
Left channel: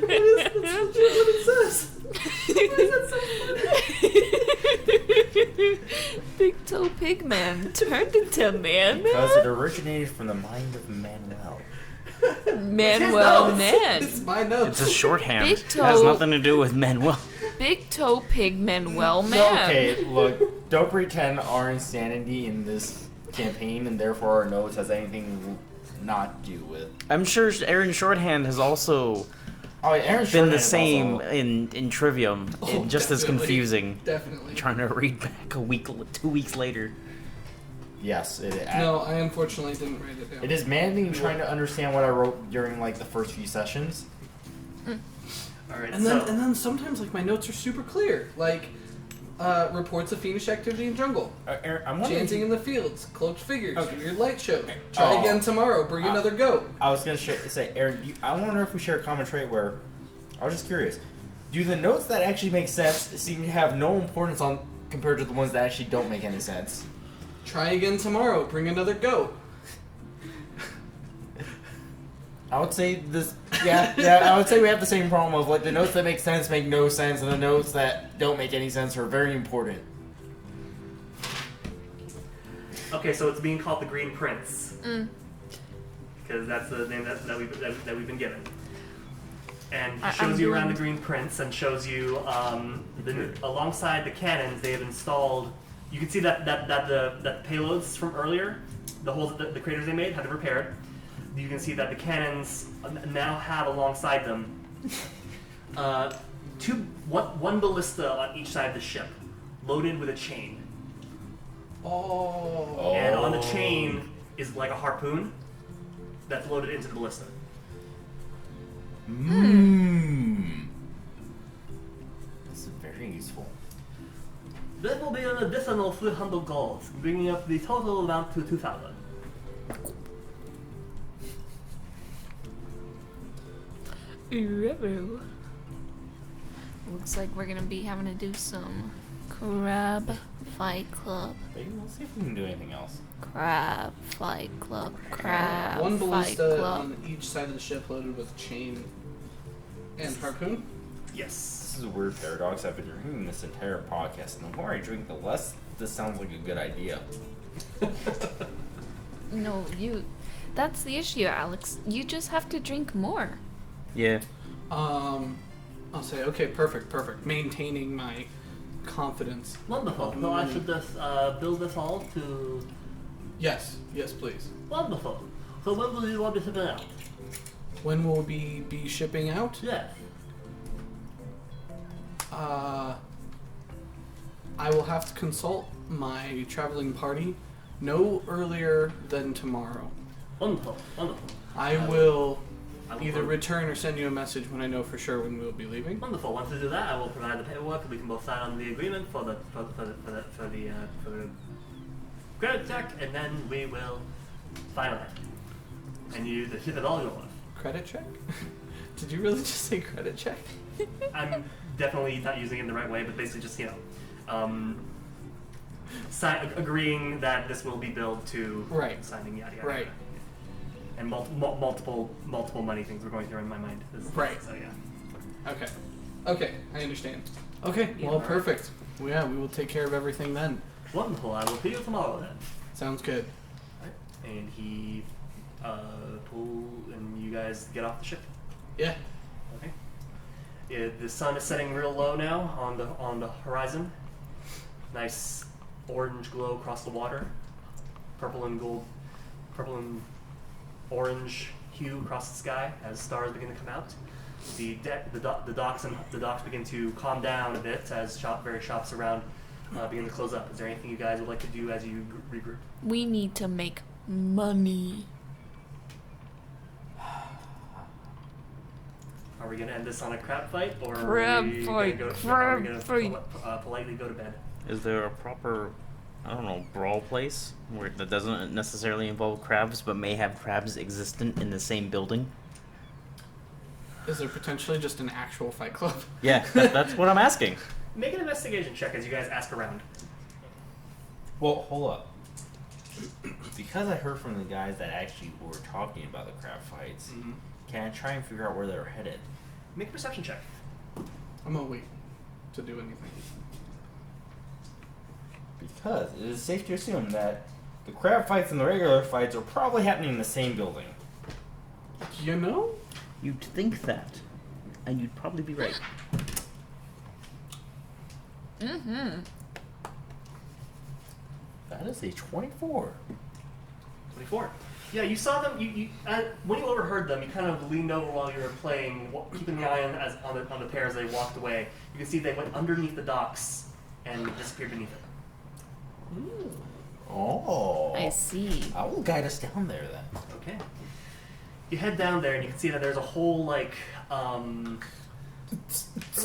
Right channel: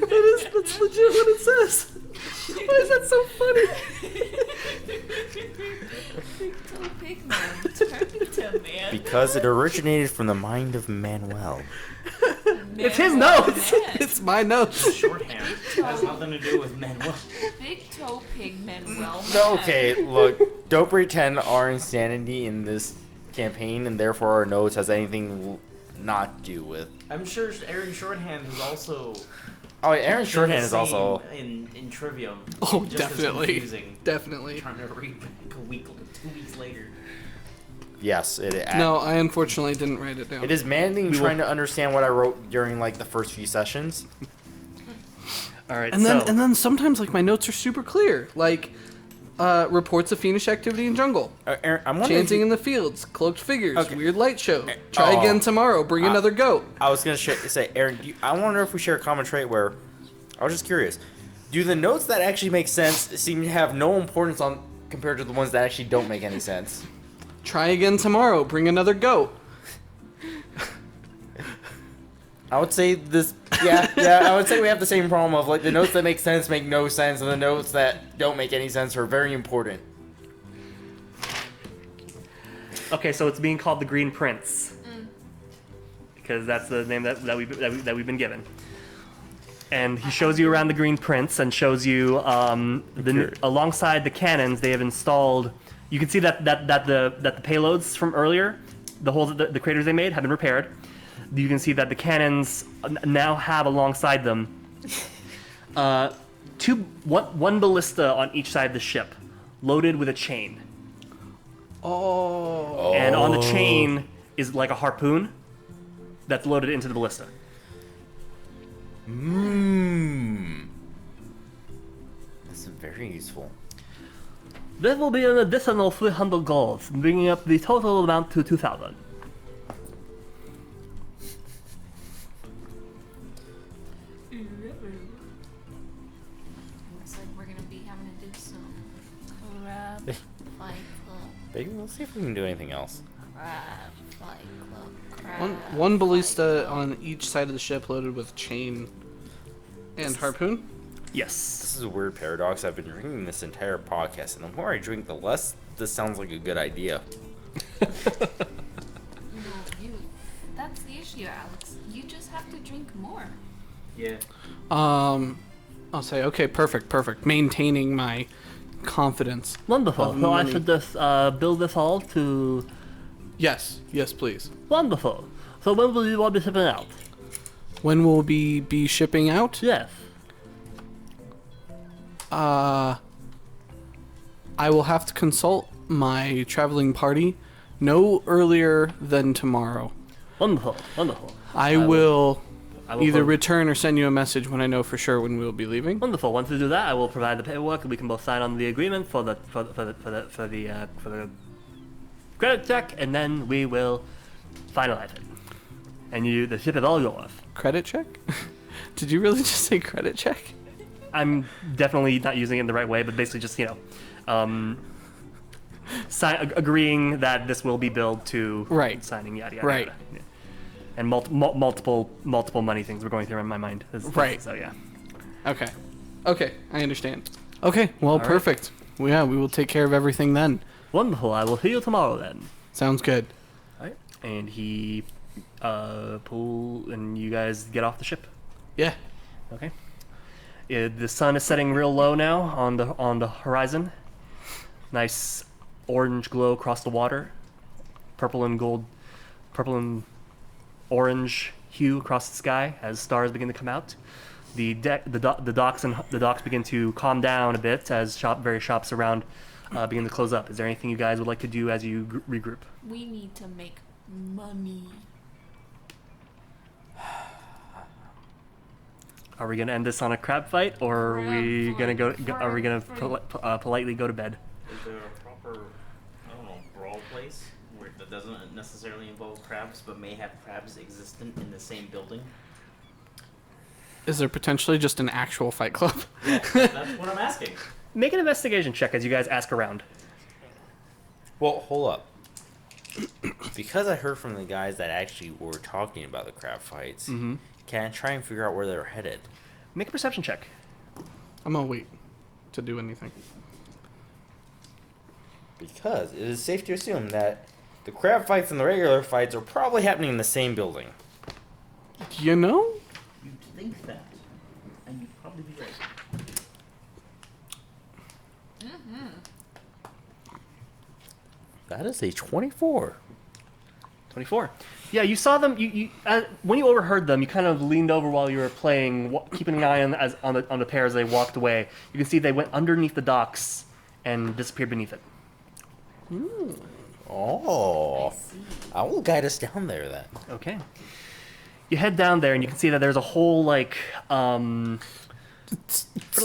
That's legit what it says. Why is that so funny? Big toe pig man turned into man. Because it originated from the mind of Manuel. Manuel notes. man. It's my notes. It's a shorthand. Big It has toe. nothing to do with Manuel. Big toe pig Manuel man. Okay, look, don't pretend our insanity in this campaign and therefore our notes has anything not to do with. I'm sure Aaron Shorthand has also Oh, Aaron been Shorthand the is same also. in Trivium. Oh, just as definitely. confusing. Definitely. Trying to read back 2 weeks later. Yes, No, I unfortunately didn't write it down. It is maddening trying to understand what I wrote during like the first few sessions. All right. And then sometimes like my notes are super clear. Like reports of fiendish activity in jungle. Aaron, I'm wondering. Chanting in the fields, cloaked figures, Okay. weird light show. Try Oh. again tomorrow, bring another goat. I was gonna say, Aaron, I wonder if we share a common trait where. I was just curious. Do the notes that actually make sense seem to have no importance on compared to the ones that actually don't make any sense? Try again tomorrow, bring another goat. I would say this. Yeah. I would say we have the same problem of like the notes that make sense make no sense, and the notes that don't make any sense are very important. Okay, so it's being called the Green Prince. Because that's the name that we've been given. And he shows you around the Green Prince and shows you alongside the cannons they have installed. You can see that the payloads from earlier, the holes, the craters they made have been repaired. You can see that the cannons now have alongside them one ballista on each side of the ship, loaded with a chain. Oh. And on the chain is like a harpoon that's loaded into the ballista. This is very useful. That will be an additional 300 gold, bringing up the total amount to 2,000. Looks like we're gonna be having to do some crab fight club. Maybe we'll see if we can do anything else. Crab fight club. Crab. One fight ballista club. on each side of the ship loaded with chain and harpoon. Yes. This is a weird paradox. I've been drinking this entire podcast, and the more I drink, the less this sounds like a good idea. No, that's the issue, Alex. You just have to drink more. Yeah. I'll say, okay, perfect. Maintaining my confidence. Wonderful. Of So I money. should just build this all to... Yes, please. Wonderful. So when will you want to ship it out? When will we be shipping out? Yes. I will have to consult my traveling party no earlier than tomorrow. Wonderful. Wonderful. I will I will either pro- return or send you a message when I know for sure when we'll be leaving. Wonderful. Once we do that, I will provide the paperwork, and we can both sign on the agreement for the credit check, and then we will finalize it. And the ship is all yours. Credit check? Did you really just say credit check? I'm definitely not using it in the right way, but basically just agreeing that this will be billed to Right. signing yada yada. Right. Yada. Yeah. And multiple money things were going through in my mind. Right. So yeah. Okay, I understand. Okay, well, all right. perfect. Well, yeah, we will take care of everything then. Wonderful. I will see you tomorrow then. Sounds good. Alright. And he and you guys get off the ship. Yeah. Okay. The sun is setting real low now on the horizon. Nice orange glow across the water. Purple and orange hue across the sky as stars begin to come out. The docks begin to calm down a bit as various shops around begin to close up. Is there anything you guys would like to do as you regroup? We need to make money. Are we gonna end this on a crab fight, or are we gonna politely go to bed? Is there a proper, I don't know, brawl place that doesn't necessarily involve crabs, but may have crabs existent in the same building? Is there potentially just an actual fight club? Yeah, that's what I'm asking. Make an investigation check as you guys ask around. Well, hold up. Because I heard from the guys that actually were talking about the crab fights, can I try and figure out where they're headed? Make a perception check. I'm gonna wait to do anything. Because it is safe to assume that the crab fights and the regular fights are probably happening in the same building. You know? You'd think that, and you'd probably be right. That is a 24. 24. Yeah, you saw them. When you overheard them, you kind of leaned over while you were playing, keeping an eye on the pair as they walked away. You can see they went underneath the docks and disappeared beneath it. Oh. I see. I will guide us down there then. Okay. You head down there and you can see that there's a whole for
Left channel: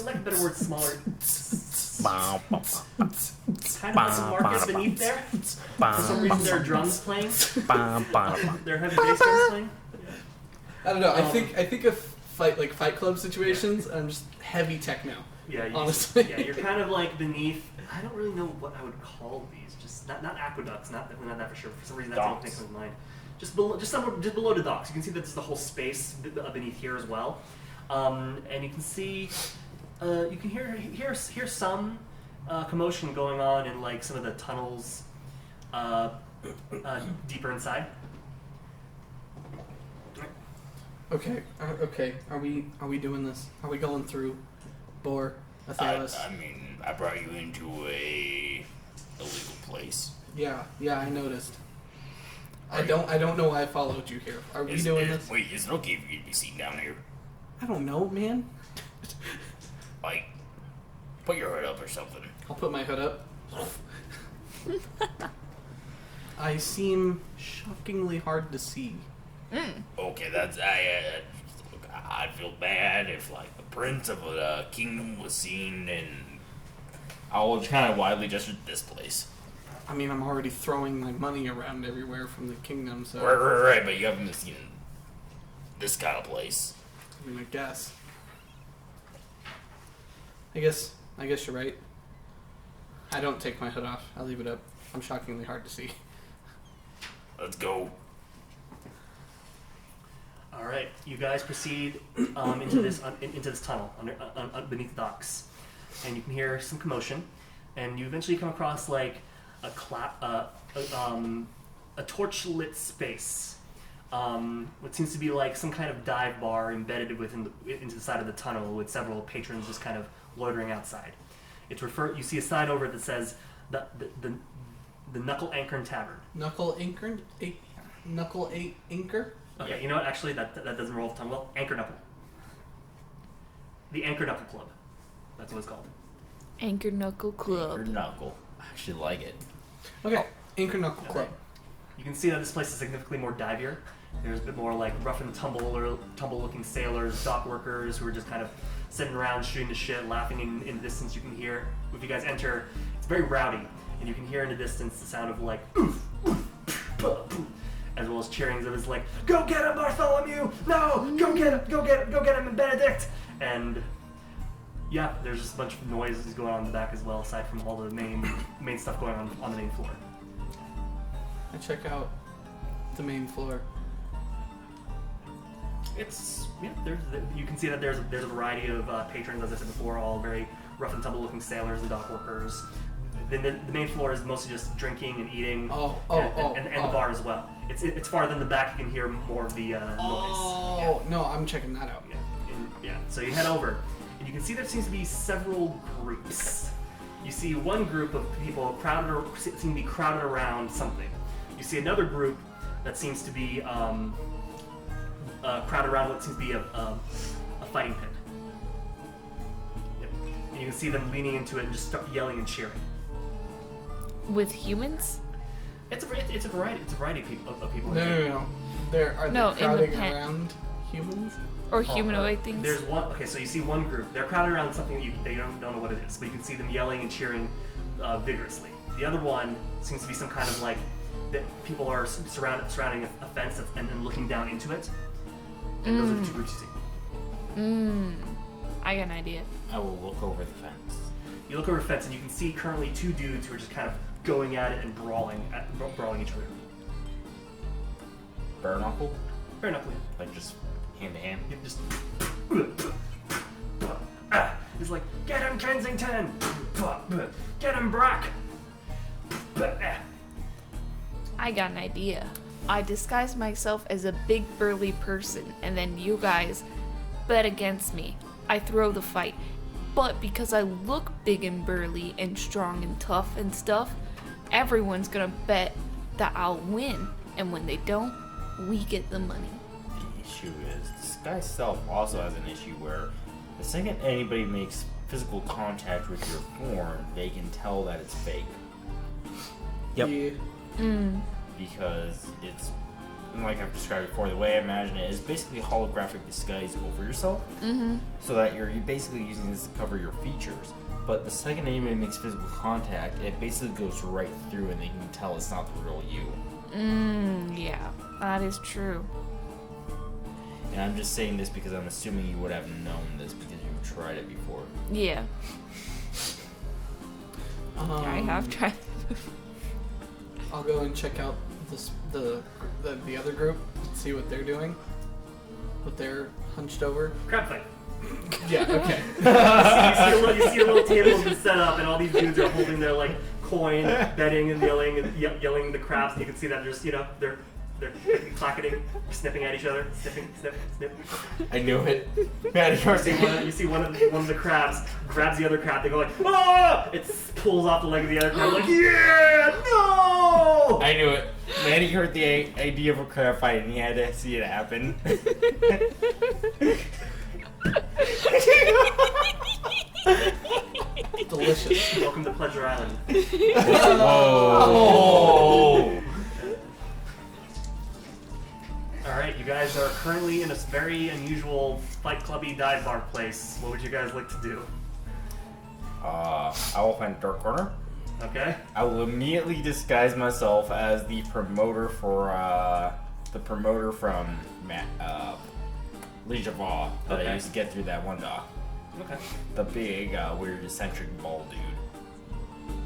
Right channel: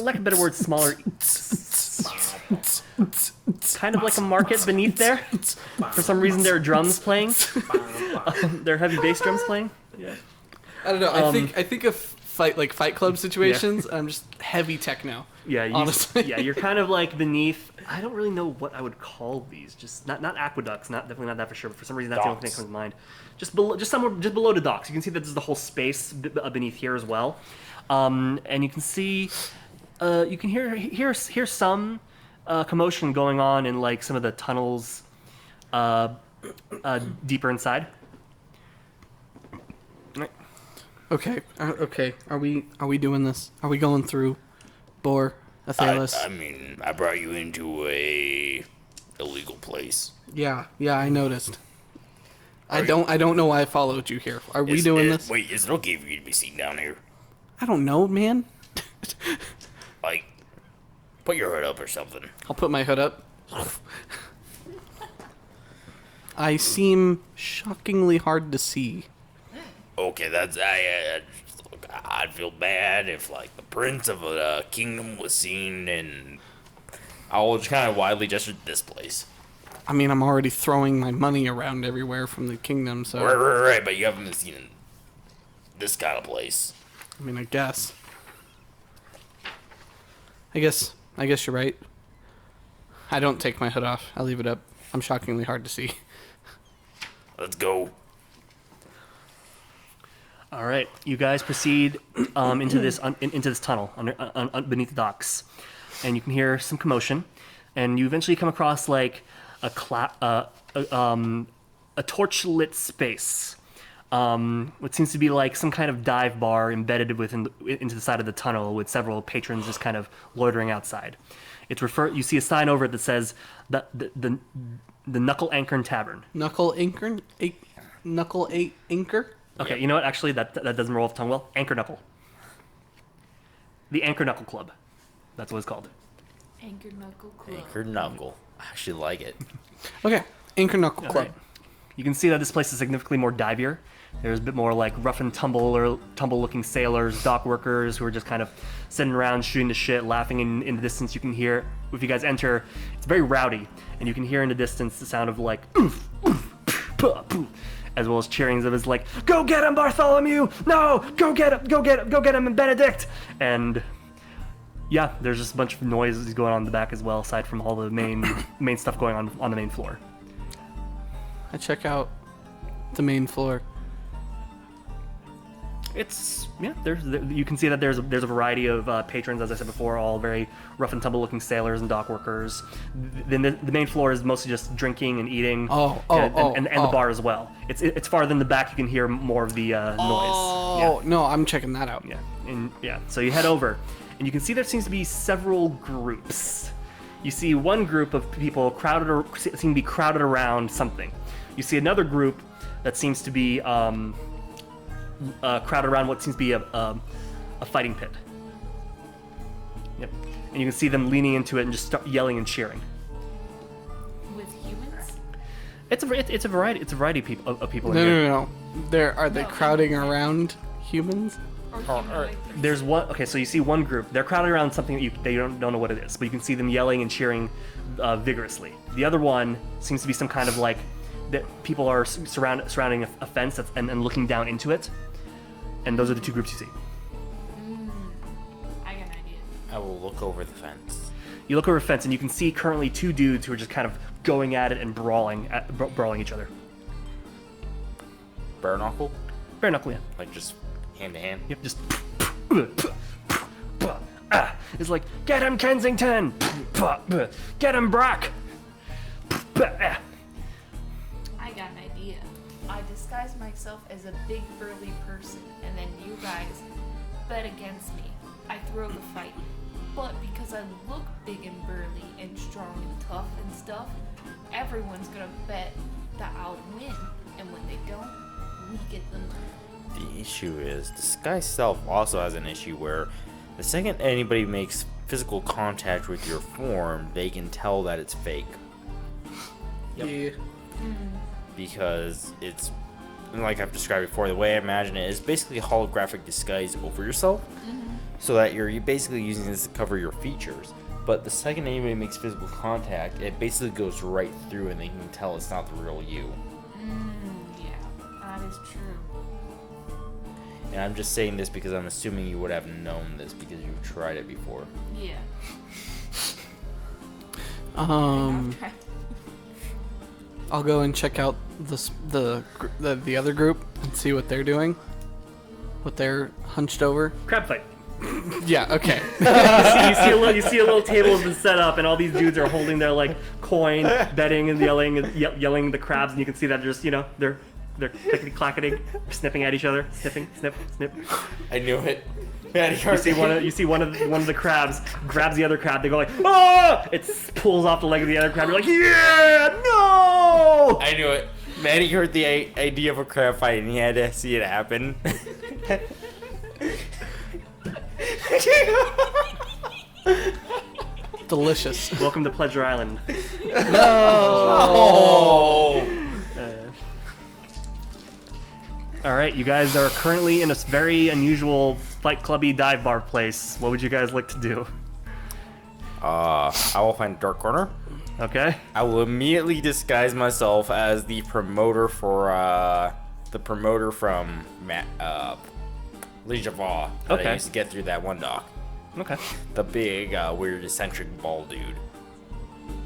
lack of a better word, smaller, kind of like a market beneath there. For some reason, there are drums playing. There are heavy bass drums playing. Yeah. I don't know. I think of Fight Club situations. I'm just heavy techno. Yeah, honestly. Yeah, you're kind of like beneath. I don't really know what I would call these. Just not aqueducts. Definitely not that for sure. But for some reason, that's the only thing that comes to mind. Just below the docks. You can see that there's the whole space beneath here as well, and you can see, you can hear some commotion going on in like some of the tunnels, deeper inside. Okay. Okay. Are we doing this? Are we going through Bor, Athelas? I mean, I brought you into a illegal place. Yeah, I noticed. I don't know why I followed you here. Are we doing this? Wait, is it okay for you to be seen down here? I don't know, man. Like, put your hood up or something. I'll put my hood up. I seem shockingly hard to see. Okay, that's I'd feel bad if like the prince of a kingdom was seen, and I will just kind of widely gesture this place. I mean, I'm already throwing my money around everywhere from the kingdom, so... Right, but you haven't been seen in this kind of place. I mean, I guess. I guess you're right. I don't take my hood off. I leave it up. I'm shockingly hard to see. Let's go. All right, you guys proceed into this tunnel beneath the docks, and you can hear some commotion, and you eventually come across like a torch-lit space, what seems to be like some kind of dive bar embedded into the side of the tunnel with several patrons just kind of loitering outside. You see a sign over it that says the Knuckle Anchor Tavern. Knuckle Anchor? Anchor? Okay, you know what? Actually, that doesn't roll off the tongue well. Anchor Knuckle. The Anchor Knuckle Club. That's what it's called. Anchor Knuckle Club. Anchor Knuckle. I actually like it. Okay, Anchor Knuckle Club. Right. You can see that this place is significantly more divier. There's a bit more like rough and tumble-looking sailors, dock workers who are just kind of sitting around shooting the shit, laughing in the distance. You can hear, if you guys enter, it's very rowdy, and you can hear in the distance the sound of like oof, oof, puh, puh, as well as cheerings of his like, go get him, Bartholomew! No, go get him, and Benedict! And yeah, there's just a bunch of noises going on in the back as well, aside from all the main stuff going on the main floor. I check out the main floor. You can see that there's a variety of patrons, as I said before, all very rough and tumble looking sailors and dock workers. The main floor is mostly just drinking and eating, and the bar as well. It's farther in the back. You can hear more of the noise. Oh no, I'm checking that out. Yeah. So you head over, and you can see there seems to be several groups. You see one group of people seem to be crowded around something. You see another group that seems to be crowded around what seems to be a fighting pit. Yep. And you can see them leaning into it and just start yelling and cheering. With humans? It's a variety. It's a variety of people. No. Are they No, crowding in the pit. around humans? Or humanoid things? There's one. Okay, so you see one group. They're crowded around something that they don't know what it is, but you can see them yelling and cheering vigorously. The other one seems to be some kind of like that people are surrounding a fence and looking down into it. And those are the two groups you see. I got an idea. I will look over the fence. You look over a fence and you can see currently two dudes who are just kind of going at it and brawling each other. Bare knuckle? Bare knuckle, yeah. Like just hand to hand? Yep, just. It's like, get him, Kensington! Get him, Brock! I got an idea. I disguise myself as a big burly person, and then you guys bet against me. I throw the fight. But because I look big and burly and strong and tough and stuff, everyone's gonna bet that I'll win. And when they don't, we get the money. The issue is, disguise self also has an issue where the second anybody makes physical contact with your form, they can tell that it's fake. Yep. Yeah. Because it's, like I've described before, the way I imagine it is basically a holographic disguise over yourself, so that you're basically using this to cover your features. But the second anybody makes physical contact, it basically goes right through and they can tell it's not the real you. Yeah, that is true. And I'm just saying this because I'm assuming you would have known this because you've tried it before. Yeah. I have tried. I'll go and check out the other group and see what they're doing. What they're hunched over. Crab fight. Yeah. Okay. you see a little table has been set up, and all these dudes are holding their like coin, betting and yelling the crabs, and you can see that just they're clickety clacketing, snipping at each other, snipping, snip, snip. I knew it. You see one of the crabs grabs the other crab. They go like, ah! It pulls off the leg of the other crab. You're like, yeah, no! I knew it. Manny heard the idea of a crab fight and he had to see it happen. Delicious. Welcome to Pleasure Island. All right, you guys are currently in a very unusual Fight Clubby dive bar place. What would you guys like to do? I will find a dark corner. Okay. I will immediately disguise myself as the promoter from Lazarvosk that Okay. I used to get through that one dock. Okay. The big, weird, eccentric bald dude.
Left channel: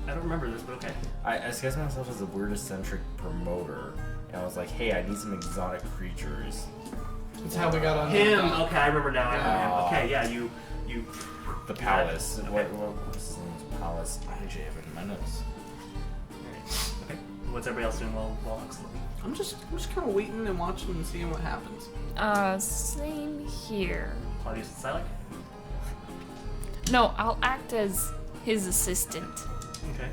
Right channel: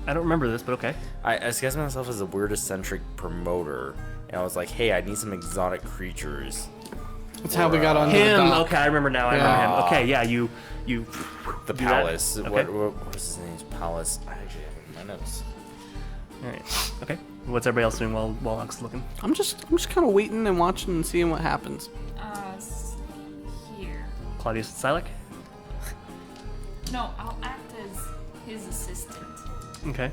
I don't remember this, but okay. I disguised myself as a weird, eccentric promoter, and I was like, "Hey, I need some exotic creatures." That's how we got on Him. the dock. Okay, I remember now. I remember him. Okay, yeah, you. The do that. palace. Okay. What's his name? Palace. I actually have it in my notes. All right. Okay. What's everybody else doing while Huck's looking? I'm just kind of waiting and watching and seeing what happens. Same here. Claudius and Sylack? No, I'll act as his assistant. Okay.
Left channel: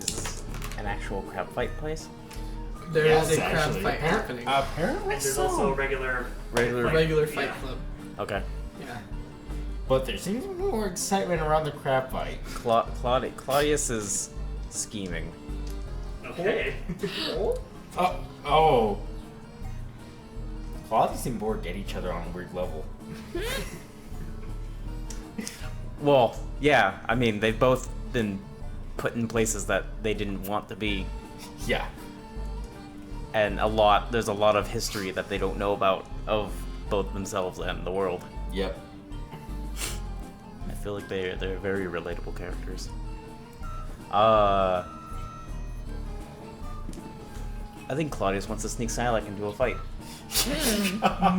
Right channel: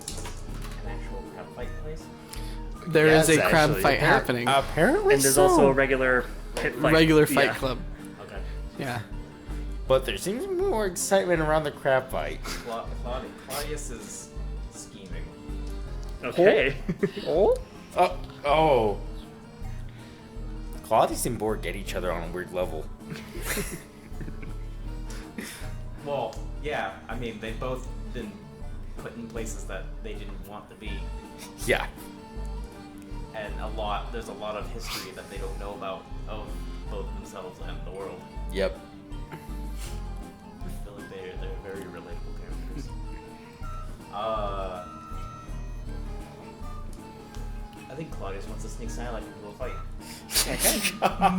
Is an actual crab fight place? There is Yes, a crab actually. fight happening. Apparently And there's also a regular Regular fight yeah. club. Okay. Yeah. But there seems to be more excitement around the crab fight. Claudius is scheming. Okay. Oh. Claudius and Borg get each other on a weird level. Well, yeah. I mean, they've both been put in places that they didn't want to be, Yeah. and there's a lot of history that they don't know about of both themselves and the world. Yep. I feel like they're very relatable characters. I think Claudius wants to sneak Sylack into a fight.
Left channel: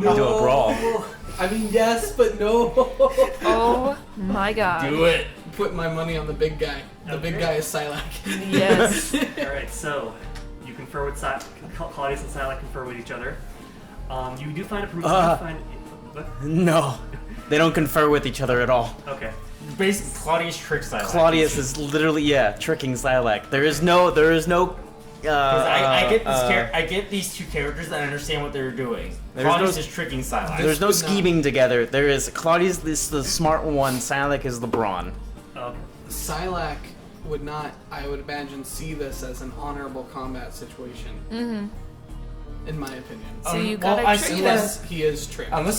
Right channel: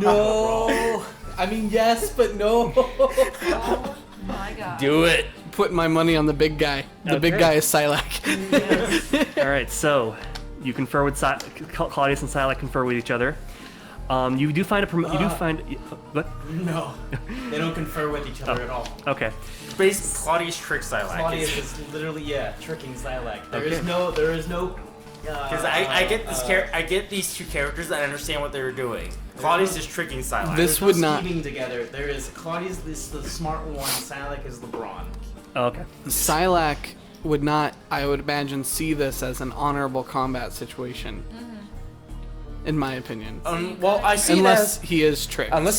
No. Do a brawl. I mean, yes, but no. Oh my god. Do it. Put my money on the big guy. The big Okay. guy is Sylack. Yes. All right, so you confer with Claudius and Sylack confer with each other. You do find what? No, they don't confer with each other at all. Okay. Basically, Claudius tricks Sylack. Claudius is literally tricking Sylack. There is no. I get this I get these two characters and I understand what they were doing. Claudius is tricking Sylack. There's no would not- scheming together. There is Claudius is the smart one. Sylack is the brawn. Oh, okay. Sylack would not, I would imagine, see this as an honorable combat situation. Mm-hmm. In my opinion. So you well, gotta I trick see him. Unless he is tricked. Unless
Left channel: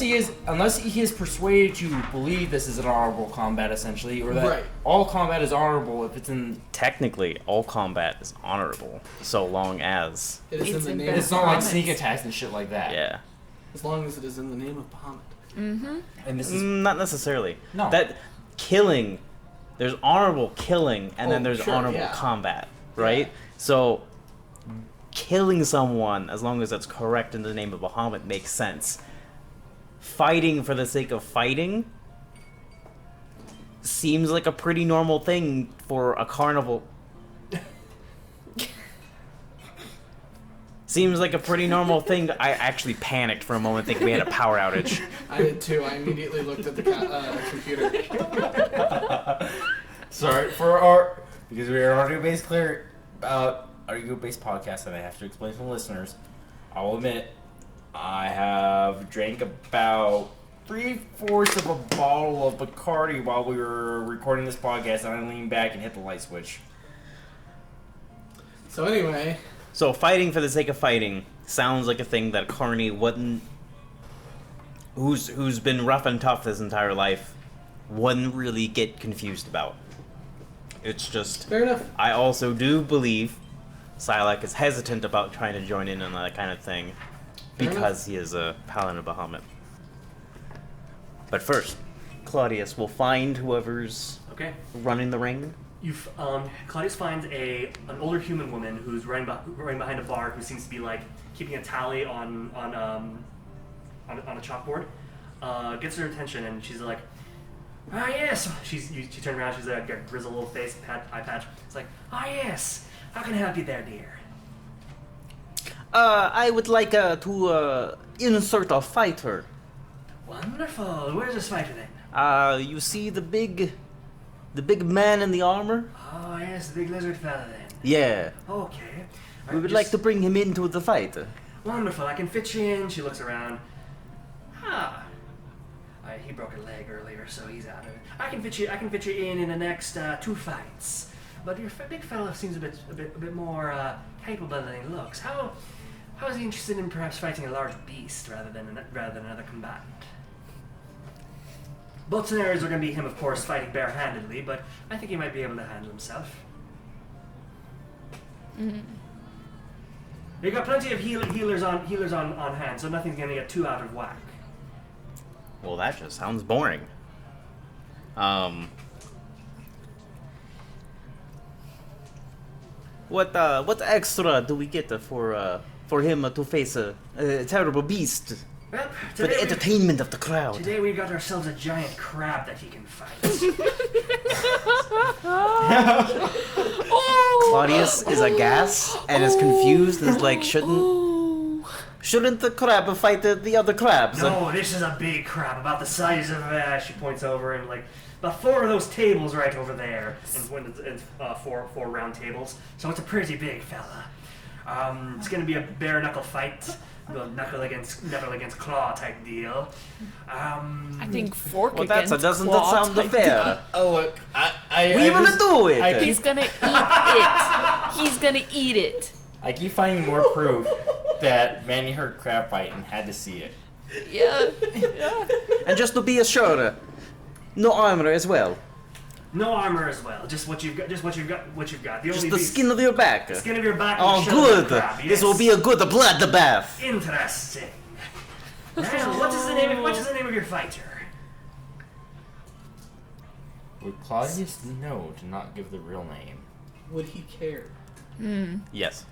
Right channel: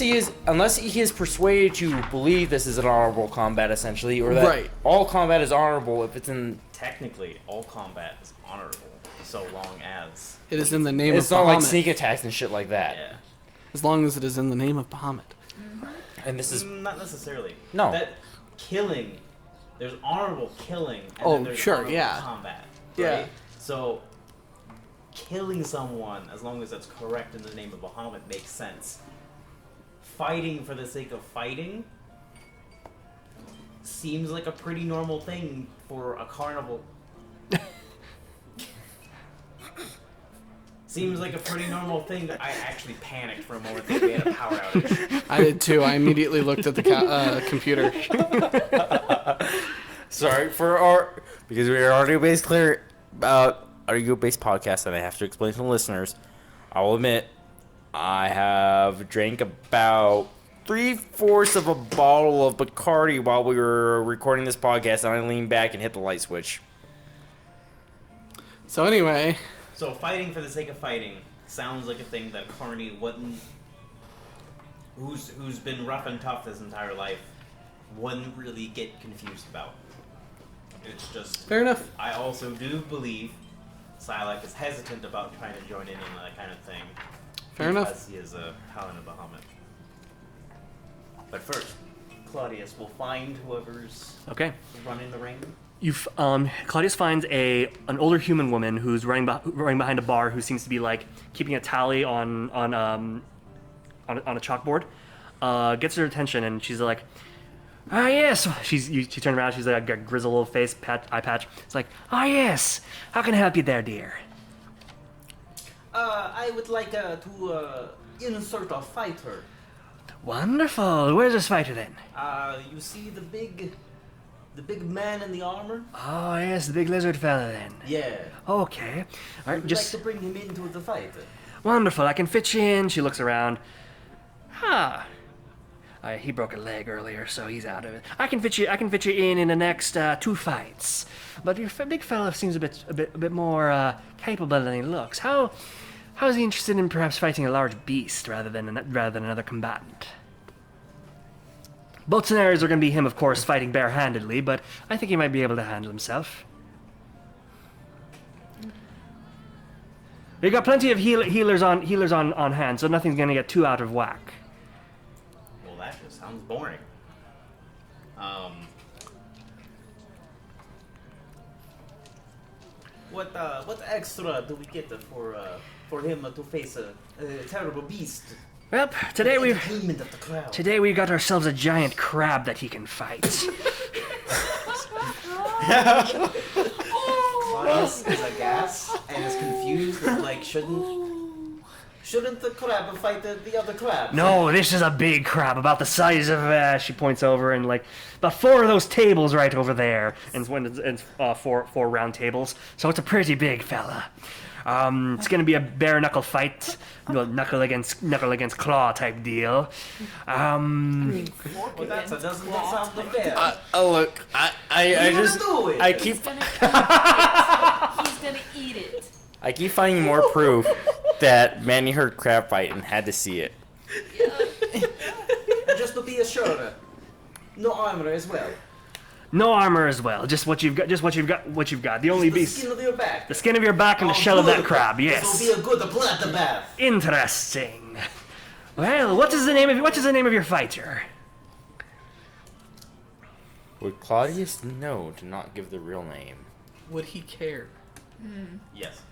he has persuaded you to believe this is an honorable combat, essentially, or that Right. all combat is honorable if it's in. Technically, all combat is honorable, so long as It is in the name It's of not like Bahamut. sneak attacks and shit like that. yeah. As long as it is in the name of Bahamut. And this is Not necessarily. No. That killing, there's honorable killing, and then Oh, there's sure, honorable yeah. combat, Yeah. right? So, killing someone, as long as that's correct in the name of Bahamut, makes sense. Fighting for the sake of fighting seems like a pretty normal thing for a carnival. Seems like a pretty normal thing. I actually panicked for a moment, thinking we had a power outage. I did too. I immediately looked at the computer. sorry for our because we are audio-based clear audio-based podcast, and I have to explain to the listeners. I will admit, I have drank about 3/4 of a bottle of Bacardi while we were recording this podcast, and I leaned back and hit the light switch. So anyway, So fighting for the sake of fighting sounds like a thing that Carney wouldn't, who's been rough and tough his entire life, wouldn't really get confused about. It's just, fair enough. I also do believe Sylack is hesitant about trying to join in on that kind of thing Fair enough. because he is a paladin of Bahamut. But first, Claudius will find whoever's Okay. running the ring. Claudius finds an older human woman who's running behind a bar, who seems to be like keeping a tally on a chalkboard. Gets her attention, and she's like, "Ah, yes." She turned around. She's like, got a grizzled little face, eye patch. It's like, "Ah, yes. How can I help you there, dear?" I would like to insert a fighter. Wonderful. Where's this fighter then? You see the big man in the armor? Oh, yes, the big lizard fella then. Yeah. Okay. I would like to bring him into the fight. Wonderful. I can fit you in. She looks around. He broke a leg earlier, so he's out of it. I can fit you in the next 2 fights. But your big fella seems a bit more capable than he looks. How is he interested in perhaps fighting a large beast rather than another combatant? Both scenarios are going to be him, of course, fighting barehandedly, but I think he might be able to handle himself. We got plenty of healers on hand, so nothing's going to get too out of whack. Well, that just sounds boring. What extra do we get for him to face a terrible beast? Well, For today the we entertainment of the crowd. Today we got ourselves a giant crab that he can fight. Claudius is aghast and is confused. Is like, shouldn't Shouldn't the crab fight the other crabs? No, this is a big crab, about the size of. She points over and like about 4 of those tables right over there, and four round tables. So it's a pretty big fella. It's gonna be a bare knuckle fight, knuckle against claw type deal. I think fork Well, against doesn't that claw sound type fair? Oh look, What are you gonna do with it? He's gonna eat it. He's gonna eat it. I keep finding more proof that Manny heard crab fight and had to see it. Yeah. And just to be assured, no armor as well. No armor as well. Just what you've got. The only Just the beast. skin of your back. The skin of your back and the Oh, shell good. of that crab. Yes. This will be a good bloodbath. Interesting. Well, what is the name of your fighter? Would Claudius know to not give the real name? Would he care? Yes.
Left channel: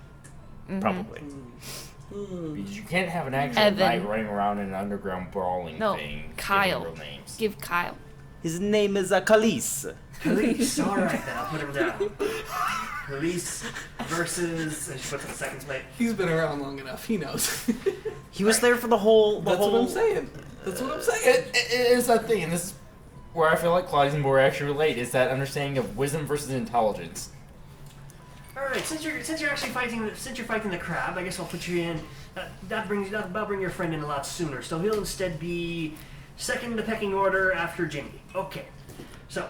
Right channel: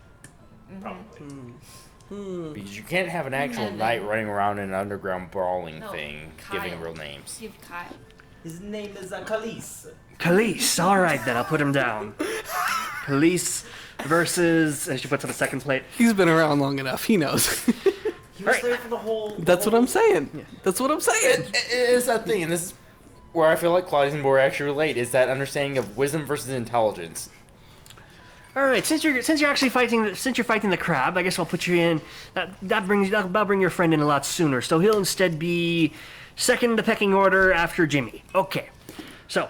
Mm-hmm. Probably. Because you can't have an actual Evan. knight running around in an underground brawling No, thing Kyle. giving real names. Give Kyle. His name is Khalees. Khalees. All right, then I'll put him down. Khalees versus. And she puts up a second plate. He's been around long enough. He knows. He was there for the whole. That's what I'm saying. That's what I'm saying. It's that thing, and this is where I feel like Claudius and Bor actually relate, is that understanding of wisdom versus intelligence. All right, since you're actually fighting the crab, I guess I'll put you in. That'll bring your friend in a lot sooner. So he'll instead be second in the pecking order after Jimmy. Okay, so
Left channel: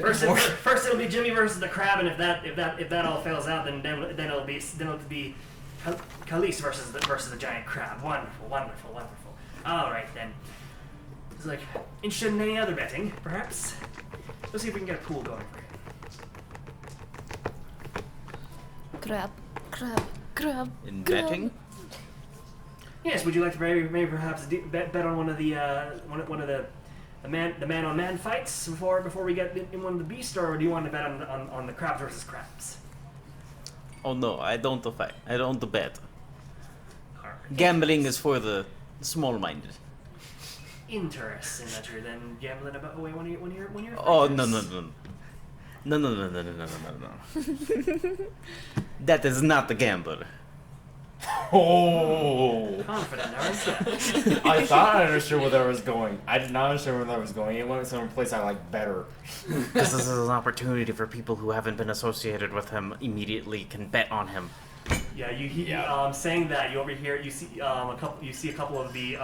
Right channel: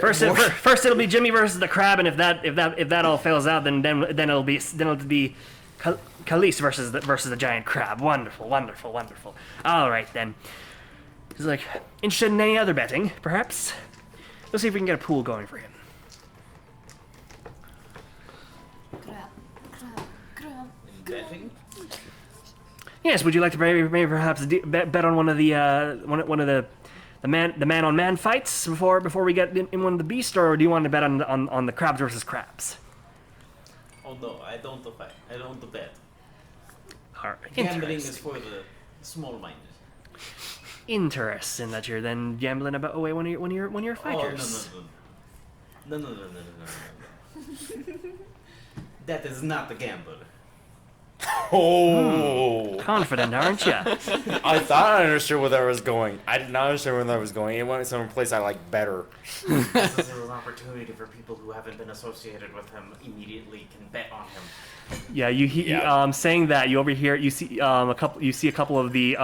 first it'll be Jimmy versus the crab, and if that all fails out, then it'll be Khalees versus the giant crab. Wonderful. All right then. He's like, interested in any other betting, perhaps? Let's see if we can get a pool going for him. Crab. In betting? Yes. Would you like to maybe perhaps bet on one of the man on man fights before we get in one of the beasts, or do you want to bet on the crabs versus crabs? Oh no, I don't fight. I don't bet. All right. Gambling is for the small-minded. Interesting that you're then gambling away one of your fighters. Oh no. That is not the gambler. Oh! Confident, aren't you? I thought I understood where that was going. I did not understand where that was going. It went some place I like better. This is an opportunity for people who haven't been associated with him immediately can bet on him. Yeah, saying that you overhear you see a couple of the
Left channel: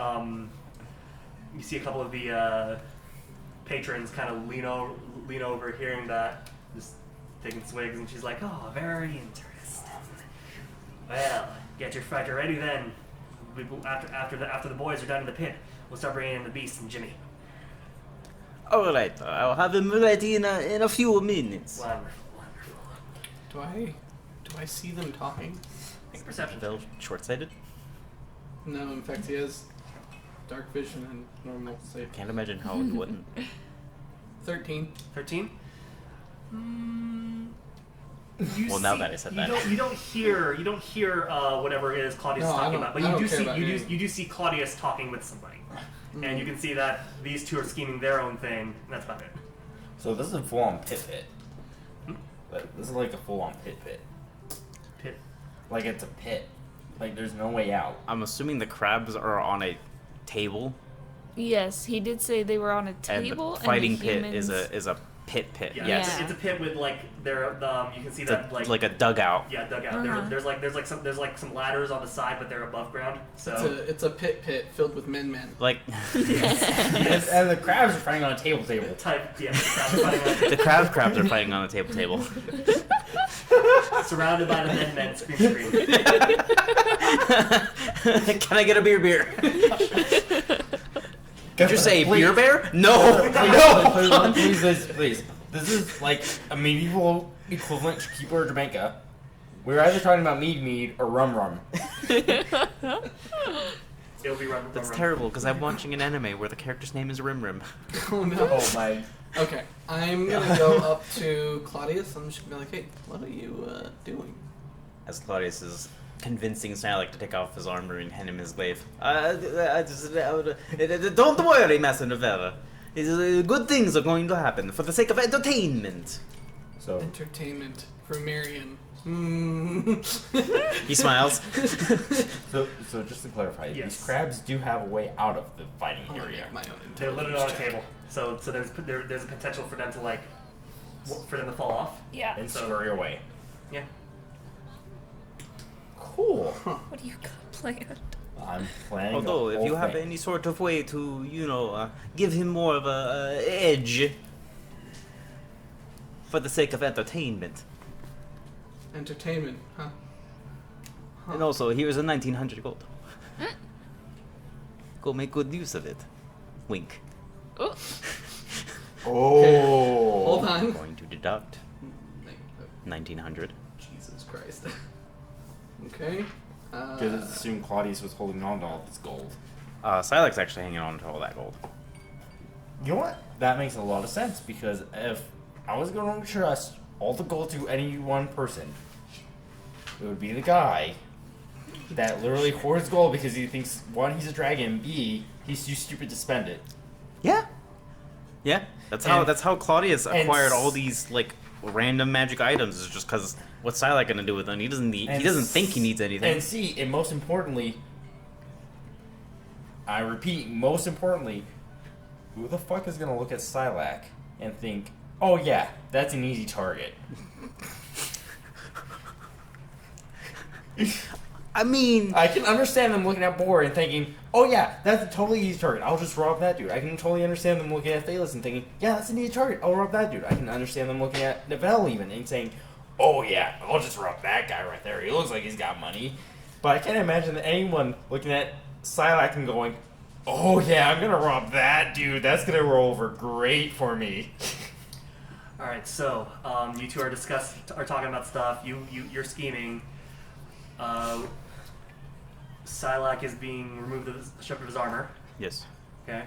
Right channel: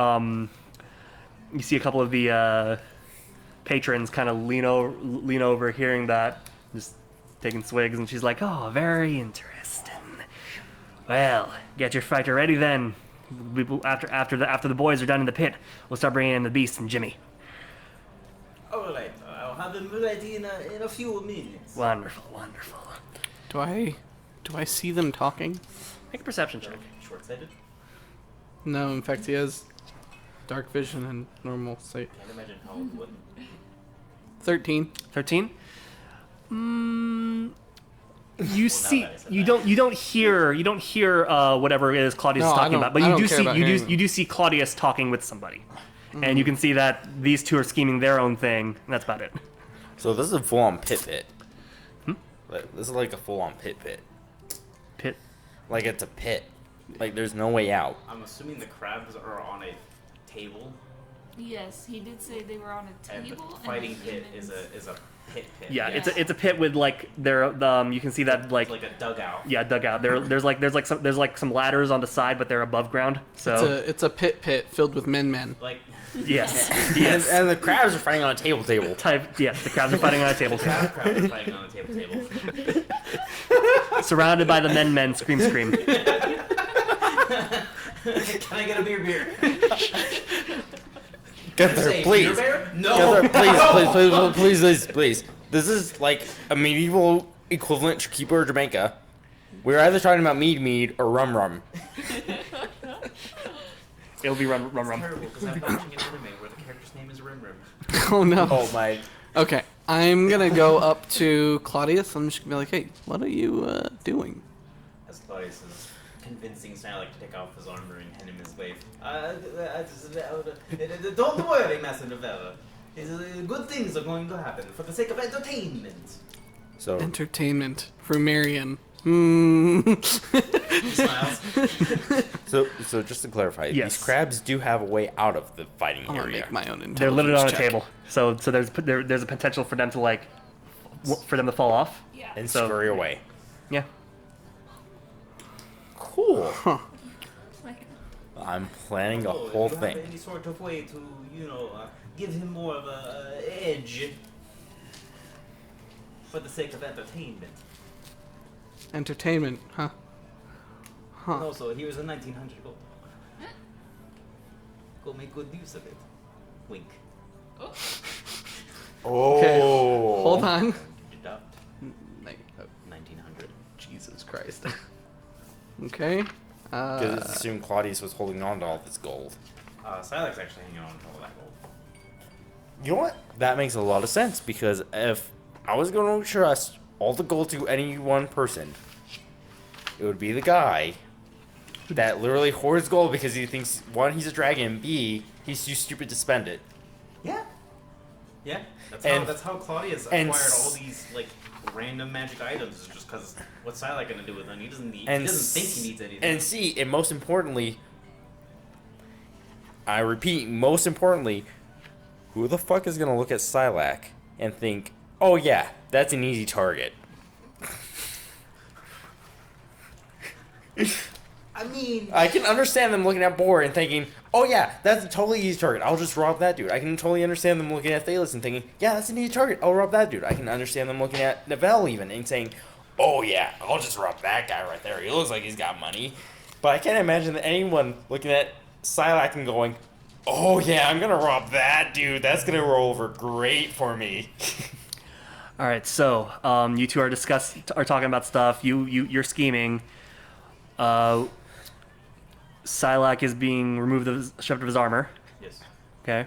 patrons kind of lean over hearing that, just taking swigs, and she's like, "Oh, very interesting. Well, get your fighter ready then. After the boys are done in the pit, we'll start bringing in the beast and Jimmy." All right, I'll have him ready in a few minutes. Wonderful. Do I see them talking? Make a perception check. Short-sighted? No, in fact, he has dark vision and normal sight. Can't imagine how he wouldn't. 13. 13. You Well, now see, that I said you that. don't hear whatever it is Claudius No, is I talking don't- about, but I you don't do care see about you hearing do see Claudius talking with somebody, and you can see that these two are scheming their own thing, and that's about it. So this is a full-on pit. This is like a full-on pit. Pit. Like it's a pit. Like there's no way out. I'm assuming the crabs are on a table, Yes, he did say they were on a and table. the fighting the pit humans... is a pit. Yeah, Yeah. It's a pit with like you can see that like a dugout. yeah dugout. Uh-huh. There's like some ladders on the side, but they're above ground. So It's a pit filled with men. Like yes, And the crabs are fighting on a table. type the crabs are fighting on a the table, crabs are fighting on a table. surrounded by the men scream. Can I get a beer? Did you say Please. beer bear? No. Please. This is like a medieval equivalent to Keeper of Jamaica. We're either talking about mead or rum. It'll be rum. It's terrible because I'm watching an anime where the character's name is Rim. Oh no. Oh my. Okay, I'm gonna go up to Claudius. I'm just gonna be like, hey, what are you doing? As Claudius is convincing Sylack to take off his armor and hand him his glaive. Don't worry, Master Nevera. Good things are going to happen for the sake of entertainment. So Entertainment for Marion. He smiles. So just to clarify, Yes. these crabs do have a way out of the fighting I'm gonna area. make my own intelligence They're literally on a check. table, so there's a potential for them to like for them to fall off. Yeah. And So- scurry away. Yeah. Cool. What do you plan? I'm planning Although, the whole if you have thing. any sort of way to, give him more of a edge for the sake of entertainment. Entertainment, huh? And also, here's a 1900 gold. Go make good use of it. Wink. Oh, Okay, hold on. Going to deduct 1900. Jesus Christ. Okay. Just assume Claudius was holding on to all this gold. Sylack's actually hanging on to all that gold. You know what? That makes a lot of sense because if I was going to trust all the gold to any one person, it would be the guy that literally hoards gold because he thinks, one, he's a dragon, B, he's too stupid to spend it. Yeah. Yeah. That's And- how Claudius and acquired s- all these random magic items. Is just because what's Sylack gonna do with them? He doesn't need. And He doesn't think he needs anything. And C, and most importantly, I repeat, most importantly, who the fuck is going to look at Sylack and think, oh yeah, that's an easy target? I mean, I can understand them looking at Boar and thinking, oh yeah, that's a totally easy target. I'll just rob that dude. I can totally understand them looking at Athelas and thinking, yeah, that's an easy target. I'll rob that dude. I can understand them looking at Neville even and saying, oh yeah, I'll just rob that guy right there. He looks like he's got money. But I can't imagine that anyone looking at Sylack and going, oh yeah, I'm gonna rob that dude. That's gonna roll over great for me. All right, so you two are talking about stuff. You're scheming. Sylack is being stripped of his armor. yes. Okay.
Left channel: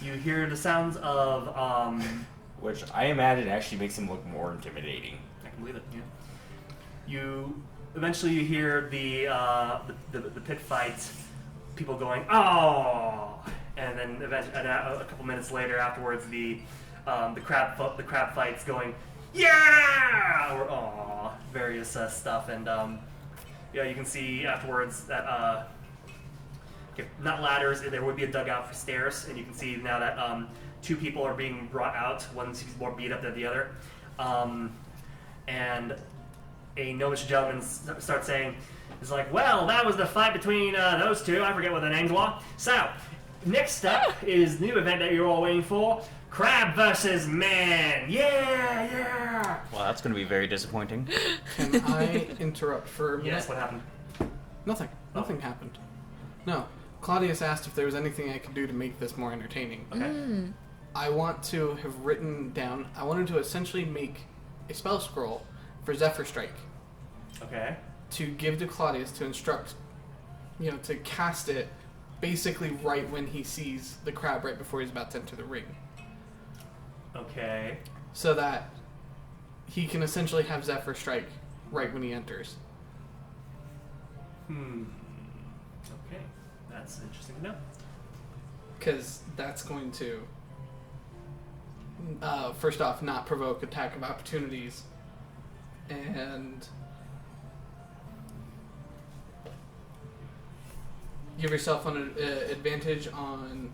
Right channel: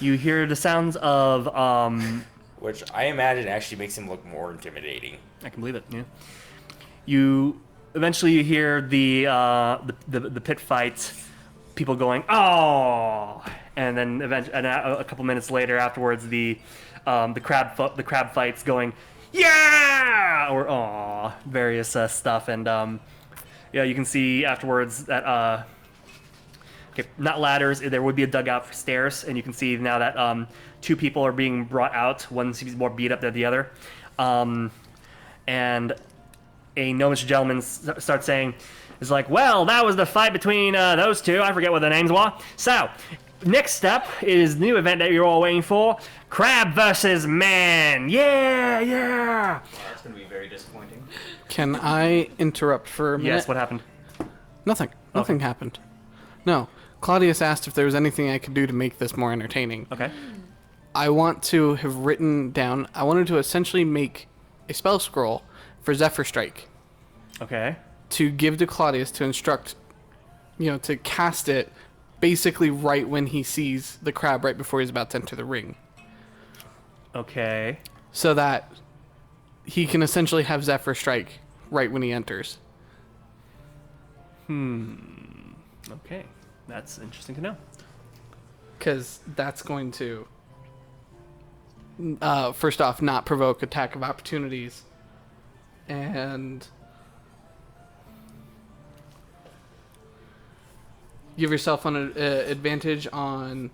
You hear the sounds of Which I imagine actually makes him look more intimidating. I can believe it. Yeah. You eventually hear the pit fight. People going oh, and then a couple minutes later afterwards the crab fights going yeah or aw various stuff and yeah, you can see afterwards that okay, not ladders, there would be a dugout for stairs, and you can see now that two people are being brought out. One seems more beat up than the other, and a gnomish gentleman starts saying, "It's like, well, that was the fight between those two. I forget what their names were. So, next step is the new event that you're all waiting for: Crab versus Man. Yeah." Well, that's gonna be very disappointing. Can I interrupt for a minute? Yes. What happened? Nothing. Nothing happened. No. Claudius asked if there was anything I could do to make this more entertaining. Okay. I want to have written down. I wanted to essentially make a spell scroll for Zephyr Strike Okay. to give to Claudius to instruct, to cast it basically right when he sees the crab right before he's about to enter the ring. Okay. So that he can essentially have Zephyr Strike right when he enters. Okay. That's interesting to know. Because that's going to, first off, not provoke attack of opportunities. And give yourself an advantage on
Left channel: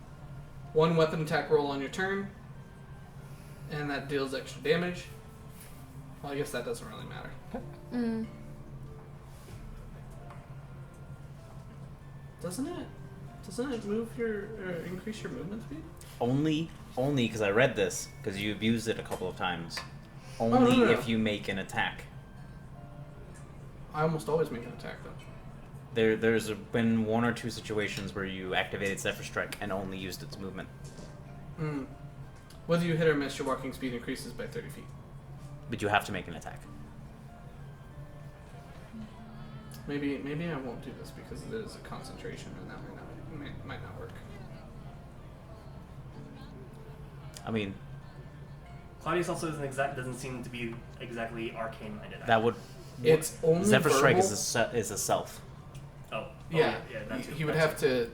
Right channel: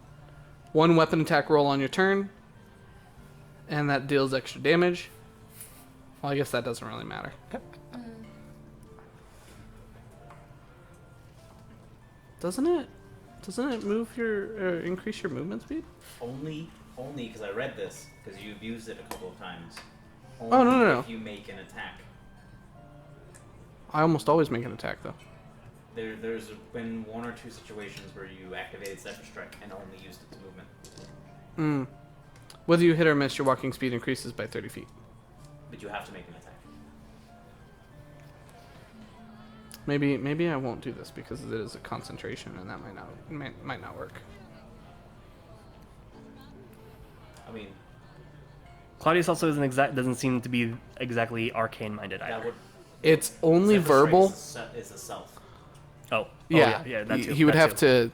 one weapon attack roll on your turn. And that deals extra damage. Well, I guess that doesn't really matter. Doesn't it move your increase your movement speed? Only because I read this because you abused it a couple of times. no, Only no. if you make an attack. I almost always make an attack though. There's been one or two situations where you activated Zephyr Strike and only used its movement. Whether you hit or miss, your walking speed increases by 30 feet. But you have to make an attack. Maybe I won't do this because it is a concentration and that might not work. I mean, Claudius also doesn't seem to be exactly arcane minded. that would. It's only Zephyr Strike verbal. is a self. Oh. Yeah, Yeah. That too. he would that have too.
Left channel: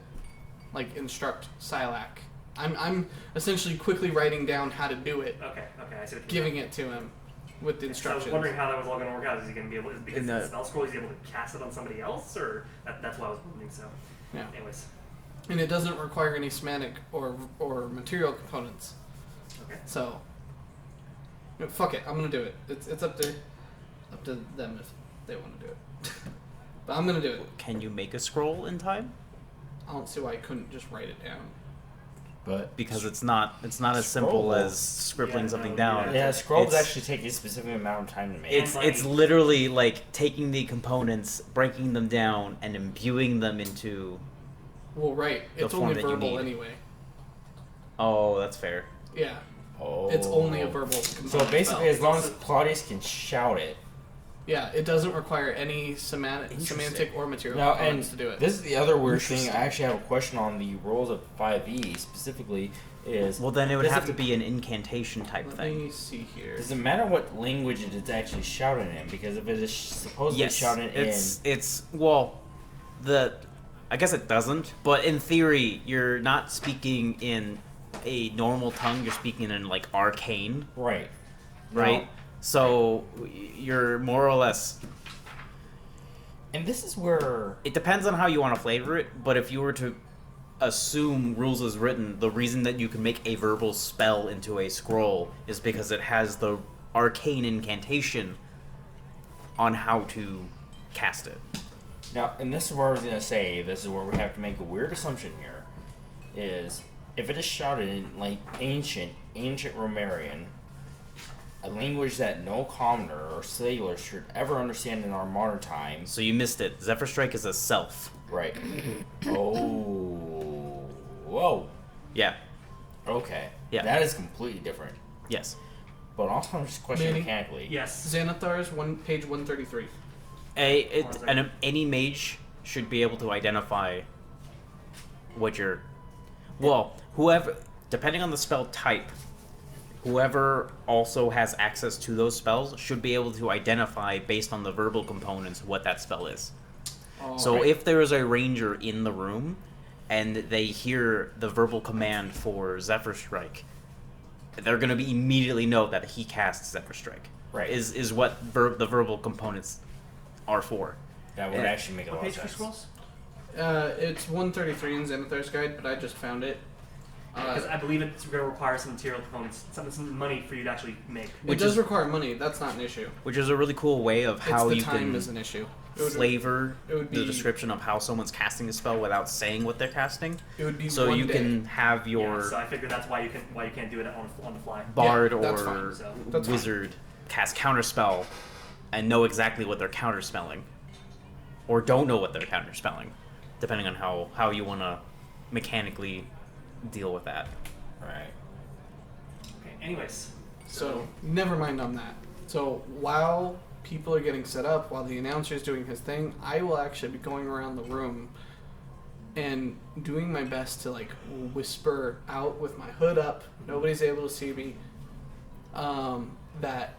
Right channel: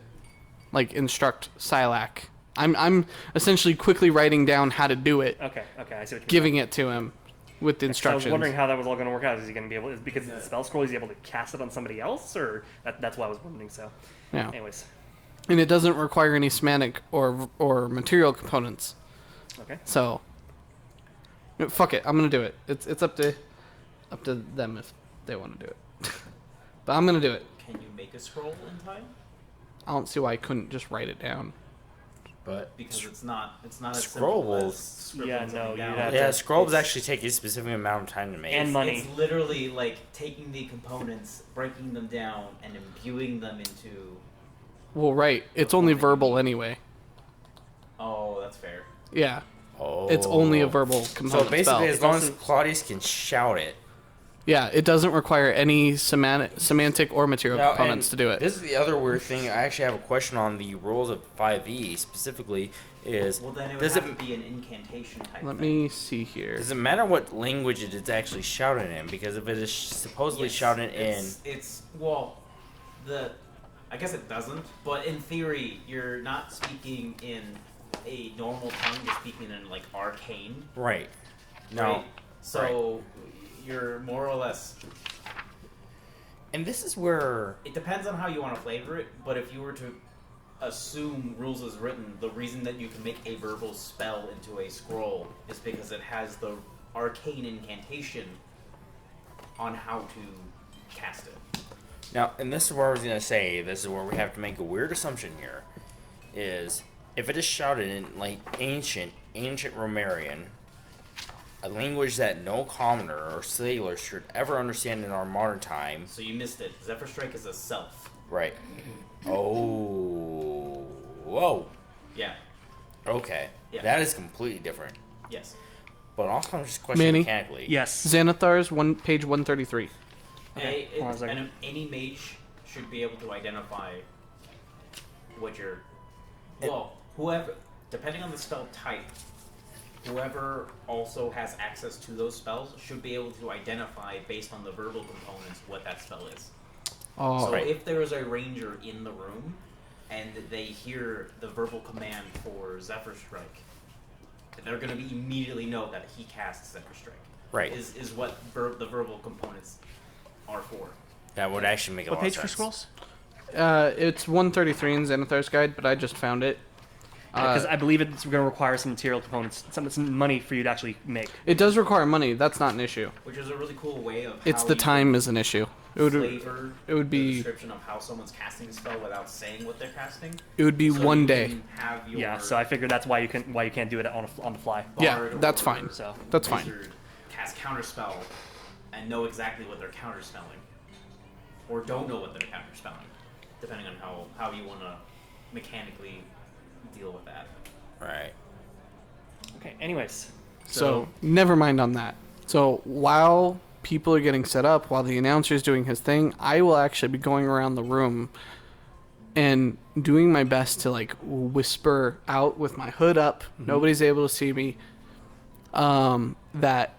to instruct Sylack. I'm essentially quickly writing down how to do it, Okay. I see what you're giving it to him, with the So I instructions. was wondering how that was all going to work out. Is he going to be able? Because In the the- spell scroll, is he able to cast it on somebody else, or that's why I was wondering. So, Yeah. anyways, And it doesn't require any semantic or material components. okay. So, fuck it. I'm gonna do it. It's up to them if they want to do it. But I'm gonna do it. Can you make a scroll in time? I don't see why I couldn't just write it down. But Because it's not as simple Scroll. as scribbling Yeah, something no, down. yeah. scrolls It's- actually take a specific amount of time to make. And It's, money. it's literally like taking the components, breaking them down, and imbuing them into. Well, right. It's form only that you verbal need. anyway. Oh, that's fair. Yeah. Oh. It's only a verbal component So basically, spell. as long as Also- Claudius can shout it. Yeah, it doesn't require any semantic or material Now, components and to do it. This is the other weird thing. I actually have a question on the rules of 5e specifically. Is Well, then it would does have to be an incantation type Let thing. me see here. Does it matter what language it is actually shouted in? Because if it is supposedly shouted it's well, I guess it doesn't, but in theory, you're not speaking in a normal tongue. You're speaking in like arcane, in right, right? Now- So you're more or less. and this is where It depends on how you want to flavor it, but if you were to assume rules as written, the reason that you can make a verbal spell into a scroll is because it has the arcane incantation on how to cast it. now, and this is where I was gonna say. This is where we have to make a weird assumption here. Is if it is shouted in like ancient Romarian, a language that no commoner or sailor should ever understand in our modern times. So you missed it. Zephyr Strike is a self. Right. Oh. Whoa. Yeah. Okay. Yeah. That is completely different. Yes. But also, just a question Manny? mechanically. Yes. Xanathar's page 133. Hold on a second. Any mage should be able to identify what you're. Well, whoever, depending on the spell type, whoever also has access to those spells should be able to identify based on the verbal components what that spell is. Oh, So right. if there is a ranger in the room and they hear the verbal command for Zephyr Strike, they're going to be immediately know that he casts Zephyr Strike. Right. Is what the verbal components are for. That would actually make a What lot page of for sense. scrolls? It's 133 in Xanathar's guide, but I just found it. Because I believe it's going to require some material components, some money for you to actually make. It does require money. That's not an issue. Which is a really cool way of how It's the you time can is an issue. It would flavor it would the be- description of how someone's casting a spell without saying what they're casting. it would be So one you day. can have your Yeah, so I figured that's why you can't do it on the fly. bard Yeah, that's or fine. So That's fine. wizard cast counterspell and know exactly what they're counterspelling, or don't know what they're counterspelling, depending on how you want to mechanically deal with that. Right. okay. Anyways, So never mind on that. So while people are getting set up, while the announcer's doing his thing, I will actually be going around the room and doing my best to like whisper out with my hood up. Nobody's able to see me. That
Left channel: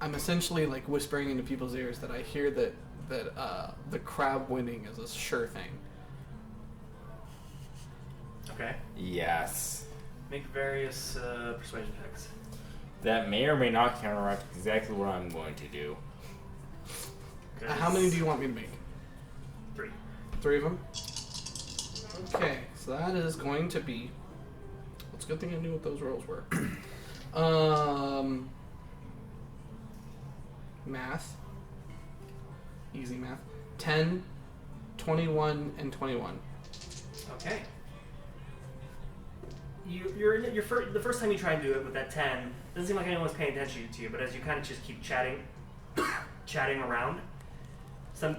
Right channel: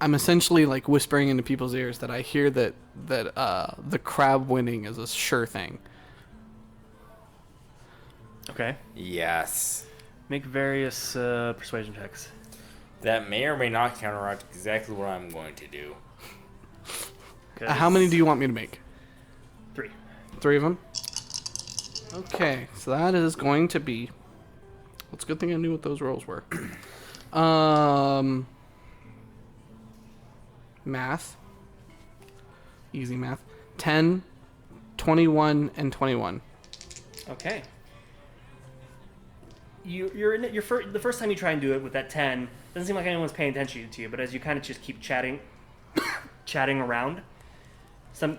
I'm essentially like whispering into people's ears that I hear that the crab winning is a sure thing. okay. Yes. Make various persuasion checks. That may or may not counteract exactly what I'm going to do. How many do you want me to make? 3. 3 of them? Okay, so that is going to be... Well, it's a good thing I knew what those rolls were. Math. Easy math. 10, 21, and 21. Okay. You're in your the first time you try and do it with that 10, doesn't seem like anyone's paying attention to you, but as you kind of just keep chatting around, some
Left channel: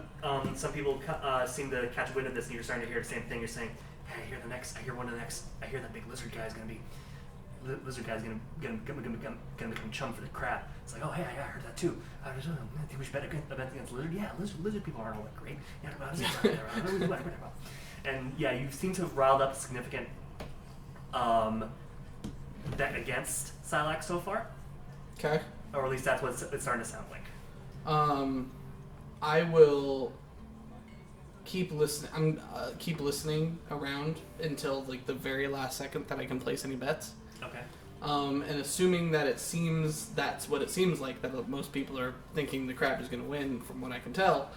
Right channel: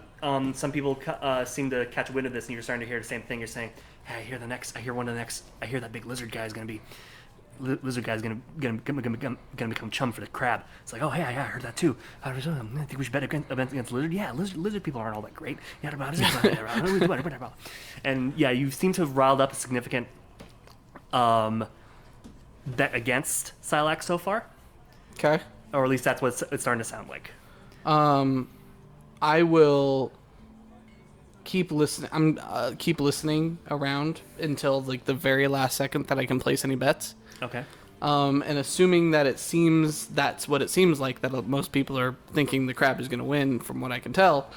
people seem to catch wind of this, and you're starting to hear the same thing. You're saying, "Hey, I hear that big lizard guy is gonna be, gonna become chum for the crab." It's like, "Oh, hey, I heard that too. I think we should bet against lizard. Yeah, lizard people aren't all that great. Yeah, and yeah, you seem to have riled up a significant bet against Sylack so far, Okay. or at least that's what it's starting to sound like. I will keep listening. Keep listening around until like the very last second that I can place any bets. Okay. And assuming that that's what it seems like, that most people are thinking the crab is going to win, from what I can tell,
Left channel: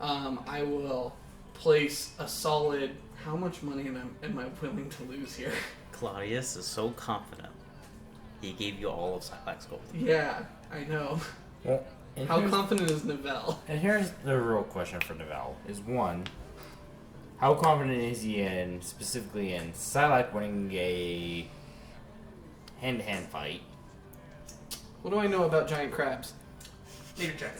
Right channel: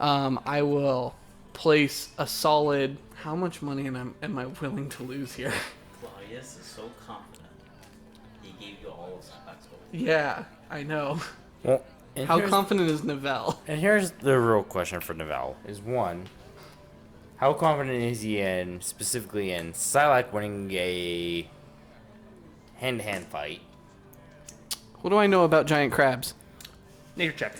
I will place a solid... How much money am I willing to lose here? Claudius is so confident. He gave you all of Sylack's gold. Yeah, I know. Well, and How here's- confident is Novell? And here's the real question for Manuel: is one, how confident is he specifically in Sylack winning a hand-to-hand fight? What do I know about giant crabs? Nature check.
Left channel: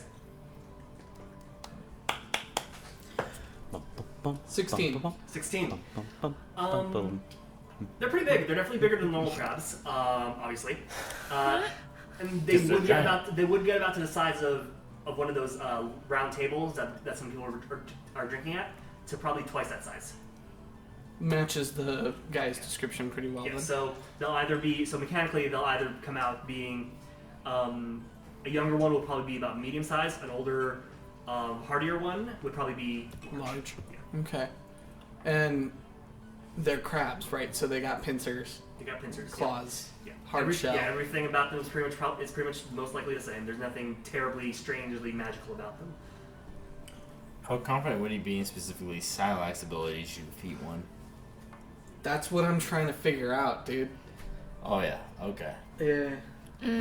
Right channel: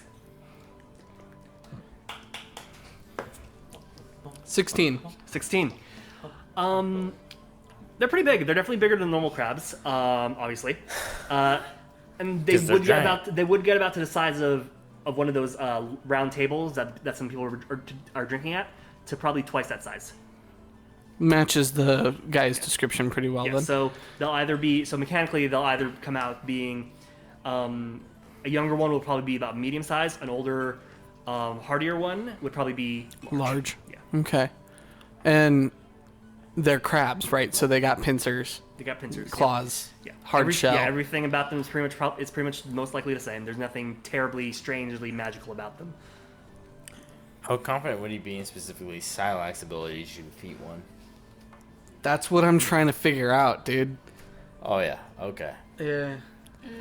16. 16. They're pretty big. They're definitely bigger than normal crabs, obviously. And they 'Cause they're would get giant. about to the size of one of those round tables that some people are drinking at, to probably twice that size. Matches the guy's description pretty well, Yeah, then. so mechanically they'll either come out being a younger one will probably be about medium size, an older, hardier one would probably be Large. Yeah, Okay. And they're crabs, right? So they got pincers, they got pincers, claws, yeah. hard shell. Yeah, everything about them is pretty much most likely the same. There's nothing terribly strangely magical about them. How confident would he be in specifically Sylack's ability to defeat one? That's what I'm trying to figure out, dude. Oh yeah, okay. Yeah.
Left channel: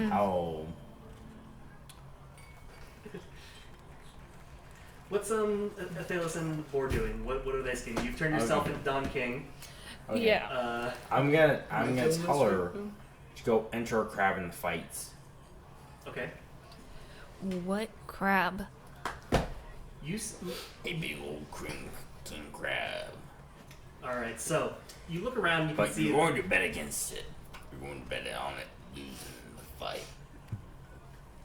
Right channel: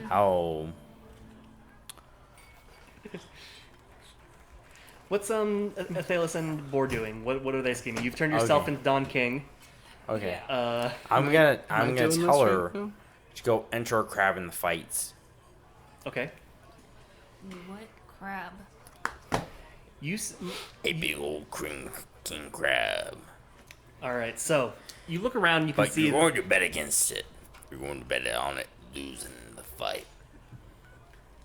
How? What's Athelas and the board doing? What are they scheming? You've turned yourself Okay. into Don King. Okay. Yeah. I'm gonna Am I doing this tell her right now? to go enter a crab in the fights. Okay. What crab? You. A big old king crab. All right. So you look around. You can But see. you're going to bet against it. You're going to bet on it losing the fight.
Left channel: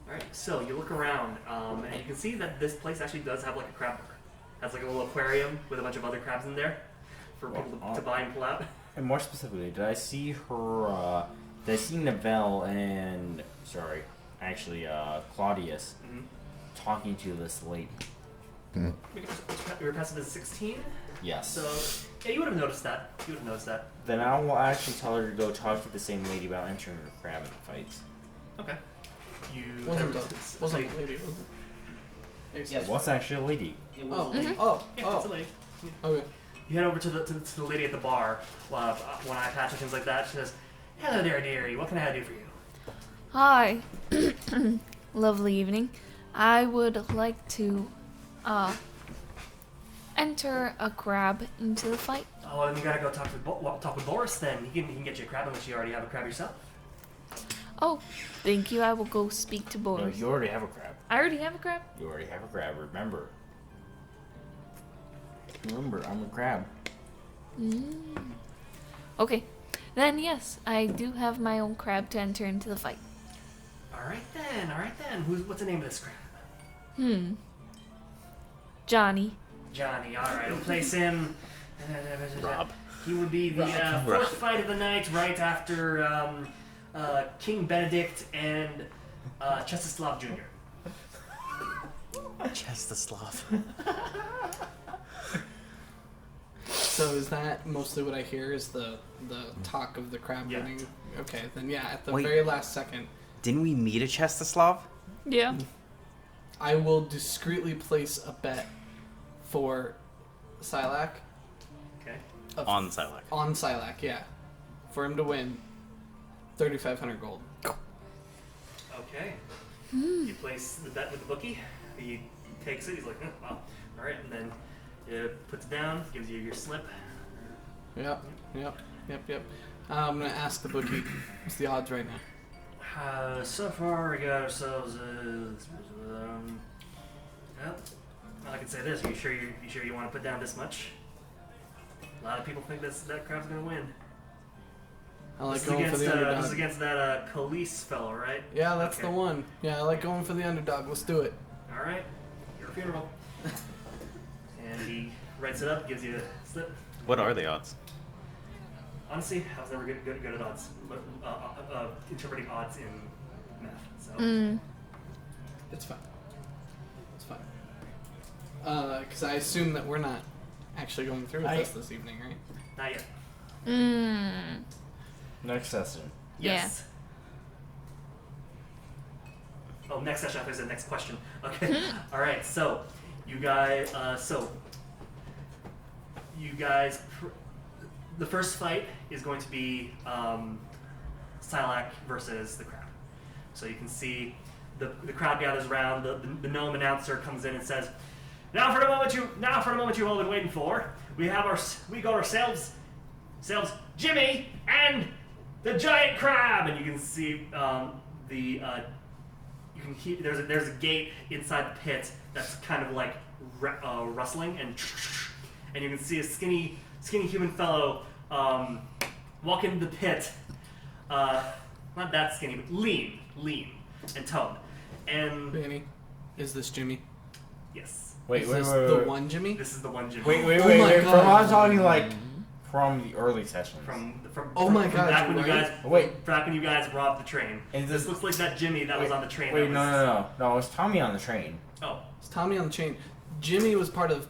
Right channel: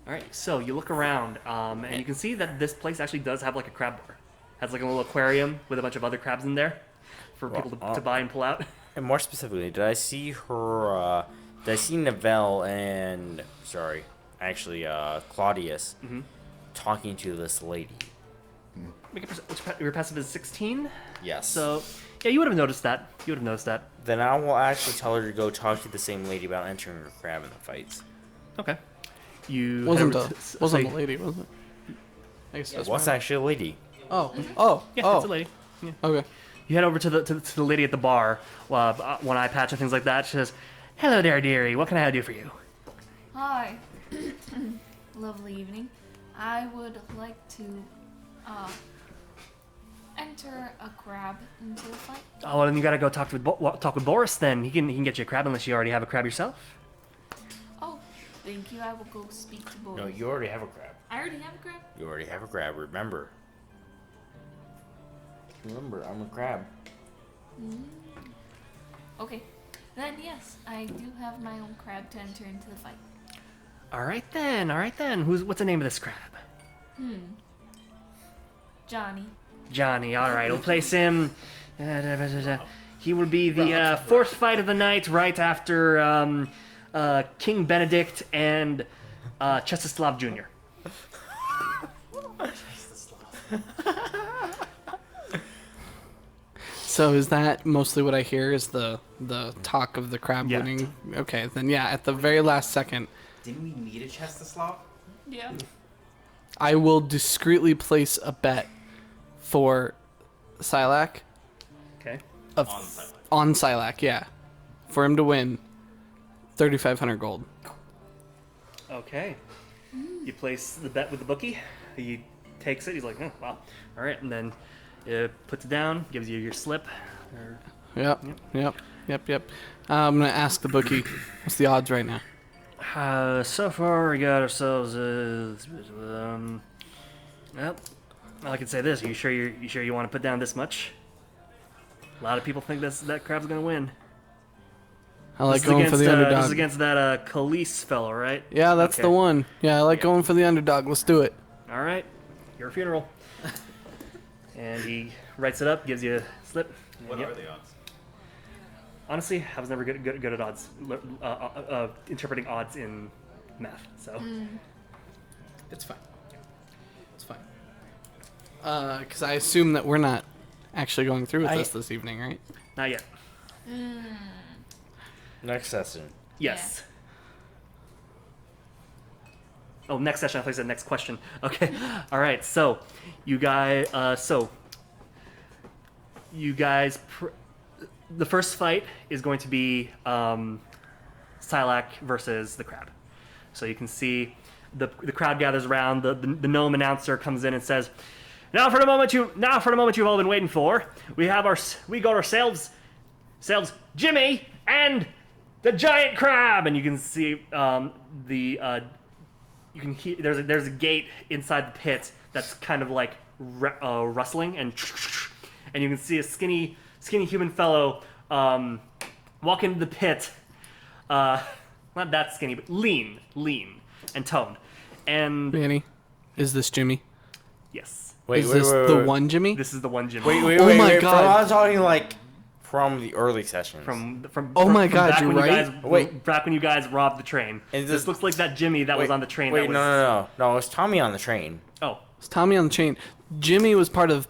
All right. So you look around, and you can see that this place actually does have like a crab bar. Has like a little aquarium with a bunch of other crabs in there for people to buy and pull out. And more specifically, did I see her? Did I see Novell and Claudius talking to this lady? Your passive is 16. Yes. So yeah, you would have noticed that. You would have noticed that. Then I will actually tell her to go talk to the same lady about entering her crab in the fights. Okay. You Wasn't head over a to- so wasn't you- a lady, was it? I guess that's What's fine. actually a lady? Oh, Yeah, it's a oh. lady. Okay. You head over to the lady at the bar, one eye patch and things like that. She says, "Hello there, dearie. What can I do for you?" Hi. Lovely evening. I would like to enter a crab into the fight. Oh, well, then you gotta go talk with Boris. Then he can get you a crab unless you already have a crab yourself. Oh, thank you. I will go speak to Boris. No, you already have a crab. I already have a crab. You already have a crab. Remember. Remember, I'm a crab. Okay. Then yes, I do have my own crab to enter into the fight. All right then. What's the name of this crab? Johnny. Johnny. All right, we'll place him. Rob. He will be the fourth fight of the night, right after King Benedict and Chestoslav Jr. Chestoslav. So is that mostly what I hear? Is the talk of the crab Yeah. winning? Okay, then yeah. At the Wait. very last second, Didn't we meet a Chestoslav? Yeah. I will discreetly place a bet for Sylack. Okay. On Sylack. On Sylack, yeah, for him to win 3,500 gold. Okay. You place the bet with the bookie. He takes it. He's like, oh, wow. All right, and then puts it down, gives you your slip. Yep. I'm gonna ask the bookie, what's the odds right now? So far, we got ourselves. Well, I can say this. You sure you want to put down this much? A lot of people think that crab's gonna win. I like This is going for against, the This is underdog. against that Khalees fellow, right? Yeah, that's Okay. the one. Yeah, I like going for the underdog. Let's do it. All right, your funeral. And he writes it up, gives you a slip. What are the odds? Honestly, I was never good at odds, interpreting odds in math. So It's fine. It's fine. Because I assume that we're not actually going through with this evening, right? not yet. Next session. Yes. Oh, next session. I thought you said next question. Okay. All right. So, you guys. The first fight is going to be Sylack versus the crab. So you can see the crowd gathers around. The gnome announcer comes in and says, "Now for the moment you've all been waiting for. We got ourselves Jimmy and the giant crab." And you can see you can hear there's a gate inside the pit that's kind of like rustling, and you can see a skinny human fellow walk into the pit. Not that skinny, but lean and toned. And Manny, is this Jimmy? yes, Is this the one Jimmy? this is the one Jimmy. Wait, Oh my wait. God. I'm talking like from the early sessions. From Oh my God, back you're when you right. guys, Wait. back when you guys robbed the train. And This looks like that Jimmy that was on the train. Wait, that was, no. It was Tommy on the train. Oh, It's Tommy on the chain. Jimmy was part of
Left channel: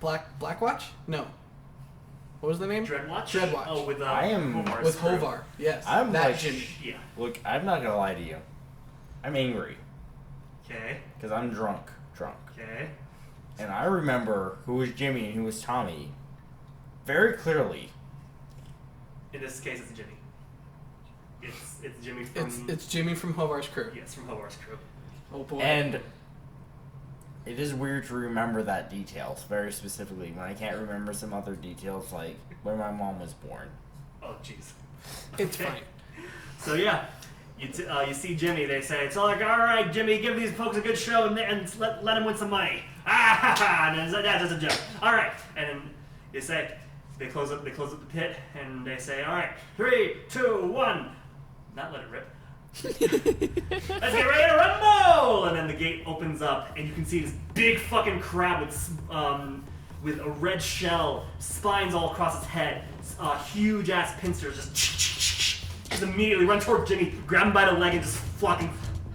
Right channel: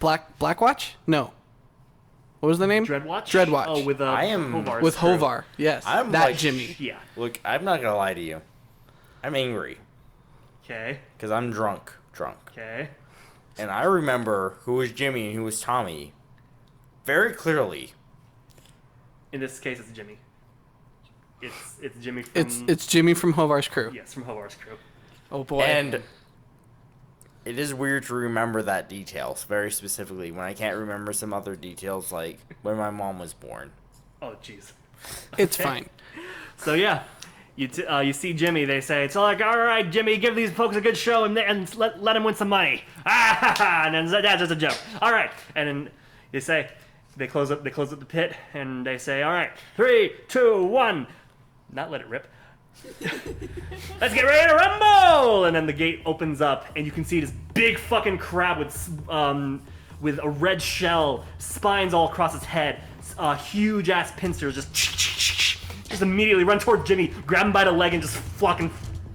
Blackwatch? No. What was the name? Dreadwatch. Dreadwatch. Oh, with I am- Hovar's With crew. Hovar. Yes. I'm that like- Jimmy. Yeah. Look, I'm not gonna lie to you. I'm angry Okay. because I'm drunk, Okay. and I remember who was Jimmy and who was Tommy very clearly. In this case, it's Jimmy. It's Jimmy from. It's Jimmy from Hovar's crew. Yes, from Hovar's crew. Oh boy. And it is weird to remember that details very specifically when I can't remember some other details like when my mom was born. Oh, jeez. It's Okay. fine. So yeah, you see Jimmy. They say it's like, all right, Jimmy, give these folks a good show and let him win some money. Ah ha ha! And then that's just a joke. All right, and then they close up the pit and they say, all right, 3, 2, 1, not let it rip. Let's get ready to rumble! And then the gate opens up, and you can see this big fucking crab with a red shell, spines all across its head, huge ass pincers, just immediately run toward Jimmy, grab him by the leg, and just flop him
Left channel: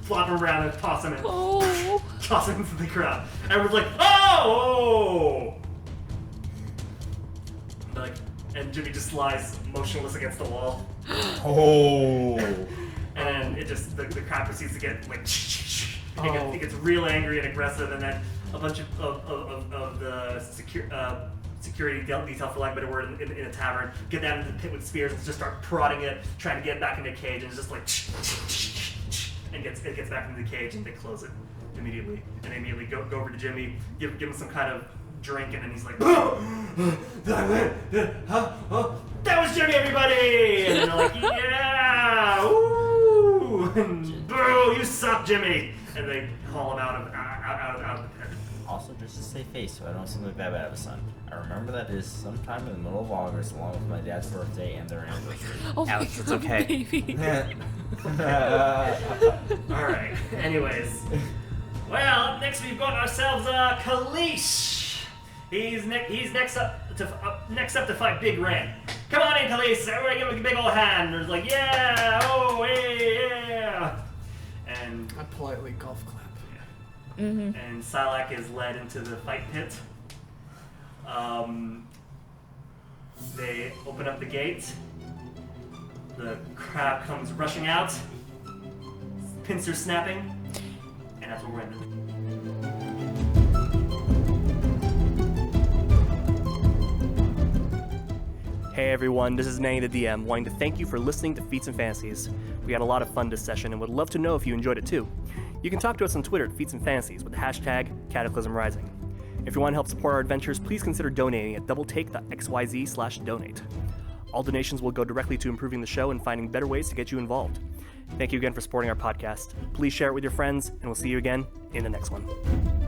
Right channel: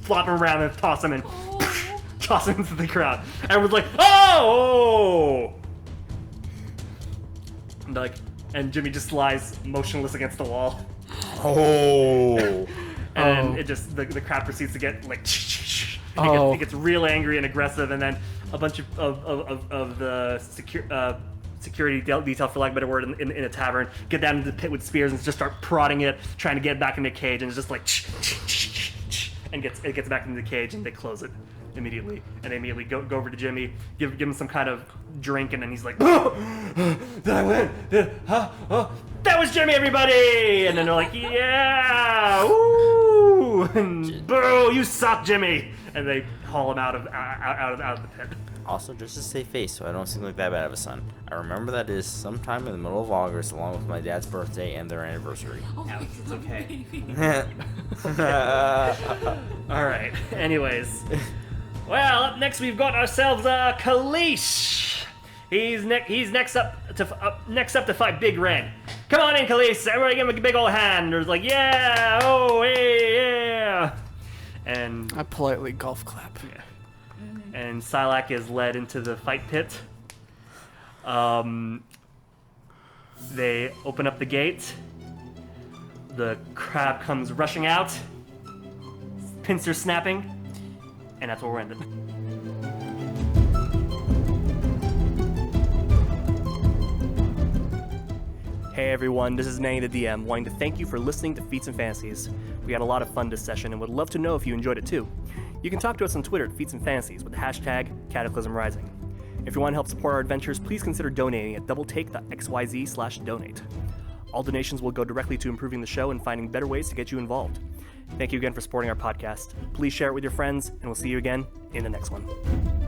around and toss him into the crowd. Everyone's like, oh! And Jimmy just lies motionless against the wall. Oh. And it just the crowd proceeds to get like Oh. it gets real angry and aggressive, and then a bunch of the security detail, for lack of a better word, in a tavern get down into the pit with spears and just start prodding it, trying to get it back into the cage, and it's just like and it gets back into the cage, and they close it immediately, and they immediately go over to Jimmy, give him some kind of drink, and then he's like, oh, did I win? That was Jimmy, everybody! And then they're like, yeah, ooh, and boo, you suck, Jimmy! And they haul him out of the pit. Also, just to save face so I don't seem like that bad of a son, I remember that is sometime in the middle of August along with my dad's birthday and their anniversary. Oh Alex, my it's God, okay. baby. All right. Anyways, well, up next we've got ourselves Khalees. He's next up to fight Big Ren. Come on in, Khalees. Everybody give him a big old hand. There's like, yeah, oh, hey, yeah. And I politely golf clap. and Sylack is led into the fight pit. They open up the gate. The crab comes rushing out. Pincers snapping. And that's where we're ending. Hey everyone, this is Manny the DM, wanting to thank you for listening to Feats and Fantasies. We had a lot of fun this session and would love to know if you enjoyed it too. You can talk to us on Twitter at Feats and Fantasies with the hashtag Cataclysm Rising. If you want to help support our adventures, please consider donating at doubletake.xyz/donate. All donations will go directly to improving the show and finding better ways to get you involved. Thank you again for supporting our podcast. Please share it with your friends, and we'll see you again in the next one.